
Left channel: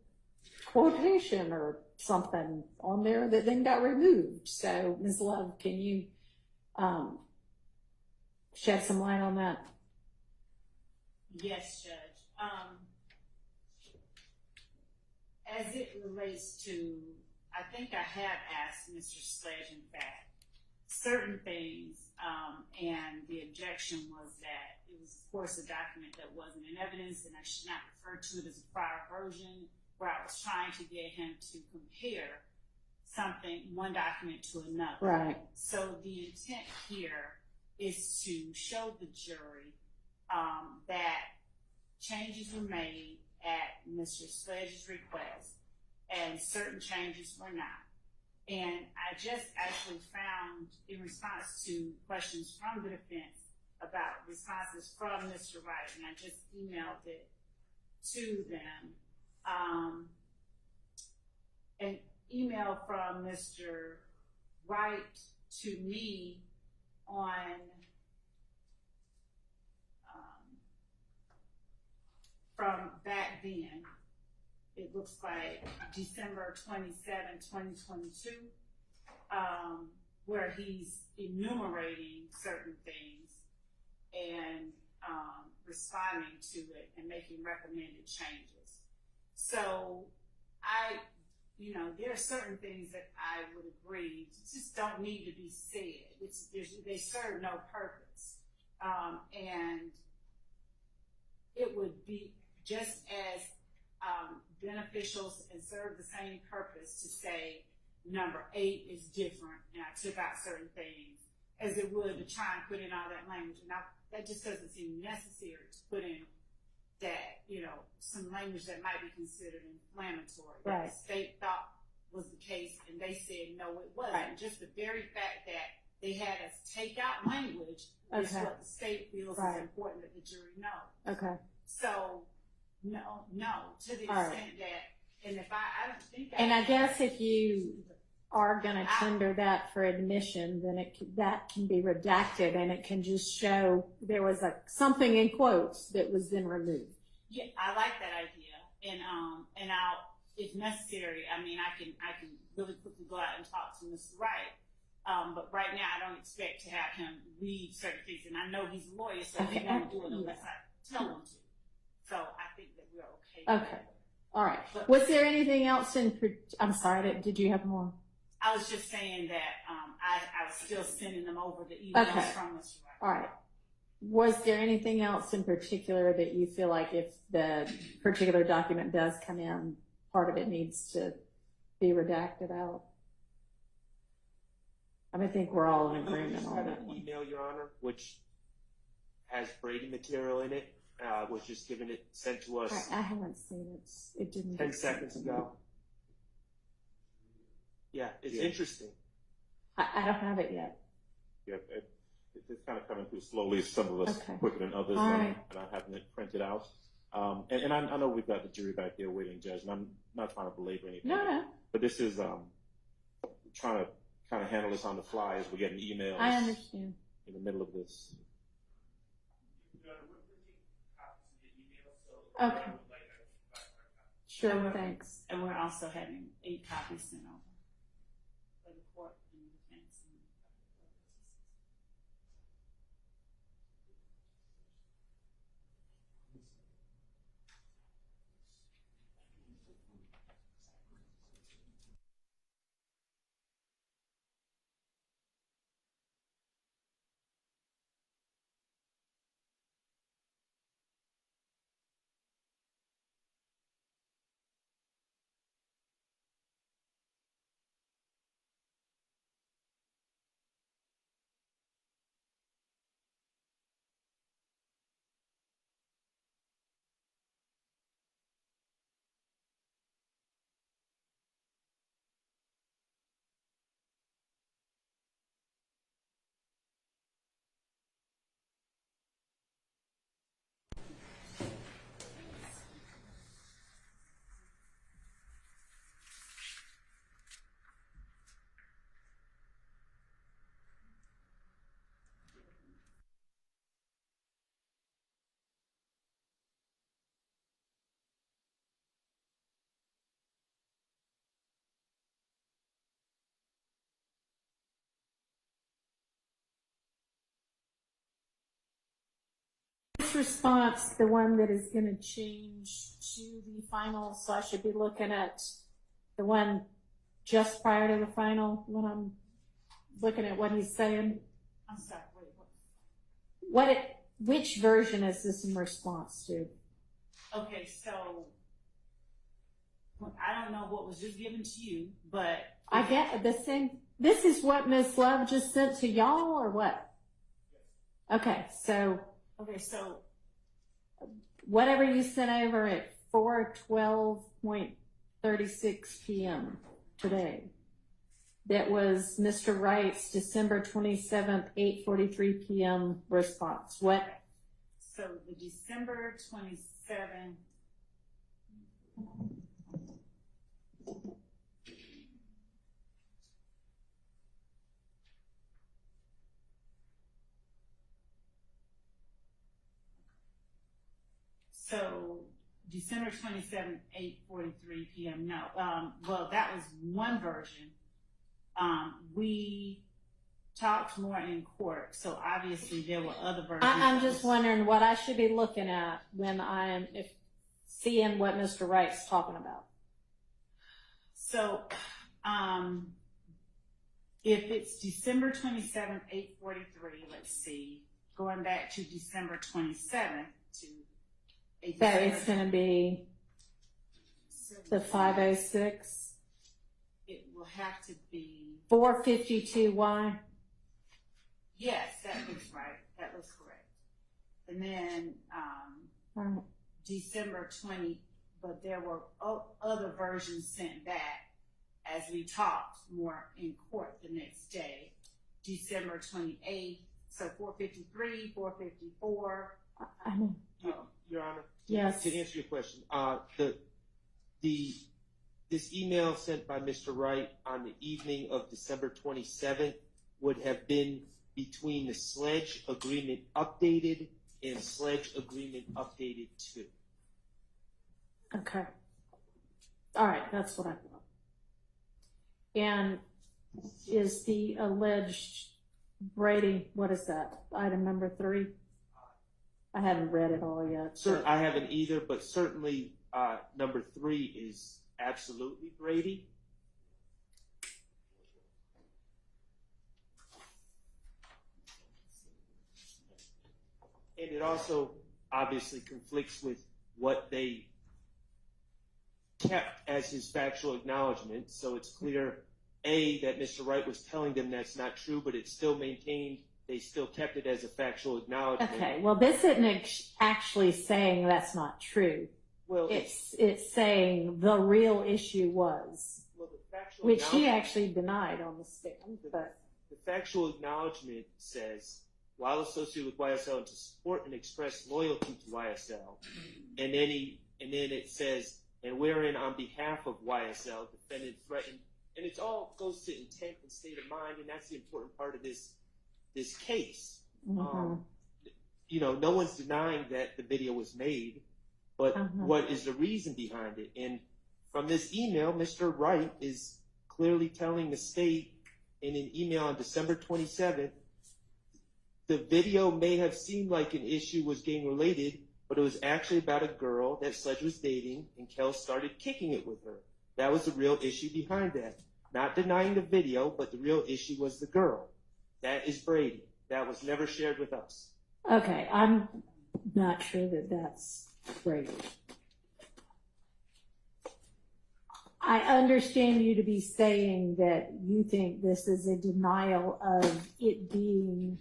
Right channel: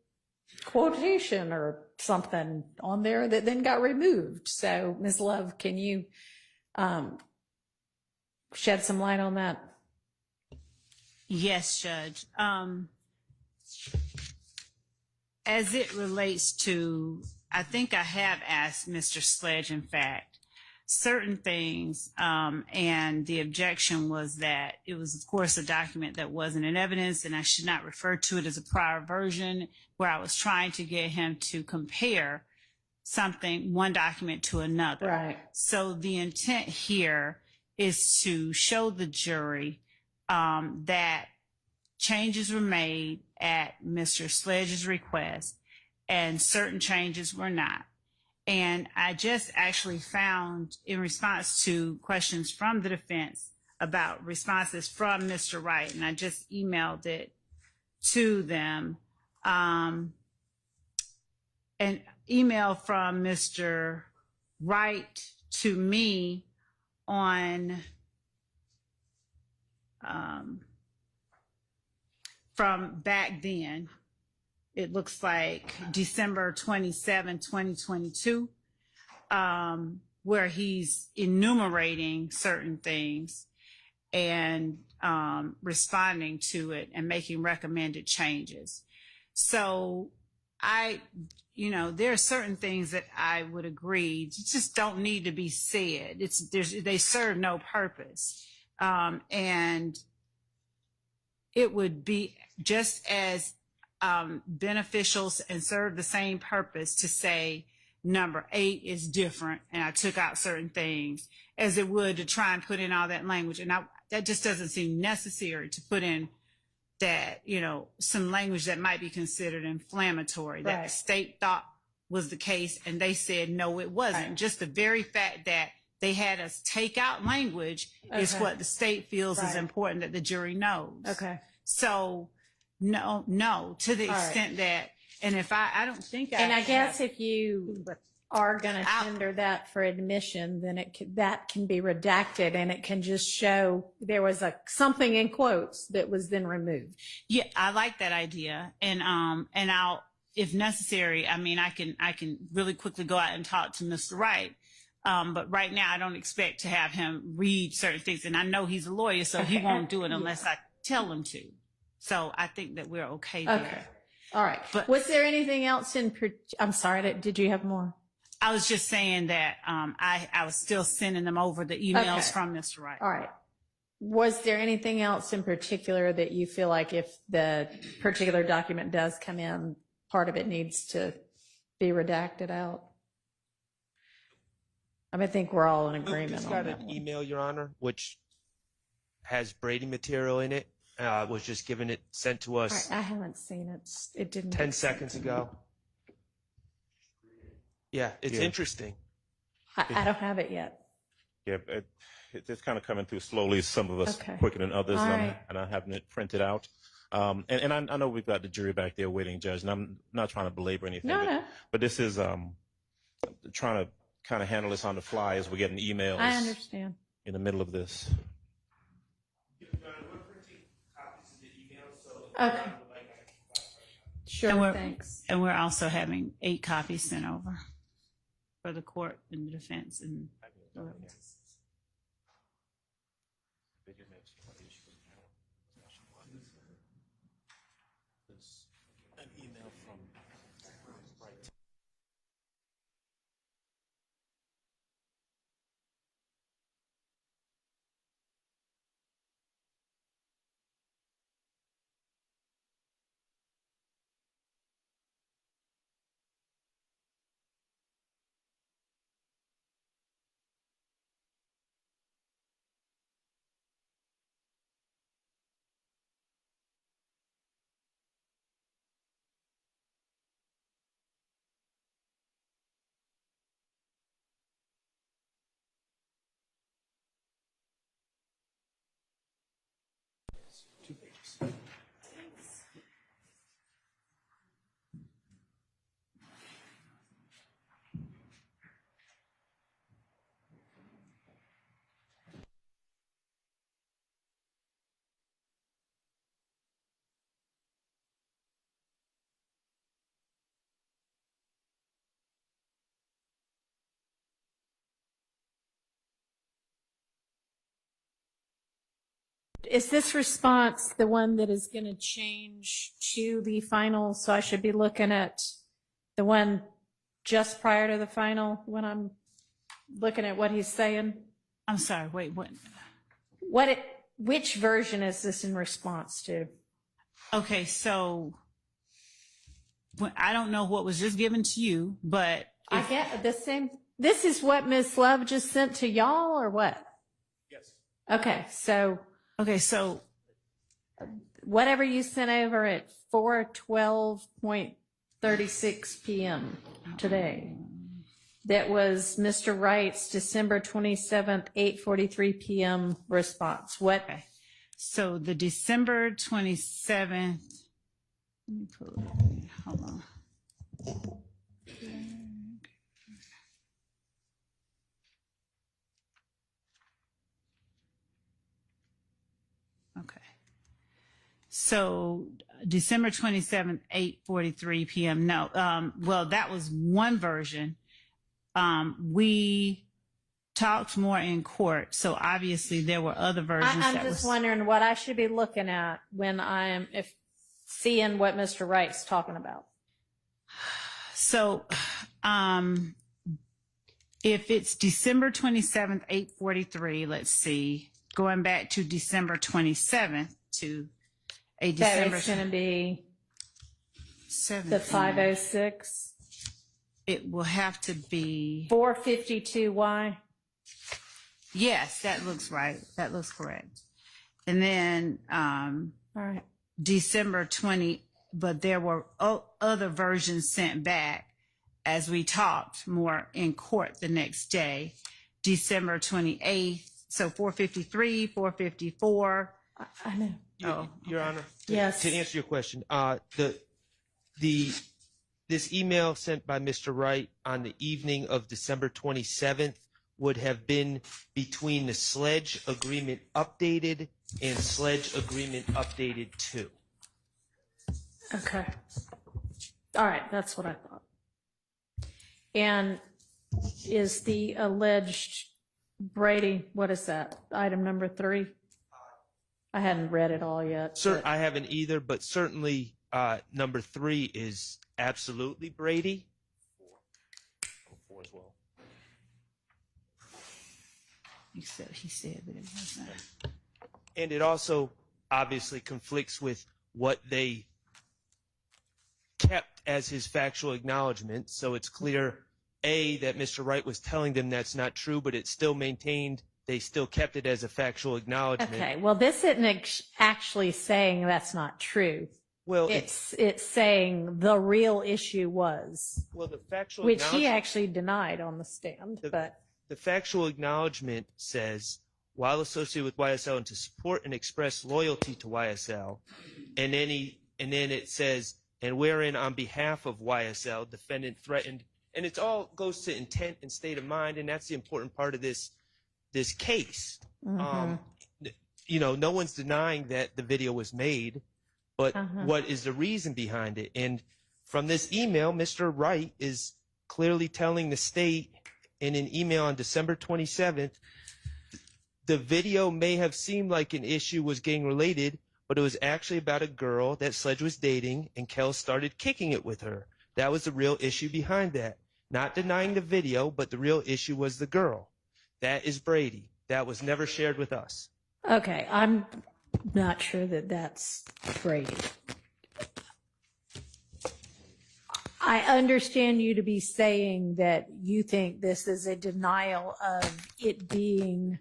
quotation or something on there that then got removed? So, Ms. Love, can you shed some light on that? Yes, Judge. As it relates to, I think I have asked Mr. Sledge, in fact, certain things, and the objection was that it was, of course, a document that wasn't in evidence, and I should not refer to it as a prior version, where I was trying to get him to compare something, one document to another. Right. So the intent here is to show the jury that changes were made at Mr. Sledge's request and certain changes were not. And I just actually found, in response to questions from the defense about responses from Mr. Wright, and I just emailed it to them, an email from Mr. Wright to me on from back then. It looks like December 27, 2022, where he's enumerating certain things and responding to it and making recommended changes. So there are certain things that I would agree just don't need to be said. They serve no purpose. And it would be just as beneficial and serve the same purpose to say number 8 is different and I took out certain things as it would to try and put in all that language. And that just doesn't seem necessary to put in that, some language that might be considered inflammatory, that the state thought was the case and they said, no, it wasn't. Just the very fact that they had us take out language is what the state feels is important that the jury knows. Okay. So no, to the extent that, and if I don't think and I guess if you are going to tender that for admission, then that can be redacted and it can just show there was something in quotes that was then removed. Yeah, I like that idea, and I'll, if necessary, I can really quickly go out and talk to Mr. Wright. But right now I don't expect to have him read certain things, and I know he's a lawyer, so he won't do it unless I tell him to. So I think that we're okay there. Okay. All right. But was there anything else I'm sorry, did you have more? I was just saying that I was still sending them over the emails from Mr. Wright. All right. Was there anything else in particular that you feel like if the particular document does come in, part of it needs to be redacted out? I think we're all in agreement Just on got that an one. email, Your Honor, which has Brady material in it. Was just sent to us. I haven't seen it. It didn't. 10 seconds ago. Yeah, it's interesting. I don't have it yet. Yeah, it's kind of coming through slowly. Some of us Okay. quicker than others, All and right. I'm having it printed out. And I know we've got the jury back there waiting, Judge, and I'm not trying to belabor anything. No. But this is trying to kind of handle this on the fly as we're getting emails I understand. in the middle of this. Okay. Sure, And we're, thanks. and we're also having 8 copies sent over for the court and the defense and. An email from Brady. Is this response the one that is going to change to the final? So I should be looking at the one just prior to the final when I'm looking at what he's saying? I'm sorry, wait, what? Which version is this in response to? Okay, so I don't know what was just given to you, but I get the same. This is what Ms. Love just sent to y'all, or what? Yes. Okay, so whatever you sent over at 4:12:36 p.m. today. That was Mr. Wright's December 27th, 8:43 p.m. response. What? Okay. So the December 27th, let me pull it. Hold on. Okay. So December 27th, 8:43 p.m. No, well, that was one version. We talked more in court, so obviously there were other versions. I'm just wondering what I should be looking at when I am seeing what Mr. Wright's talking about. So, if it's December 27th, 8:43, let's see, going back to December 27th to a December. That is going to be 7th. the 5:06. It will have to be 4:52. Yes, that looks right. That looks correct. And then All right. December 20, but there were other versions sent back as we talked more in court the next day. December 28th, so 4:53, 4:54. I know. Your Honor, Yes. to answer your question, this email sent by Mr. Wright on the evening of December 27th would have been between the Sledge agreement updated and Sledge agreement updated 2. Okay. All right, that's what I thought. And is the alleged Brady, what is that? Item number 3? I hadn't read it all yet. Sir, I haven't either, but certainly number 3 is absolutely Brady. 4 as well. Except he said that it wasn't. And it also obviously conflicts with what they kept as his factual acknowledgement. So it's clear, A, that Mr. Wright was telling them that's not true, but it's still maintained, they still kept it as a factual acknowledgement. Okay, well, this isn't actually saying that's not true. Well, it's saying the real issue was, well, the factual which he acknowledgement, actually denied on the stand. But the factual acknowledgement says while associated with YSL and to support and express loyalty to YSL. And then it says, and wherein on behalf of YSL, defendant threatened, and it all goes to intent and state of mind, and that's the important part of this case. You know, no one's denying that the video was made, but what is the reason behind it? And from this email, Mr. Wright is clearly telling the state in an email on December 27th, the video may have seemed like an issue was gang related, but it was actually about a girl that Sledge was dating, and Kel started kicking it with her. That was the real issue behind that. Not denying the video, but the real issue was the girl. That is Brady. That was never shared with us. Okay, I'm not sure that that's Brady. I understand you to be saying that you think this is a denial of it being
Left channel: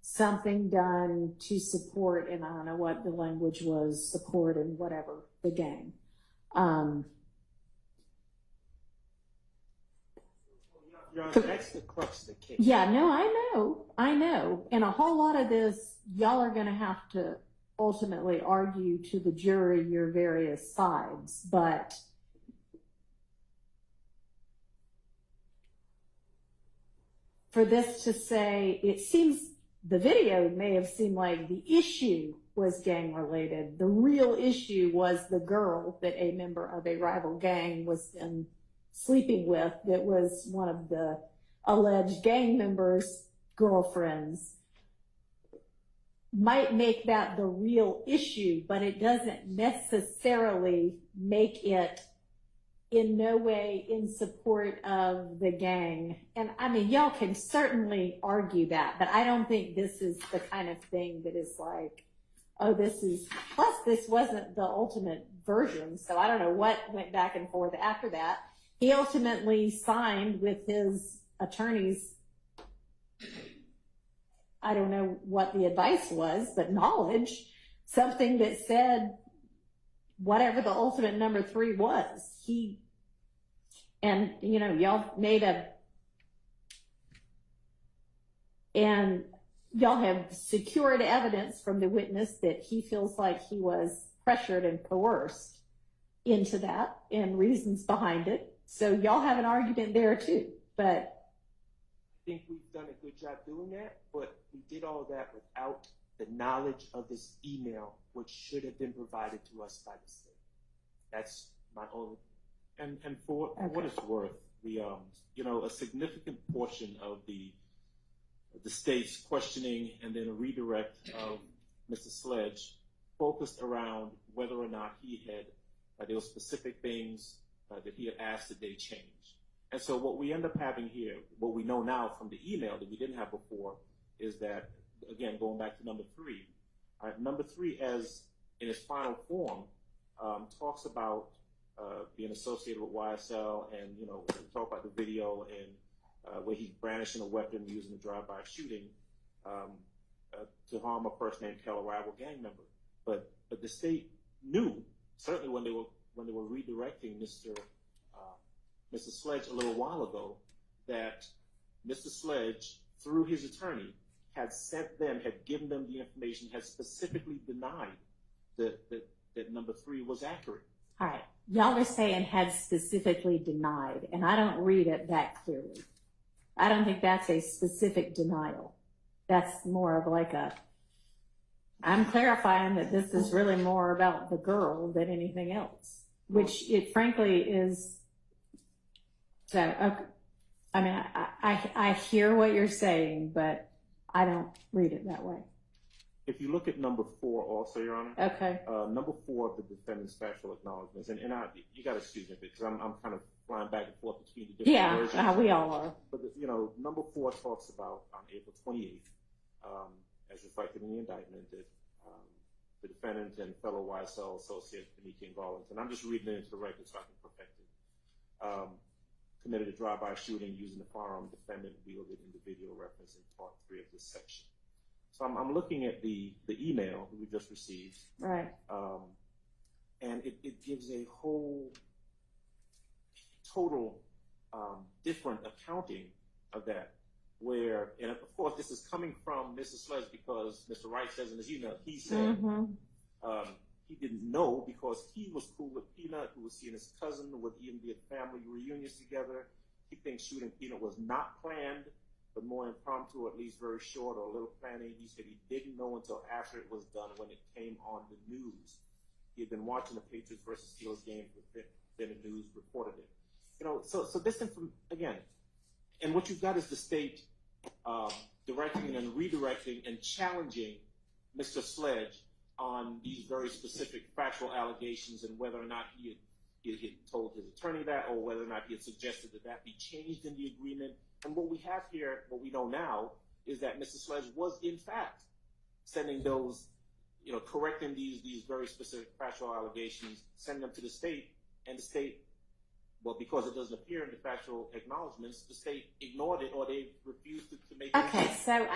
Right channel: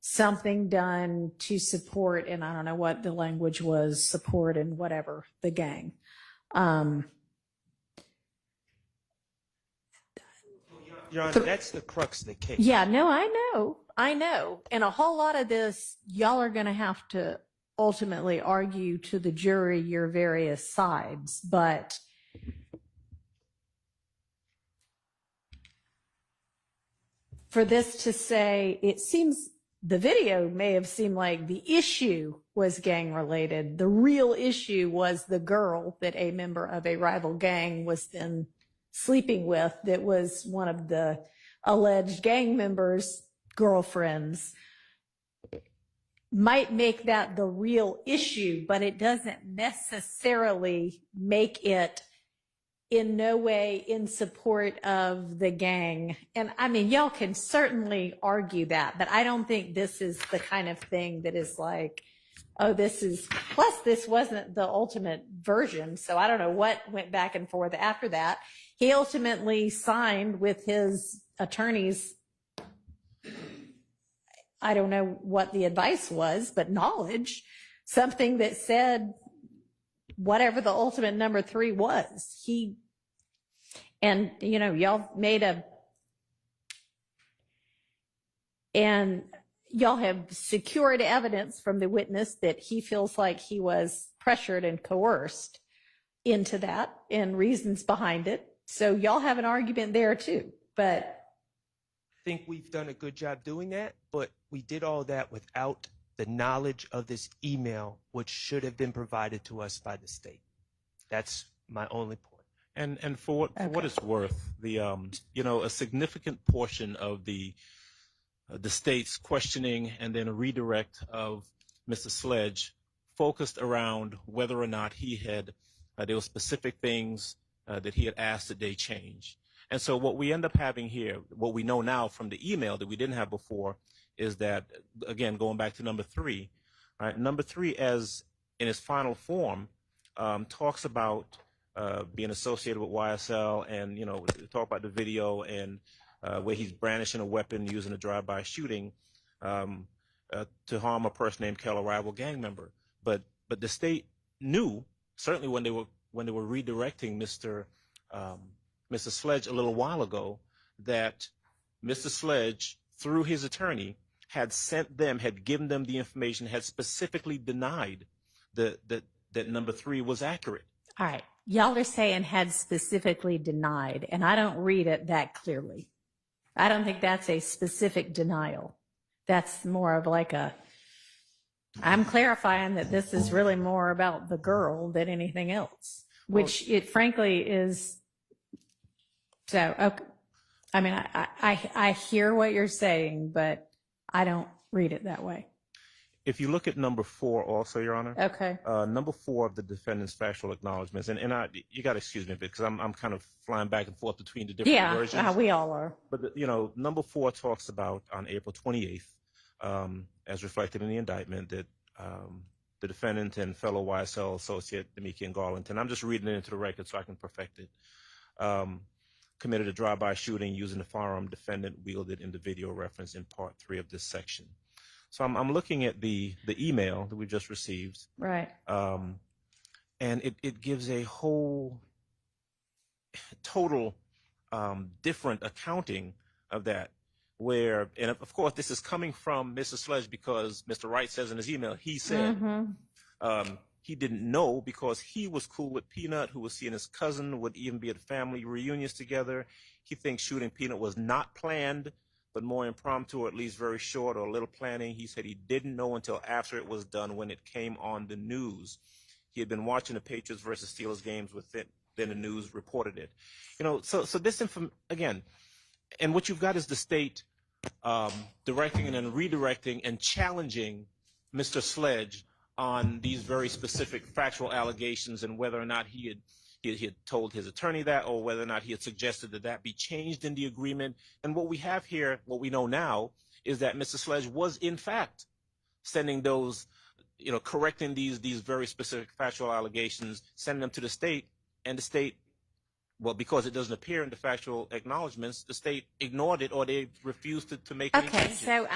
something done to support, and I don't know what the language was, support and whatever, the gang. Your Honor, that's the crux of the case. Yeah, no, I know. And a whole lot of this, y'all are going to have to ultimately argue to the jury your various sides, but for this to say, it seems the video may have seemed like the issue was gang related. The real issue was the girl that a member of a rival gang was then sleeping with, that was one of the alleged gang members' girlfriends. Might make that the real issue, but it doesn't necessarily make it in no way in support of the gang. And I mean, y'all can certainly argue that, but I don't think this is the kind of thing that is like, oh, this is, plus this wasn't the ultimate version, so I don't know what went back and forth after that. He ultimately signed with his attorneys, I don't know what the advice was, but knowledge, something that said whatever the ultimate number 3 was. And you know, y'all y'all have secured evidence from the witness that he feels like he was pressured and coerced into that, and reasons behind it. So y'all have an argument there too, but I think we've done a good job doing that, but we did all that without the knowledge of this email, which should have been provided to us by the state. That's my only point. And for what it's worth, the a significant portion of the state's questioning and then a redirect of Mr. Sledge focused around whether or not he had there were specific things that he had asked that they change. And so what we end up having here, what we know now from the email that we didn't have before, is that, again, going back to number 3, right, number 3 as in its final form talks about being associated with YSL, and talk about the video and where he's brandishing a weapon using a drive-by shooting to harm a person named Kel, a rival gang member. But the state knew, certainly when they were redirecting Mr. Sledge a little while ago, that Mr. Sledge, through his attorney, had given them the information, had specifically denied that number 3 was accurate. all right, y'all are saying had specifically denied, and I don't read it that clearly. I don't think that's a specific denial. That's more of like I'm clarifying that this is really more about the girl than anything else, which it frankly is. So, okay. I mean, I hear what you're saying, but I don't read it that way. If you look at number 4 also, Your Honor. Okay. Number 4 of the defendant's factual acknowledgments, and you got to excuse me because I'm kind of flying back and forth between the different versions. Yeah, we all are. But, number 4 talks about on April 28th, as reflected in the indictment, that the defendant and fellow YSL associate, Demiki and Garlington, I'm just reading it into the record so I can perfect it, committed a drive-by shooting using the firearm defendant wielded in the video reference in part 3 of this section. So I'm looking at the email that we just received. Right. And it gives a whole total different accounting of that. where, and of course this is coming from Mr. Sledge because Mr. Wright says in his email, he said he didn't know because he was cool with Peanut, who was seeing his cousin, would even be at family reunions together. He thinks shooting Peanut was not planned, but more impromptu, or at least very short, or a little planning. He said he didn't know until after it was done when it came on the news. He had been watching the Patriots versus Steelers games with it, then the news reported it. You know, so this again, and what you've got is the state directing and then redirecting and challenging Mr. Sledge on these very specific factual allegations and whether or not he had told his attorney that, or whether or not he had suggested that that be changed in the agreement. And what we have here, what we know now, is that Mr. Sledge was in fact sending those, you know, correcting these very specific factual allegations, sending them to the state, and the state, well, because it doesn't appear in the factual acknowledgments, the state ignored it, or they refused to make any Okay, changes. so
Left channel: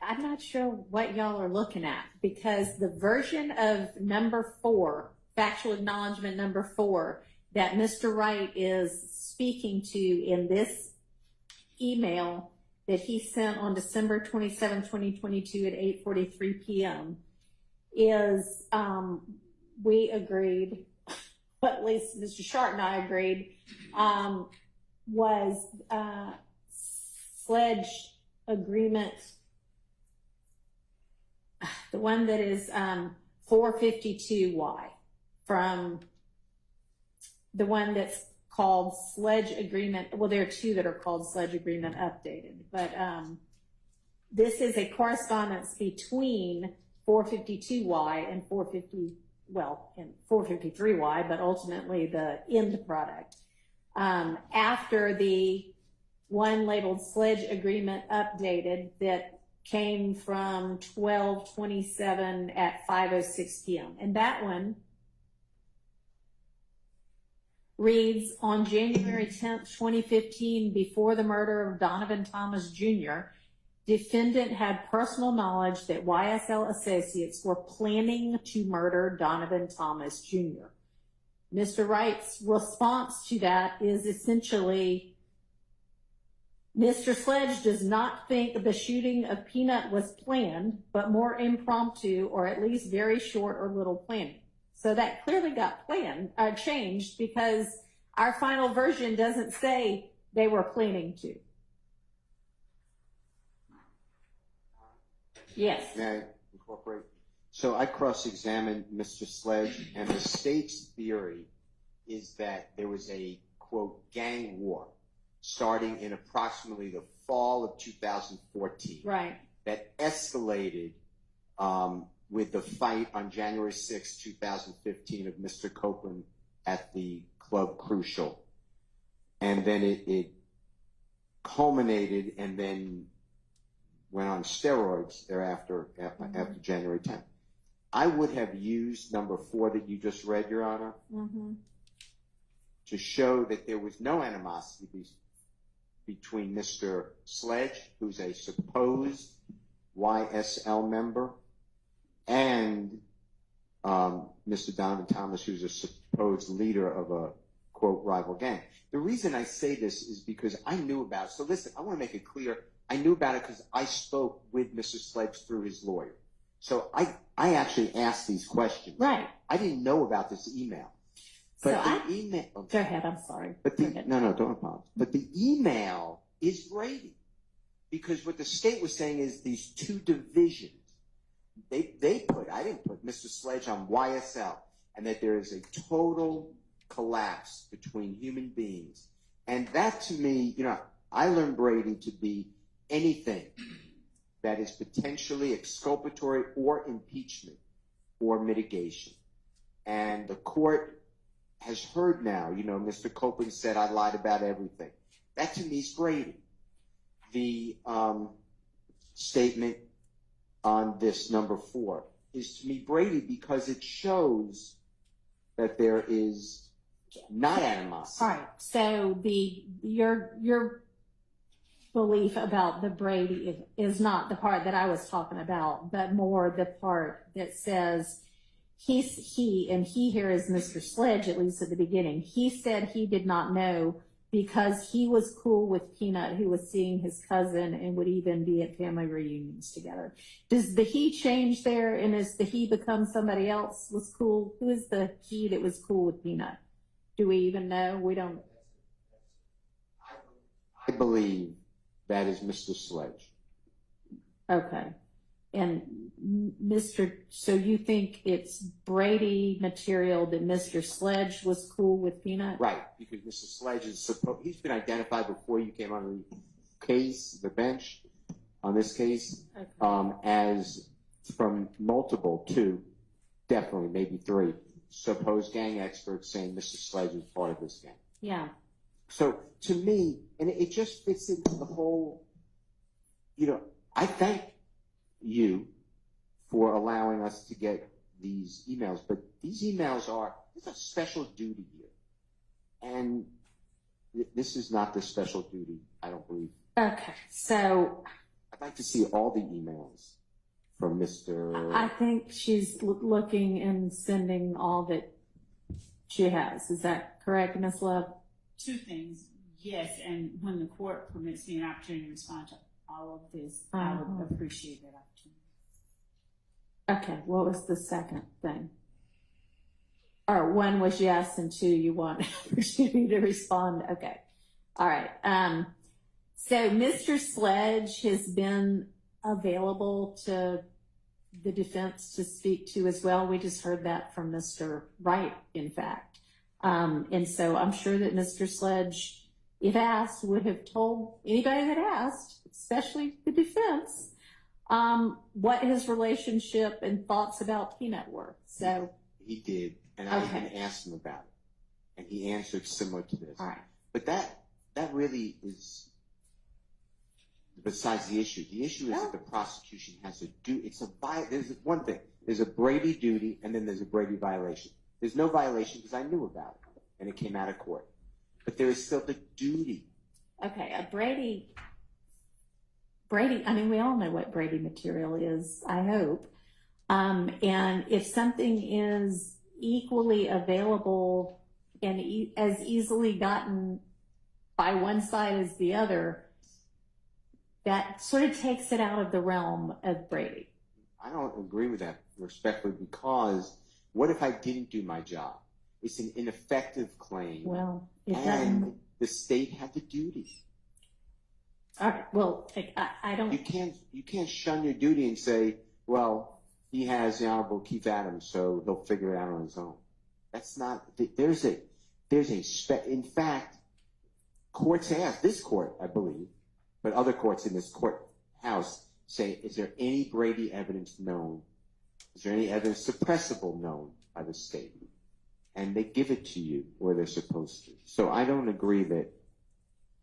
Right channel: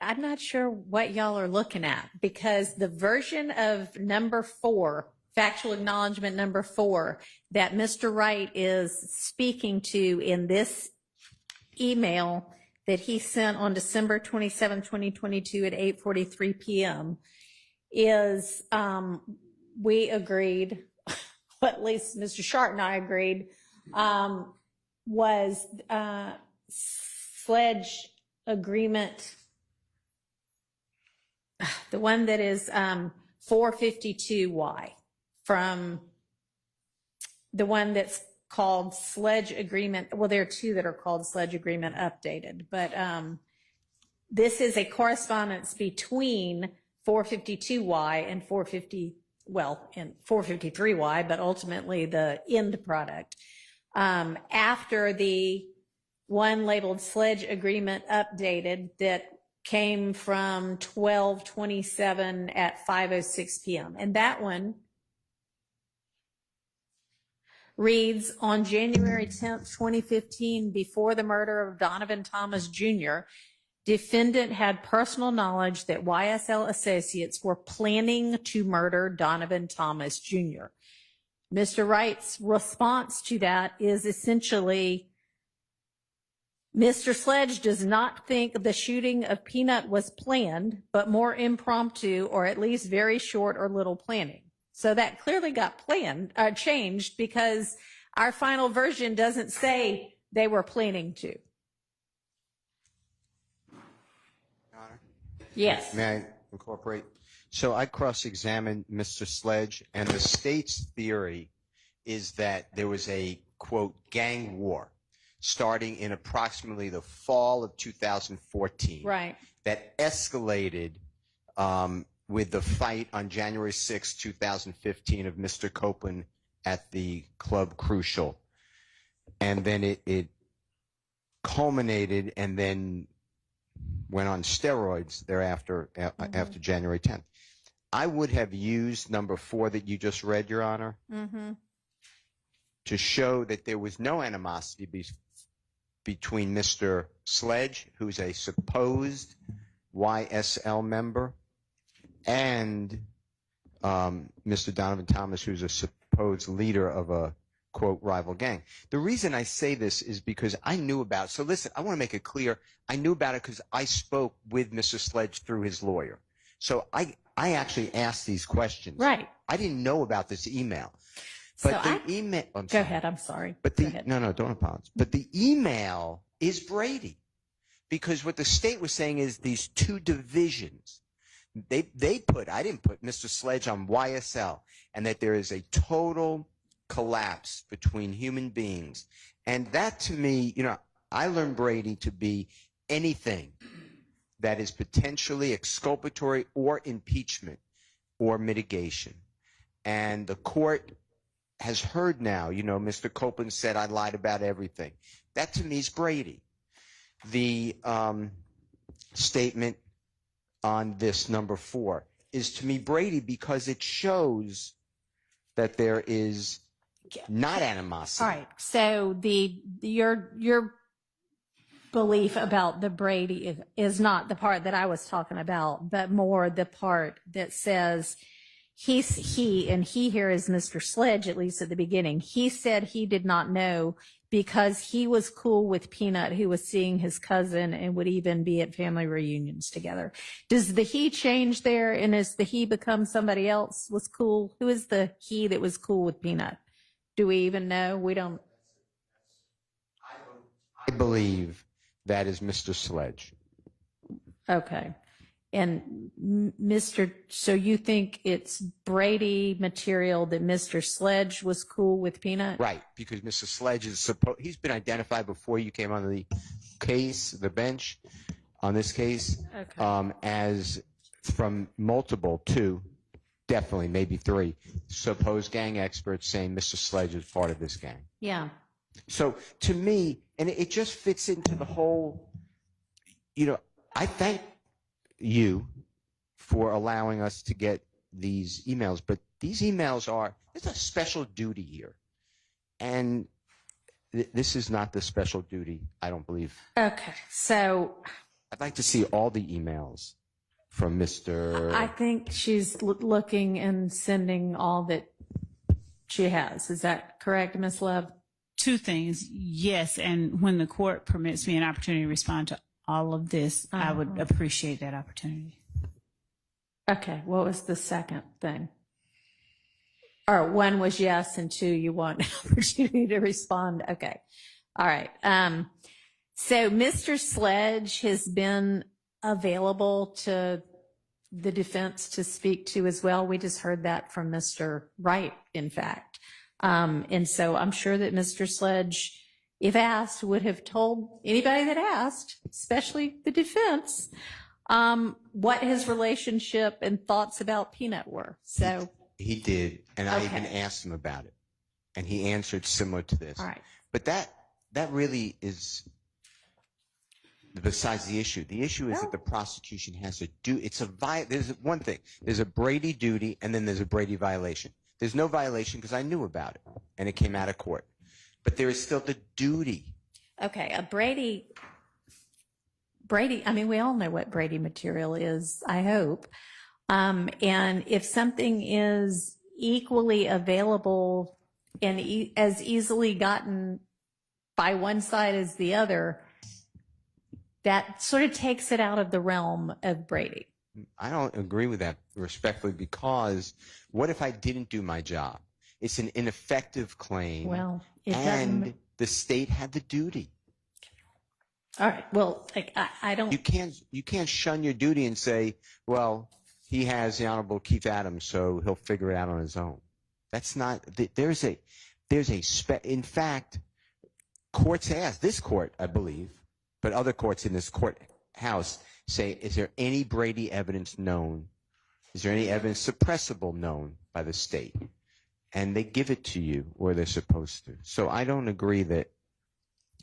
I'm not sure what y'all are looking at, because the version of number 4, factual acknowledgement number 4, that Mr. Wright is speaking to in this email that he sent on December 27, 2022 at 8:43 p.m. is, we agreed, at least Mr. Shart and I agreed, was Sledge agreement, the one that is 452Y, from the one that's called Sledge Agreement. Well, there are 2 that are called Sledge Agreement Updated, but this is a correspondence between 452Y and 453Y, but ultimately the end product. After the one labeled Sledge Agreement Updated that came from 12/27 at 5:06 p.m. And that one reads, on January 10th, 2015, before the murder of Donovan Thomas Jr., defendant had personal knowledge that YSL associates were planning to murder Donovan Thomas Jr. Mr. Wright's response to that is essentially, Mr. Sledge does not think the shooting of Peanut was planned, but more impromptu, or at least very short or little planning. So that clearly got changed, because our final version doesn't say they were planning to. Yes. May I incorporate? So I cross-examined Mr. Sledge, and the state's theory is that there was a, quote, gang war starting in approximately the fall of 2014. Right. That escalated with the fight on January 6, 2015 of Mr. Copeland at the Club Crucial. And then it culminated and then went on steroids thereafter, after January 10th. I would have used number 4 that you just read, Your Honor, to show that there was no animosity between Mr. Sledge, who's a supposed YSL member, and Mr. Donovan Thomas, who's a supposed leader of a, quote, rival gang. The reason I say this is because I knew about, so listen, I want to make it clear, I knew about it because I spoke with Mr. Sledge through his lawyer. So I actually asked these questions. Right. I didn't know about this email. But So the email, go ahead, I'm sorry. But no, don't apologize. But the email is Brady, because what the state was saying is these 2 divisions. They put, I didn't put Mr. Sledge on YSL, and that there is a total collapse between human beings. And that, to me, you know, I learned Brady to be anything that is potentially exculpatory or impeachment or mitigation. And the court has heard now, you know, Mr. Copeland said I lied about everything. That to me is Brady. The statement on this number 4 is to me Brady, because it shows that there is not animosity. All right. So your belief about the Brady is not the part that I was talking about, but more the part that says he, and he here is Mr. Sledge, at least at the beginning. He said he did not know because he was cool with Peanut, who was seeing his cousin and would even be at family reunions together. Does the he change there, and as the he becomes somebody else was cool? Who is the he that was cool with Peanut? Do we even know? We don't. I believe that is Mr. Sledge. Okay. And so you think it's Brady material that Mr. Sledge was cool with Peanut? Right, because Mr. Sledge is he's been identified before you came on the case, the bench, on this case, as from multiple, 2, definitely, maybe 3, supposed gang experts saying Mr. Sledge is part of this gang. Yeah. So to me, and it just fits into the whole, I thank you for allowing us to get these emails, but these emails there's a special duty here. And this is not the special duty, I don't believe. Okay, so I'd like to see all the emails from Mr. I think she's looking and sending all that she has. Is that correct, Ms. Love? 2 things. Yes, and when the court permits me an opportunity to respond to all of this, I would appreciate that opportunity. Okay, what was the second thing? Or 1 was yes, and 2, you want an opportunity to respond. Okay, all right. So Mr. Sledge has been available to the defense to speak to as well. We just heard that from Mr. Wright, in fact. And so I'm sure that Mr. Sledge, if asked, would have told anybody that asked, especially the defense, what his relationship and thoughts about Peanut were. So he did, and I even asked him about it, and he answered similar to this. All right. But that really is besides the issue. The issue is that the prosecution has to do. There's one thing. There's a Brady duty, and then there's a Brady violation. There's no violation because I knew about it, and it came out of court. But there is still the duty. Okay, a Brady, I mean, we all know what Brady material is, I hope. And if something is equally available and as easily gotten by one side as the other, that sort of takes it out of the realm of Brady. I don't agree with that respectfully, because what if I didn't do my job? It's an ineffective claim. Well, and the state had the duty. All right. Well, I don't. You can't shun your duty and say, well, he has the Honorable Keith Adams, so he'll figure it out on his own. That's not. In fact, courts ask, this court, I believe, but other courts in this courthouse say, is there any Brady evidence known? Is there any evidence suppressible known by the state? And they give it to you, or they're supposed to. So I don't agree that,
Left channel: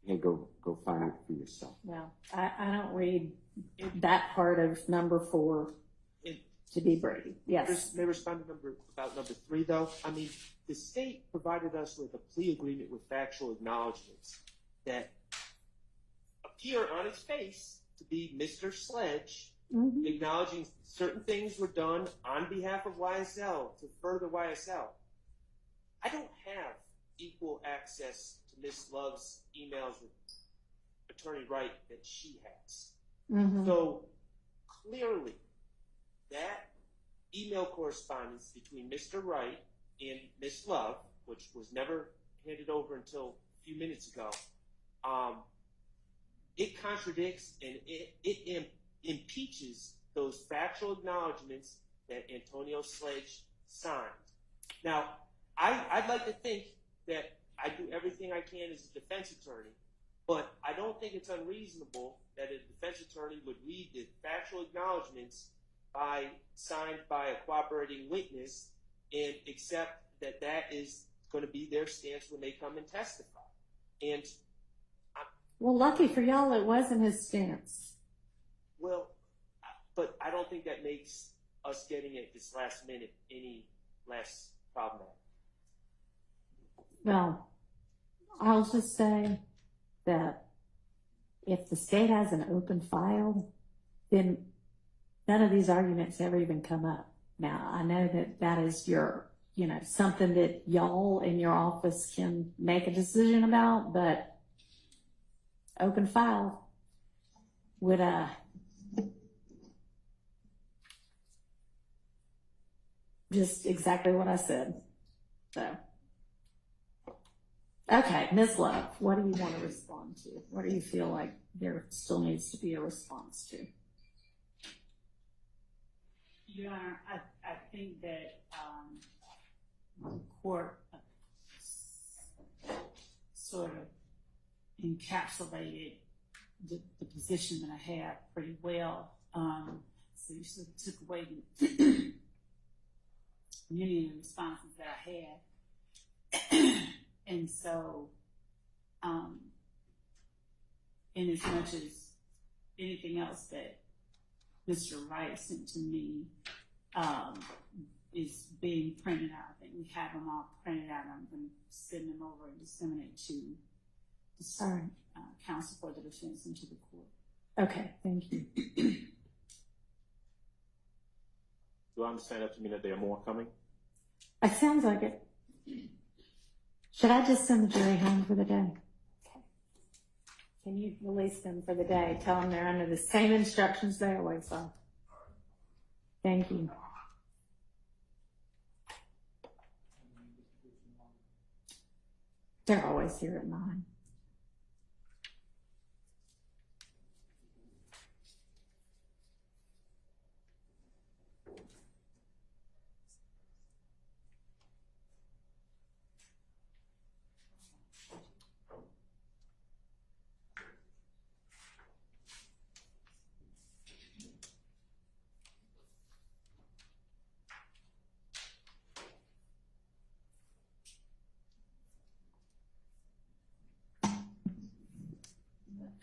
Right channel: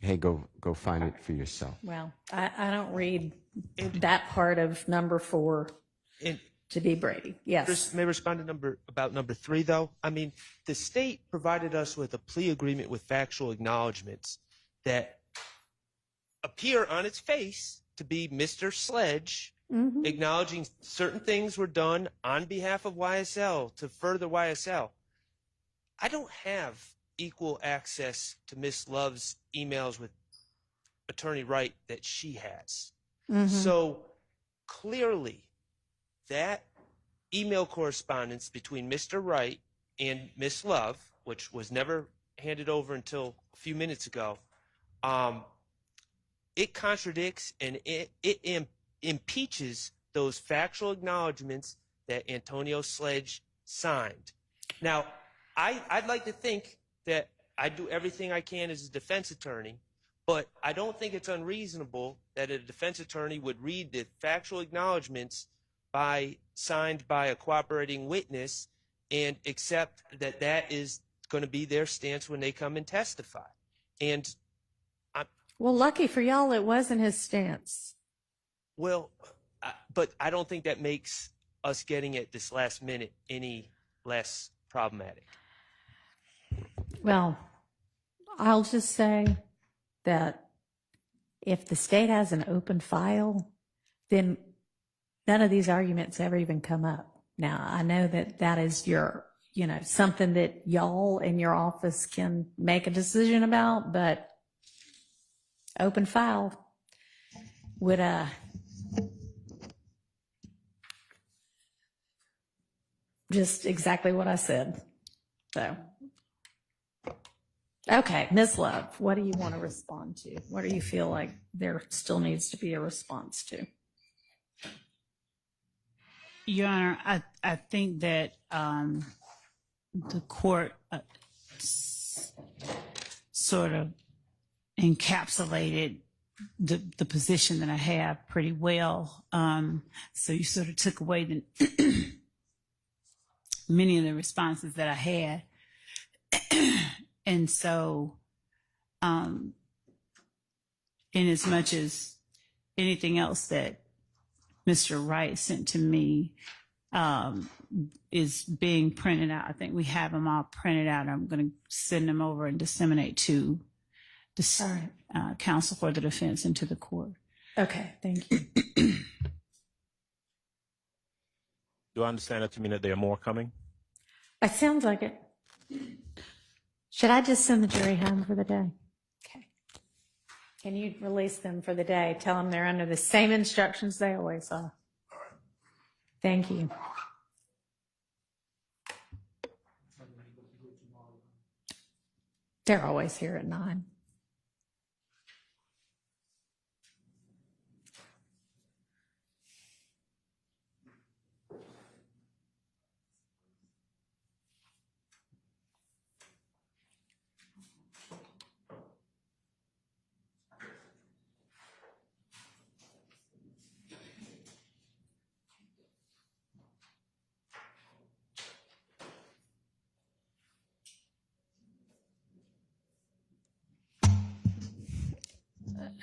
hey, go find it for yourself. Well, I don't read that part of number 4 to be Brady. Yes. May I respond to number 3, though? I mean, the state provided us with a plea agreement with factual acknowledgments that appear on its face to be Mr. Sledge acknowledging certain things were done on behalf of YSL to further YSL. I don't have equal access to Miss Love's emails with Attorney Wright that she has. So clearly that email correspondence between Mr. Wright and Miss Love, which was never handed over until a few minutes ago, it contradicts and it impeaches those factual acknowledgments that Antonio Sledge signed. Now, I'd like to think that I do everything I can as a defense attorney, but I don't think it's unreasonable that a defense attorney would read the factual acknowledgments signed by a cooperating witness and accept that that is going to be their stance when they come and testify. And well, lucky for y'all, it wasn't his stance. Well, but I don't think that makes us getting it this last minute any less problematic. Well, I'll just say that if the state has an open file, then none of these arguments ever even come up. Now, I know that that is your you know, something that y'all in your office can make a decision about, but open file would, just exactly what I said. So, okay, Ms. Love, what do you want to respond to? What do you feel like there still needs to be a response to? Your Honor, I think that the court sort of encapsulated the position that I have pretty well. So you sort of took away the many of the responses that I had. And so, in as much as anything else that Mr. Wright sent to me is being printed out, I think we have them all printed out. I'm going to send them over and disseminate to the counsel for the defense and to the court. Okay, thank you. Do I understand that to mean that there are more coming? It sounds like it. Should I just send the jury home for the day? Okay. Can you release them for the day? Tell them they're under the same instructions they always are. Thank you. They're always here at 9.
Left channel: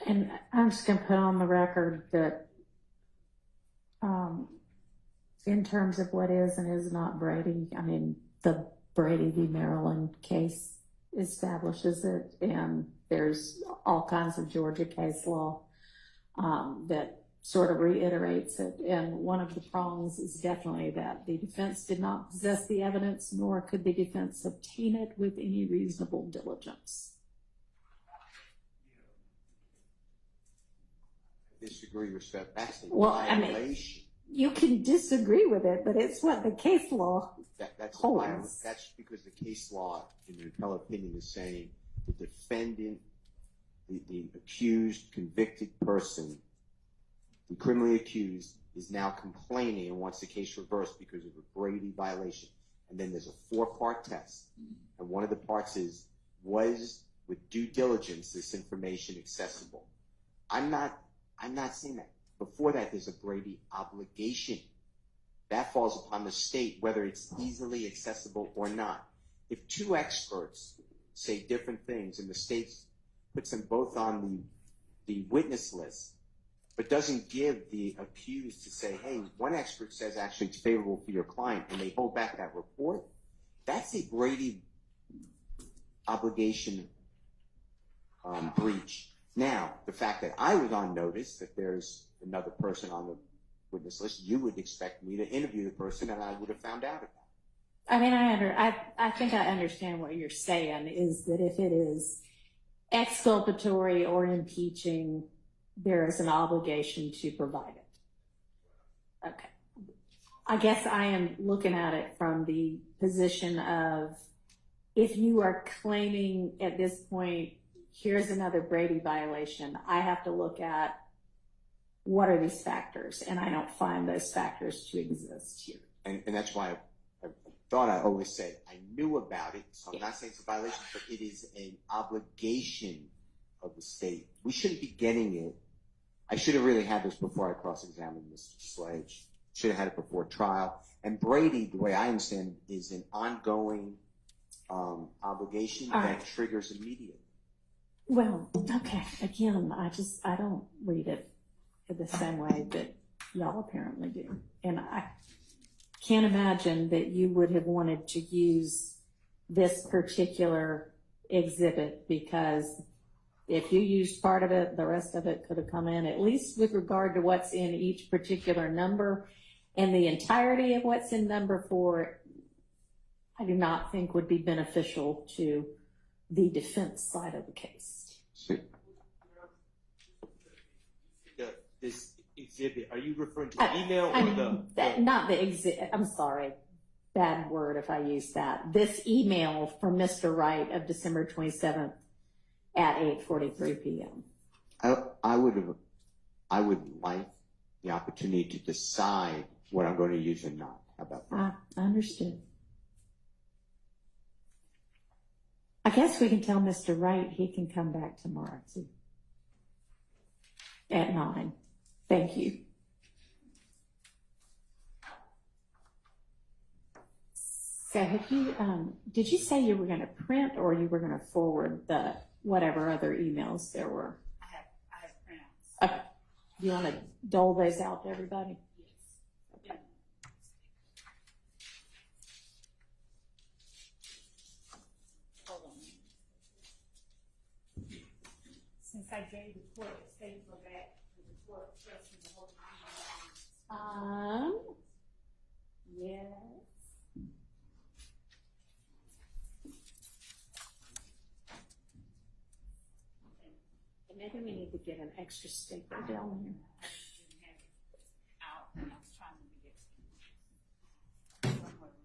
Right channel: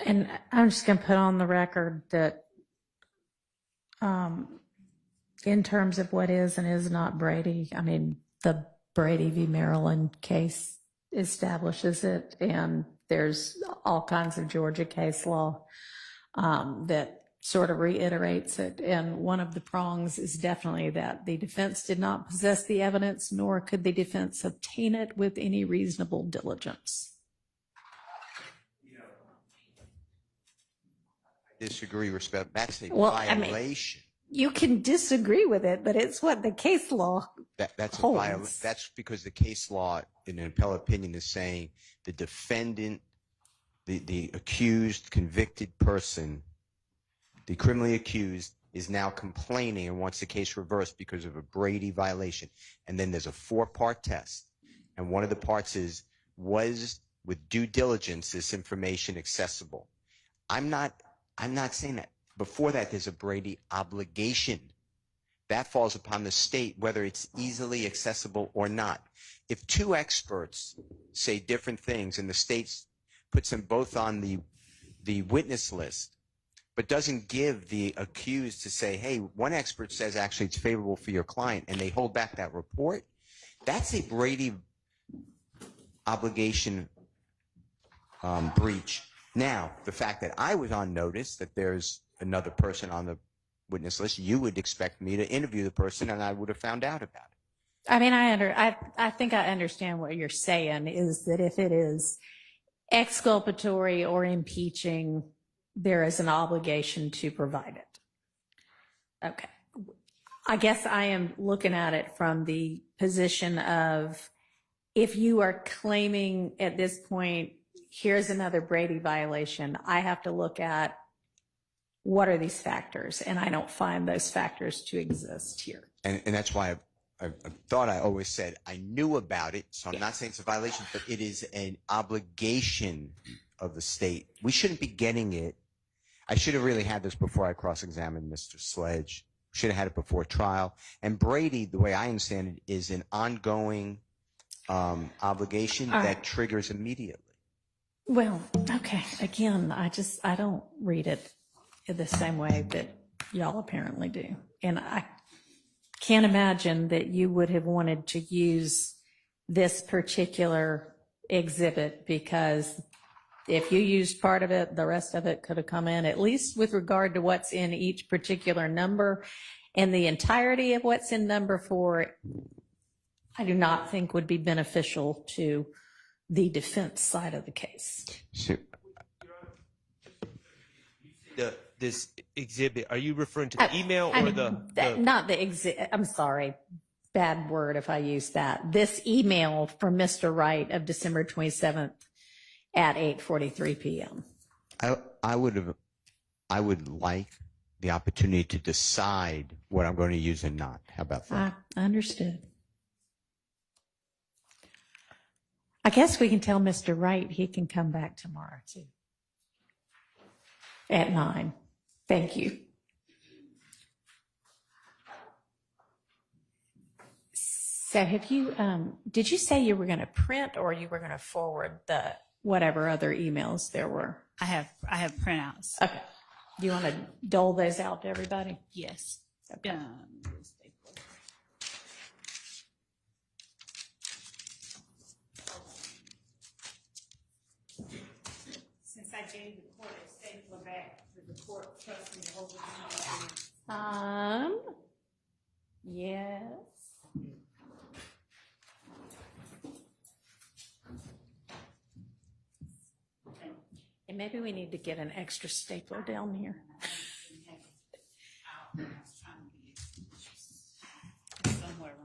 And I'm just going to put on the record that in terms of what is and is not Brady, I mean, the Brady v. Maryland case establishes it, and there's all kinds of Georgia case law that sort of reiterates it. And one of the prongs is definitely that the defense did not possess the evidence, nor could the defense obtain it with any reasonable diligence. Disagree, respect. That's a I violation. mean, you can disagree with it, but it's what the case law That's a holds. violation. That's because the case law, in an appellate opinion, is saying the defendant, the accused, convicted person, the criminally accused, is now complaining and wants the case reversed because of a Brady violation. And then there's a 4-part test, and one of the parts is, was with due diligence this information accessible? I'm not saying that. Before that, there's a Brady obligation. That falls upon the state, whether it's easily accessible or not. If 2 experts say different things and the state puts them both on the witness list, but doesn't give the accused to say, hey, one expert says actually it's favorable for your client, and they hold back that report, that's a Brady obligation breach. Now, the fact that I was on notice that there's another person on the witness list, you would expect me to interview the person, and I would have found out about it. I mean, I think I understand what you're saying, is that if it is exculpatory or impeaching, there is an obligation to provide it. Okay. I guess I am looking at it from the position of, if you are claiming at this point, here's another Brady violation, I have to look at what are these factors, and I don't find those factors to exist here. And that's why I thought I always said I knew about it, so I'm not saying it's a violation, but it is an obligation of the state. We shouldn't be getting it. I should have really had this before I cross-examined Mr. Sledge. Should have had it before trial. And Brady, the way I understand it, is an ongoing obligation that triggers immediately. Well, okay. Again, I don't read it in the same way that y'all apparently do. And I can't imagine that you would have wanted to use this particular exhibit, because if you used part of it, the rest of it could have come in, at least with regard to what's in each particular number, and the entirety of what's in number 4. I do not think would be beneficial to the defense side of the case. Sure. This exhibit, are you referring to the email or Not the exhibit. I'm sorry. Bad word if I use that. This email from Mr. Wright of December 27th at 8:43 p.m. I would like the opportunity to decide what I'm going to use and not. How about that? I understood. I guess we can tell Mr. Wright he can come back tomorrow too. At 9. Thank you. So have you, did you say you were going to print or you were going to forward the whatever other emails there were? I have printouts. Okay. Do you want to dole those out to everybody? Yes. Okay. Since I gave the court a statement back to the court, trust me to hold it. Yes. And maybe we need to get an extra stapler down here. Somewhere around.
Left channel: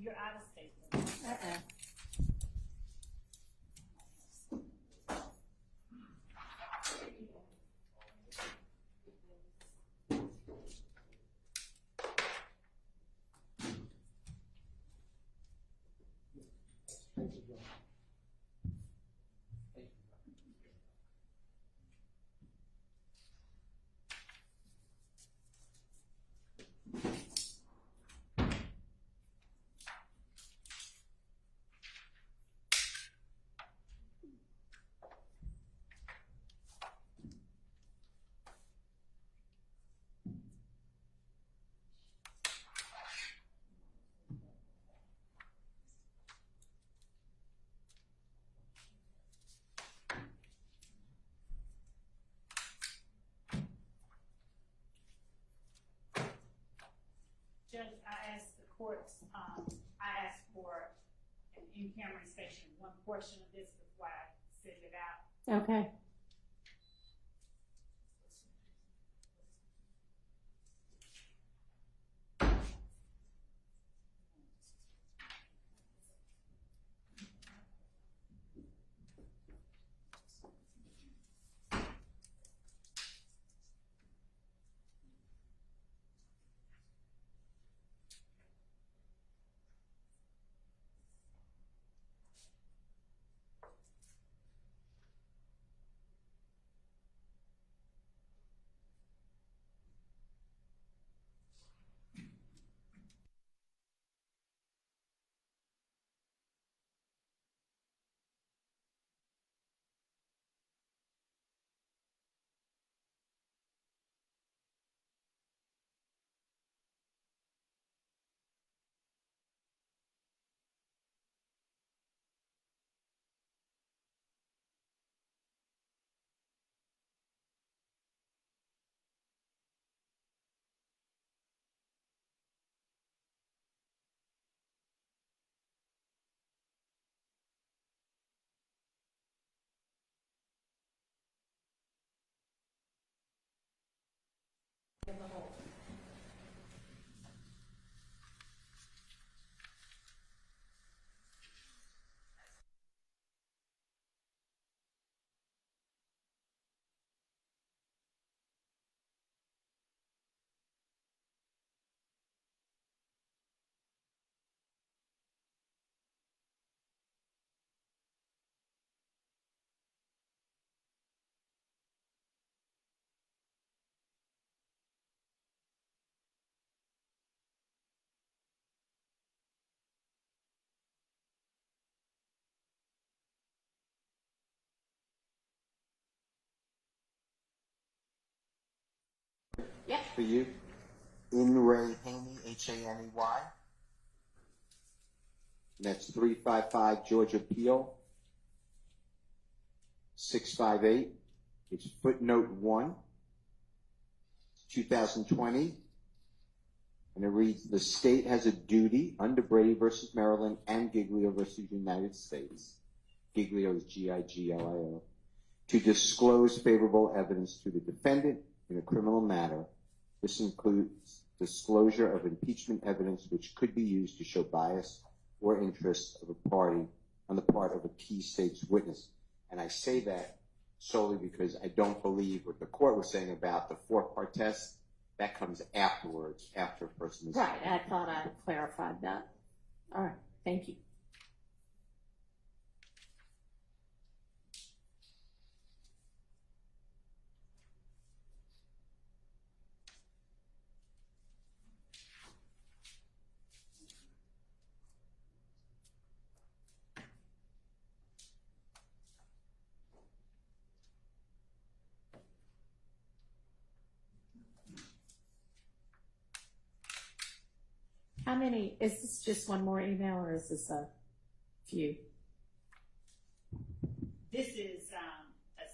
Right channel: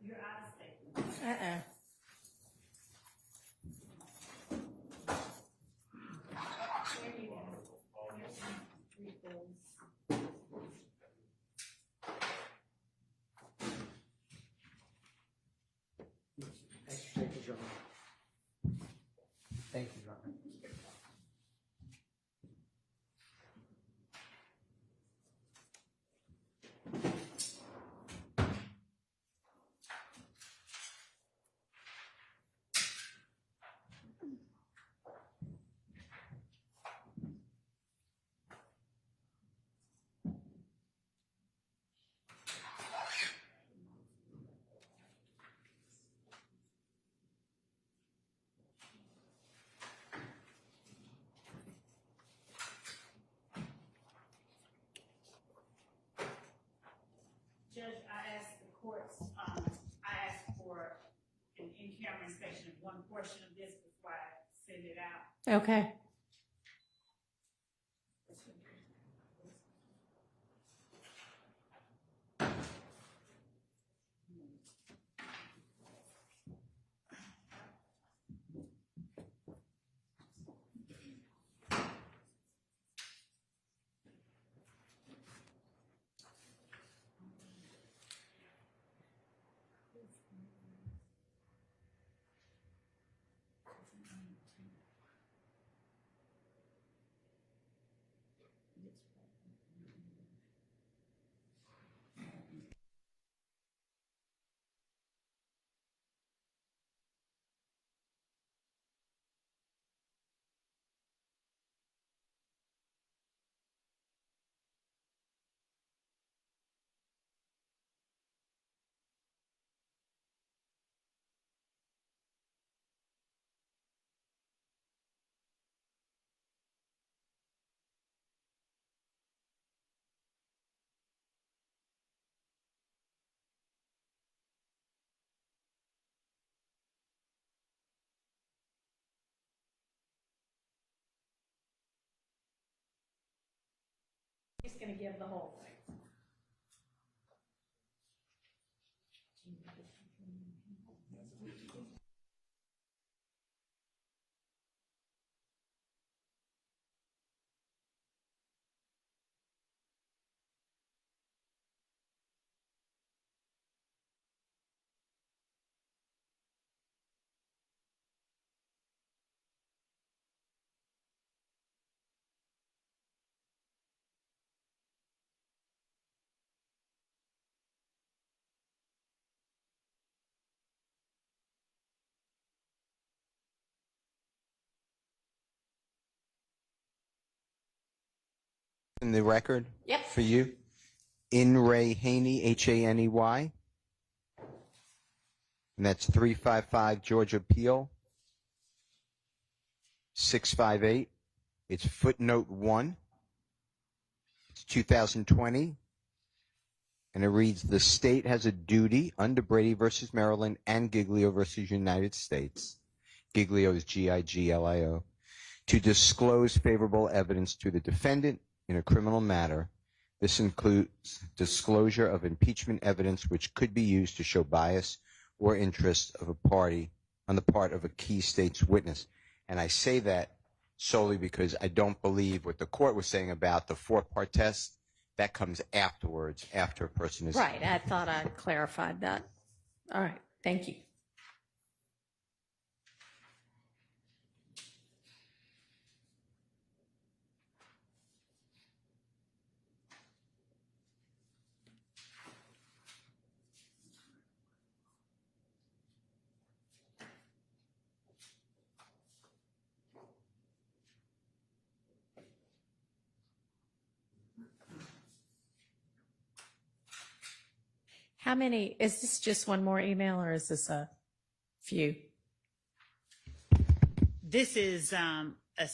You're out of state. Thank you, John. Judge, I asked the courts, I asked for an in-camera inspection of one portion of this before I send it out. Okay. He's going to give the whole thing. In the record? Yep. For you? In Ray Haney, Haney. And that's 355 Georgia Peel, 658. It's footnote 1. It's 2020. And it reads, the state has a duty under Brady versus Maryland and Giglio versus United States. Giglio is Giglio, to disclose favorable evidence to the defendant in a criminal matter. This includes disclosure of impeachment evidence which could be used to show bias or interest of a party on the part of a key state's witness. And I say that solely because I don't believe what the court was saying about the 4-part test. That comes afterwards, after a person is... Right, I thought I clarified that. All right, thank you. How many, is this just one more email or is this a few? This is a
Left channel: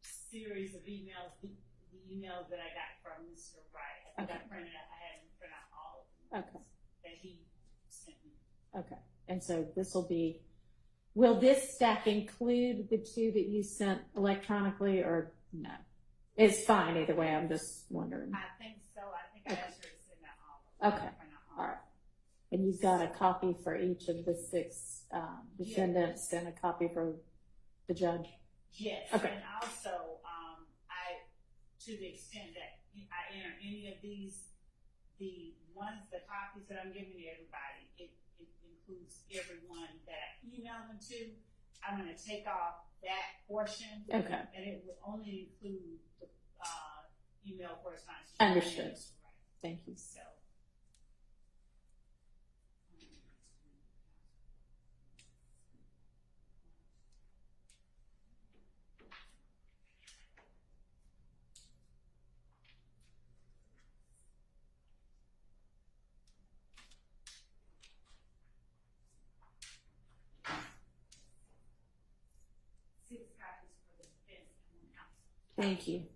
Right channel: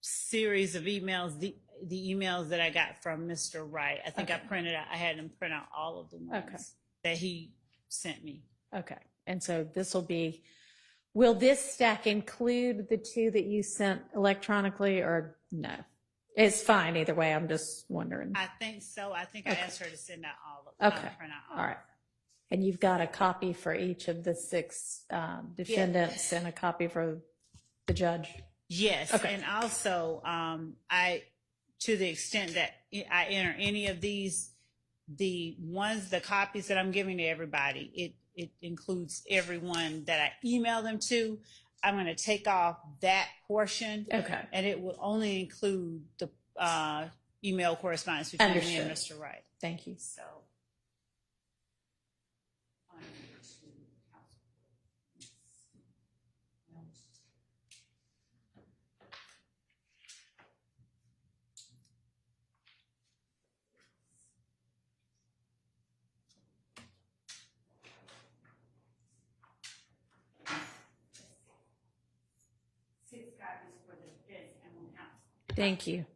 series of emails, the emails that I got from Mr. Wright. I think I printed out, I had him print out all of the ones that he sent me. Okay, and so this will be, will this stack include the 2 that you sent electronically or no? It's fine either way, I'm just wondering. I think so. I think I asked her to send out all of them. Okay, all right. And you've got a copy for each of the 6 defendants and a copy for the judge? Yes, okay. And also, to the extent that I enter any of these, the copies that I'm giving to everybody, it includes everyone that I email them to. I'm going to take off that portion, and it will only include the email correspondence between me and Mr. Wright. Thank you. So. Thank you.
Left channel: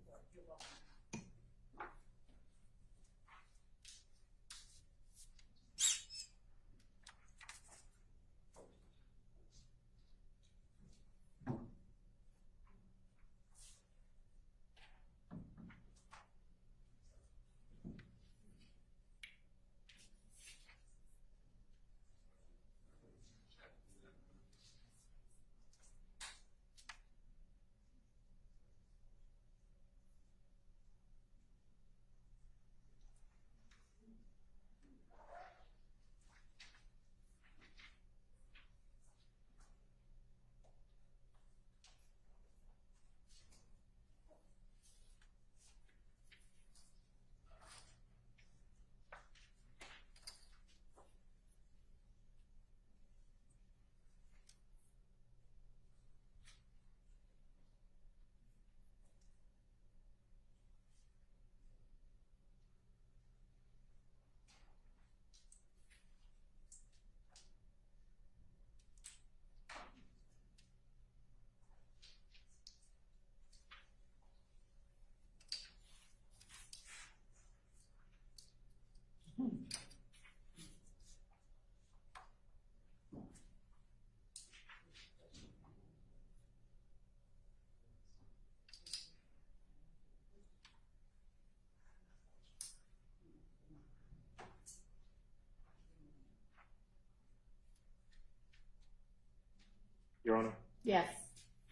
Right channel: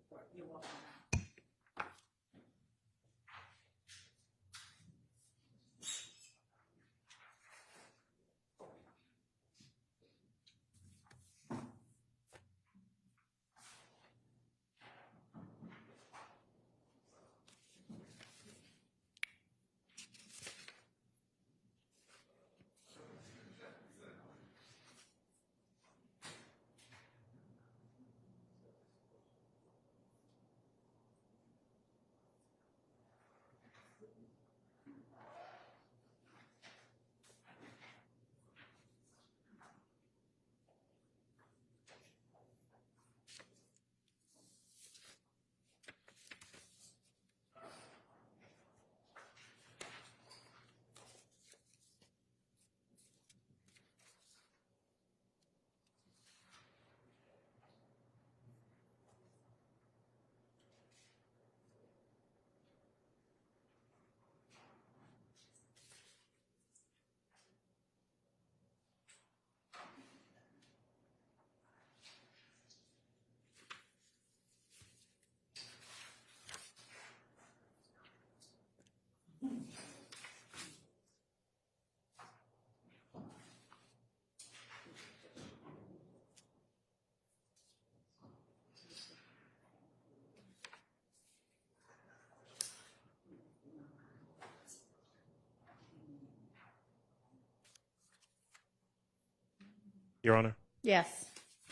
Your Honor? Yes.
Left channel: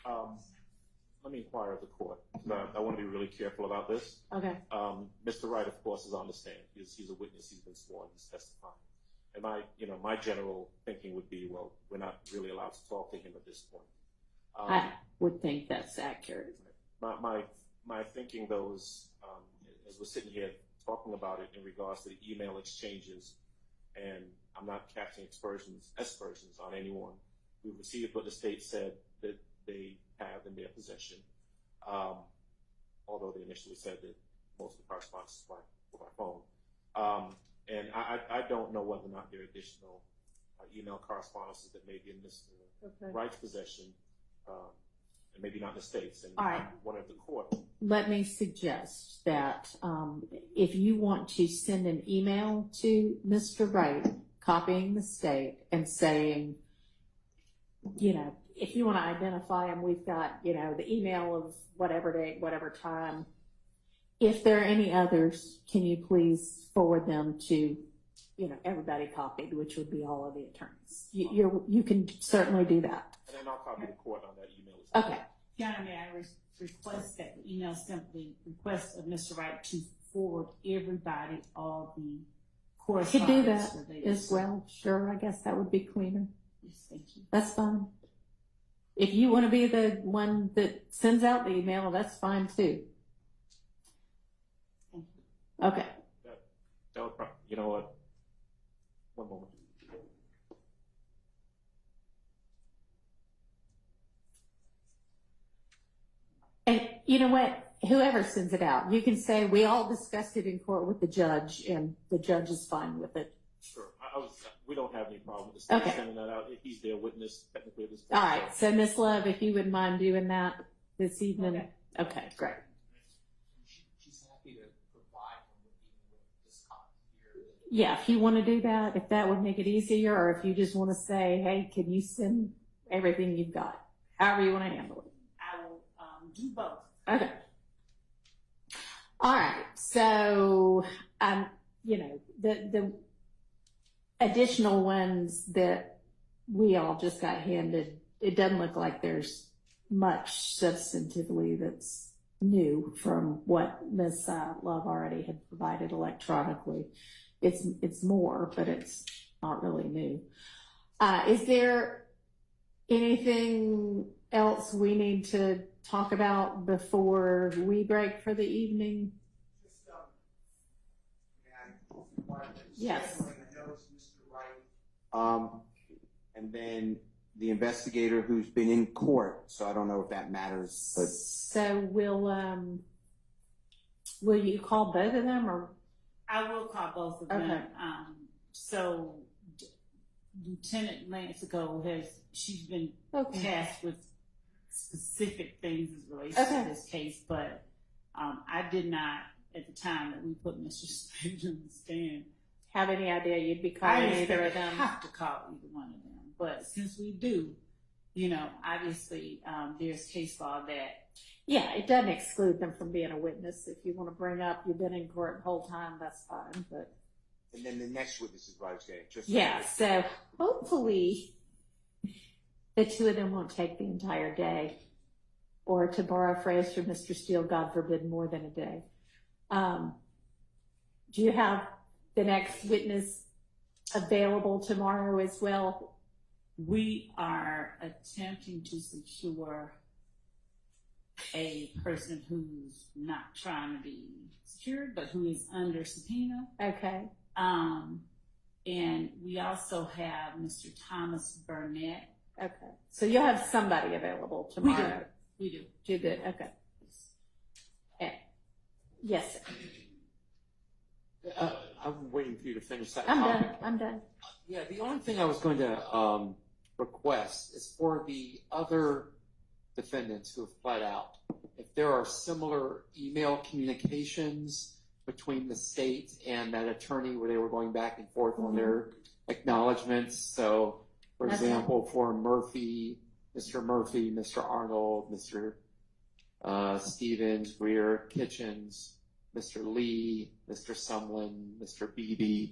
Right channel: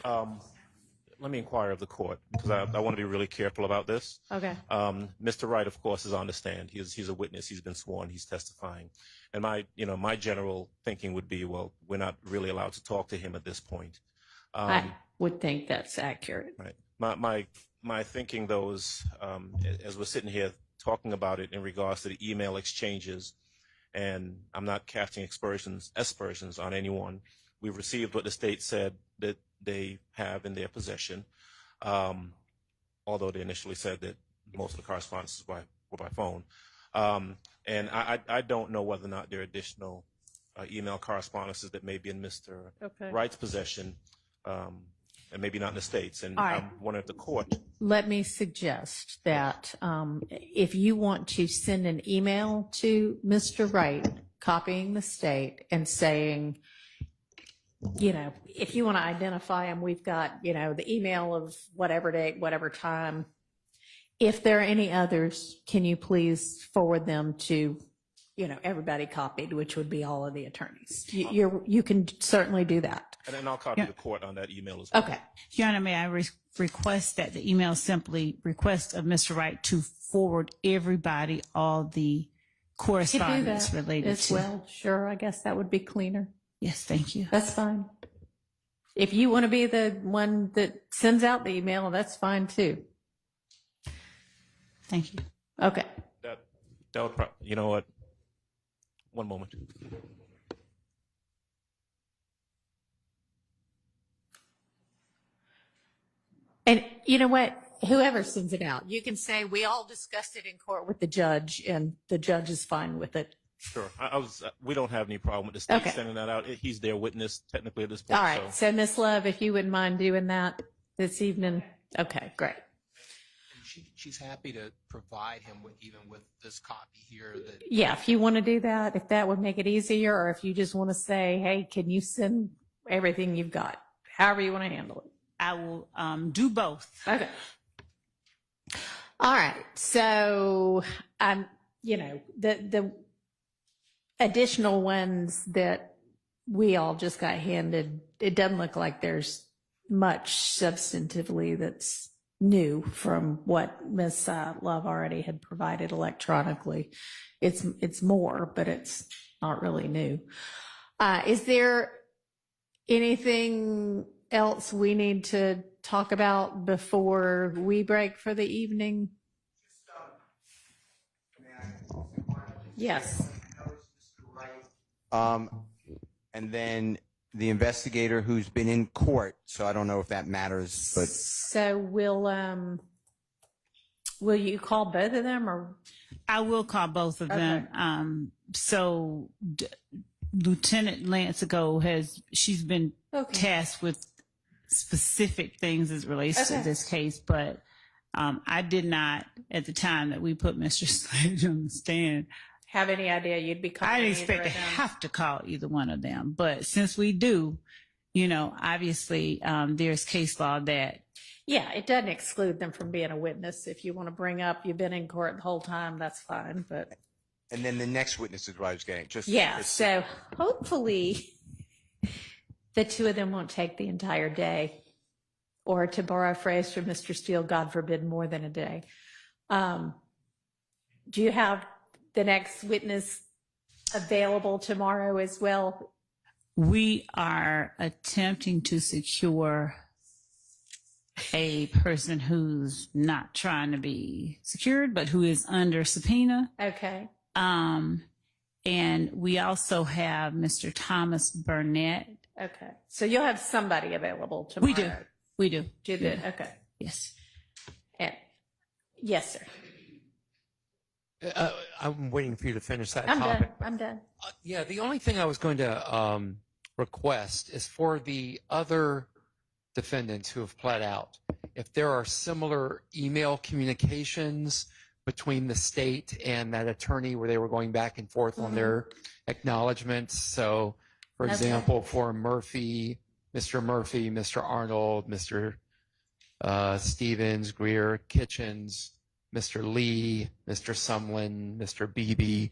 Let me inquire of the court, because I want to be really careful about this. Okay. Mr. Wright, of course, is on the stand. He's a witness. He's been sworn. He's testifying. And my general thinking would be, well, we're not really allowed to talk to him at this point. I would think that's accurate. Right. My thinking, though, is as we're sitting here talking about it in regards to the email exchanges, and I'm not casting aspersions on anyone. We've received what the state said that they have in their possession, although they initially said that most of the correspondence were by phone. And I don't know whether or not there are additional email correspondences that may be in Mr. Wright's possession, and maybe not in the States. And All right. I'm wondering if the court. Let me suggest that if you want to send an email to Mr. Wright, copying the state and saying, if you want to identify him, we've got, the email of whatever date, whatever time. If there are any others, can you please forward them to, everybody copied, which would be all of the attorneys. You can certainly do that. And then I'll copy the court on that email as well. Okay. Your Honor, may I request that the email simply request of Mr. Wright to forward everybody all the correspondence Could do that related as to. well. Sure, I guess that would be cleaner. Yes, thank you. That's fine. If you want to be the one that sends out the email, that's fine too. Thank you. Okay. That would you know what? One moment. And you know what? Whoever sends it out, you can say, we all discussed it in court with the judge and the judge is fine with it. Sure. We don't have any problem with the state Okay. sending that out. He's their witness technically at this point. All right. So Miss Love, if you wouldn't mind doing that this evening. Okay, great. She's happy to provide him with this copy here. Yeah, if you want to do that, if that would make it easier, or if you just want to say, hey, can you send everything you've got? However you want to handle it. I will do both. Okay. All right. So, the additional ones that we all just got handed, it doesn't look like there's much substantively that's new from what Ms. Love already had provided electronically. It's more, but it's not really new. Is there anything else we need to talk about before we break for the evening? Yes. And then the investigator who's been in court, so I don't know if that matters, but. So will you call both of them, or? I will call both of them. So Lieutenant Lancigo she's been tasked with specific things as relates to this case, but I did not, at the time that we put Mr. Sledge on the stand, have any idea you'd be calling I didn't either expect of to them? have to call either one of them. But since we do, obviously there's case law that. Yeah, it doesn't exclude them from being a witness. If you want to bring up you've been in court the whole time, that's fine. But And then the next witness is what I was getting. so hopefully the two of them won't take the entire day, or to borrow a phrase from Mr. Steele, God forbid, more than a day. Do you have the next witness available tomorrow as well? We are attempting to secure a person who's not trying to be secured, but who is under subpoena. Okay. And we also have Mr. Thomas Burnett. Okay. So you'll have somebody available tomorrow. We do. Do good. Okay. Yes. Yes, sir. I'm waiting for you to finish that I'm topic. done. I'm done. Yeah, the only thing I was going to request is for the other defendants who have pled out, if there are similar email communications between the state and that attorney where they were going back and forth on their acknowledgments. So, for example, for Mr. Murphy, Mr. Arnold, Mr. Stevens, Greer, Kitchens, Mr. Lee, Mr. Sumlin, Mr. Beebe,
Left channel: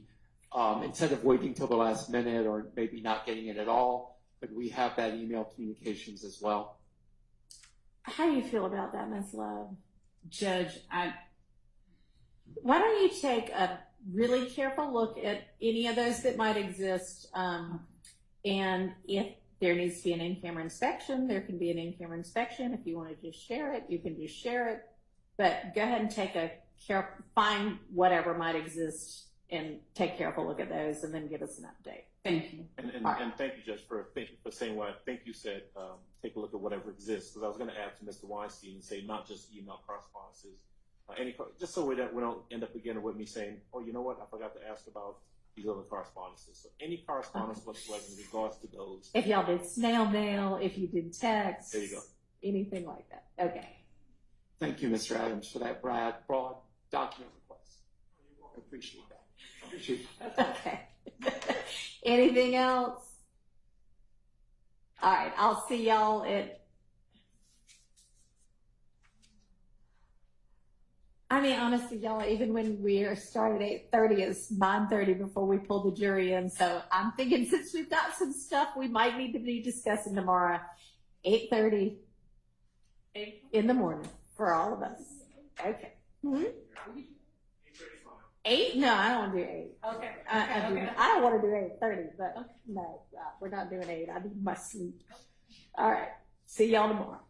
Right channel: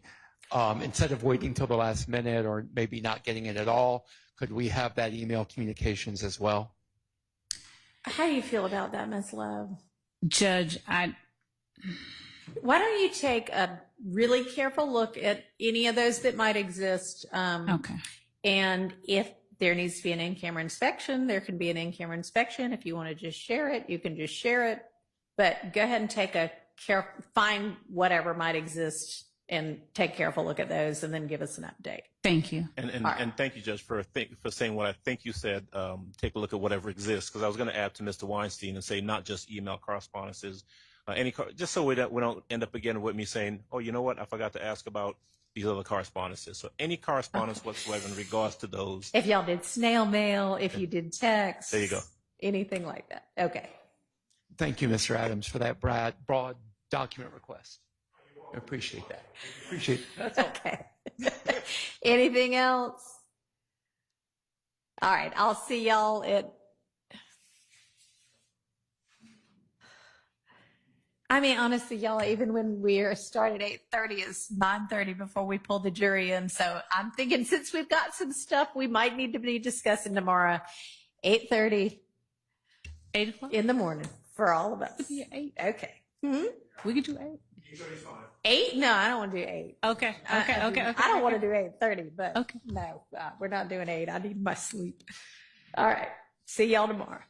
instead of waiting till the last minute or maybe not getting it at all, could we have that email communications as well? How do you feel about that, Ms. Love? Judge, why don't you take a really careful look at any of those that might exist? Okay. And if there needs to be an in-camera inspection, there can be an in-camera inspection. If you want to just share it, you can just share it. But go ahead and take find whatever might exist and take a careful look at those, and then give us an update. Thank you. And thank you, Judge, for saying what I think you said. Take a look at whatever exists, because I was going to add to Mr. Weinstein and say not just email correspondences, Just so we don't end up again with me saying, oh, you know what, I forgot to ask about these other correspondences. So any correspondence whatsoever in regards to those. If y'all did snail mail, if you did text. There you go. Anything like that. Okay. Thank you, Mr. Adams, for that broad document request. I appreciate that. Appreciate that. Okay. Anything else? All right. I'll see y'all at. I mean, honestly, y'all, even when we are starting at 8:30, it's 9:30 before we pull the jury in. So I'm thinking since we've got some stuff we might need to be discussing tomorrow, 8:30. 8 o'clock? In the morning for all of us. It could be at 8. Okay. Hmm? We could do 8. 8? No, I don't want to do 8. Okay. I don't want to do 8:30, but okay. No, we're not doing 8. I need my sleep. All right. See y'all tomorrow.